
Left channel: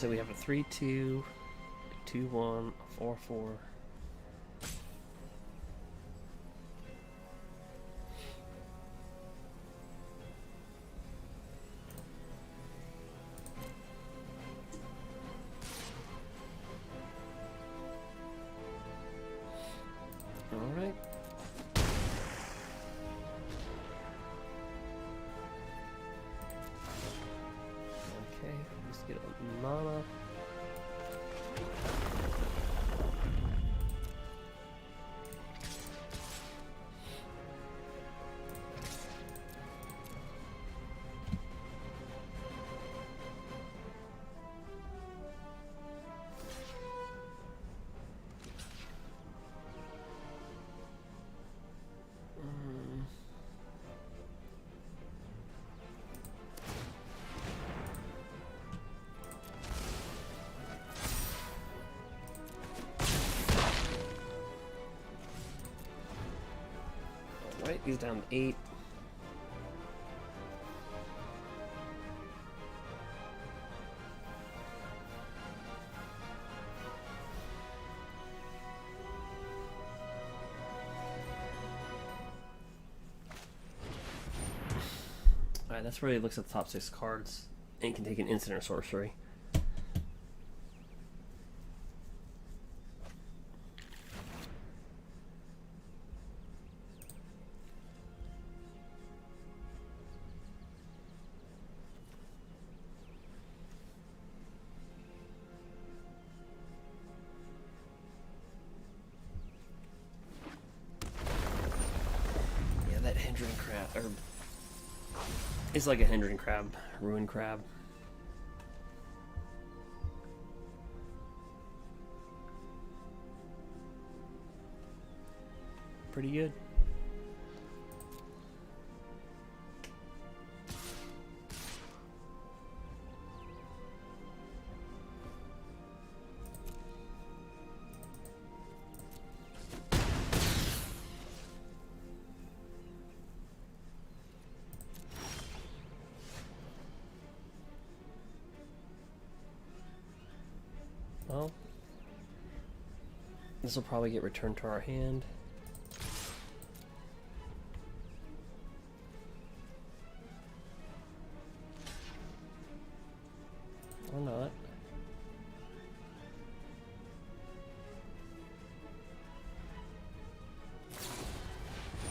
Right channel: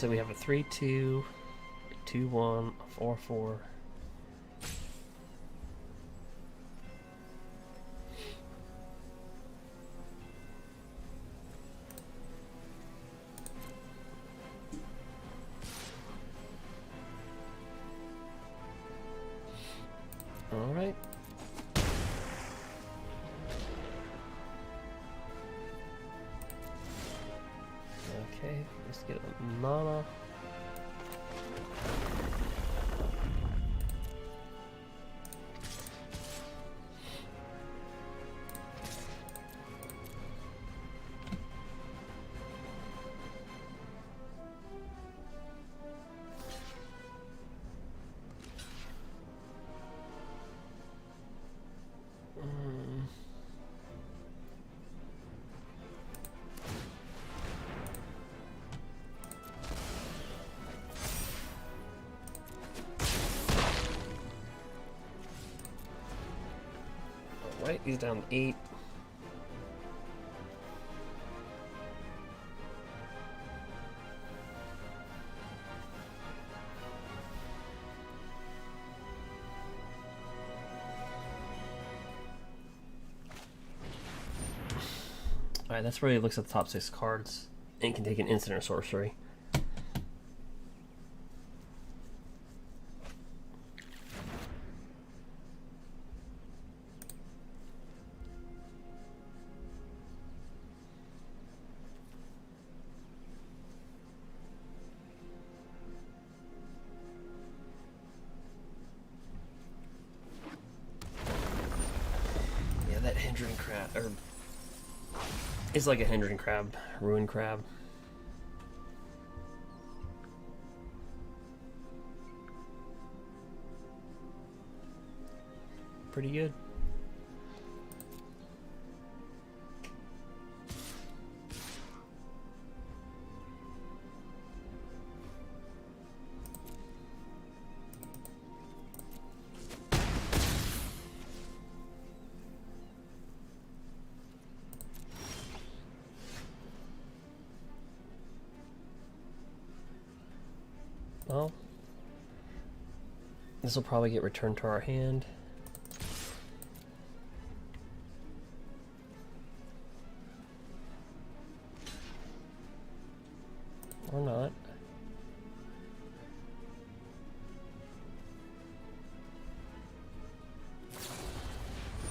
So we have a 3/2, 2/1, 4/4. All right. Okay, just get a mana. Alright, he's down to 8. Alright, that's where he looks at the top 6 cards and can take an instant or sorcery. That hindering crab, or it's like a hindering crab, ruin crab. Pretty good. Well, this will probably get returned to our hand. Or not.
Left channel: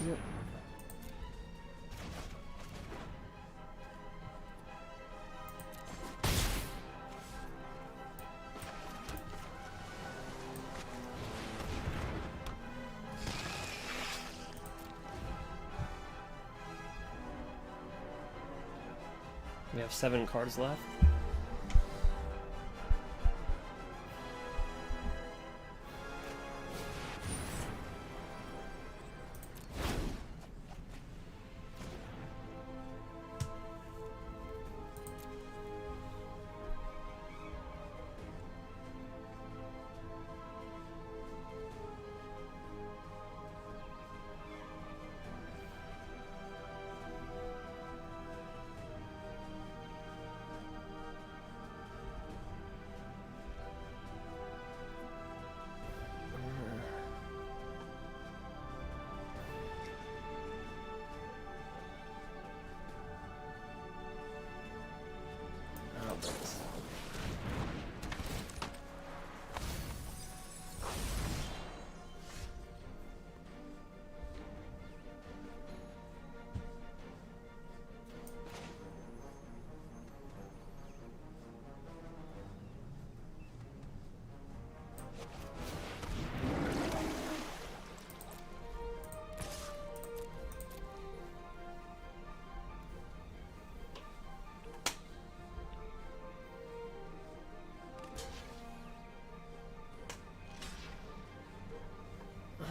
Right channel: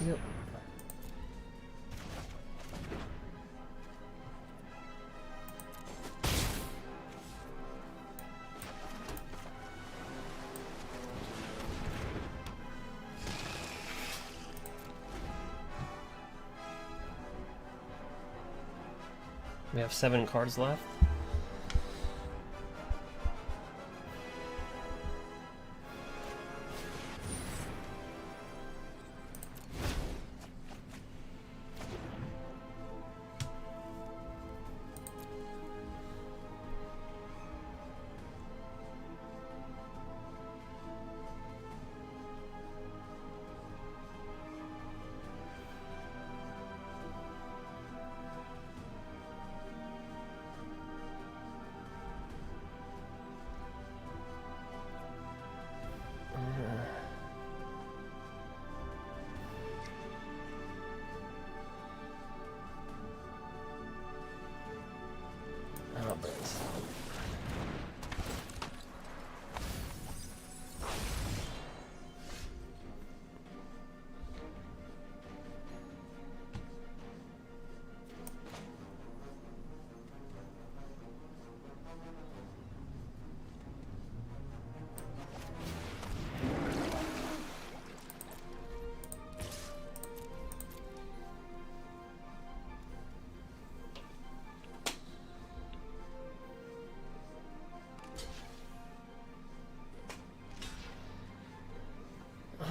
Yep. We have 7 cards left.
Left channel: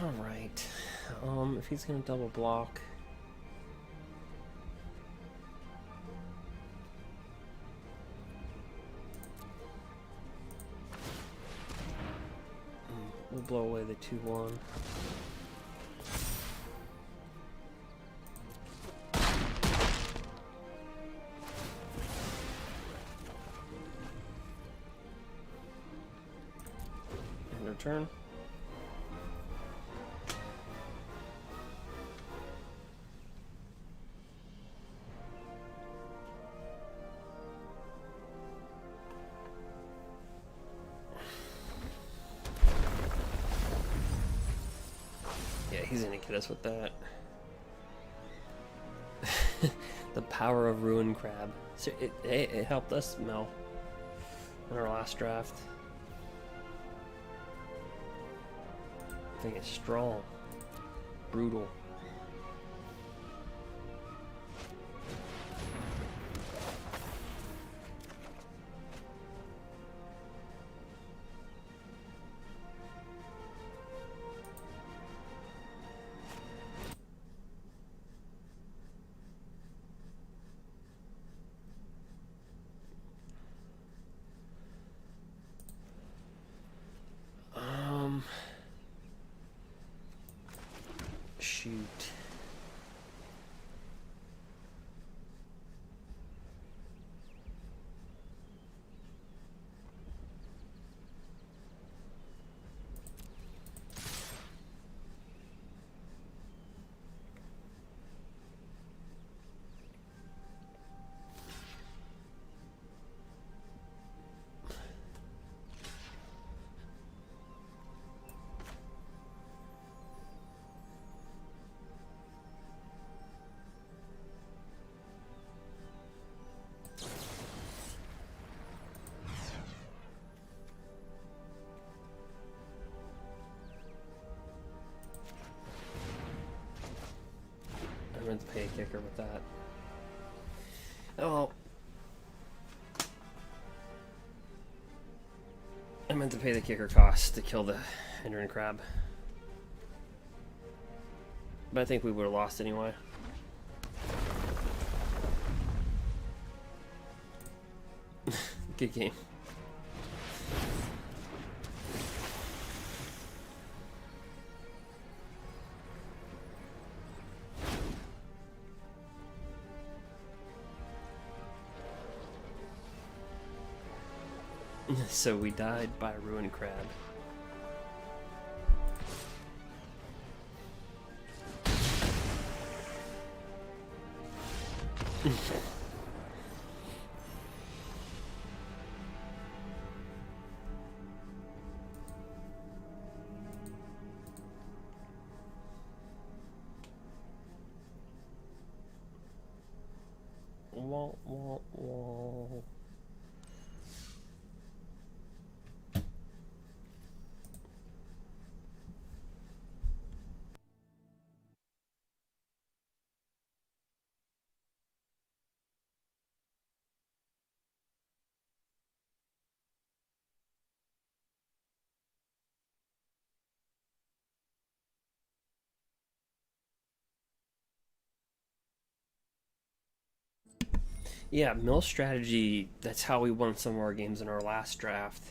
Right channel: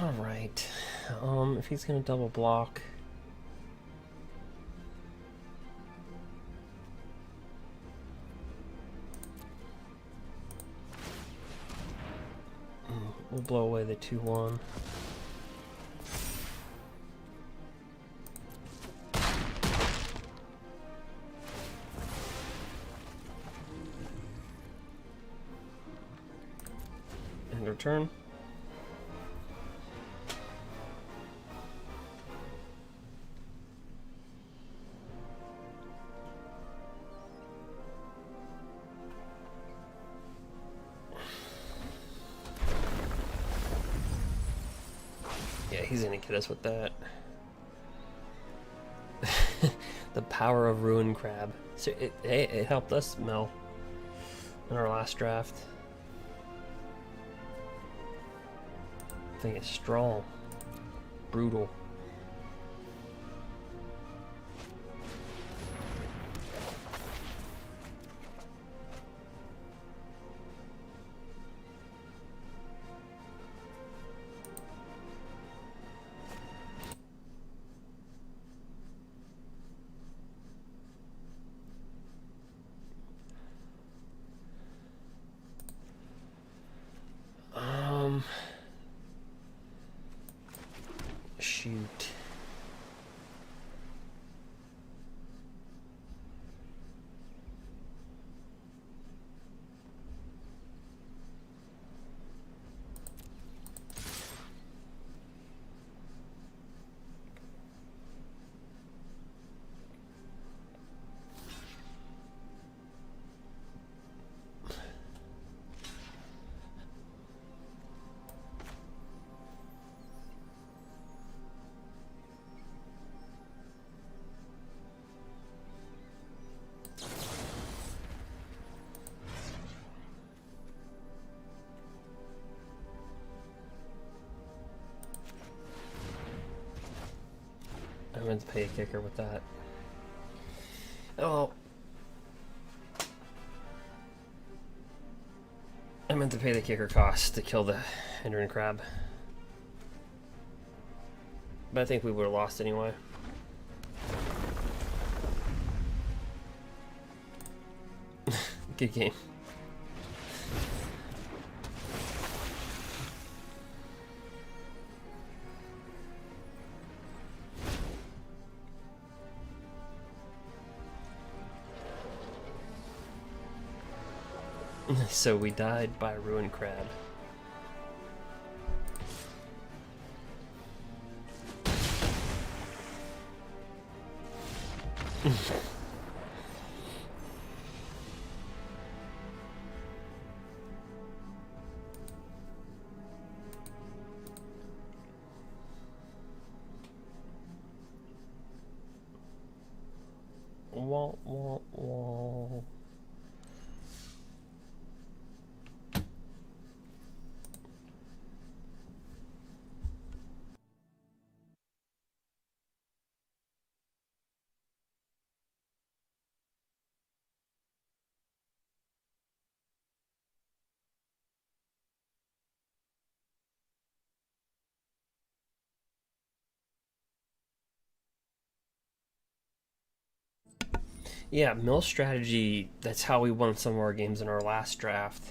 Alright, if he's gonna double block... we'll blow away the 2/1. turn. Yeah, he's gonna get us with that. The power of Ruin Crab. So it helped us, Mel, in our last draft. I think it's strong, brutal. Shoot. I meant to pay a kicker with that. Oh well. I meant to pay the kicker cost to kill the hindering crab. But I think we would have lost anyway. Good game. So we died by a ruined crab. Wah, wah, wah. Yeah, mill strategy, that's how we won some of our games in our last draft.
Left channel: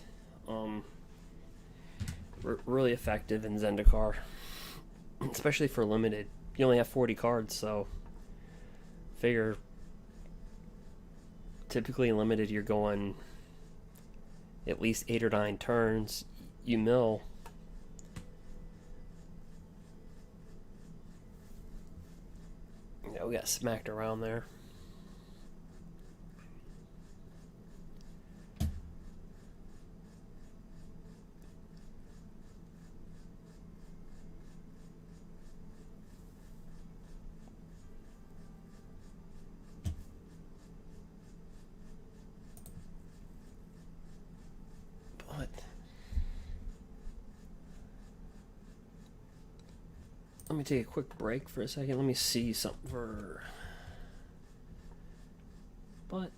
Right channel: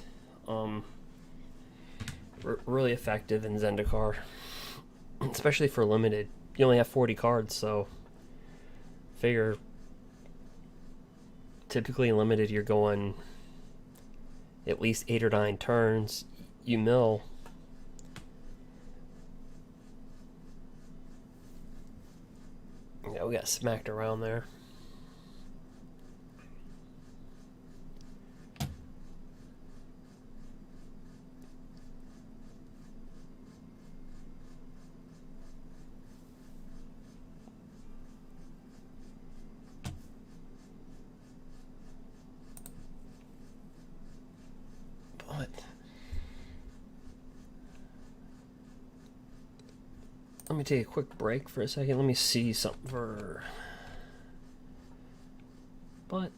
Really effective in Zendikar, especially for limited. You only have 40 cards, so figure typically in limited you're going at least 8 or 9 turns. You mill. Yeah, we got smacked around there. But let me take a quick break for a second. Let me see something for... But...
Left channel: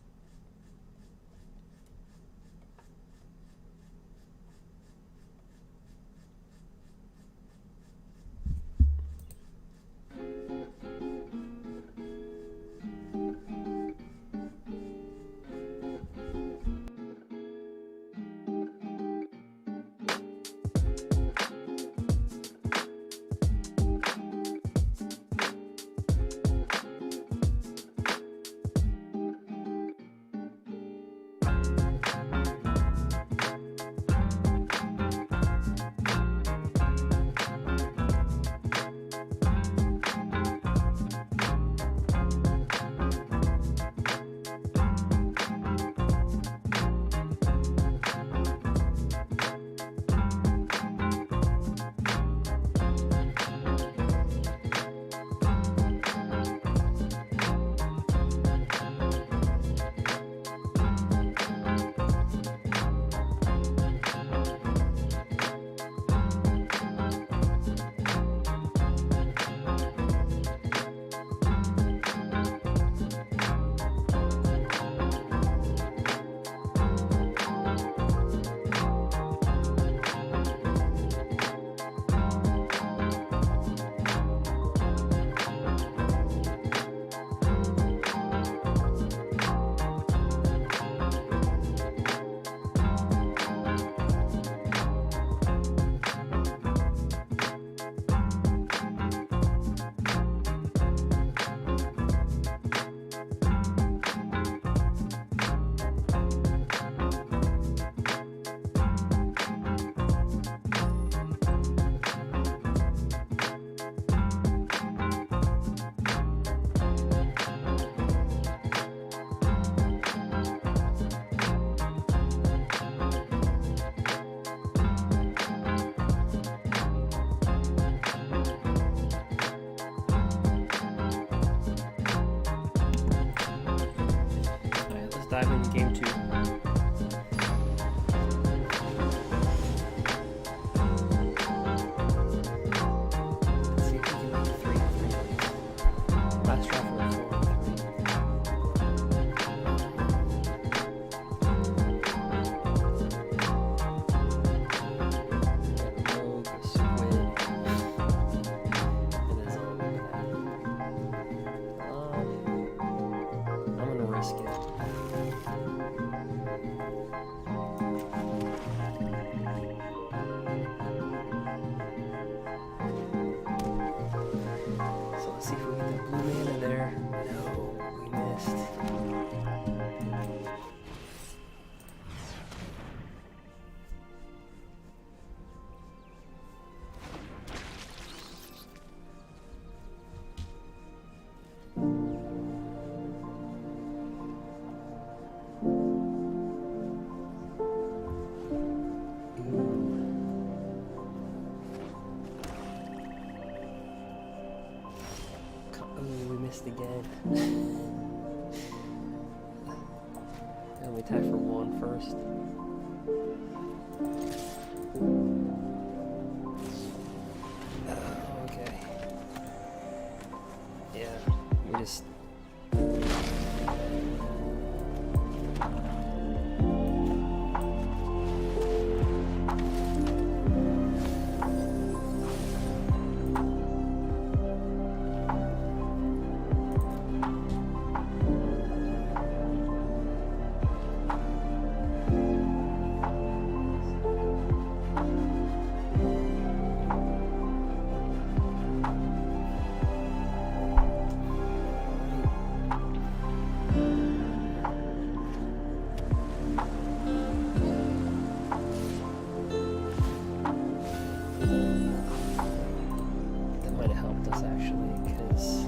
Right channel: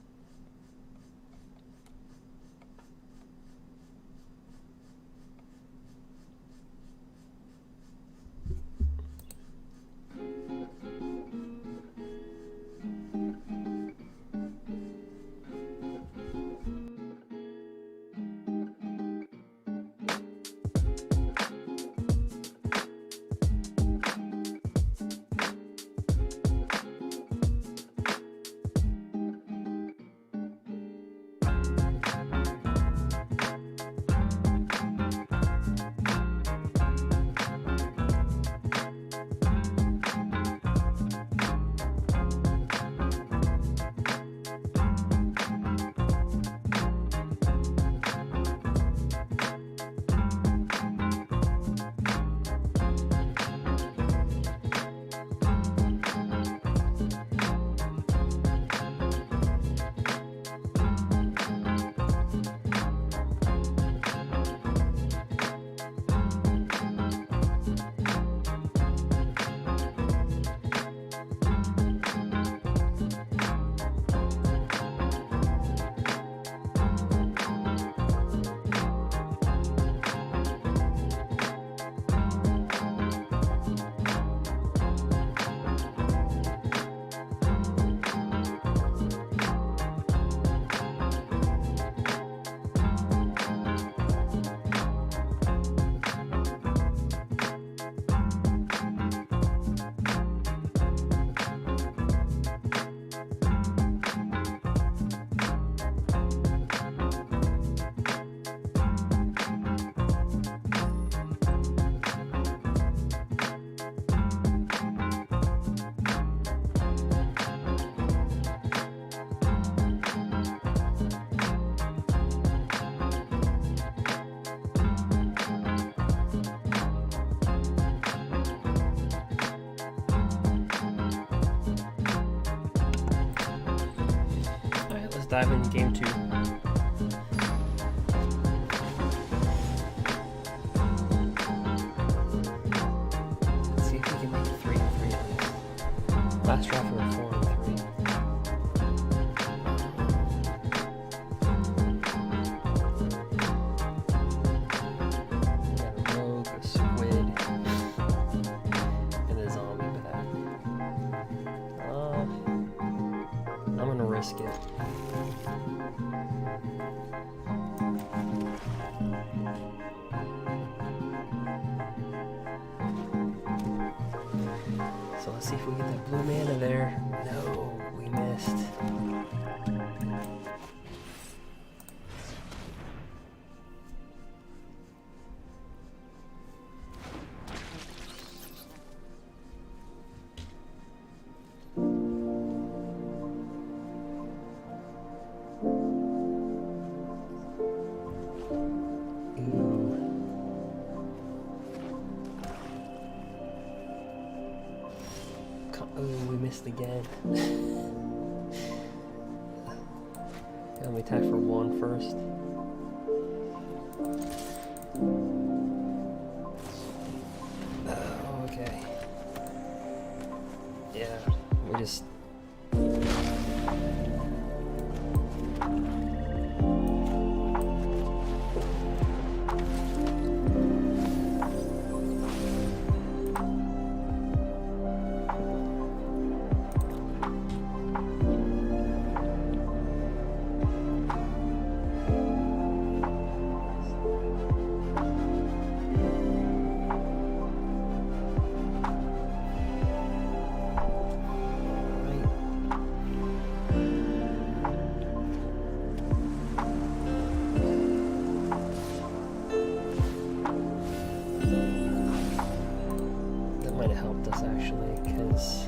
dive into game 2. Let's see if we can make 3 and 3 at least. Last draft we were 4 and 3. We got a rogue, a squid, and a zombie back. I'm gonna risk it. So let's see if we get that blue mana there. No, we missed. Oh, we missed again. Let me attack for 1 first. Oh, okay. Yeah, we just... That might have helped us actually, because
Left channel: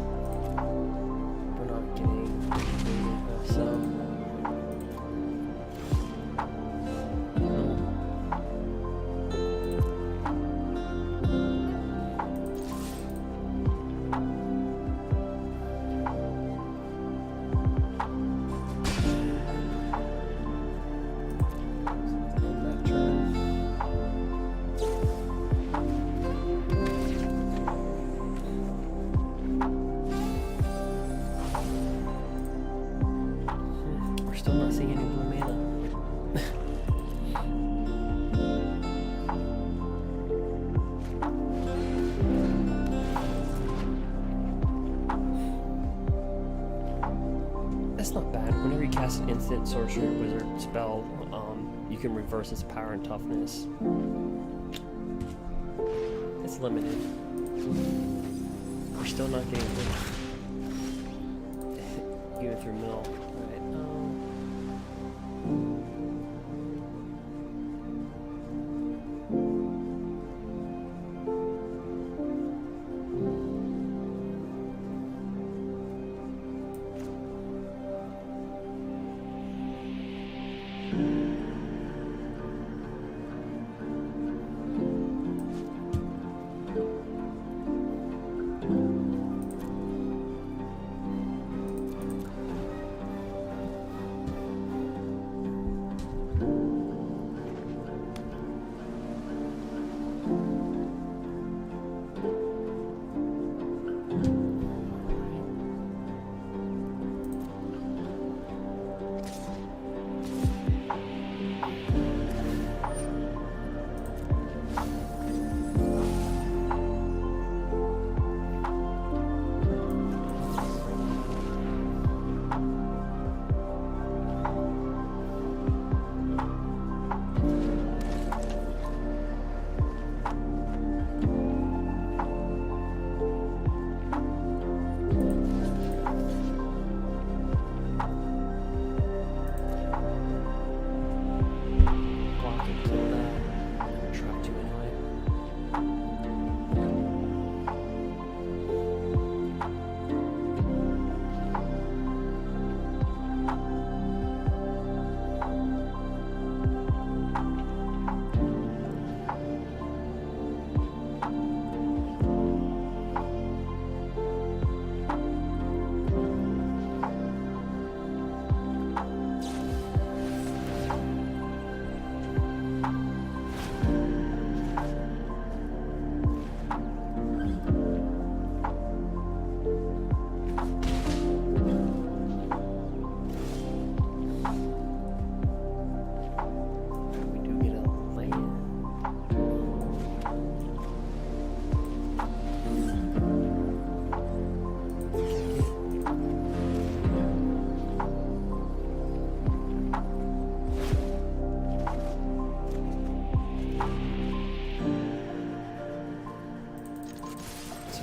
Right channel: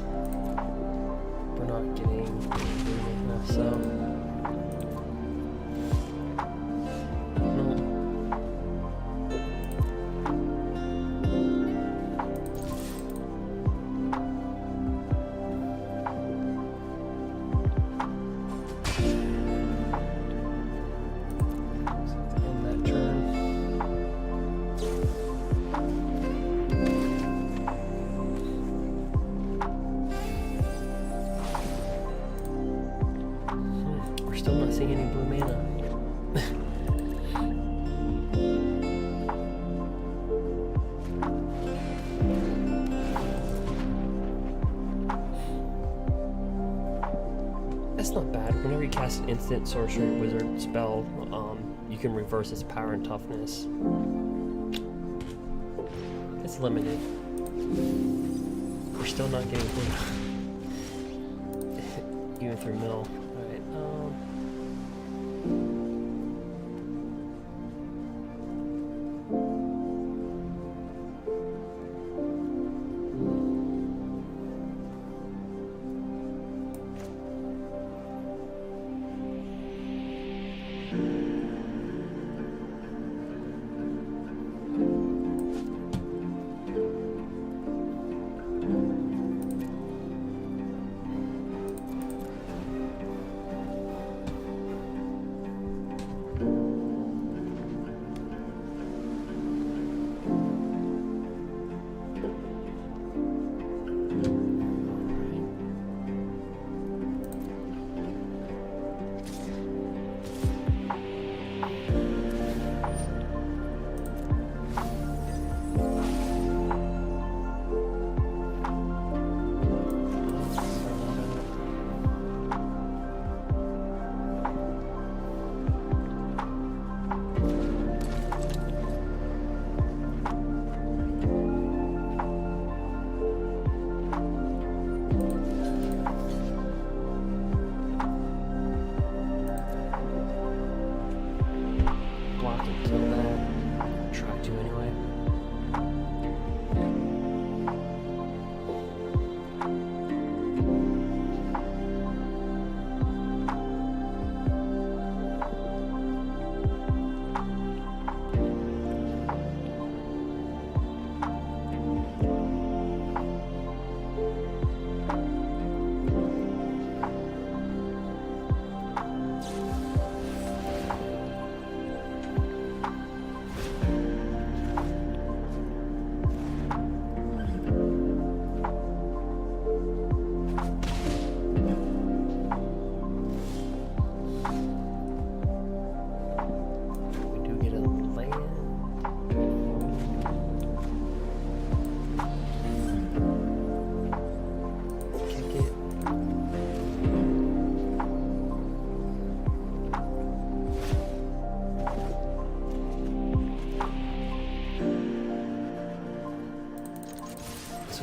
we're not getting enough, so no. So end that turn. We're still not seeing any blue mana. That's not bad. Whenever you cast an instant, sorcery, or wizard spell, you can reverse its power and toughness. It's limited. We're still not getting blue. Even through mill. Alright,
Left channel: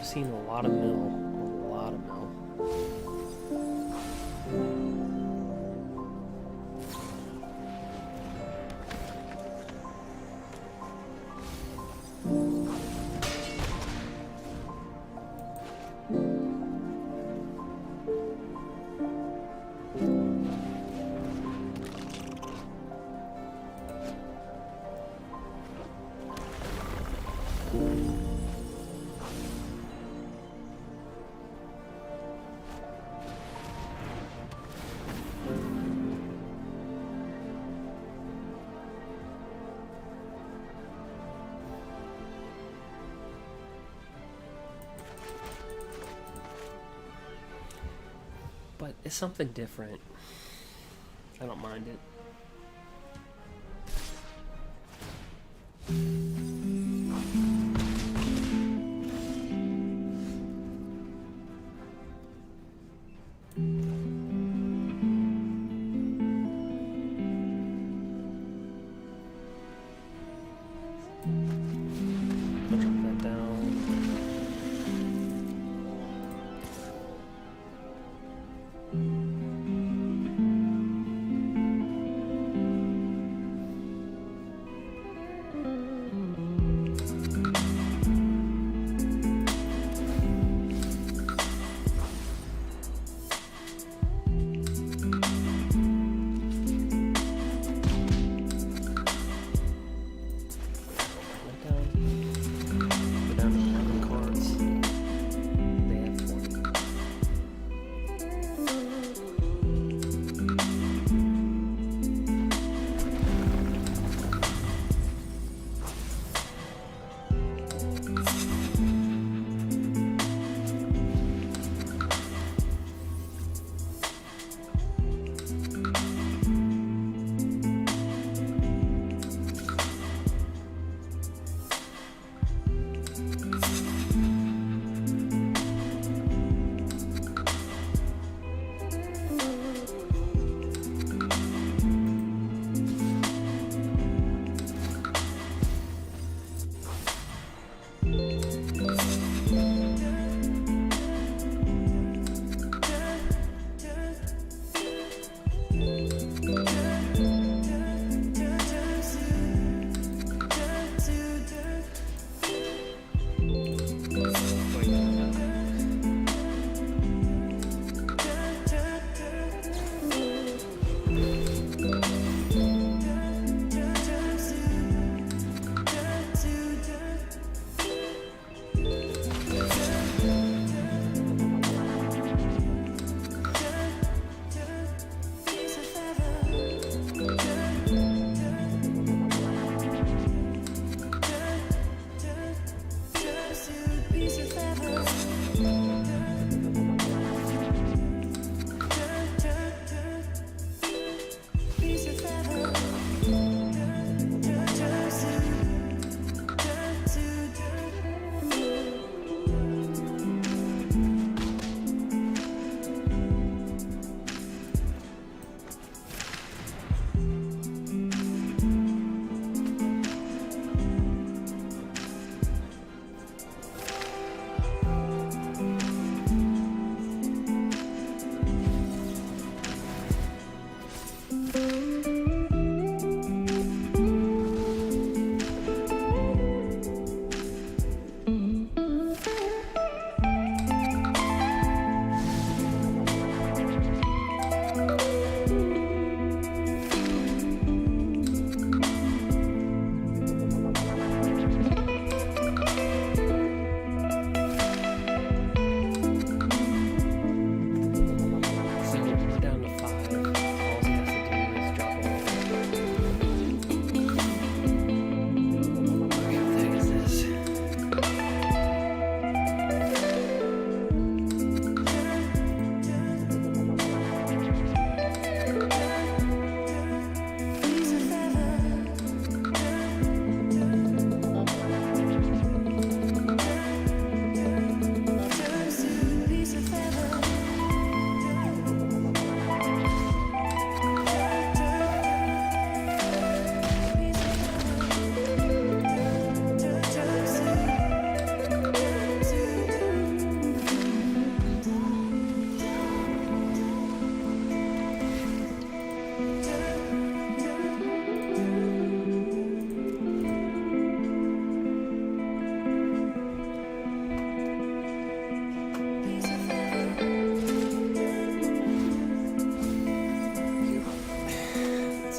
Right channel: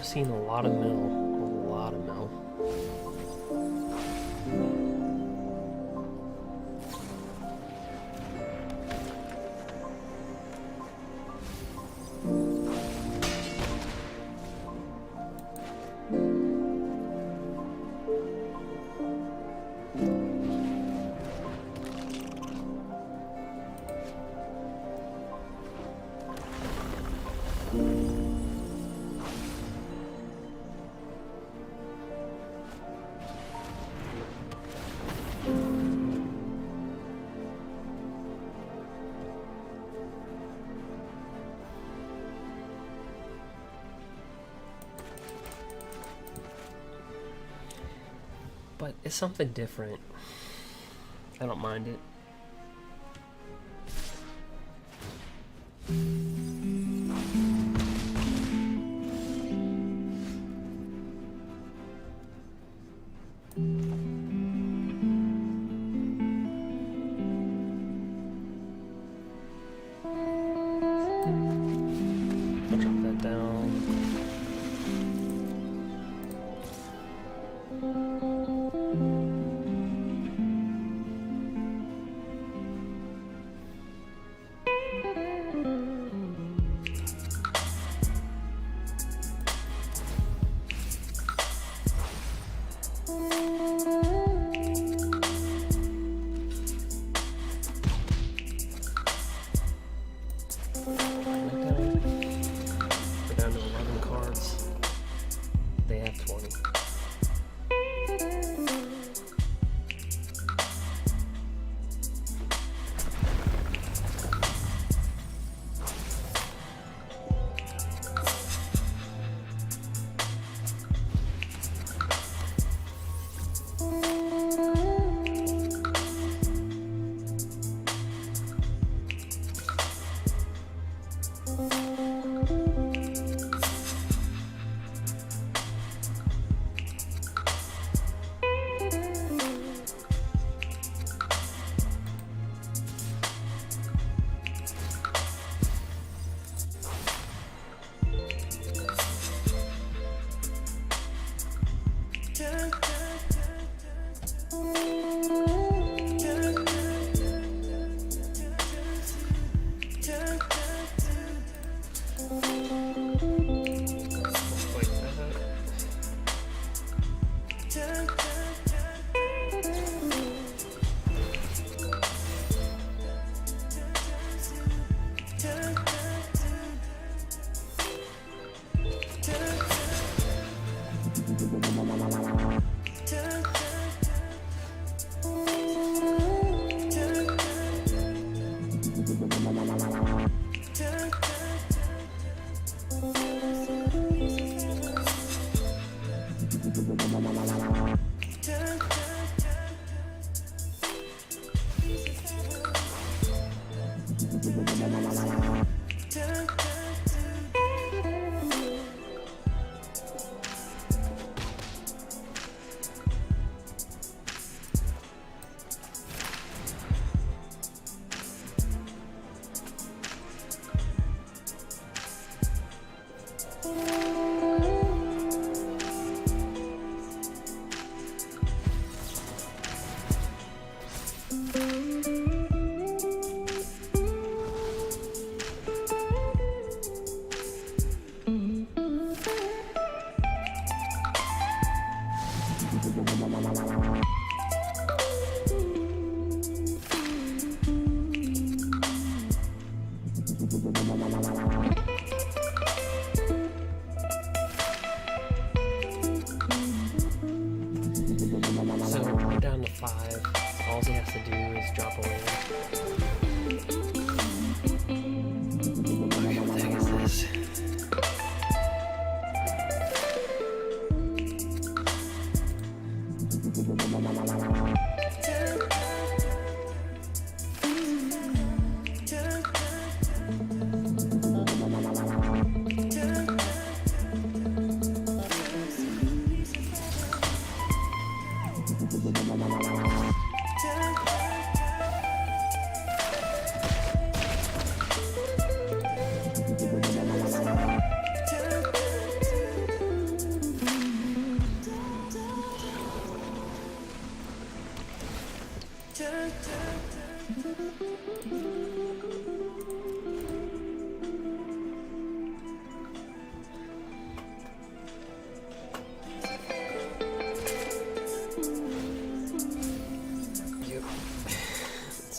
seen a lot of mill. A lot of mill. But it's something different. I don't mind it. I'll drop that down.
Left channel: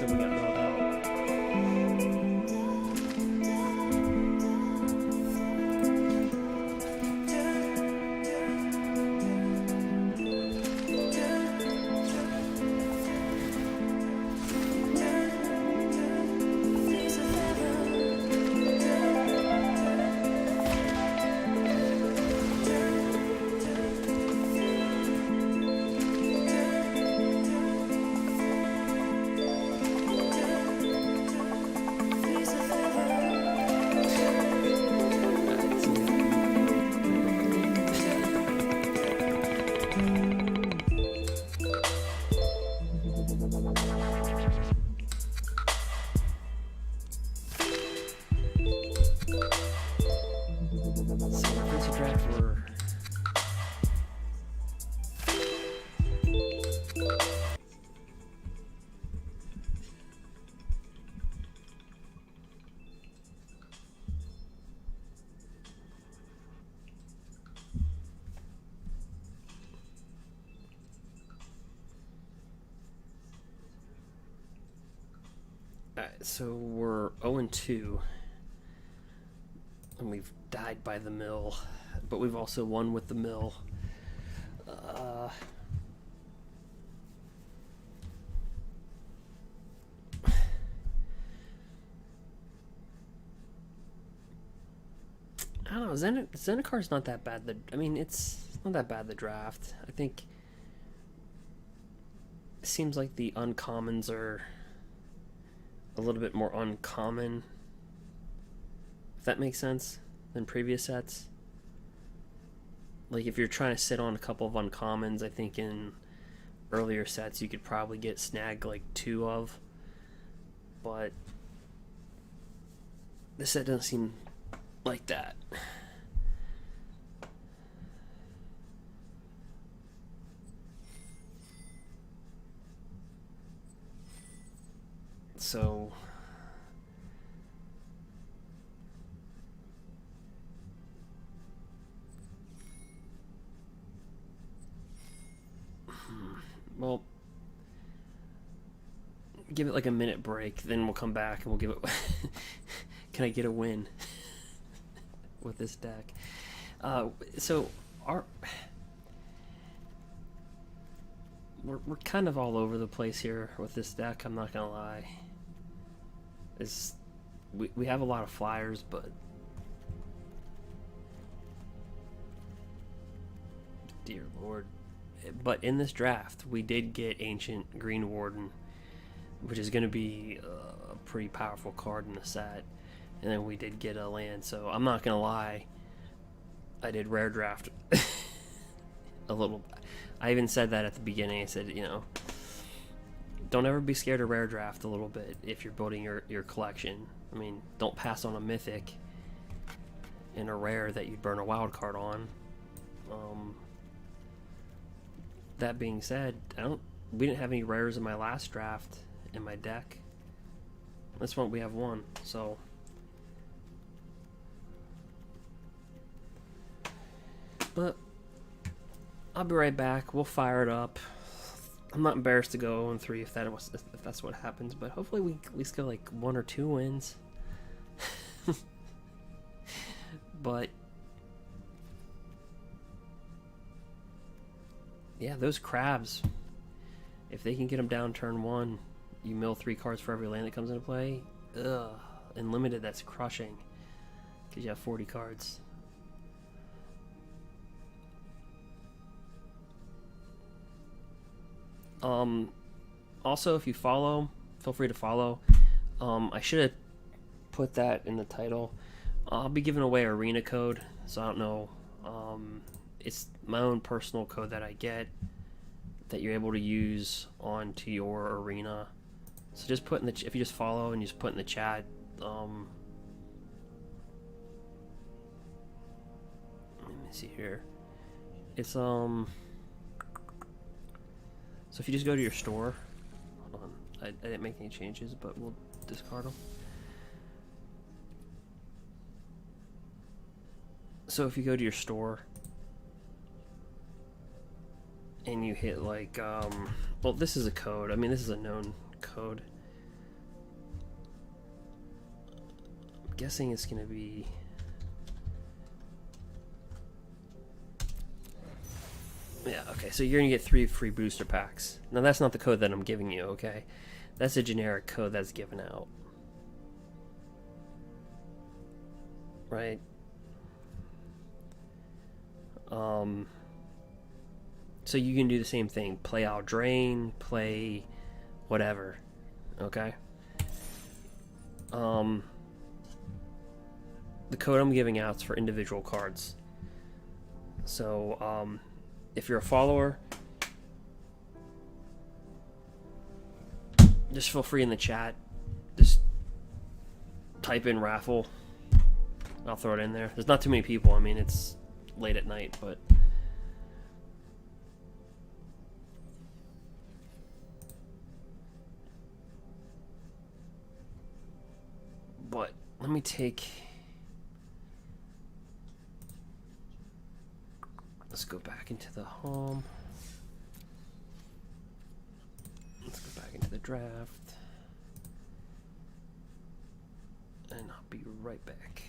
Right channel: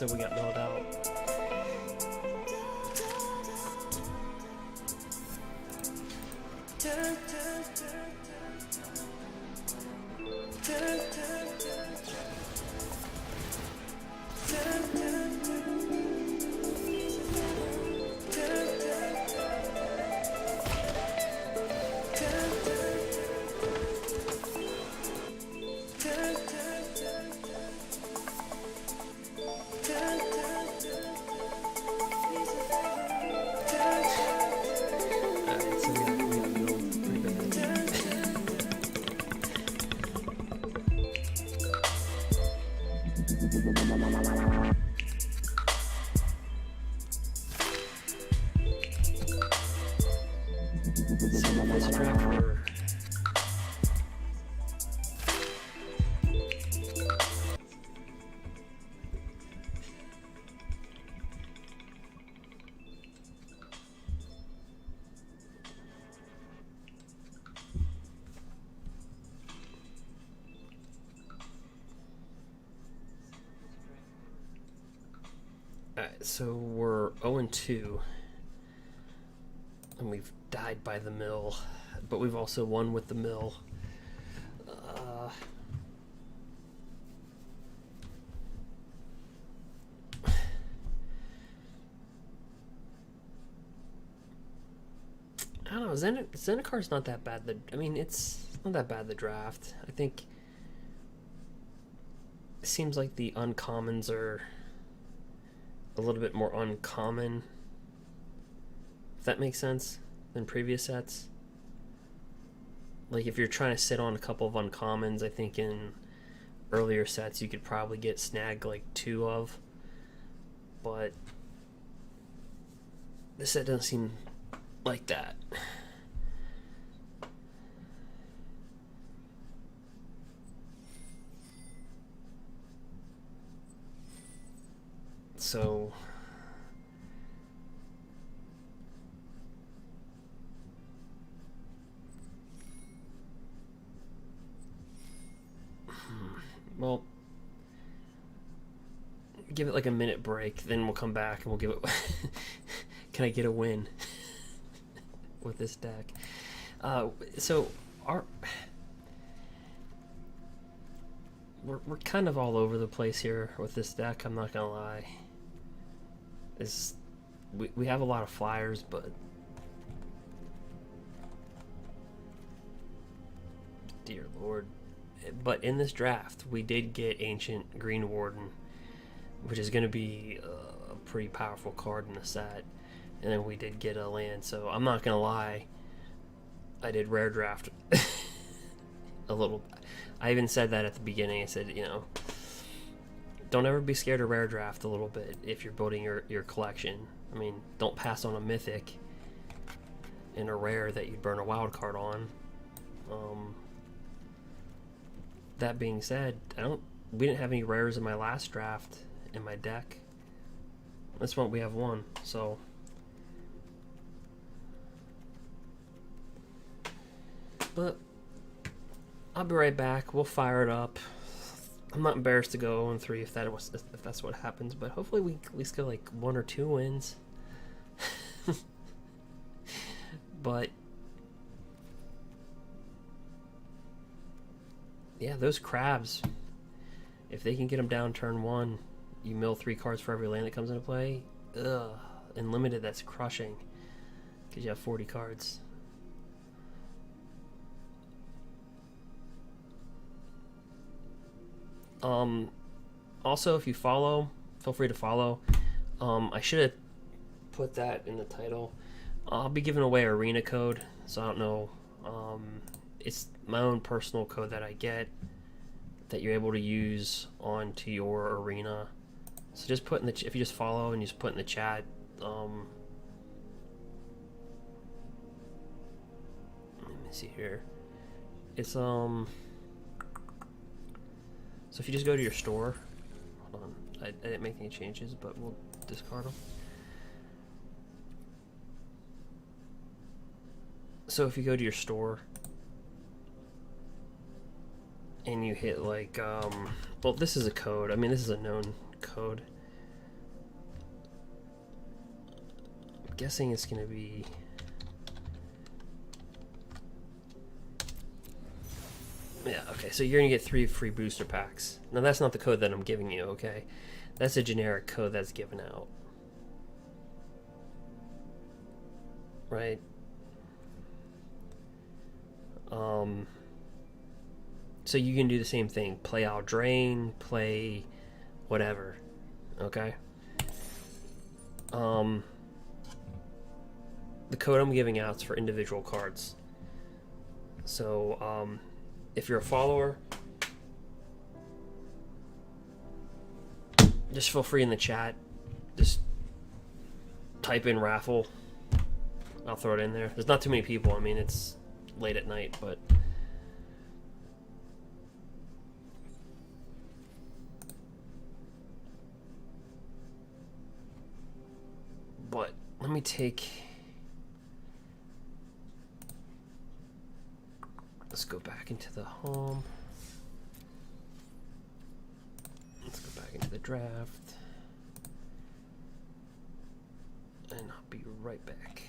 So we got milled out. Alright, so we're 0-2. And we've died by the mill. But we've also won with the mill. I don't know, Zendikar's not that bad. I mean, it's not that bad, the draft. I think it seems like the uncommons are a little bit more uncommon, if that makes sense, than previous sets. Like, if you're trying to sit on a couple of uncommons, I think in earlier sets you could probably get snagged like 2 of. But this set doesn't seem like that. So well, give it like a minute break, then we'll come back and we'll give it can I get a win with this deck? So we're kind of all over the place here with this deck, I'm not gonna lie. We have a lot of flyers, but dear lord. But in this draft we did get Ancient Greenwarden, which is going to be a pretty powerful card in the set. And then we did get a land, so I'm not gonna lie, I did rare draft a little. I even said that at the beginning. I said, you know, don't ever be scared of rare draft a little bit if you're building your collection. I mean, don't pass on a mythic and a rare that you'd burn a wild card on. That being said, we didn't have any rares in my last draft in my deck. This one we have one, so but I'll be right back. We'll fire it up. I'm not embarrassed to go 0-3 if that's what happens, but hopefully we at least get like 1 or 2 wins. But yeah, those crabs, if they can get them down turn 1, you mill 3 cards for every land that comes into play. Ugh, in limited that's crushing because you have 40 cards. Also, if you follow, feel free to follow. I should have put that in the title. I'll be giving away arena code, so I don't know. It's my own personal code that I get that you're able to use onto your arena. So just put in the if you just follow and you just put in the chat. Let me see here. It's So if you just go to your store, hold on, I didn't make any changes, but we'll discard them. So if you go to your store and you hit like, well, this is a code. I mean, this is a known code. guessing it's going to be... Yeah, okay, so you're going to get 3 free booster packs. Now, that's not the code that I'm giving you, okay? That's a generic code that's given out. Right? So you can do the same thing. Play out Drain, play whatever. Okay? The code I'm giving out is for individual cards. So, if you're a follower, just feel free in the chat. Just type in raffle. I'll throw it in there. There's not too many people. I mean, it's late at night, but... But let me take... Let's go back into the home. Let's go back into the draft. And I'll be right back.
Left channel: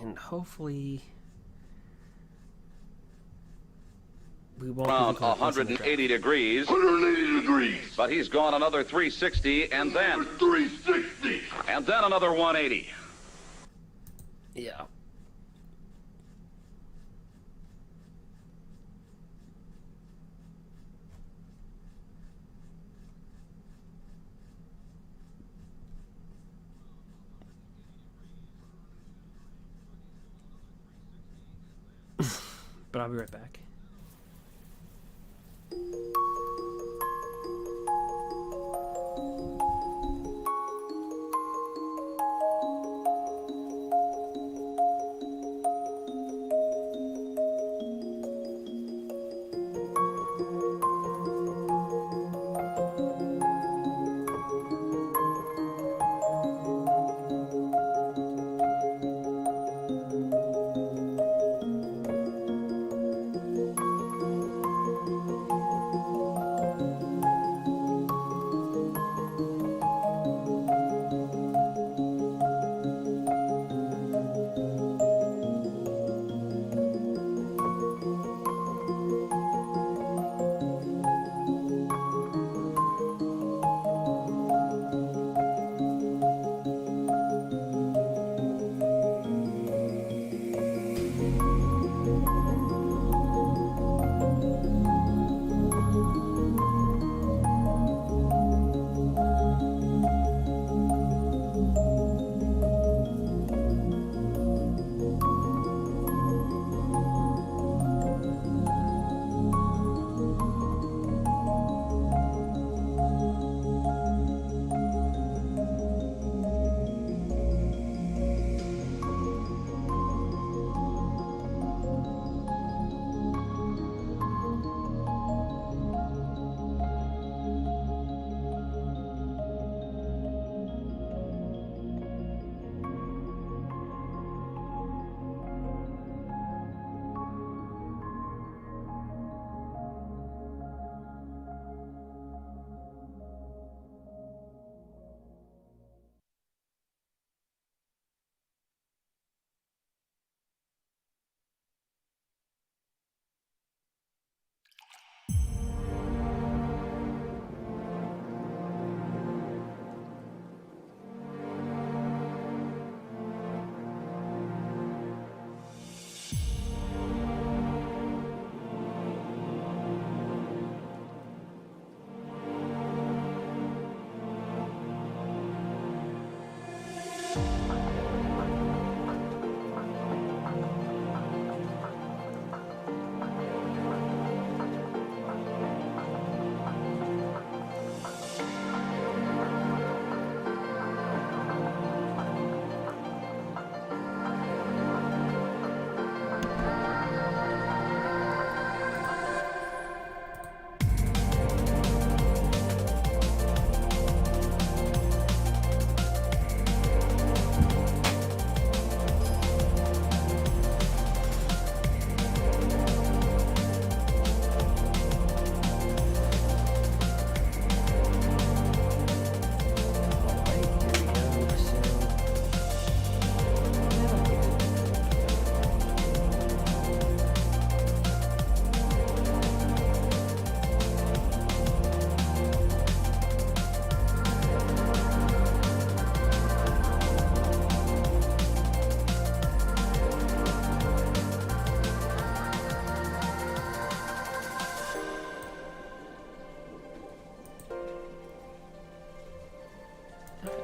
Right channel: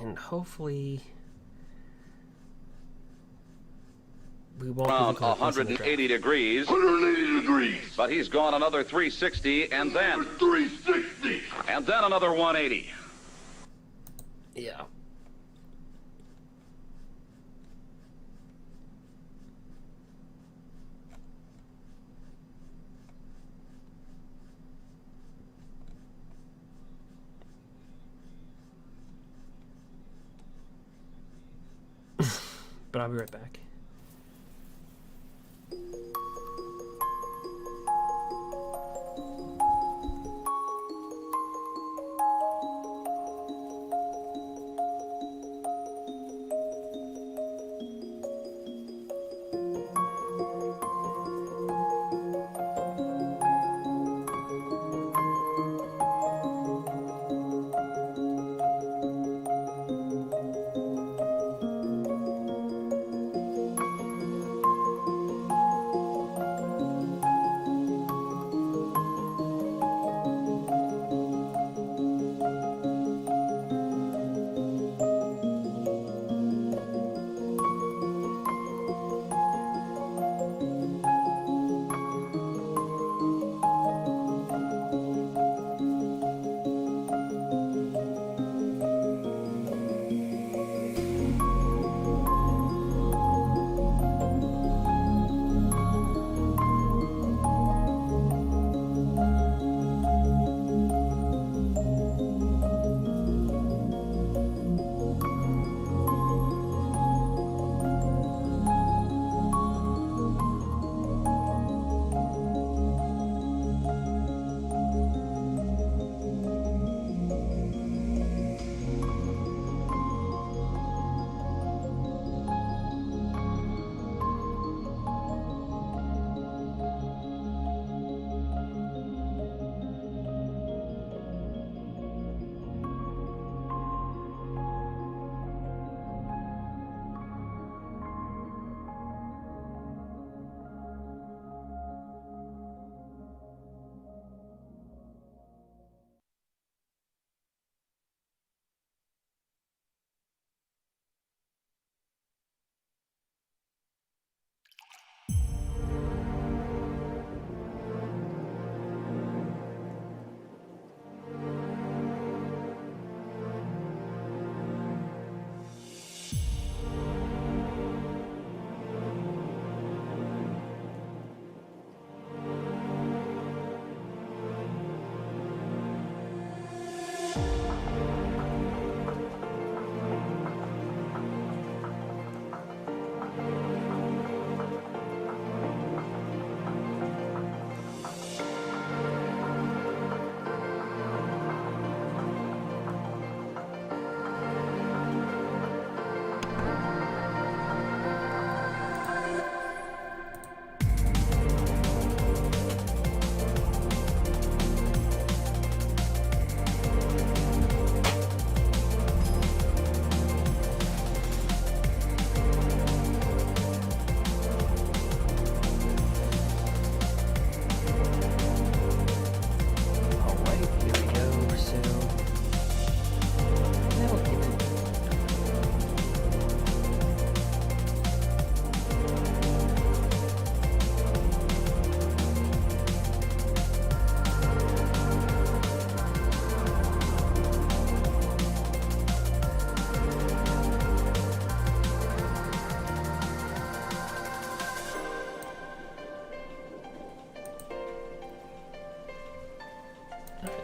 And hopefully we won't Around 180 degrees. 180 degrees. But he's gone another 360 and then 360. and then another 180. Yeah. But I'll be right back.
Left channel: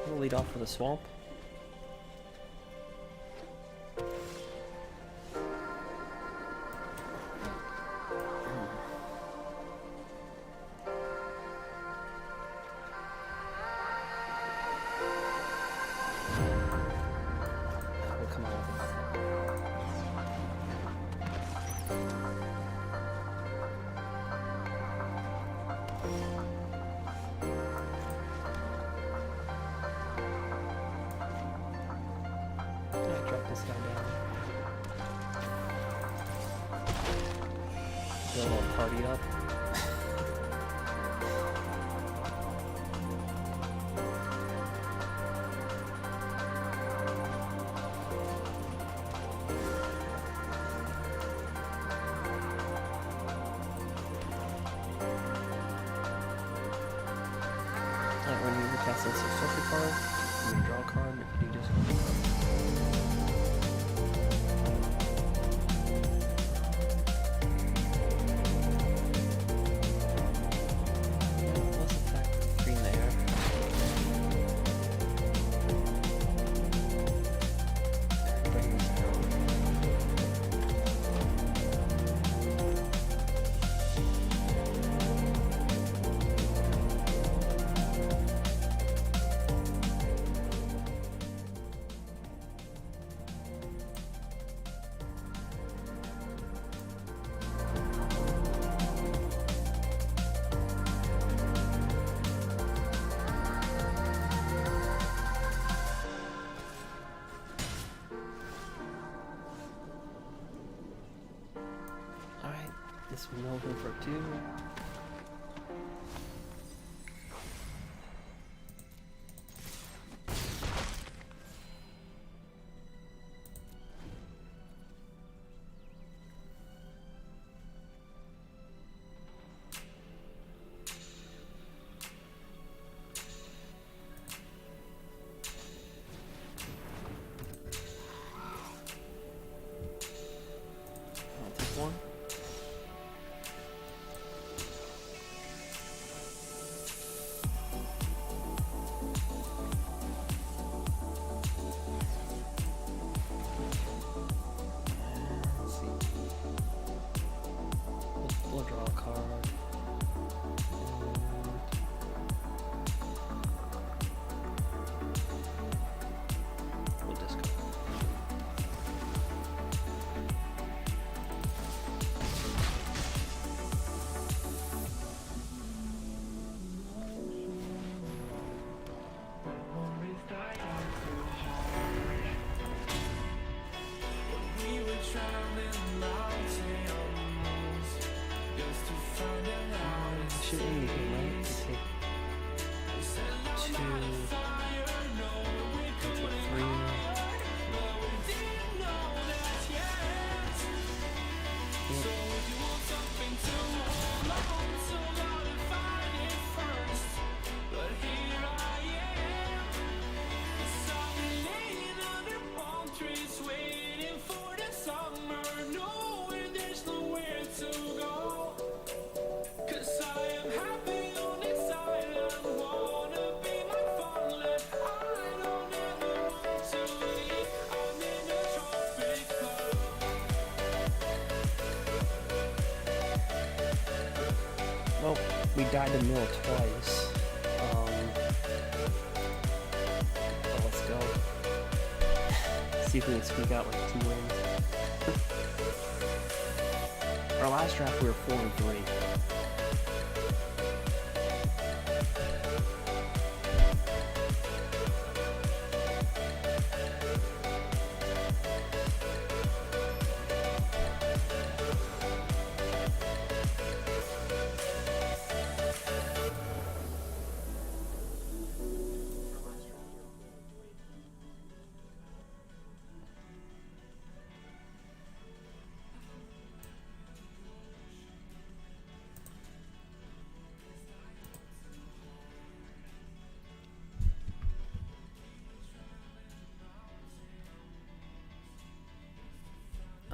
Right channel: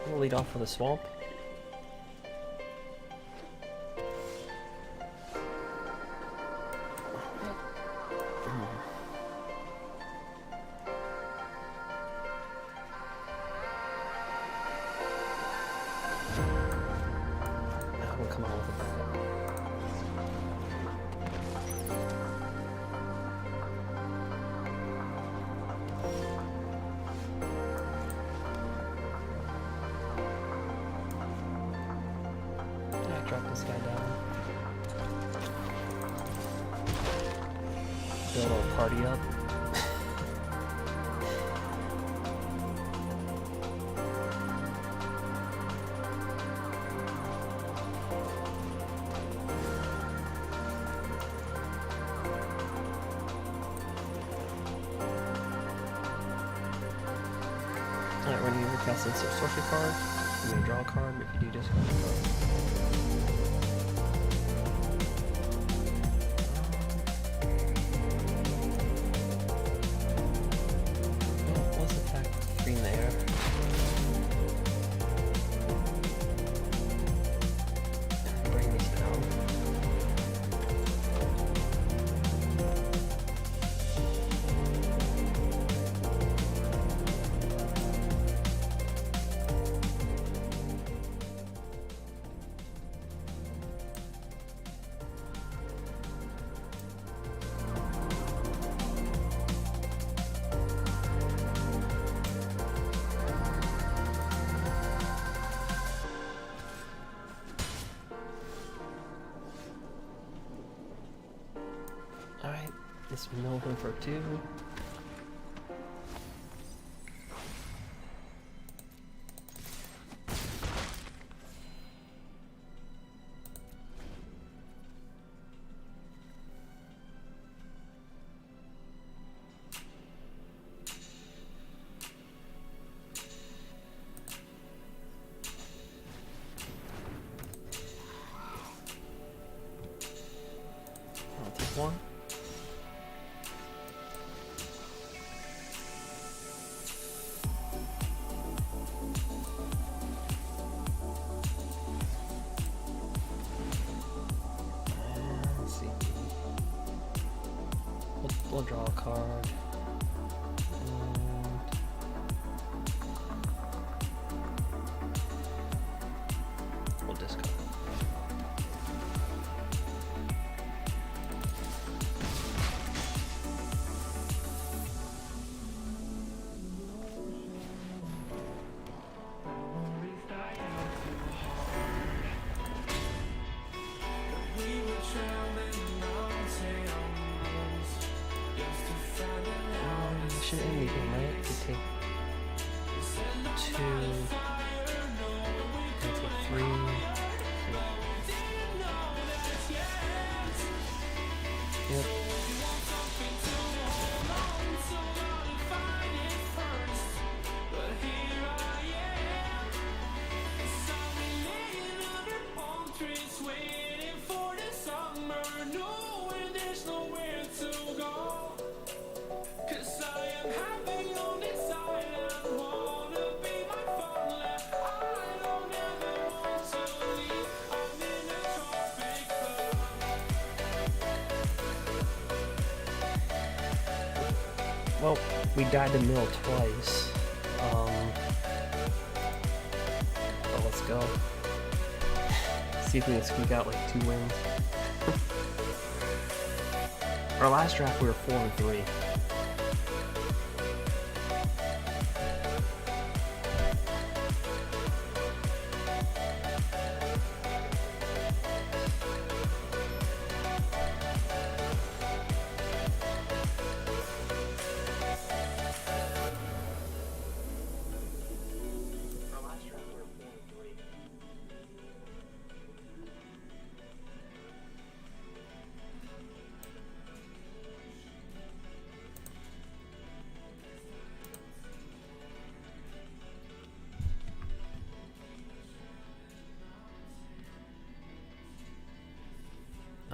We'll lead off with a swamp. We'll come out with a bit. Drop this guy down. Build our party up. Alright, when you cast a sorcery card, you may draw a card. If you do, discard a card. Alright, let's mill him for 2. I'll take 1. We'll draw a card. And we'll discard. Should end the game, right? To take 2, take 3. Yep. Well, we died to mill twice. But let's go. See if we can squeak out like 2 wins. Our last draft we were 4-3.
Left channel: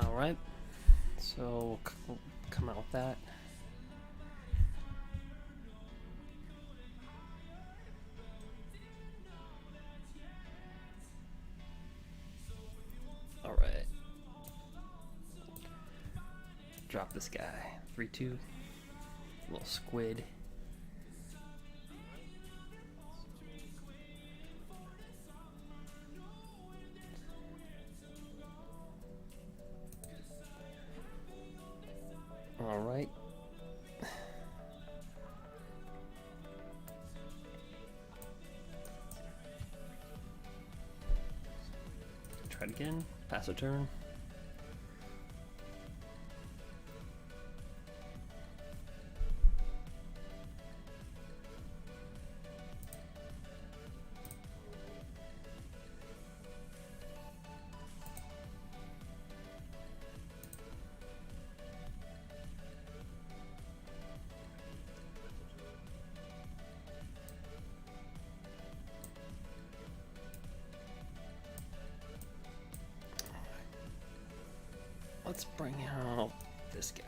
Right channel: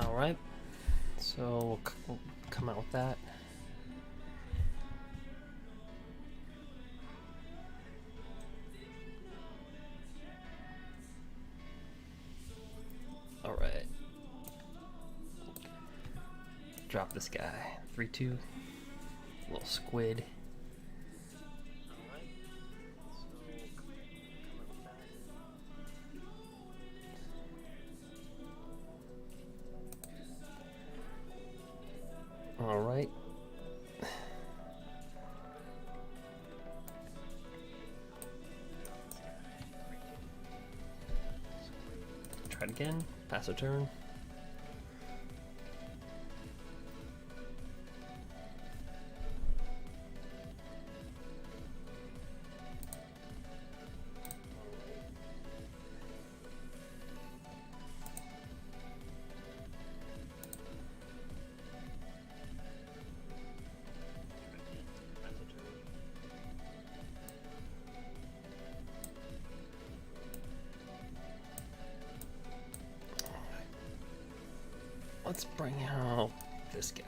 Alright, so we'll come out with that. Drop this guy. 3/2. Little squid. All right. Try it again. Pass a turn. Let's bring out this guy.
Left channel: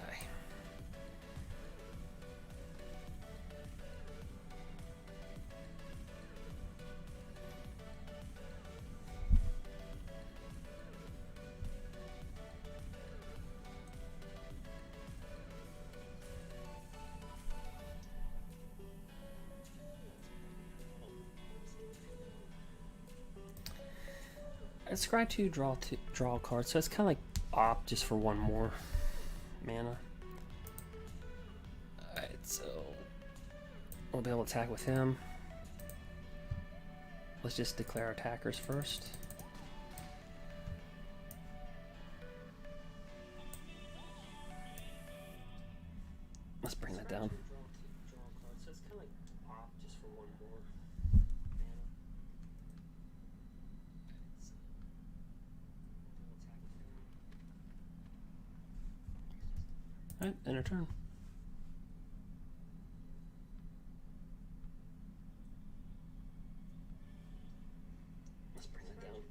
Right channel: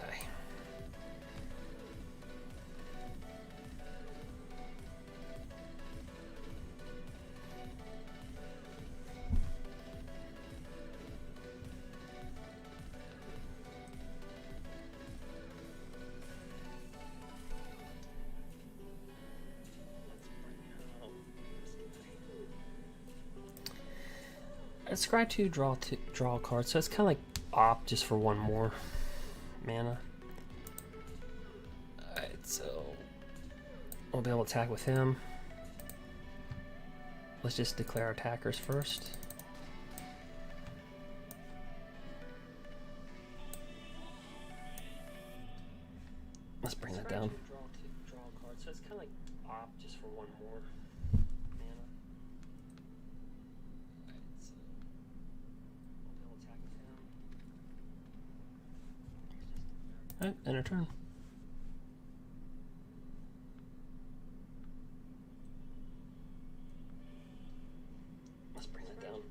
Scry 2, draw a card, so it's kind of like opt just for one more mana. Alright, so we'll be able to attack with him. Let's just declare attackers first. Let's bring that down. Draw a card, so it's kind of like opt just for one more mana. Alright, end our turn. Let's bring that down.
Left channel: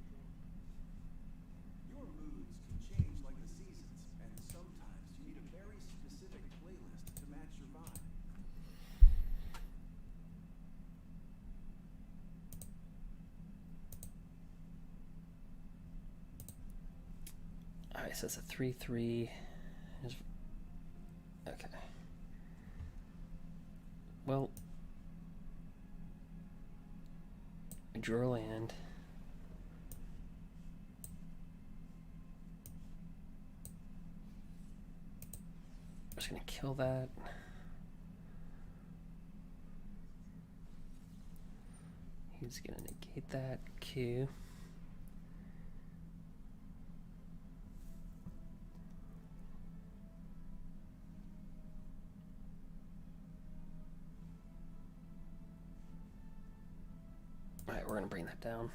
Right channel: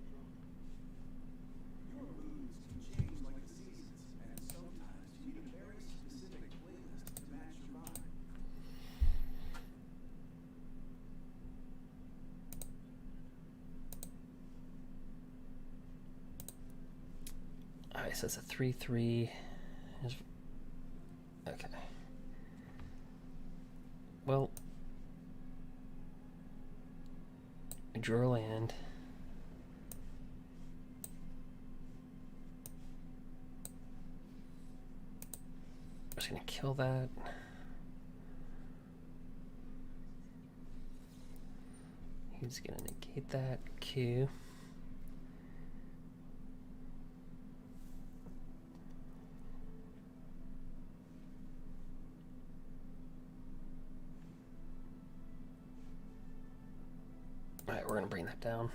Your moods can change like the seasons, and sometimes you need a very specific playlist to match your vibe. Alright, so it's a 3/3. Okay. Well, I drew a land. I'm just gonna kill that. He's gonna negate that. Q. Alright, we're gonna bring that down.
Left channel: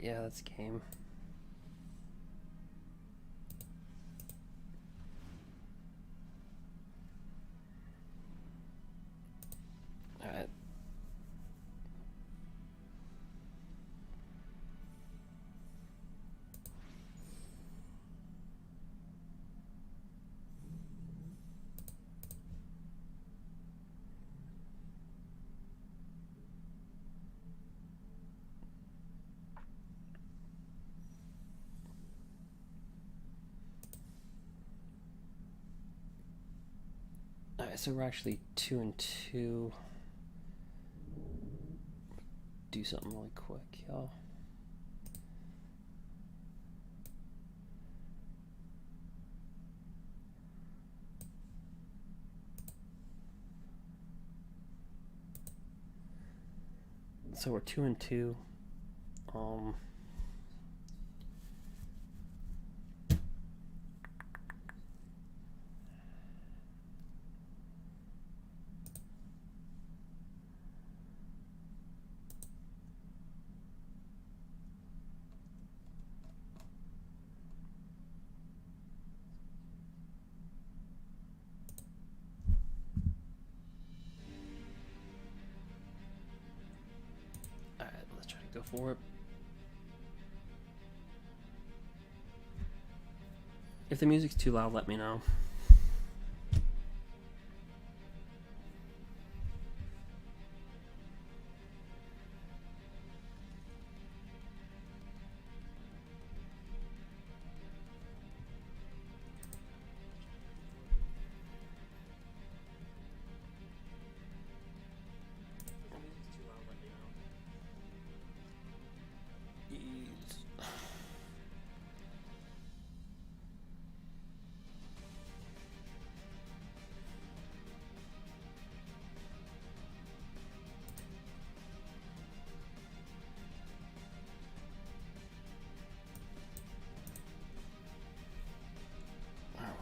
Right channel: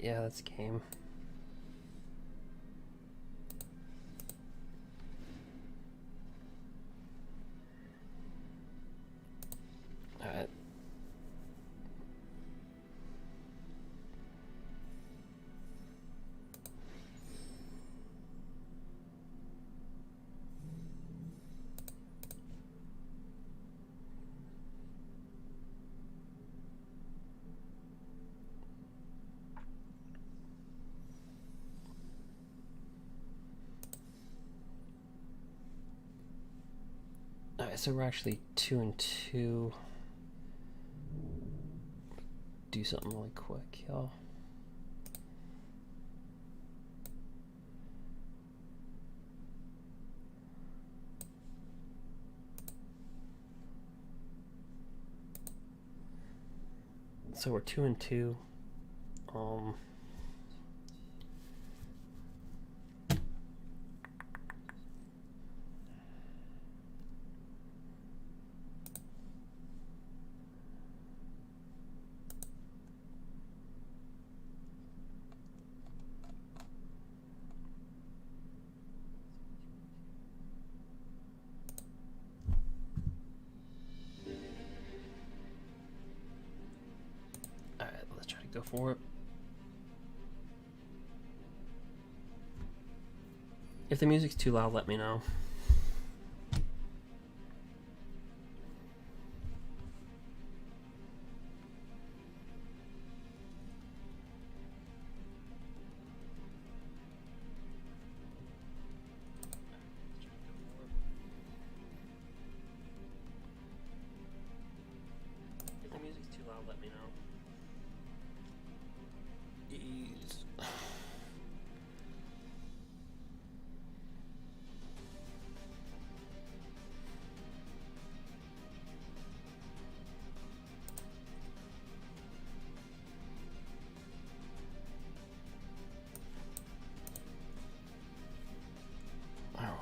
Yeah, that's game. Alright. Alright, so we're actually 2 and 2. Do something really quick, y'all. So we're 2 and 2. Go for it. If the music's too loud, let me know. If the music's too loud, let me know. Ease.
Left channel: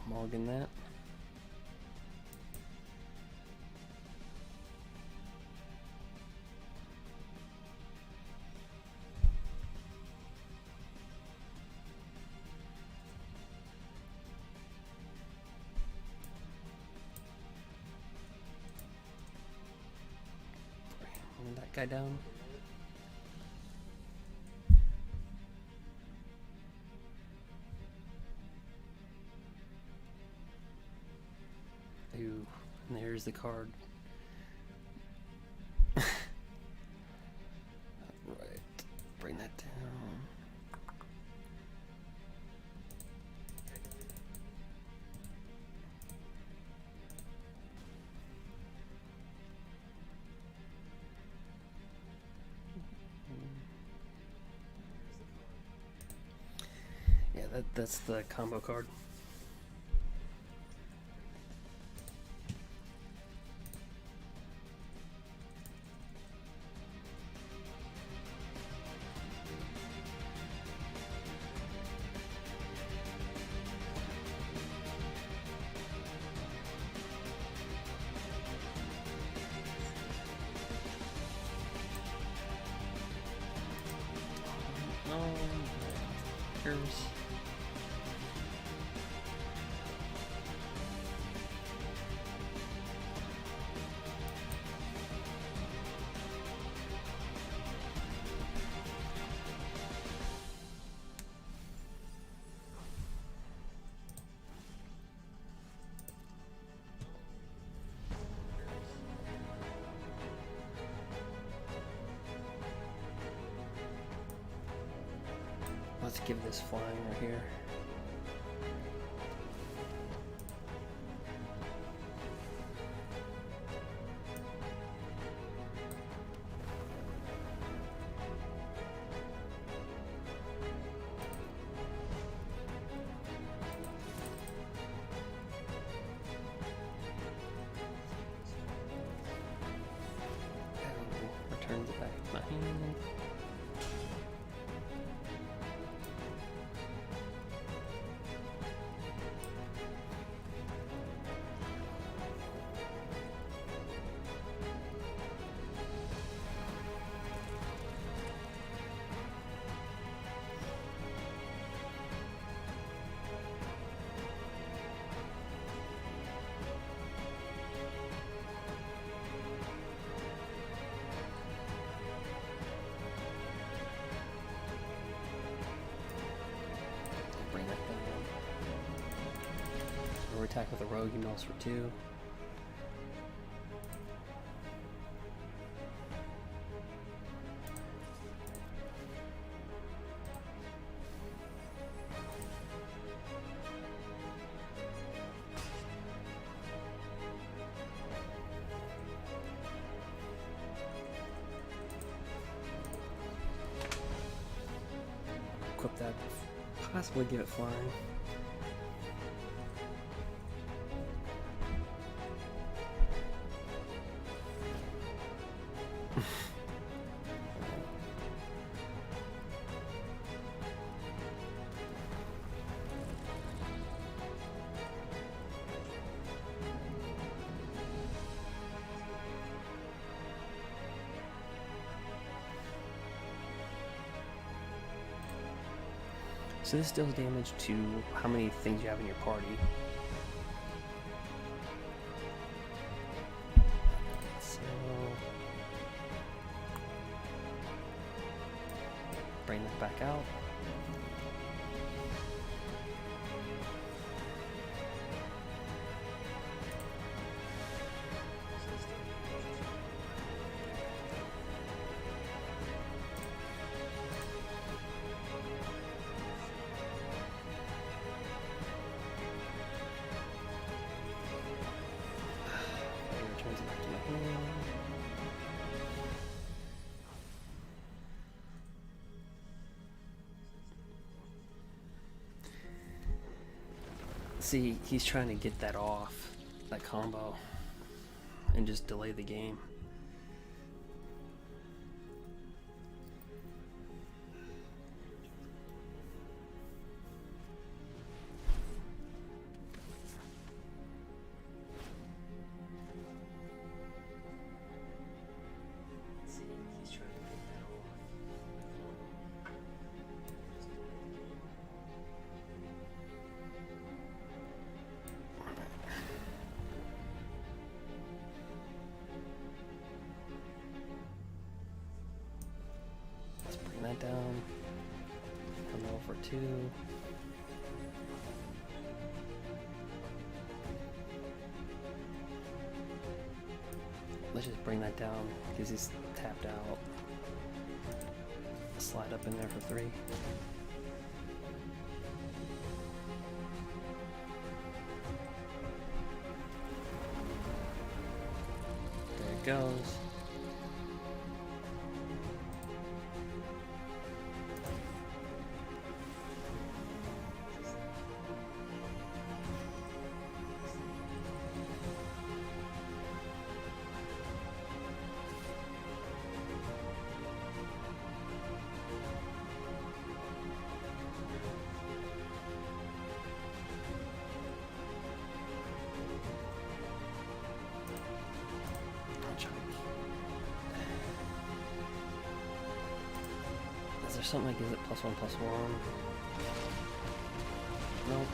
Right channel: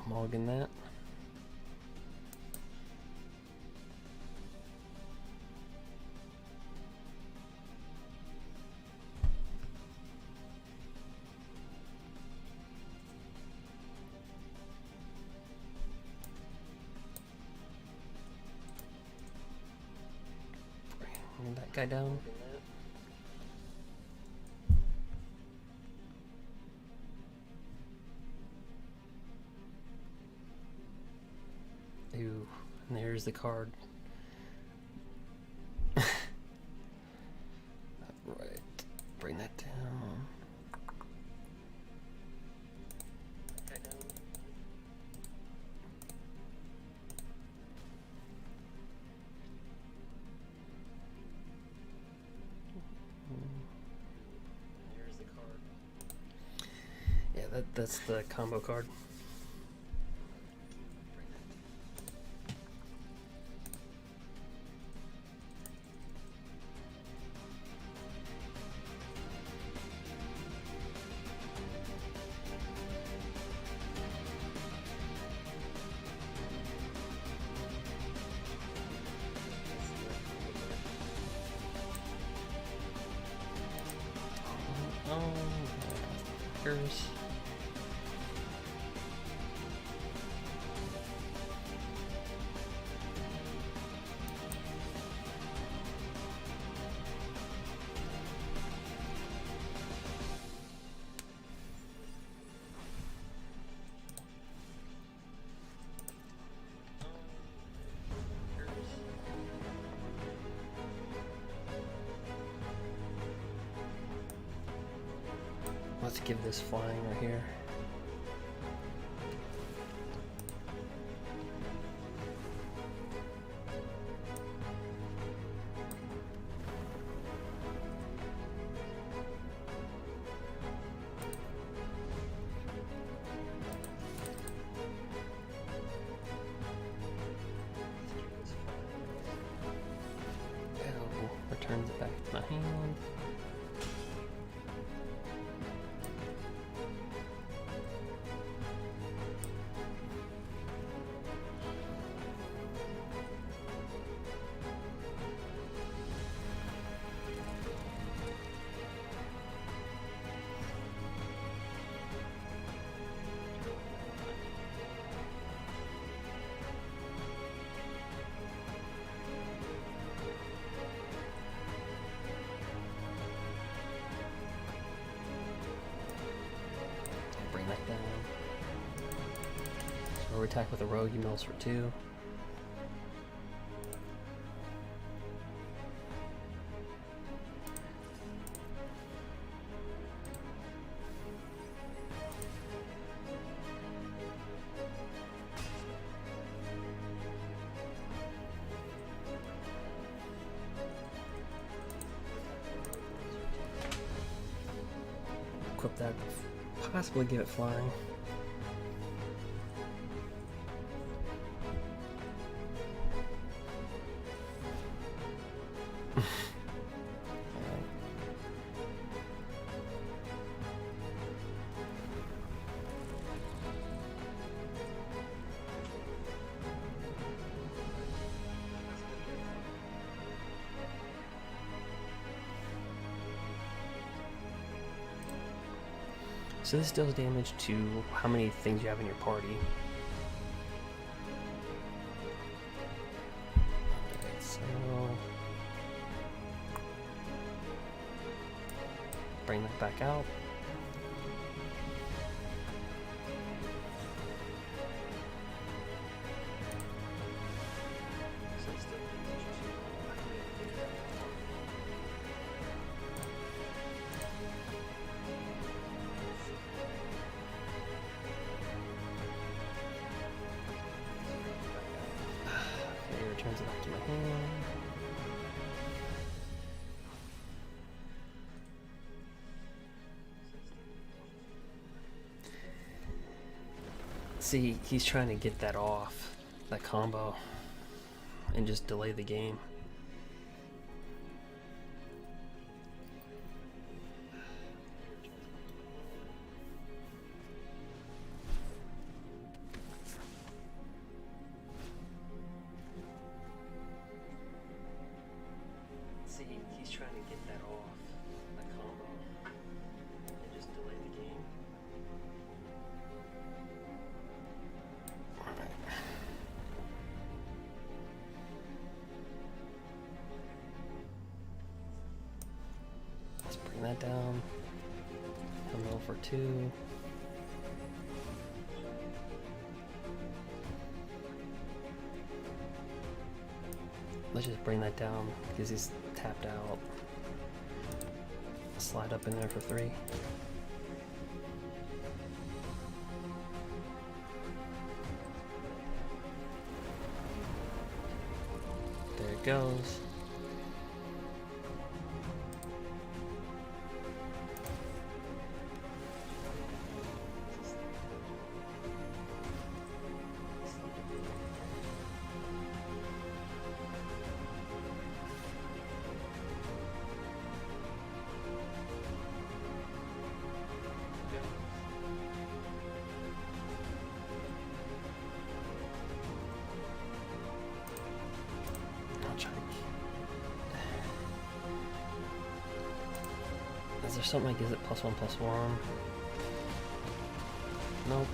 Mulligan that. Bring that guy down. Ooh, and there's the card. Right, bring that down. There's the card. Yeah, that's the combo card. Oh, here's. Let's give this flying right here. Oh, returns it back to my hand. Bring that down. So we attack with a rogue, he mills for 2. Equip that. Possibly get it flying. So this deals damage to how many things you have in your party. Alright, so bring that back out. Okay, returns it back to my hand. See, he's trying to get that off, that combo, and just delay the game. See, he's trying to get that off, that combo, and just delay the game. Let's bring that down. Come roll for 2. Let's just bring that down because he's tapped out. Slide up in there for 3. There it goes. Is there something that gives it +1/+1? Nope.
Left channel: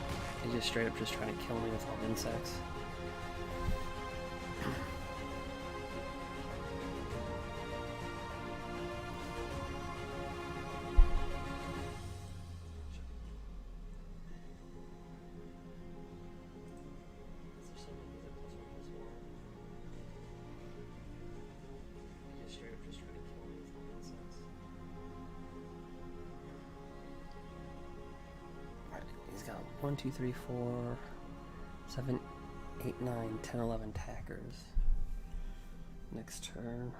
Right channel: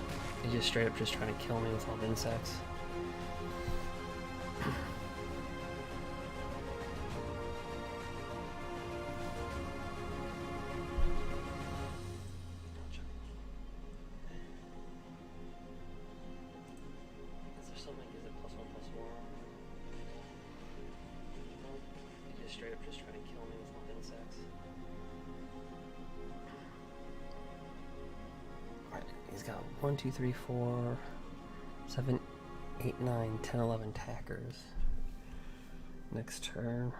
He's just straight up just trying to kill me with all the insects. Is there something that gives it +1/+1? Nope. He's just straight up just trying to kill me with all the insects. He's got 1, 2, 3, 4, 7, 8, 9, 10, 11 tackers. Next turn.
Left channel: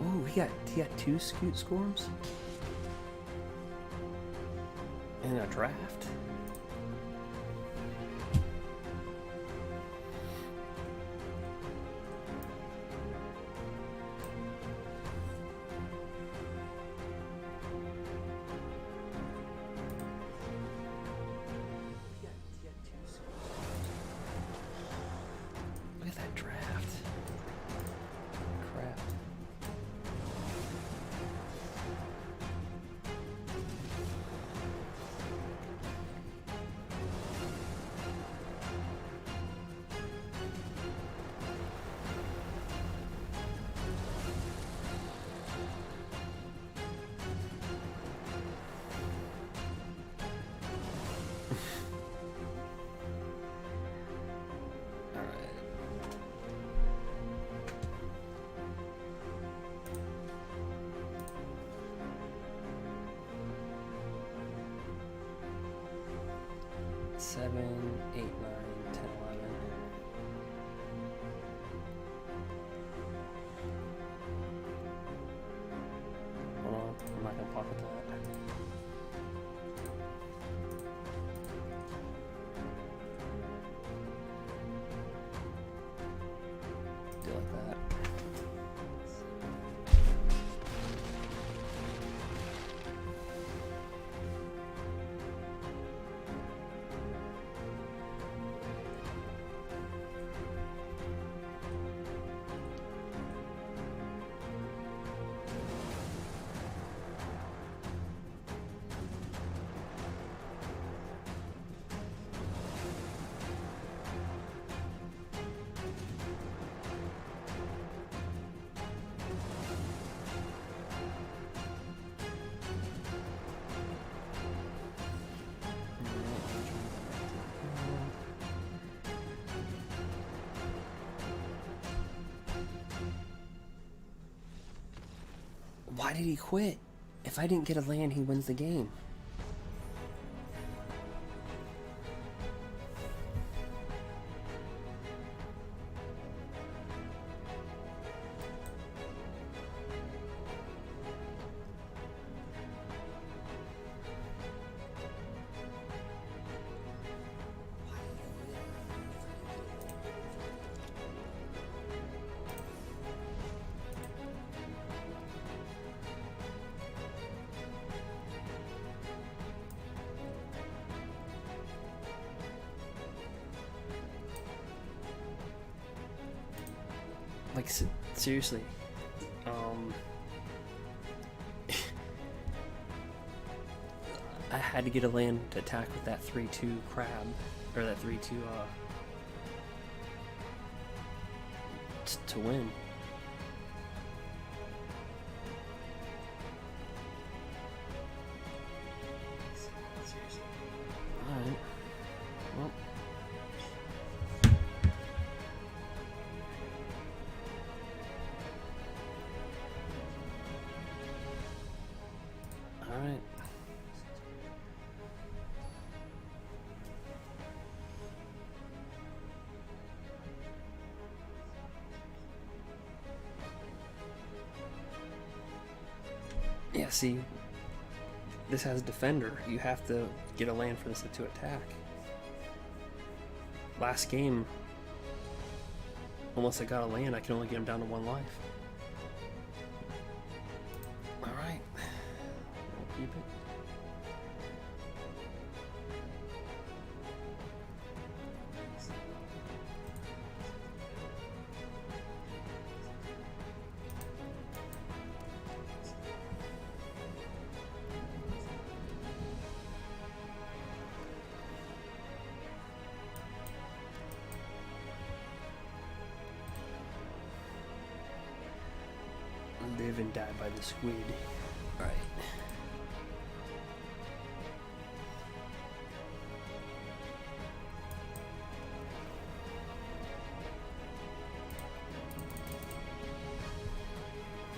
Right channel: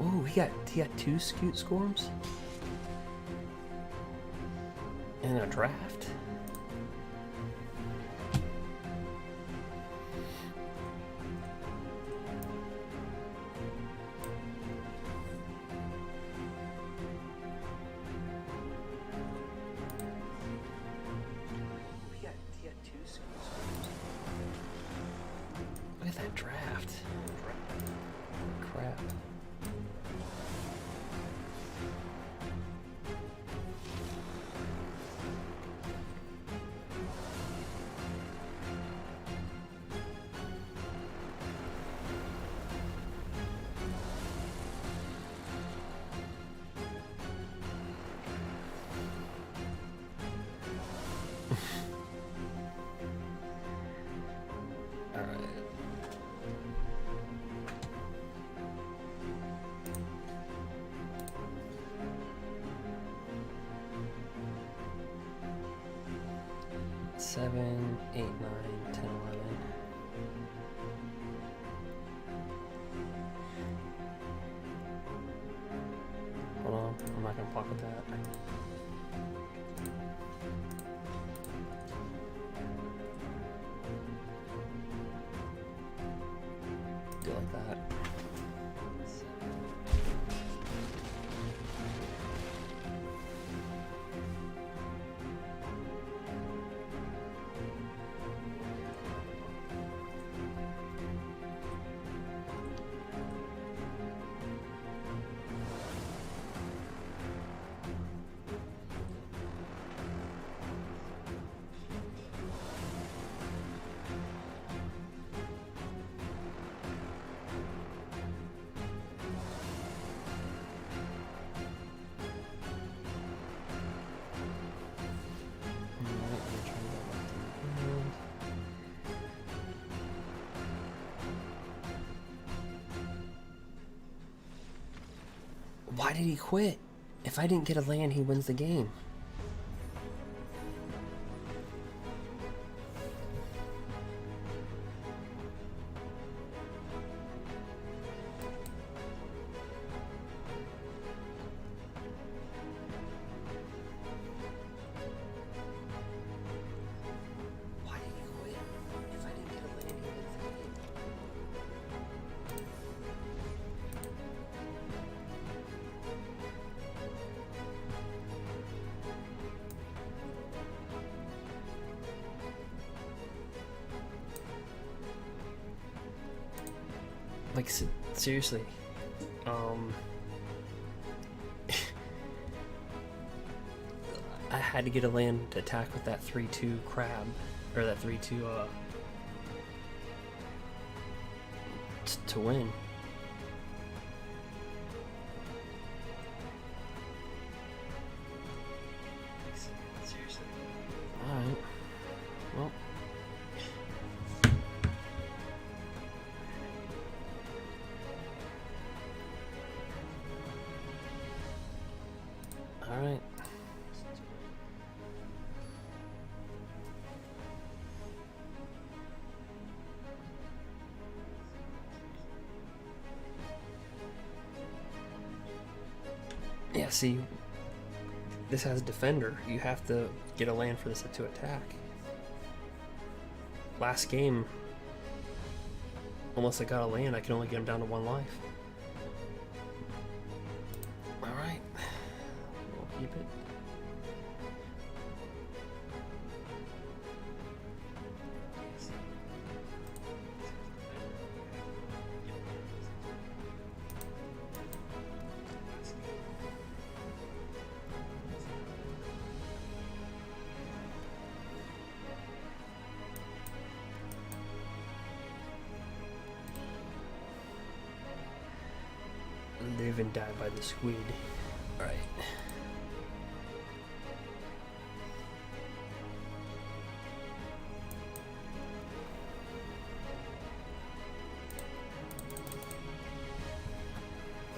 Ooh, he got 2 Scute Scorms in a draft. He got 2 Scute Scorms. Look at that draft. Crap. All right. Seven, 8, 9, 10, 11. Hold on, I'm not gonna pocket that. Do it like that. Why did he quit? If I didn't get a land, he wins the game. Why did he quit? If I didn't get a land, he wins the game. Like, seriously. I had to get a land to attack with that 3/2 crab. Or that 3/2, to win. Seriously. Alright. Well. Alright. Yeah, see, this has defender. You have to get a land for this to attack. Last game, unless I got a land, I can only get him down to 1 life. Alright. We'll keep it. Live and die by the squid. Alright.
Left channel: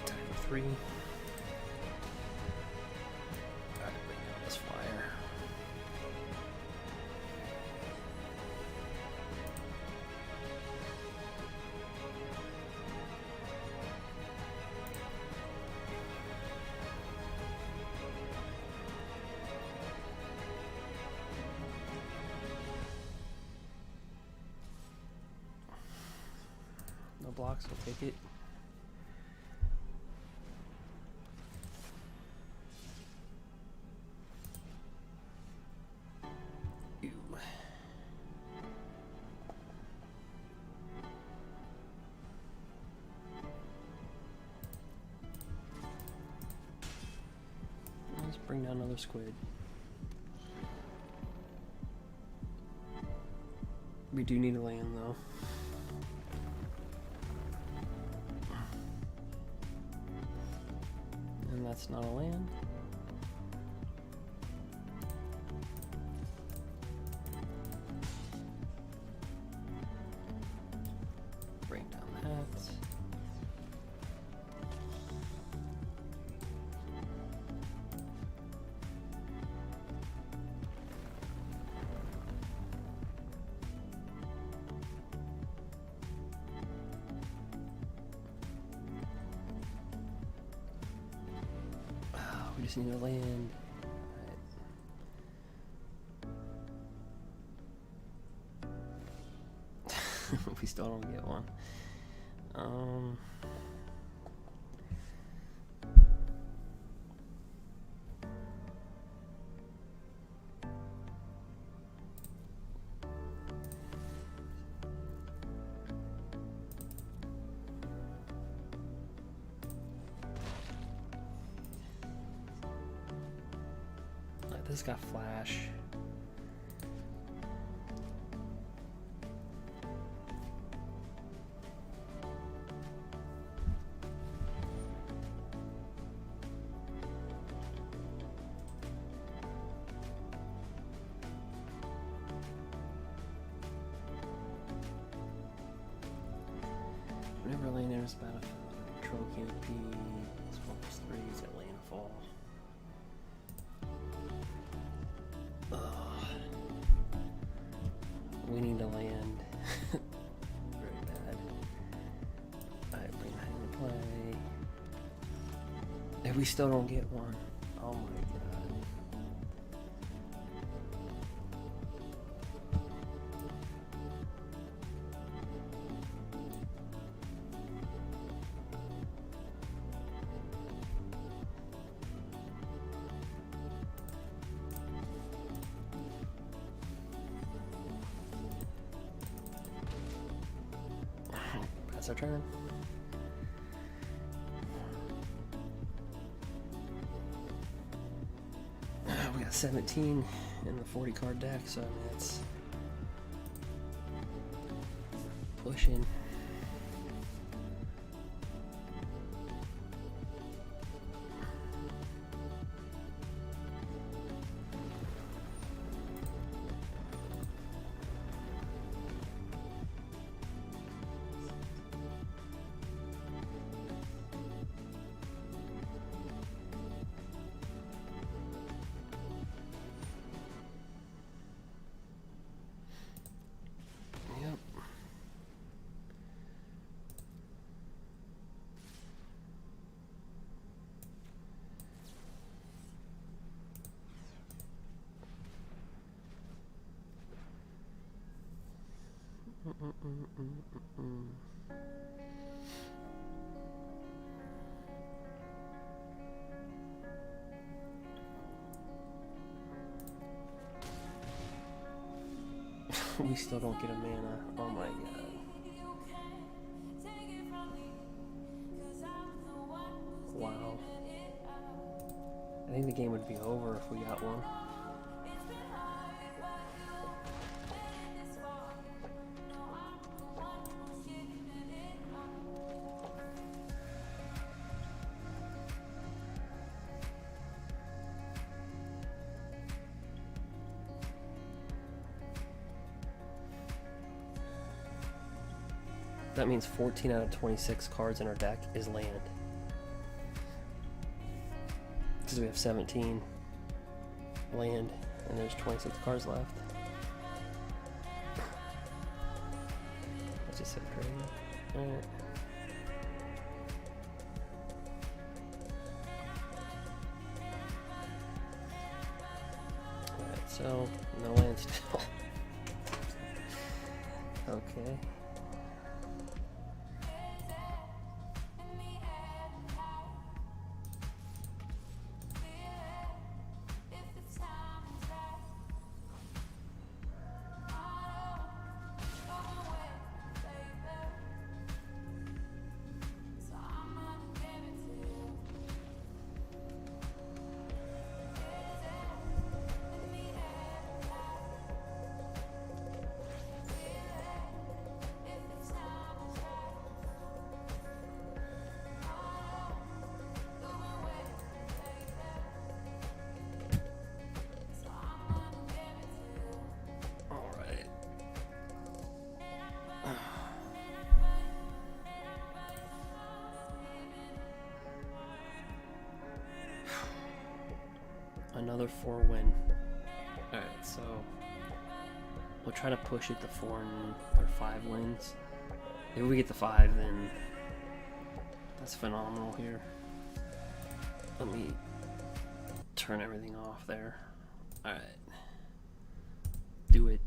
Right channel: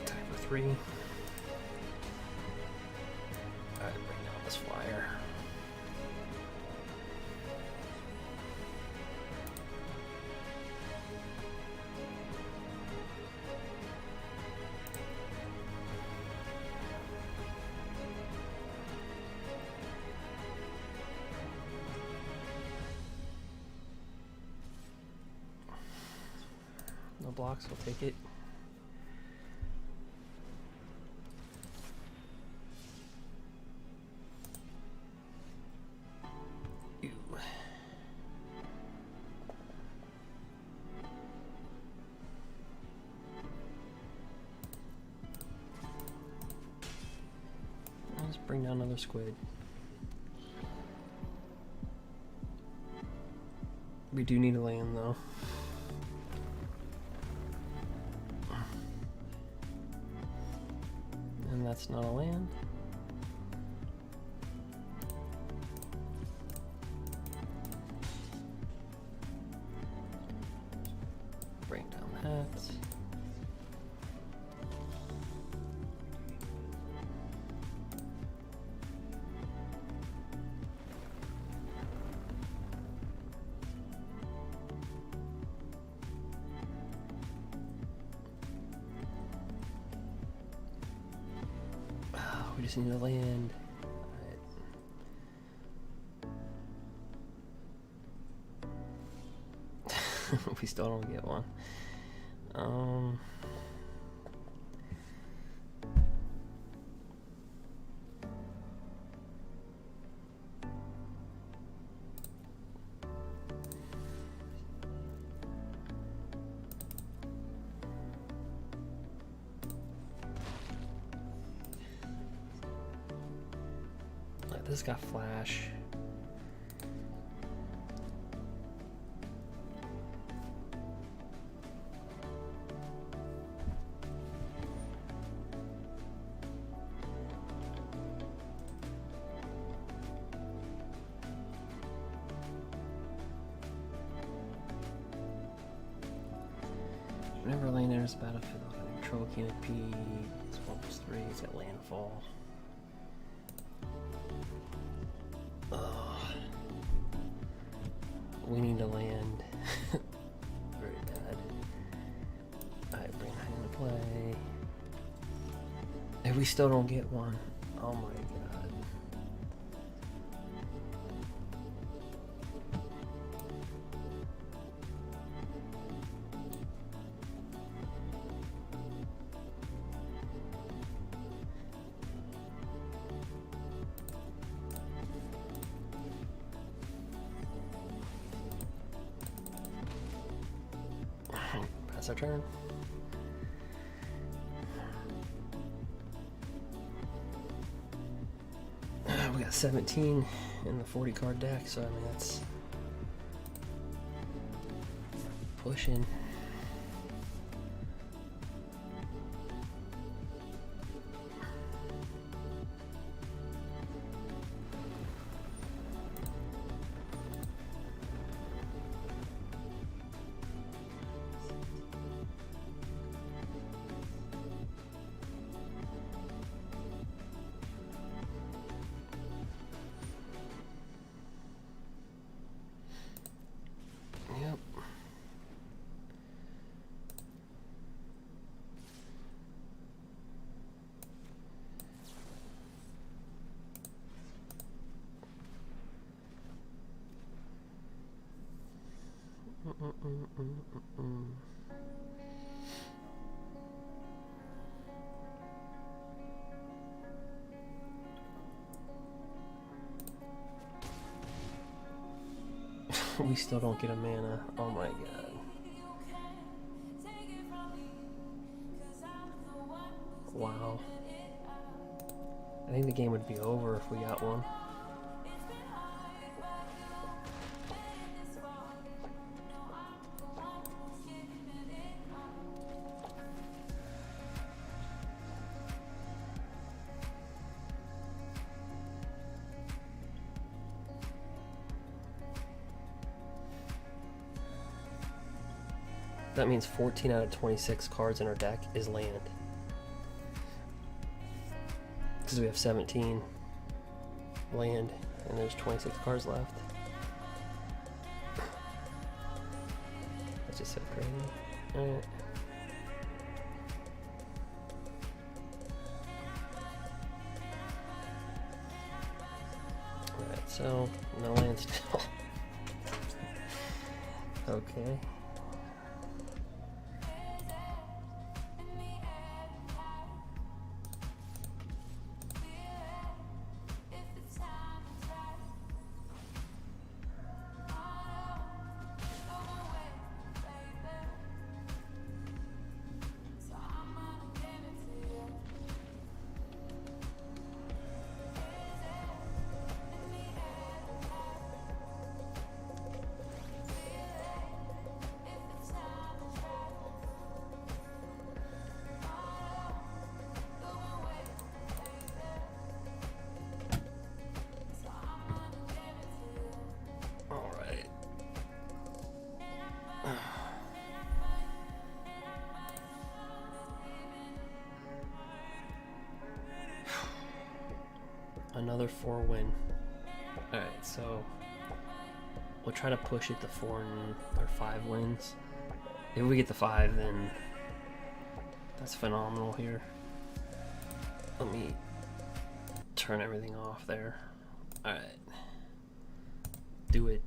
Attack for 3. Alright, bring down this flyer. No blocks, we'll take it. Ew. Let's bring down another squid. We do need a land though. And that's not a land. Bring down that. We just need to land. Alright. We still don't get one. This got flash. Whenever a lane enters the battlefield on your Control canopy. It's 1+3. It's got landfall. We need to land. Very bad. Alright, bring that into play. And we still don't get one. Oh my god. Pass our turn. We got 17 in the 40 card deck, so I mean that's pushing. Yep. We still don't get a mana. Oh my god. Wow. I think the game would be over if we got one. That means 14 out of 26 cards in our deck is land. Because we have 17 land and there's 26 cards left. That's just so crazy. Alright. Alright, so no land still. Okay. Another 4 win. Alright, so we'll try to push it to 4 or 5 wins. If we get the 5, then that's phenomenal here. Let me turn everything off there. Alright. Do it.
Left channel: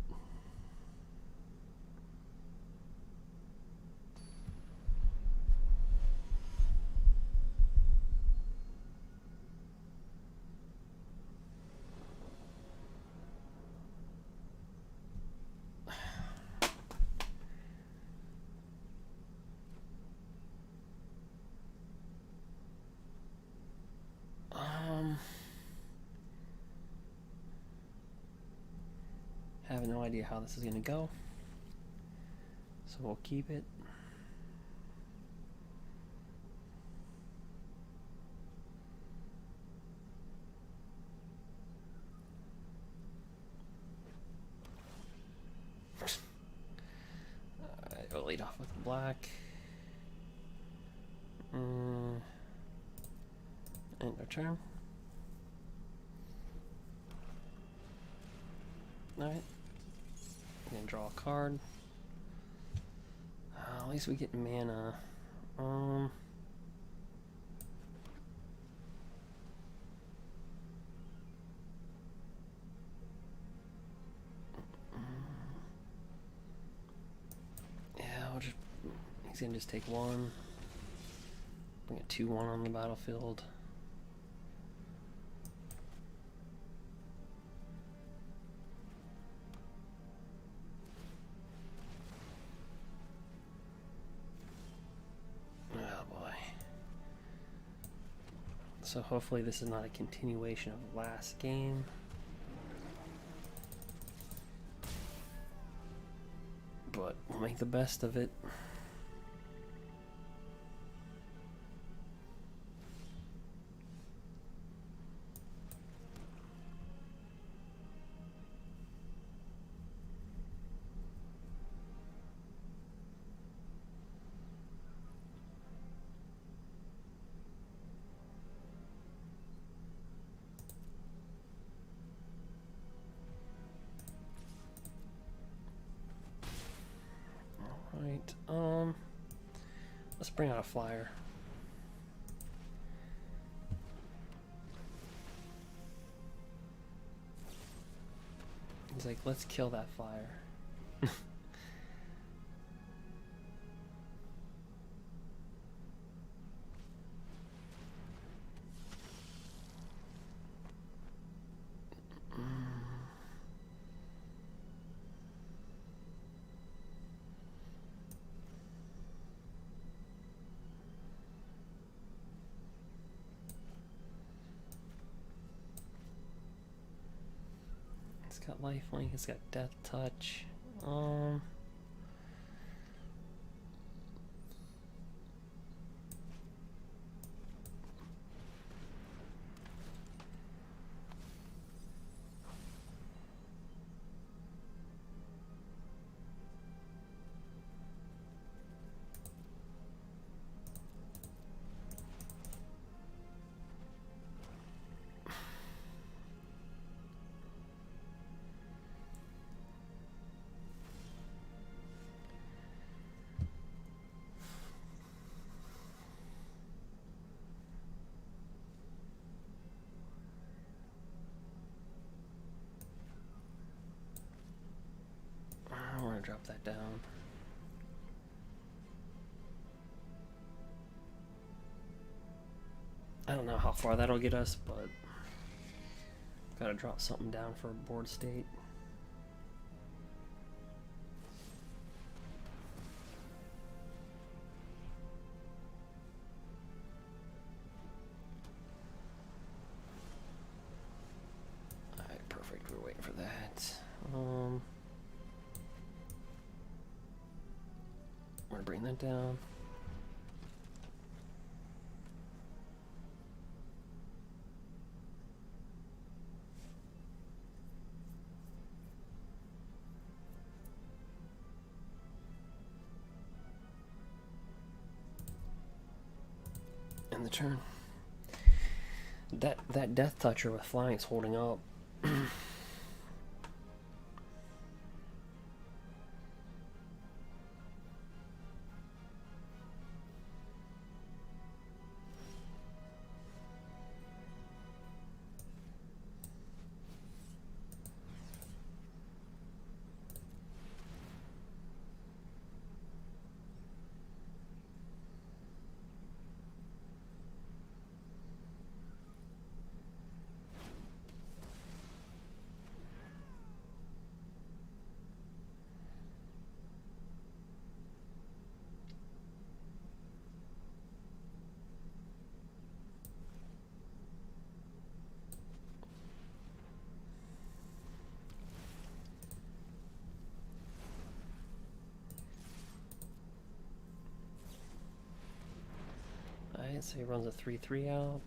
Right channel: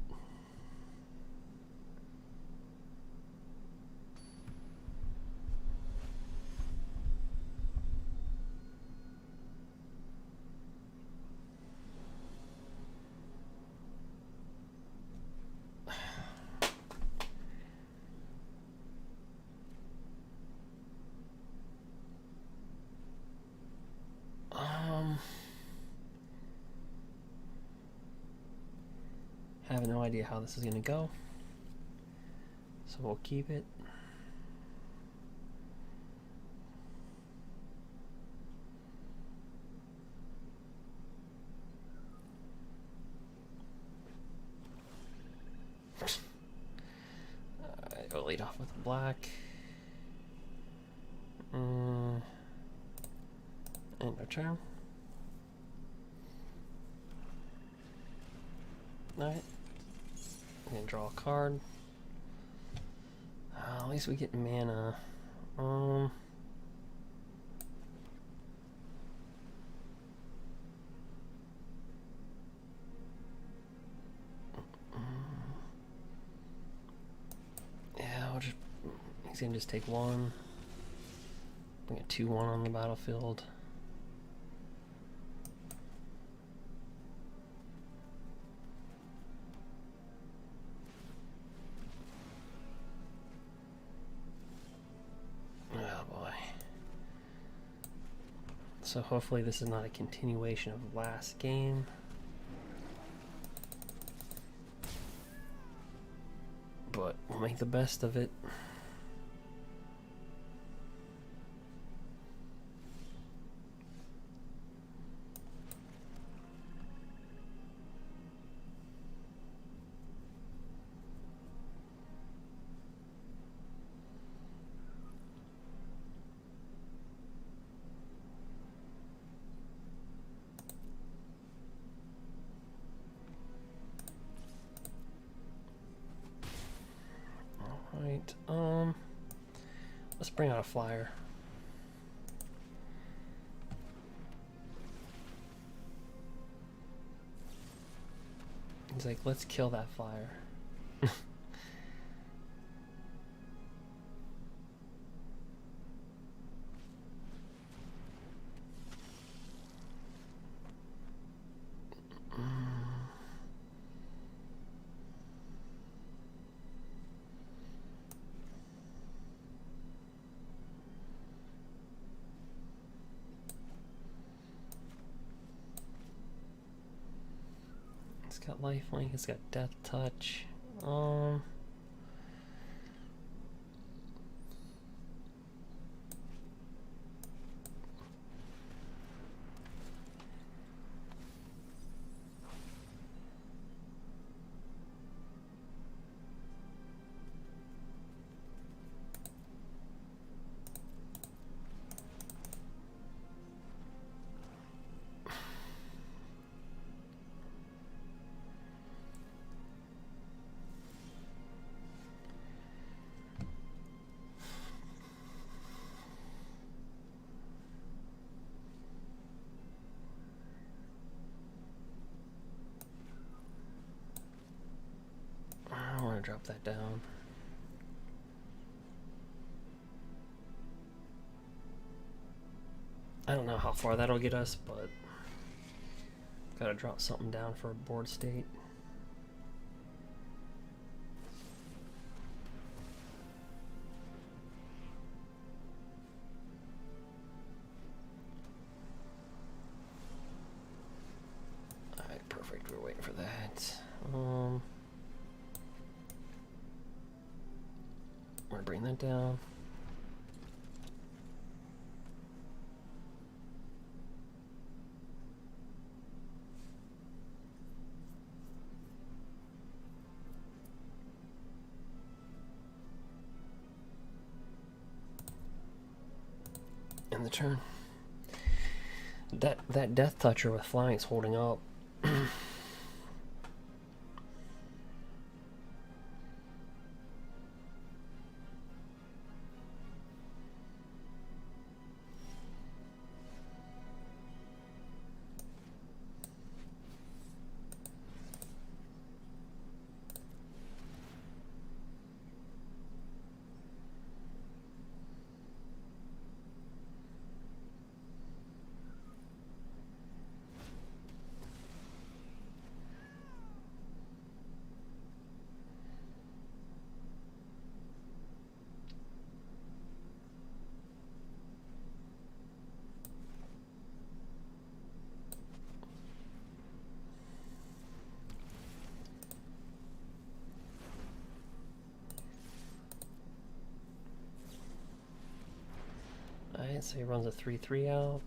Have no idea how this is gonna go, so we'll keep it. Alright, we'll lead off with black. End of turn. Alright. I'm gonna draw a card. At least we get mana. Yeah, I'll just. He's gonna just take one. Bring a 2/1 on the battlefield. Oh boy. So hopefully this is not a continuation of last game. But we'll make the best of it. Right, let's bring out a flyer. He's like, let's kill that flyer. It's got lifelink, it's got death touch. I want to drop that down. I don't know how far that'll get us, but gotta drop something down for a board state. Alright, perfect. We're waiting for that. I'm gonna bring that down. End the turn. That death toucher with flying is holding up. Alright, so he runs a 3/3 out.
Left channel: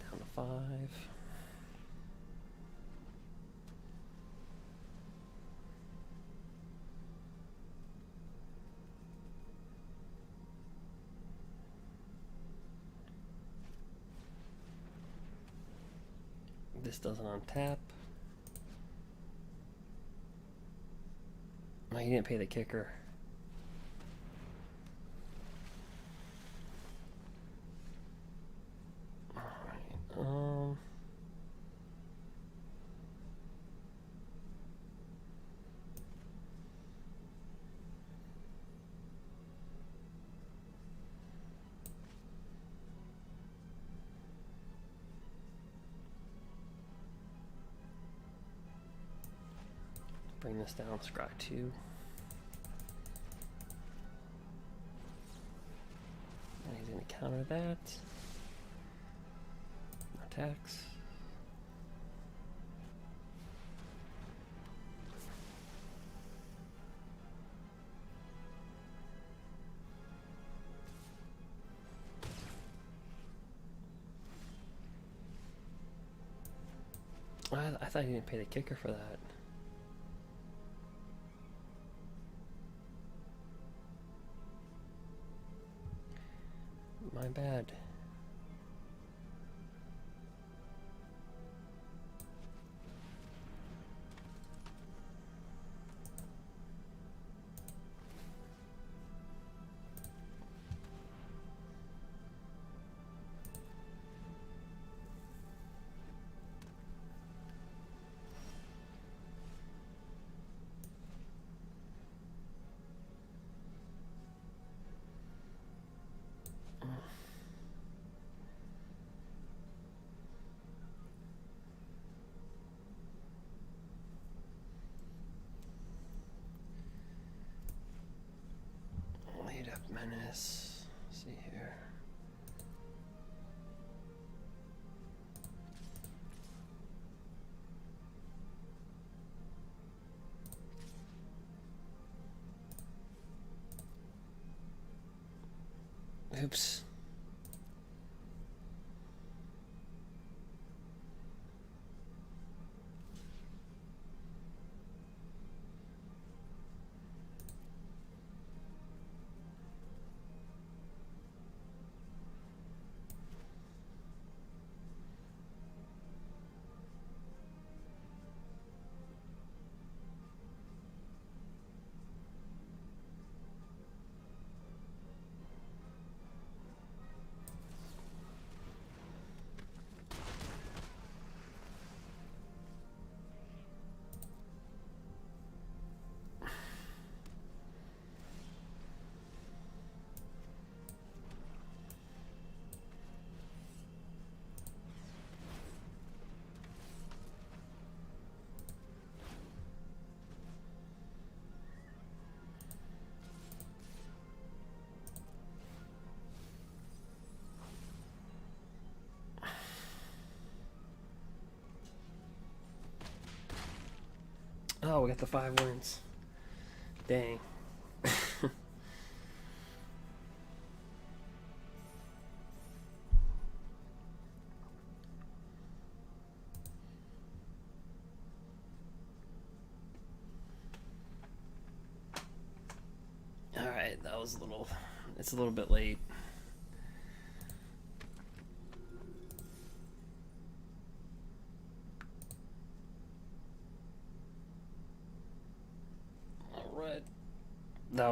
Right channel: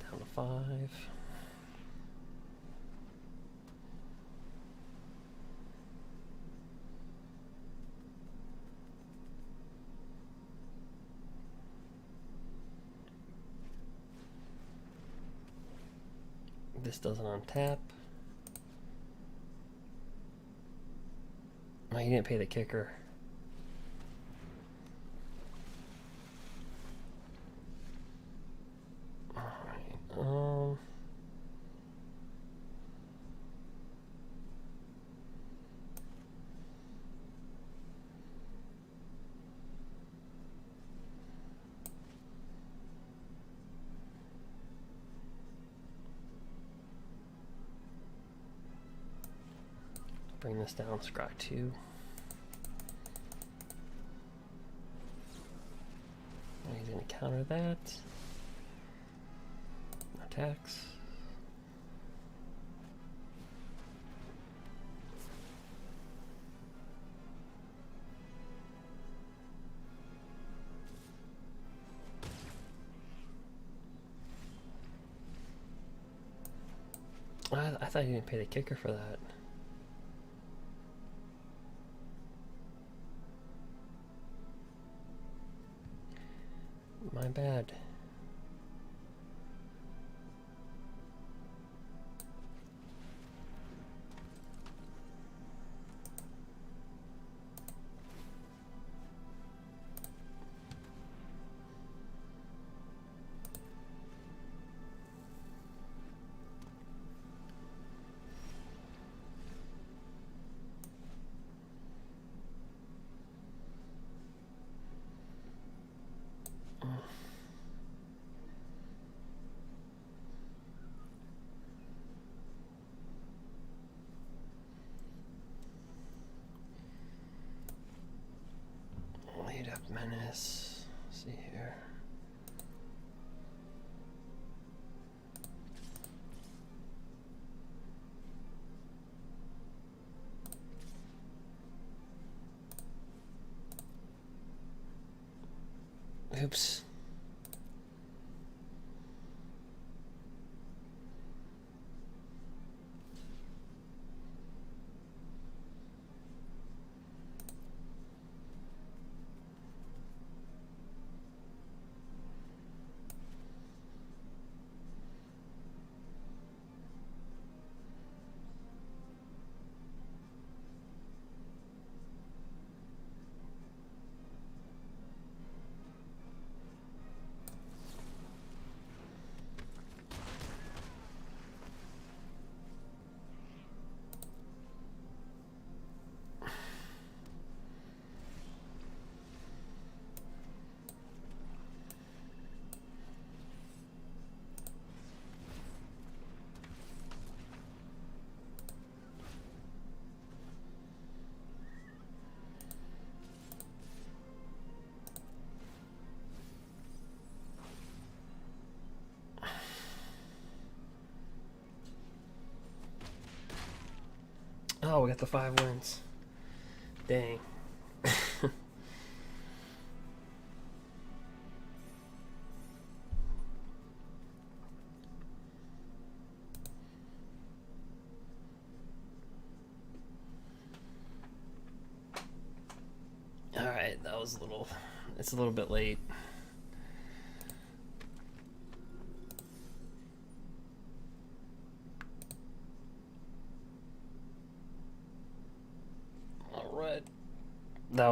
Down to 5. This doesn't untap. No, you didn't pay the kicker. Alright, bring this down, scry 2. Now he's going to counter that. No attacks. I thought you didn't pay the kicker for that. My bad. Lead up menace. Let's see here. Oops. Oh, we got the 5 wins. Dang. Alright, that was it's a little bit late. That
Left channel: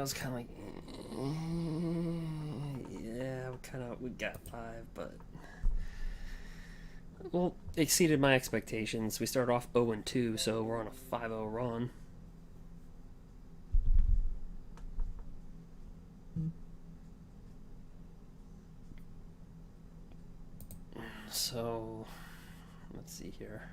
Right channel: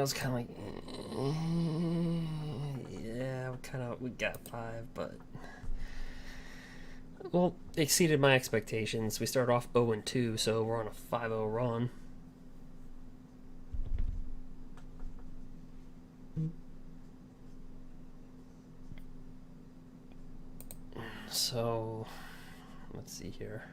was kind of like, yeah, we got 5, but well, exceeded my expectations. We started off 0-2, so we're on a 5-0 run. So let's see here.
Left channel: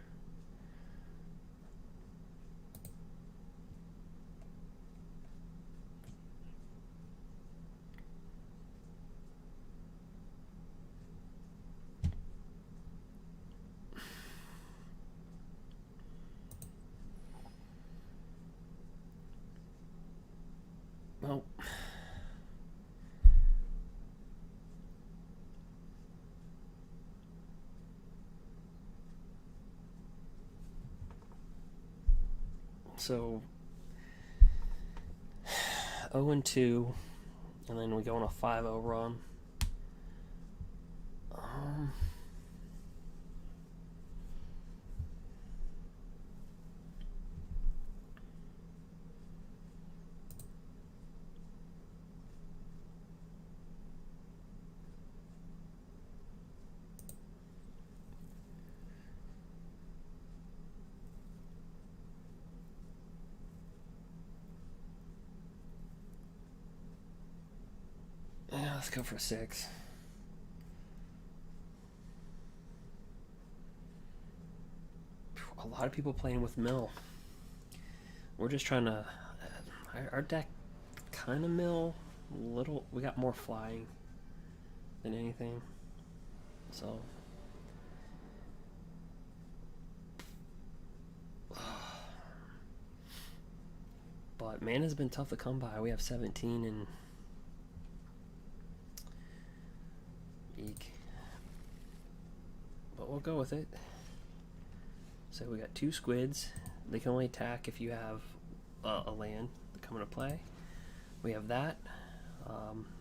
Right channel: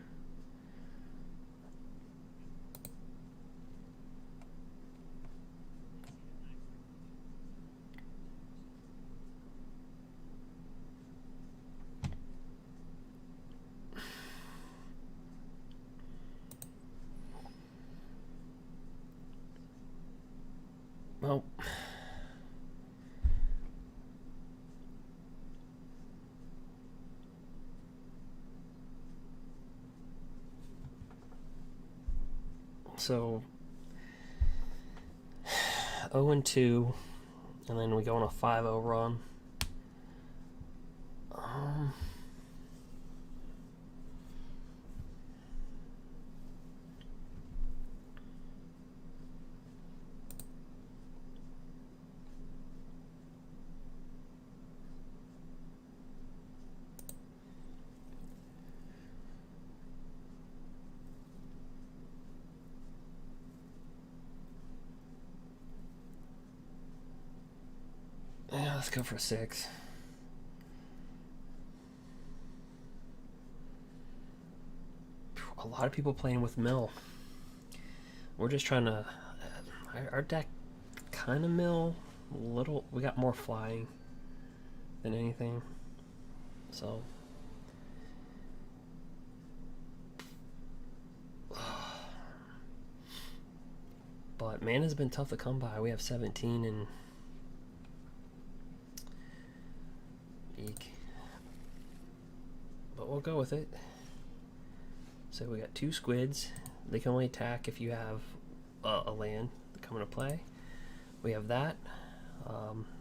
Well, so 0-2, and then we go on a 5-0 run. Let's go for a 6. A lot of people playing with mill. We're just trying to... our deck kind of mill. Little. We got more flying than anything. So... But mana's been tough to come by. We have 17 and... Eek. But we'll go with it. So we got 2 squids. They can only attack if you have a land to come into play. We have that.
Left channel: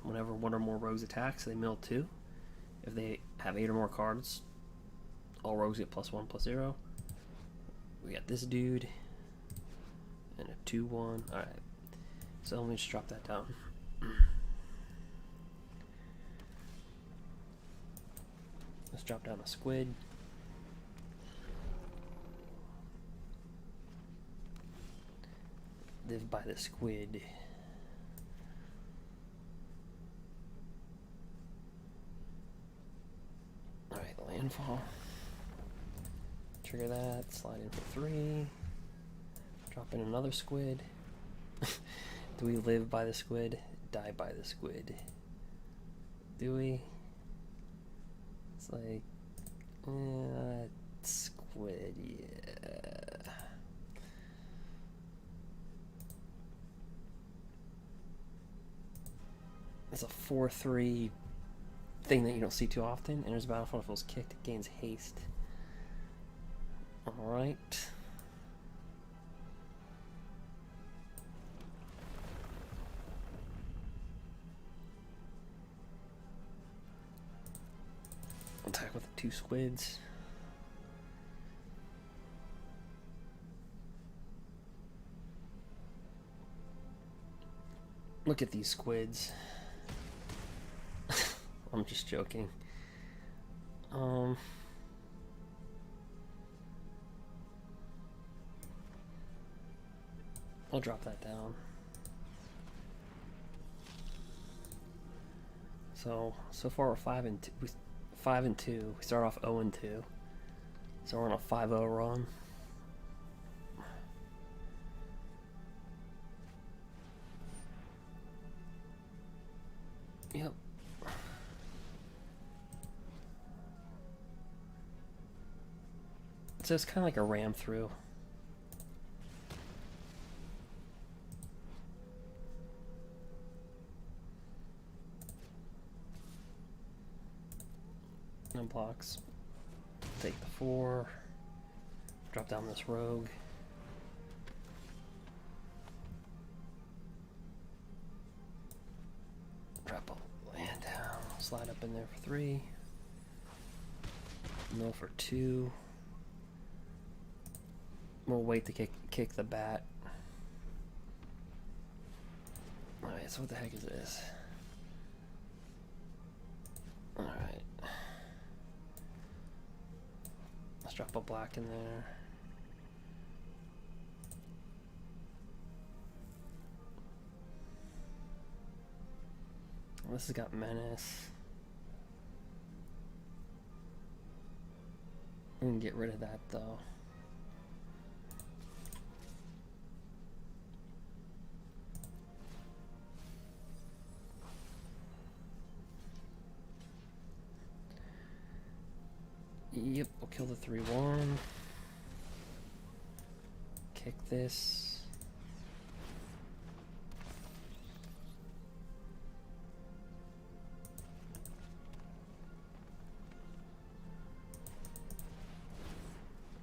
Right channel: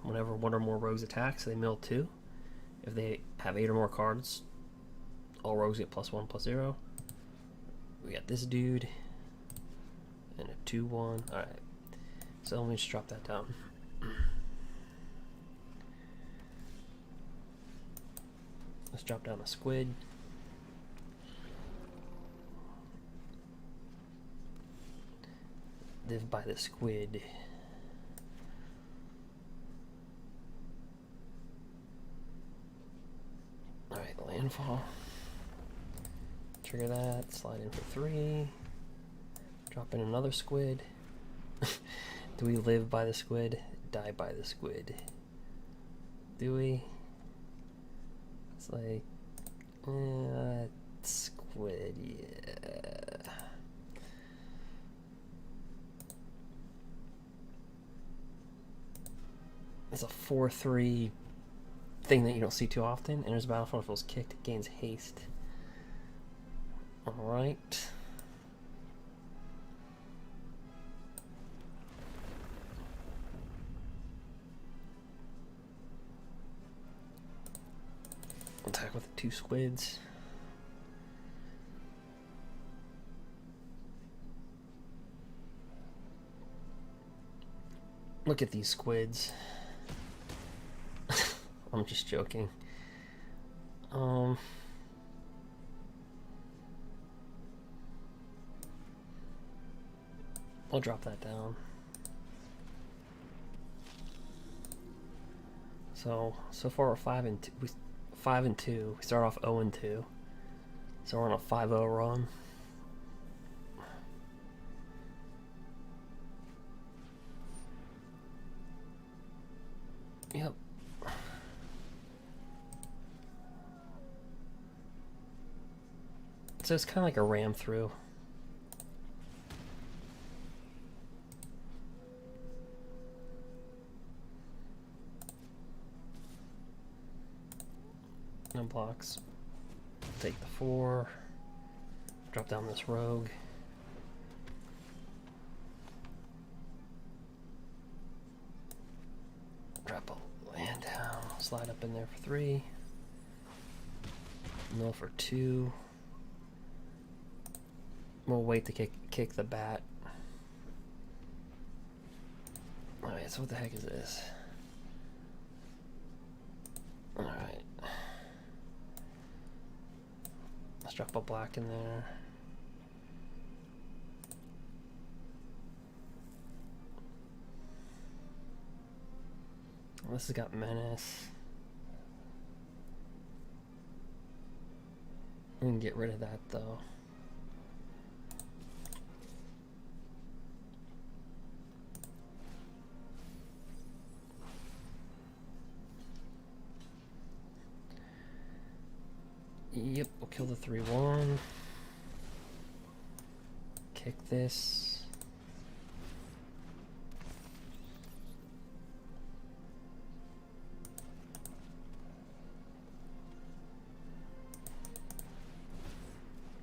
Whenever 1 or more rogues attacks, they mill 2. If they have 8 or more cards, all rogues get +1/+0. We got this dude. And a 2/1. Alright. So let me just drop that down. Let's drop down a squid. Live by the squid. Alright, landfall. Trigger that. Slide in for 3. Drop in another squid. Do we live by the squid? Die by the squid. Do we? It's like... squid, yeah. It's a 4/3 thing that you don't see too often. Enters the battlefield, feels kicked, it gains haste. Alright. Attack with the 2 squids. Look at these squids. I'm just joking. I'll drop that down. So far we're 5 and 2. 5 and 2. We start off 0 and 2. So we're on a 5-0 run. Yep. So it's kind of like a ram through. No blocks. Take the 4. Drop down this rogue. Drop a land down. Slide up in there for 3. Mill for 2. We'll wait to kick the bat. Alright, so what the heck is this? Alright. Let's drop a black in there. This has got menace. We can get rid of that though. Yep, we'll kill the 3/1. Kick this.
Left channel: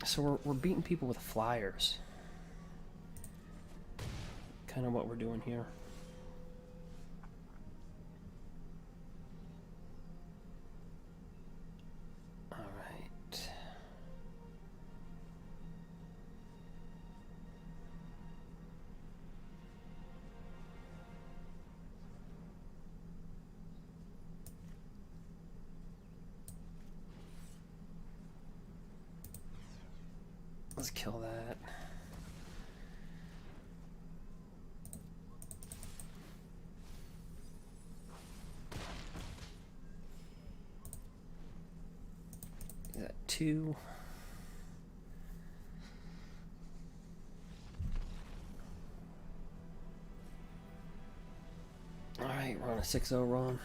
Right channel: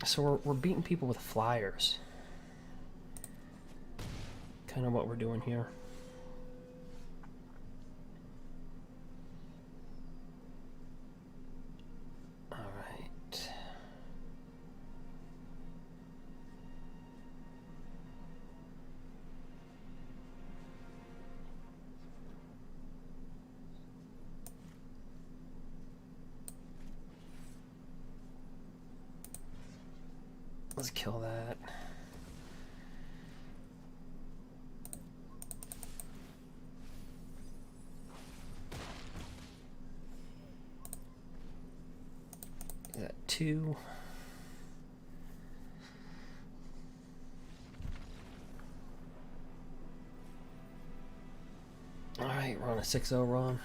So we're beating people with flyers. Kind of what we're doing here. Let's kill that. 2. Alright, we're on a 6-0 run.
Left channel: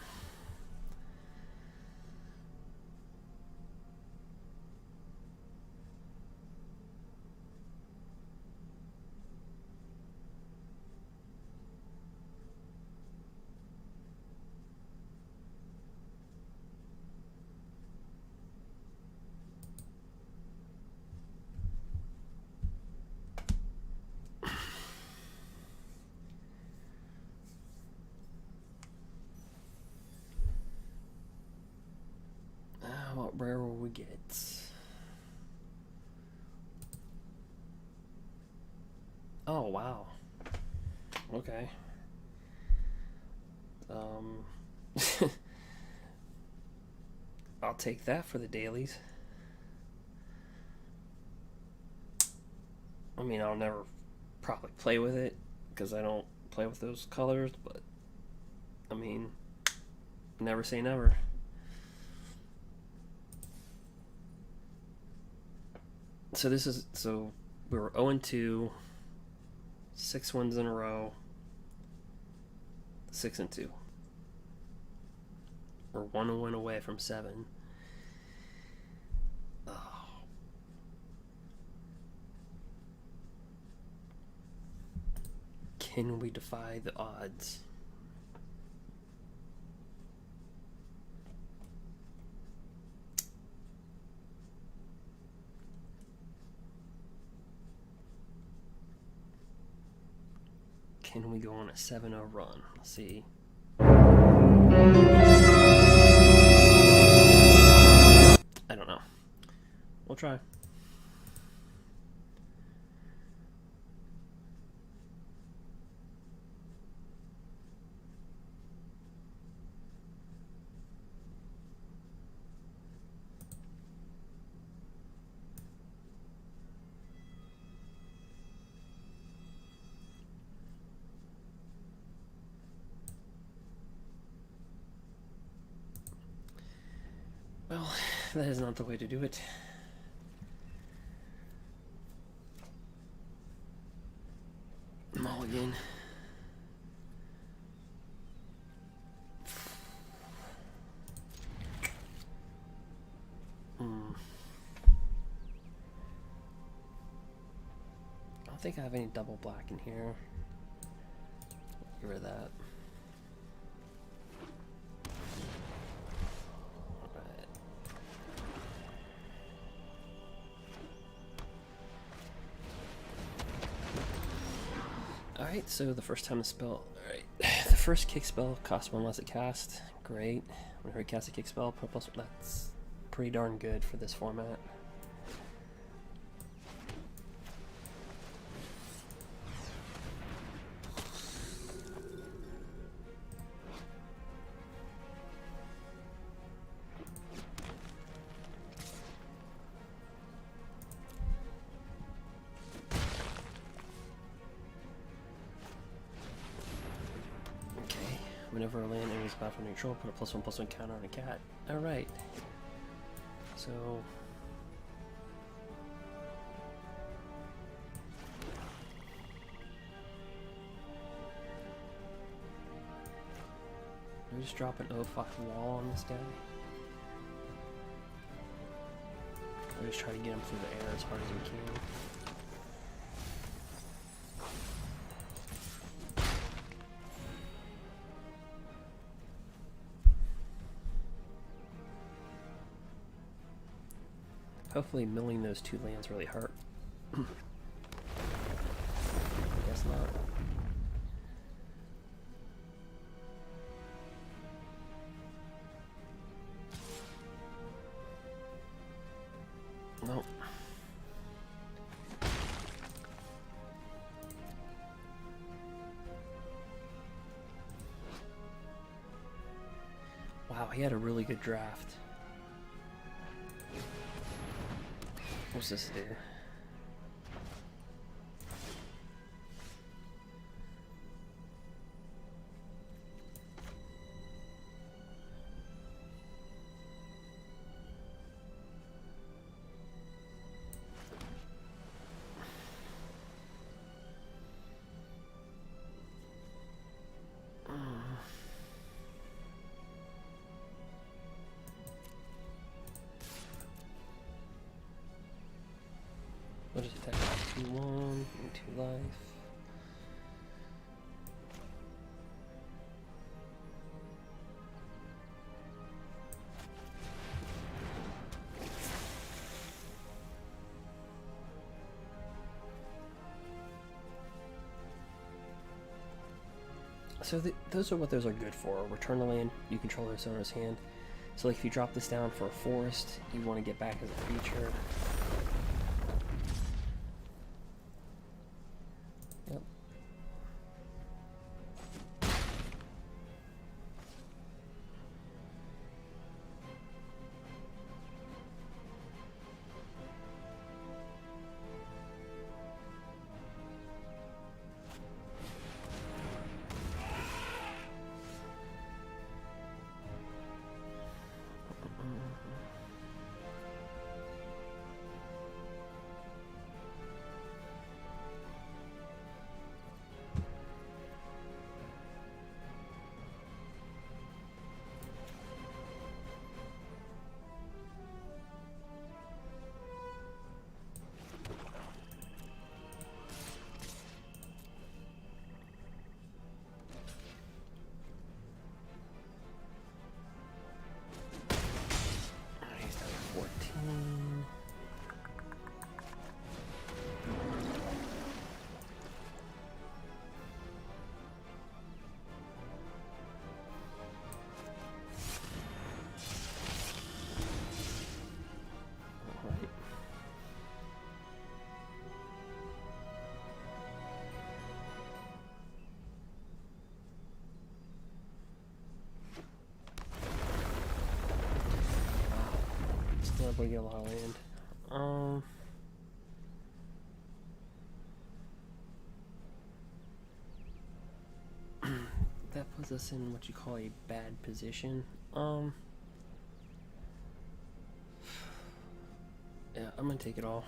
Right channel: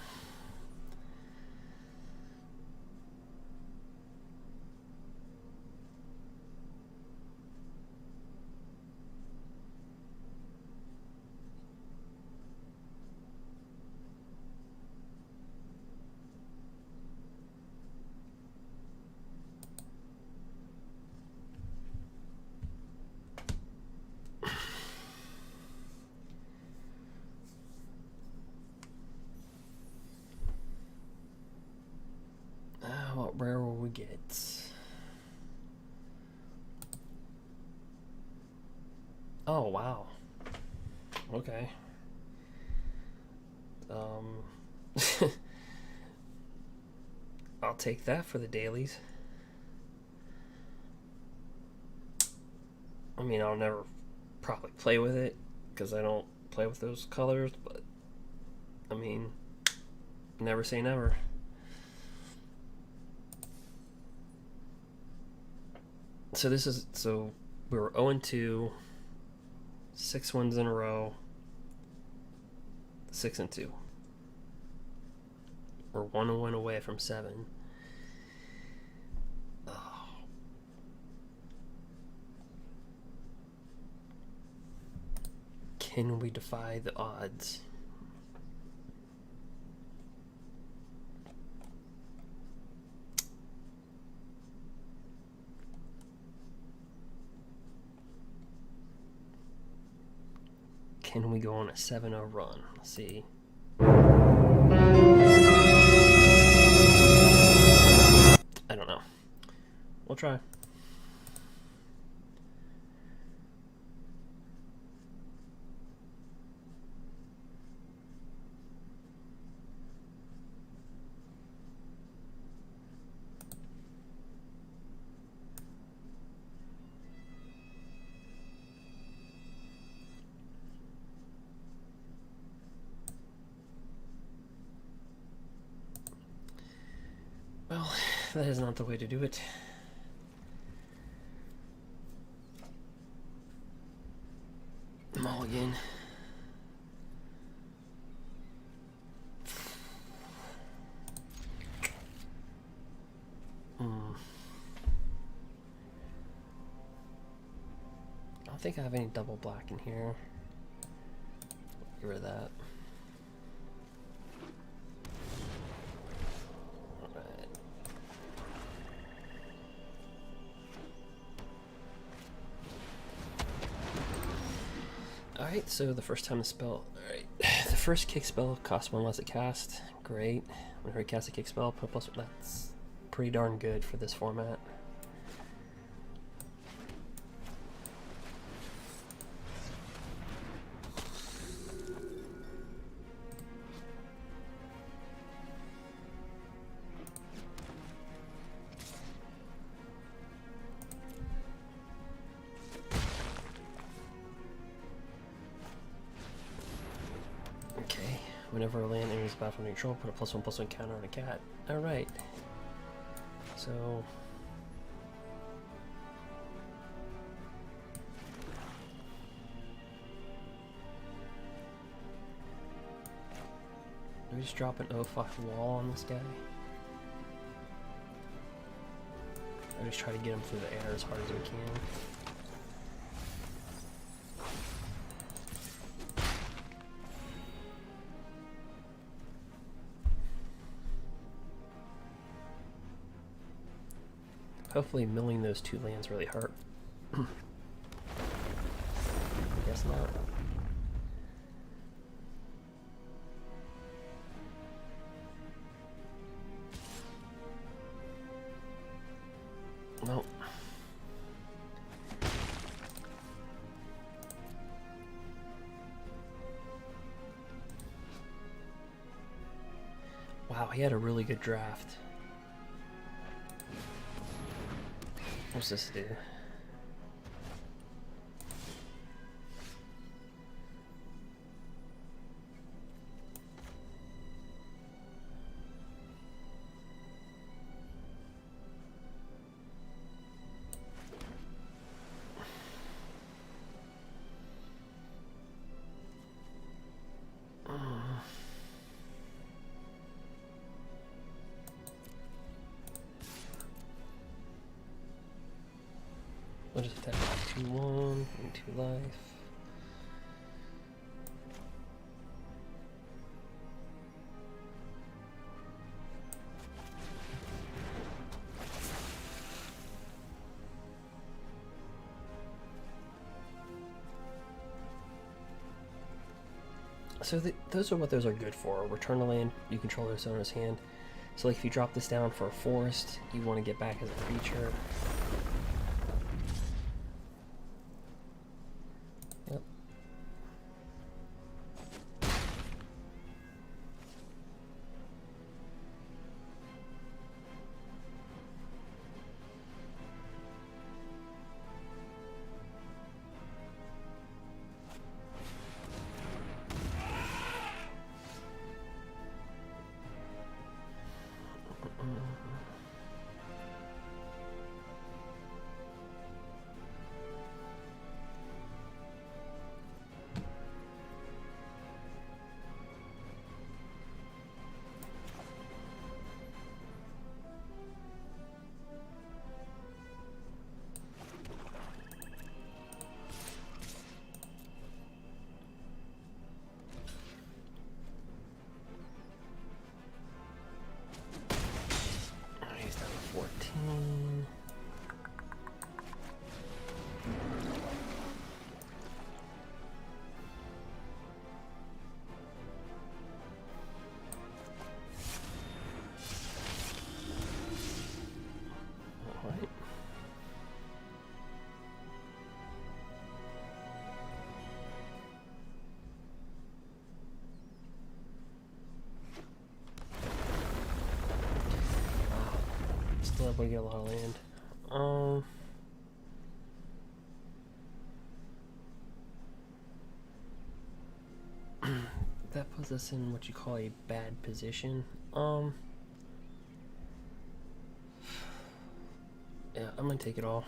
What rare will we get? Oh, wow. Okay. I'll take that for the dailies. I mean, I'll never probably play with it because I don't play with those colors, but I mean, never say never. So this is, so we were 0-2, 6 wins in a row, 6-2. We're 1 win away from 7. Oh. Can we defy the odds? Can we go on a 7-0 run? Let's see. I don't know. We'll try. Well, that is not the way to do it. Mulligan. I don't think I have any double black in here. Get rid of that. Alright, so the first time the spell... Alright, the first kick spell costs 1 less to cast. Great. Whenever you cast a kick spell, put plus... That's pretty darn good for this format. Whenever a land enters battle neutral, put a +1/+1 counter on a cat. Alright. So... do we just drop an O5 wall on this guy? Or just try to get him through the air as hard as we can? Hopefully milling those 2 lands really hurt. Guess not. Nope. Wow, he had a really good draft. What's this do? I'll just attack 2-1, 2 life. So those are what those are good for. Return a land you control this owner's hand. So like if you drop this down for a forest, you want to get back as a creature. Yep. He's down to 14. All right. Still able to get a lot of land. That puts us in what you call a bad position. Yeah, I'm gonna take it all.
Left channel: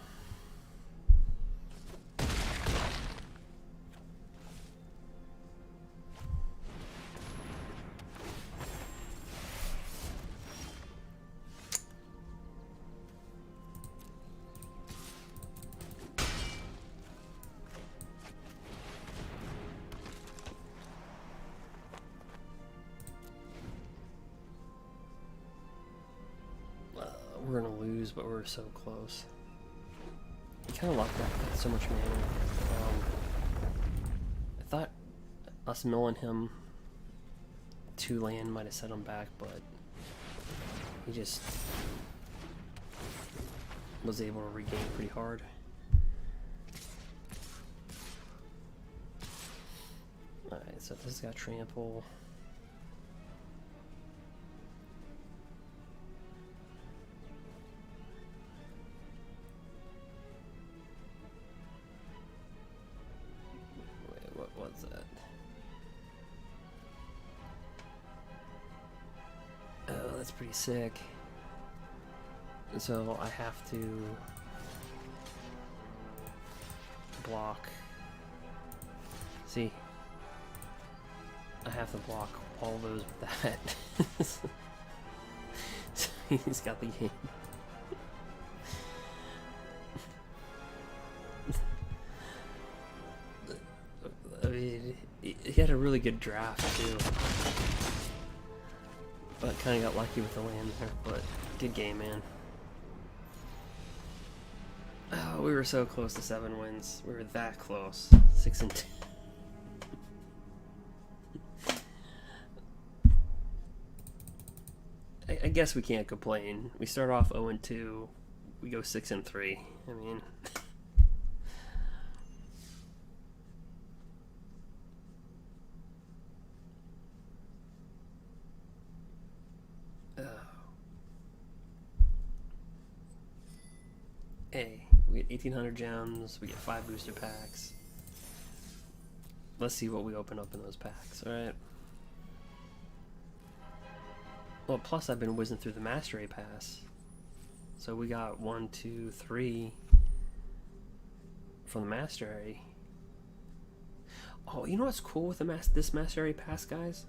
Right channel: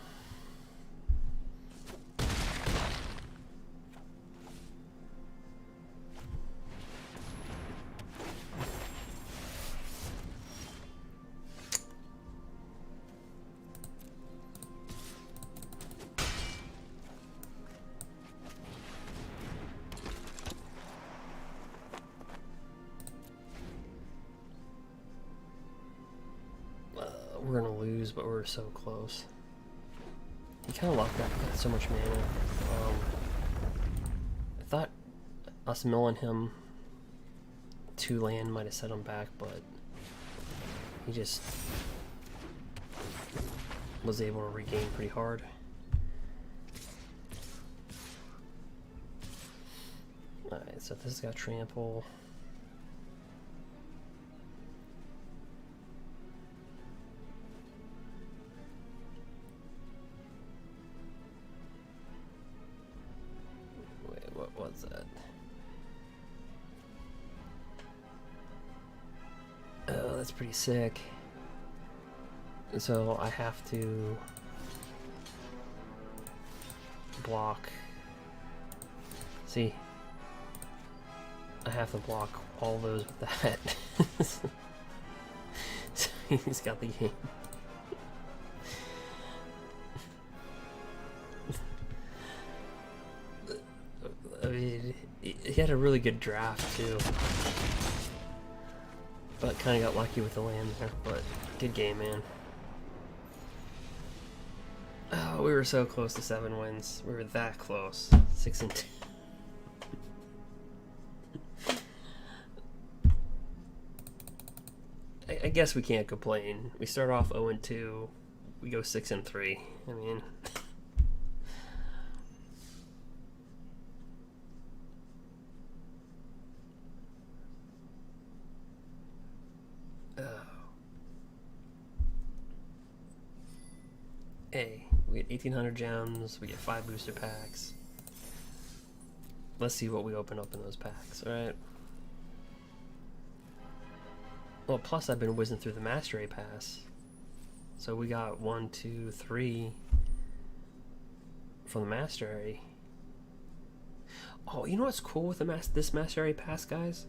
We're gonna lose, but we're so close. He kind of locked up so much mana. I thought us milling him 2 land might have set him back, but he just was able to regain pretty hard. Alright, so this has got trample. What was that? Oh, that's pretty sick. So I have to block. See, I have to block all those with that. So he's got the game. I mean, he had a really good draft too, but kind of got lucky with the land there. But good game, man. Oh, we were so close to 7 wins. We were that close. 6-2. I guess we can't complain. We start off 0-2. We go 6-3. I mean. Hey, we get 1,800 gems, we get 5 booster packs. Let's see what we open up in those packs, alright? Well, plus I've been whizzing through the Mastery Pass. So we got 1, 2, 3 from the Mastery. Oh, you know what's cool with the this Mastery Pass, guys?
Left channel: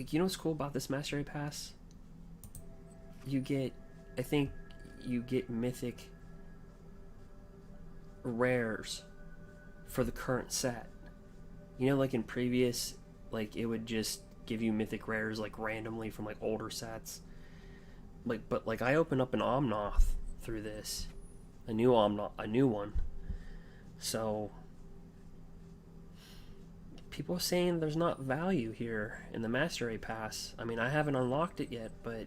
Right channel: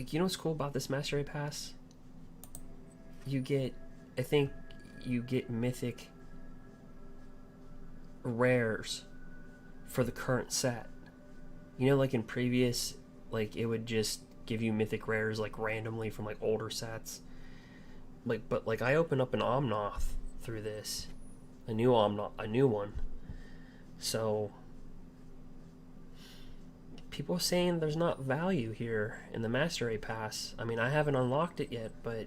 like, you know what's cool about this Mastery Pass? You get, I think you get mythic rares for the current set. You know, like in previous, like it would just give you mythic rares like randomly from like older sets. Like, but like I opened up an Omnoth through this, a new one. So people are saying there's not value here in the Mastery Pass. I mean, I haven't unlocked it yet, but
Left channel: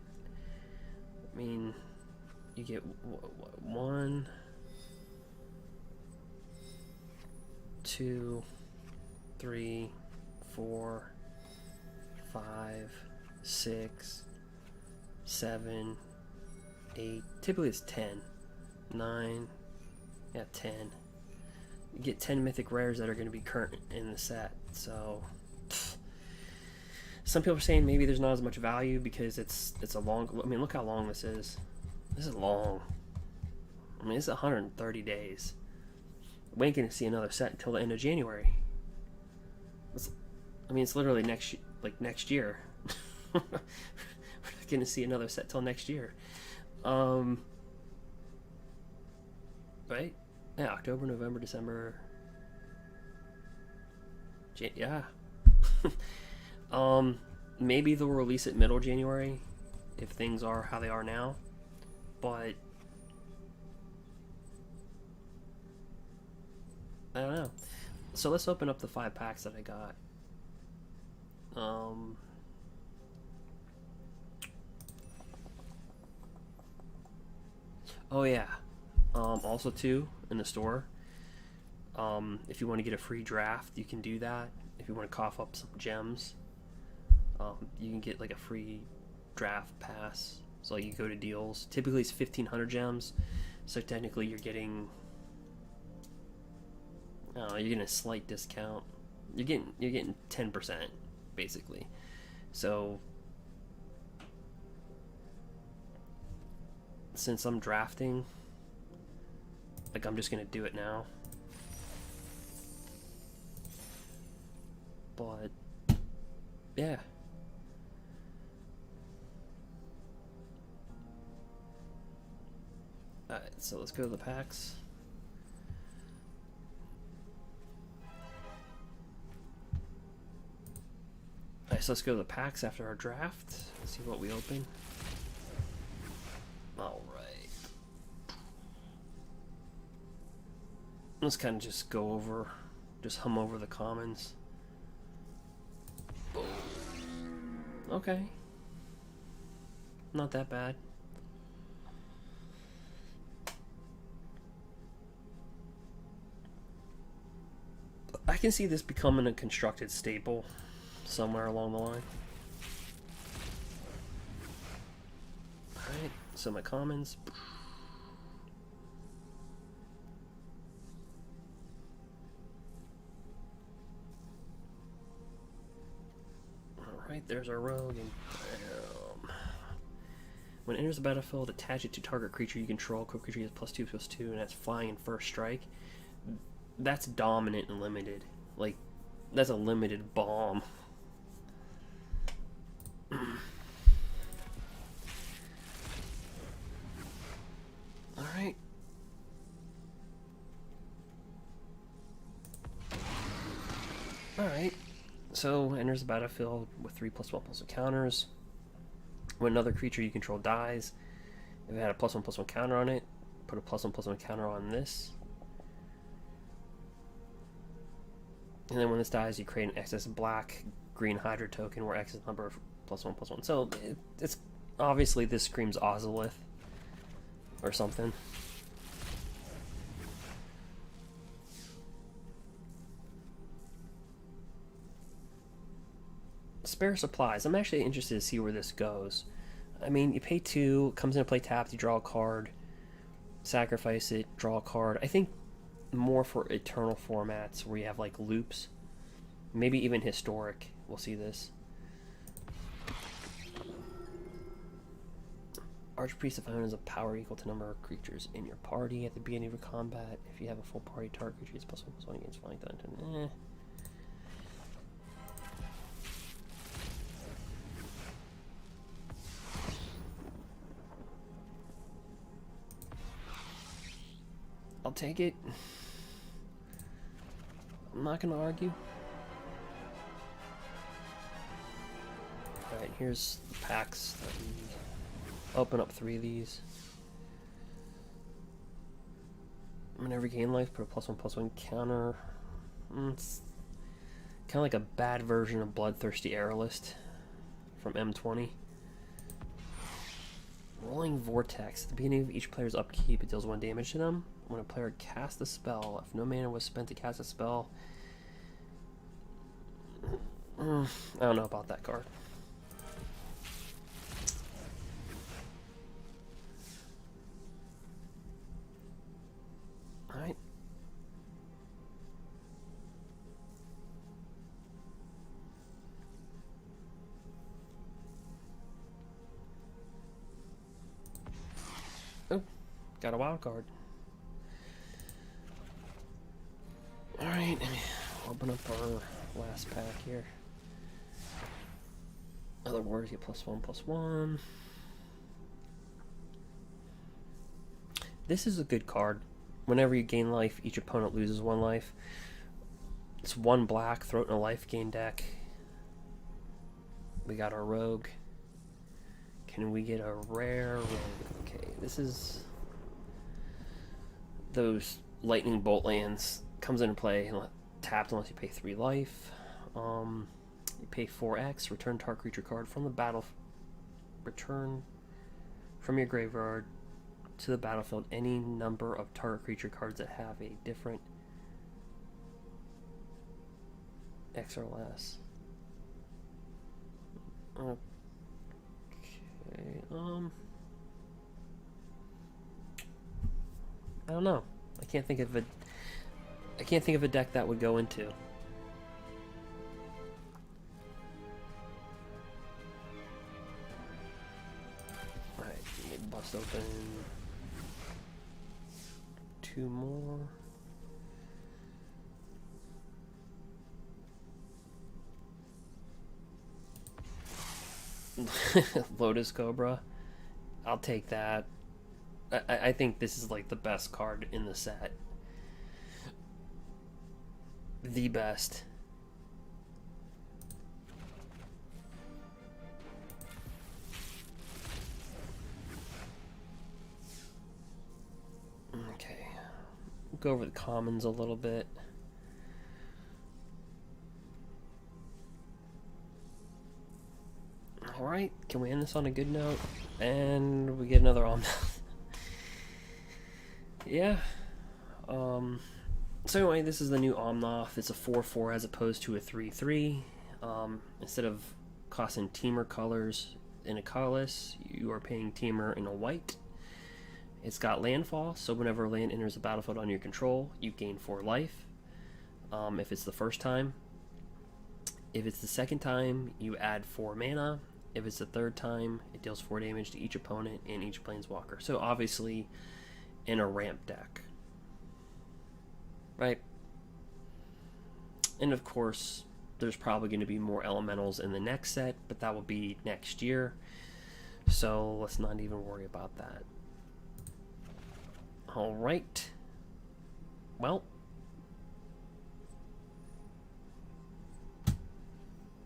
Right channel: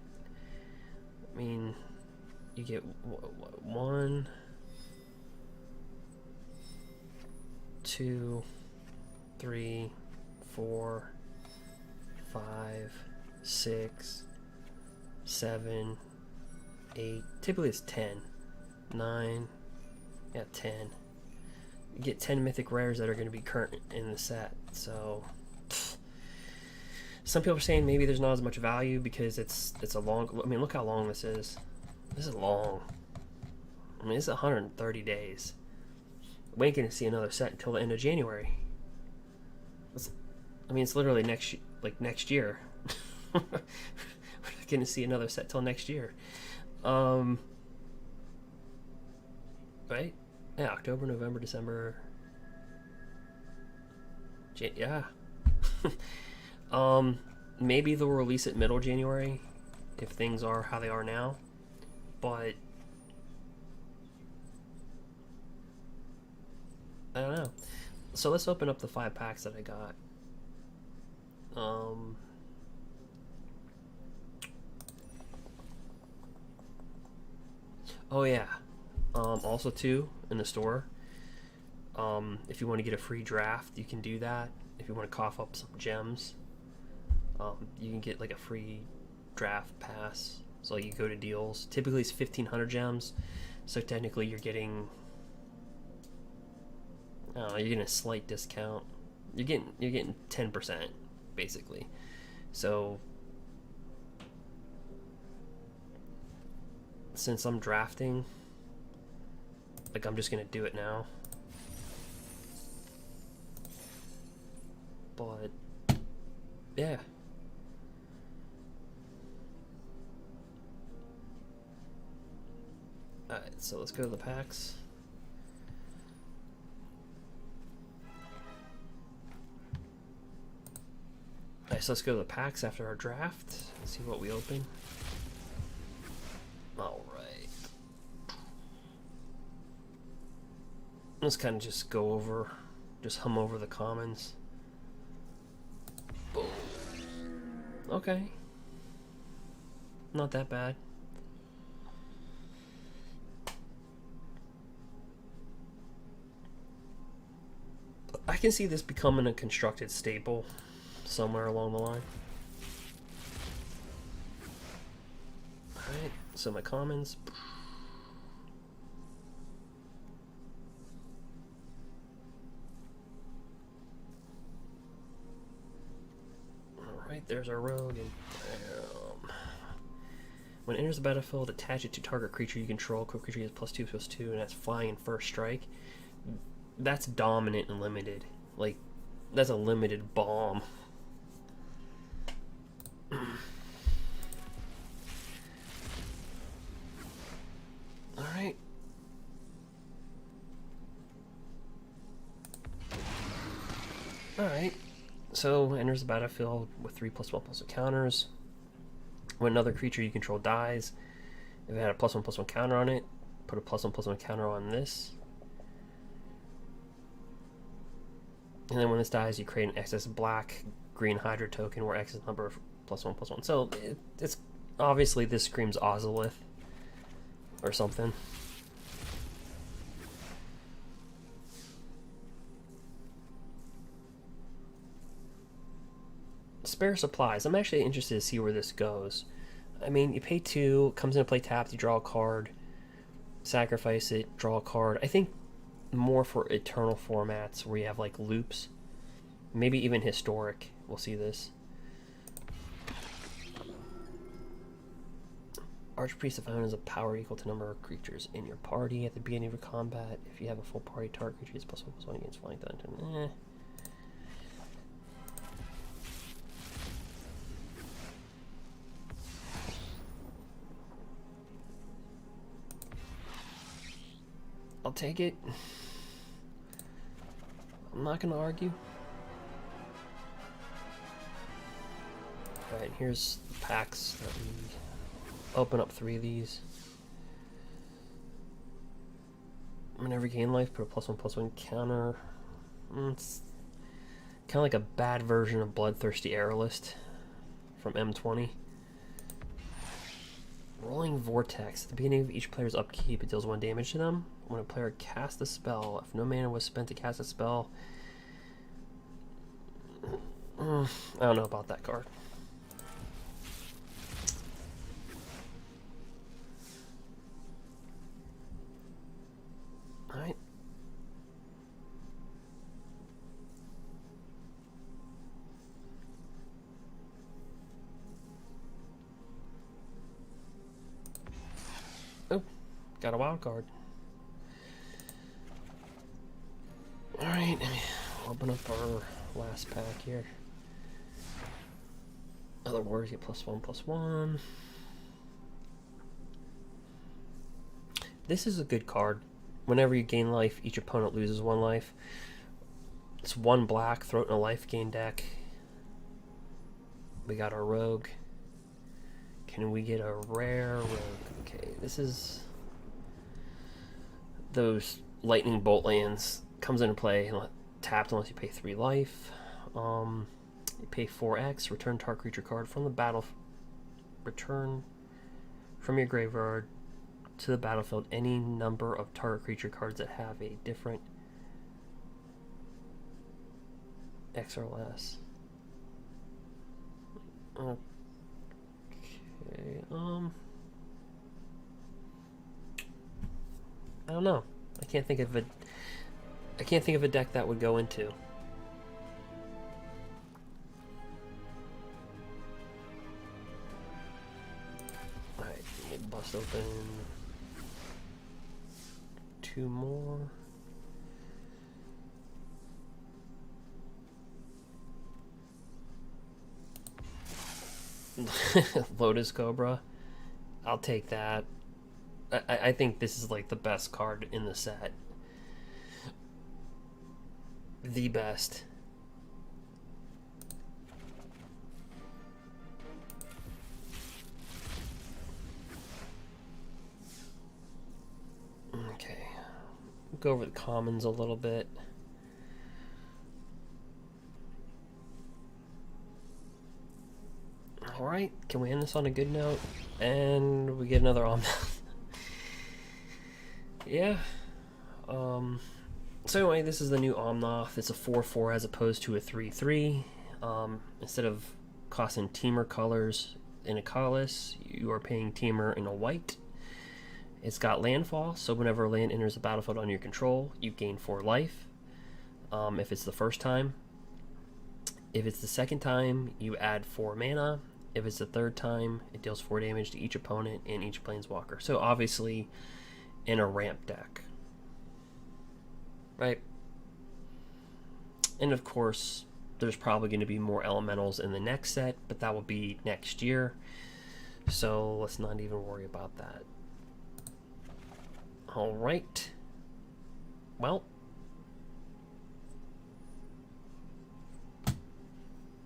I mean, you get 1, 2, 3, 4, 5, 6, 7, 8. Typically it's 10. 9. Yeah, 10. You get 10 mythic rares that are going to be current in the set. So some people are saying maybe there's not as much value because it's a long. I mean, look how long this is. This is long. I mean, it's 130 days. We ain't gonna see another set until the end of January. It's literally next year. We're not gonna see another set till next year. Right? Yeah, October, November, December. Yeah. Maybe they'll release it middle January if things are how they are now. But I don't know. So let's open up the 5 packs that I got. Oh yeah. Also too, in the store, if you want to get a free draft, you can do that. If you want to cough up some gems, you can get like a free draft pass. So you go to deals. Typically it's 1,500 gems. So technically you're getting a slight discount. You're getting 10% basically. So since I'm drafting, like I'm just gonna do it now. But yeah. Alright, so let's go to the packs. Alright, so let's go to the packs after our draft. Let's see what we open. Alright. Let's kind of just hum over the commons. Boom. Okay. Not that bad. I can see this becoming a constructed staple somewhere along the line. Alright, so my commons. Alright, there's our rogue, and bam. When it enters the battlefield, attach it to target creature you control. Quick creature gets +2/+2, and that's flying in first strike. That's dominant and limited. Like, that's a limited bomb. Alright. Alright. So, enters the battlefield with 3+1/+1 counters. When another creature you control dies, if it had a +1/+1 counter on it, put a +1/+1 counter on this. And then when this dies, you create an excess black green Hydra token where X is number of +1/+1. So it's obviously this screams Ozolith or something. Spare supplies. I'm actually interested to see where this goes. I mean, you pay 2, comes into play tapped, you draw a card, sacrifice it, draw a card. I think more for eternal formats where you have like loops, maybe even historic. We'll see this. Archpriest of Iron is a power equal to number of creatures in your party at the beginning of your combat. If you have a full party, target creature is +1/+1 against flying. I'll take it. I'm not gonna argue. Alright, here's the packs that we open up 3 of these. Whenever you gain life, put a +1/+1 counter. It's kind of like a bad version of Bloodthirsty Aerolist from M20. Rolling Vortex. At the beginning of each player's upkeep, it deals 1 damage to them. When a player casts a spell, if no mana was spent to cast a spell... I don't know about that card. Alright. Oh, got a wild card. Alright, open up our last pack here. Other words, get +1/+1. This is a good card. Whenever you gain life, each opponent loses 1 life. It's 1 black, throw it in a life gain deck. We got our rogue. Can we get a rare rogue? Okay, this is those lightning bolt lands. Comes into play tapped unless you pay 3 life. You pay 4x, return target creature card from the battle. Return from your graveyard to the battlefield any number of target creature cards that have a different X or less. Okay, I don't know. I can't think of a deck that would go into. Alright, we'll bust open 2 more. Lotus Cobra. I'll take that. I think this is like the best card in the set. The best. Okay. Go over the commons a little bit. Alright, can we end this on a good note? And we get another Omnath. Yeah. So anyway, this is the new Omnath. It's a 4/4 as opposed to a 3/3. Instead of costing Teamer colors in a colorless, you are paying Teamer in a white. It's got landfall, so whenever a land enters the battlefield under your control, you gain 4 life. If it's the first time. If it's the second time, you add 4 mana. If it's the third time, it deals 4 damage to each opponent and each planeswalker. So obviously, in a ramp deck. Right? And of course, there's probably going to be more elementals in the next set, but that will be next year. So let's not even worry about that. Alright. Well.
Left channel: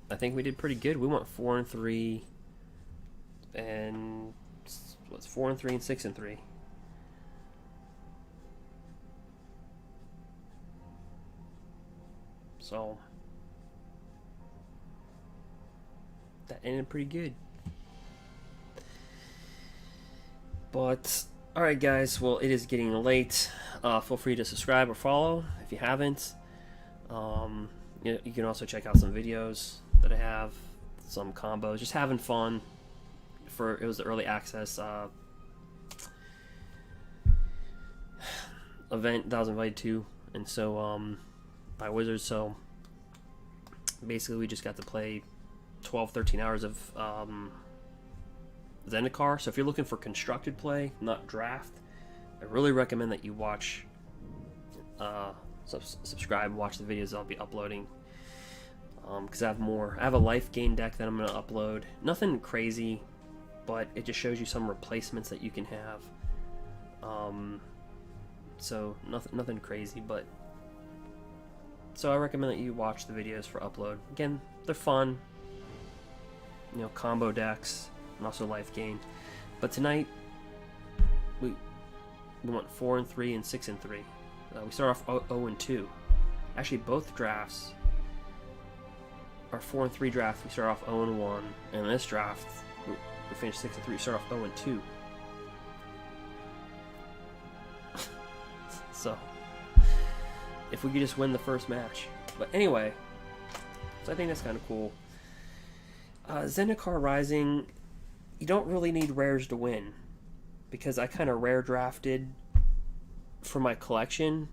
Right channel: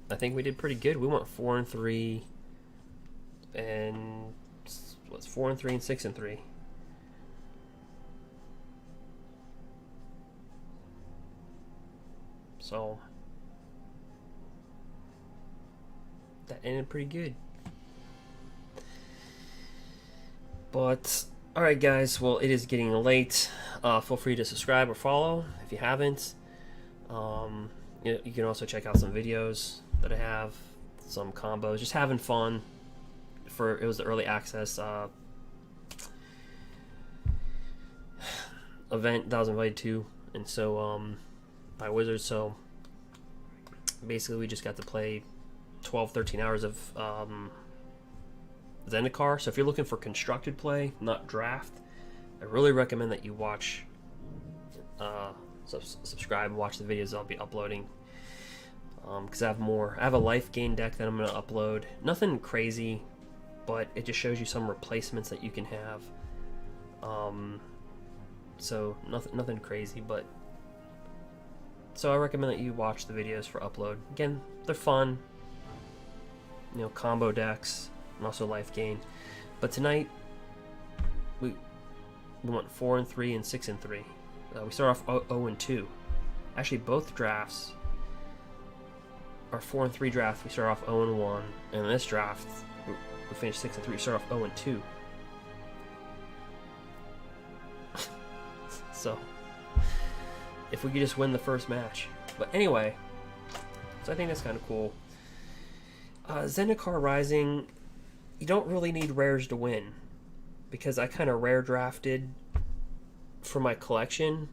I think we did pretty good. We went 4-3 and what's 4-3 and 6-3. So that ended pretty good. But alright guys, well it is getting late. Feel free to subscribe or follow if you haven't. You can also check out some videos that I have, some combos, just having fun. It was the early access event that I was invited to, and so by Wizards. So basically, we just got to play 12-13 hours of Zendikar. So if you're looking for constructed play, not draft, I really recommend that you watch, subscribe, watch the videos I'll be uploading. Because I have a life gain deck that I'm going to upload. Nothing crazy, but it just shows you some replacements that you can have. so nothing crazy, but so I recommend that you watch the videos for upload. Again, they're fun, you know, combo decks and also life gain. But tonight we went 4-3 and 6-3. We start off 0-2. Actually, both drafts, our 4-3 draft, we start off 0-1, and this draft we finished 6-3. We start off 0-2. So, if we could just win the first match. But anyway, so I think that's kind of cool. Zendikar Rising, you don't really need rares to win, because I kind of rare drafted for my collection,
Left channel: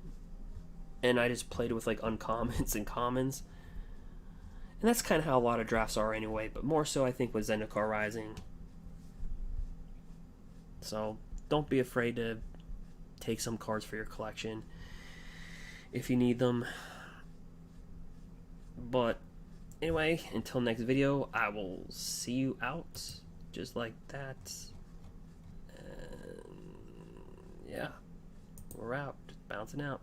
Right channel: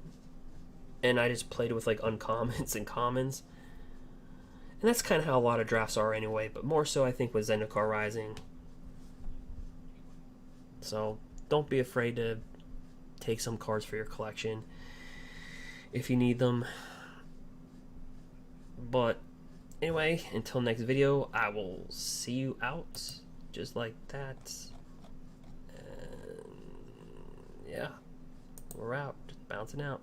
and I just played with like uncommons and commons. And that's kind of how a lot of drafts are anyway, but more so I think with Zendikar Rising. So, don't be afraid to take some cards for your collection if you need them. But anyway, until next video, I will see you out just like that. And yeah, we're out, just bouncing out.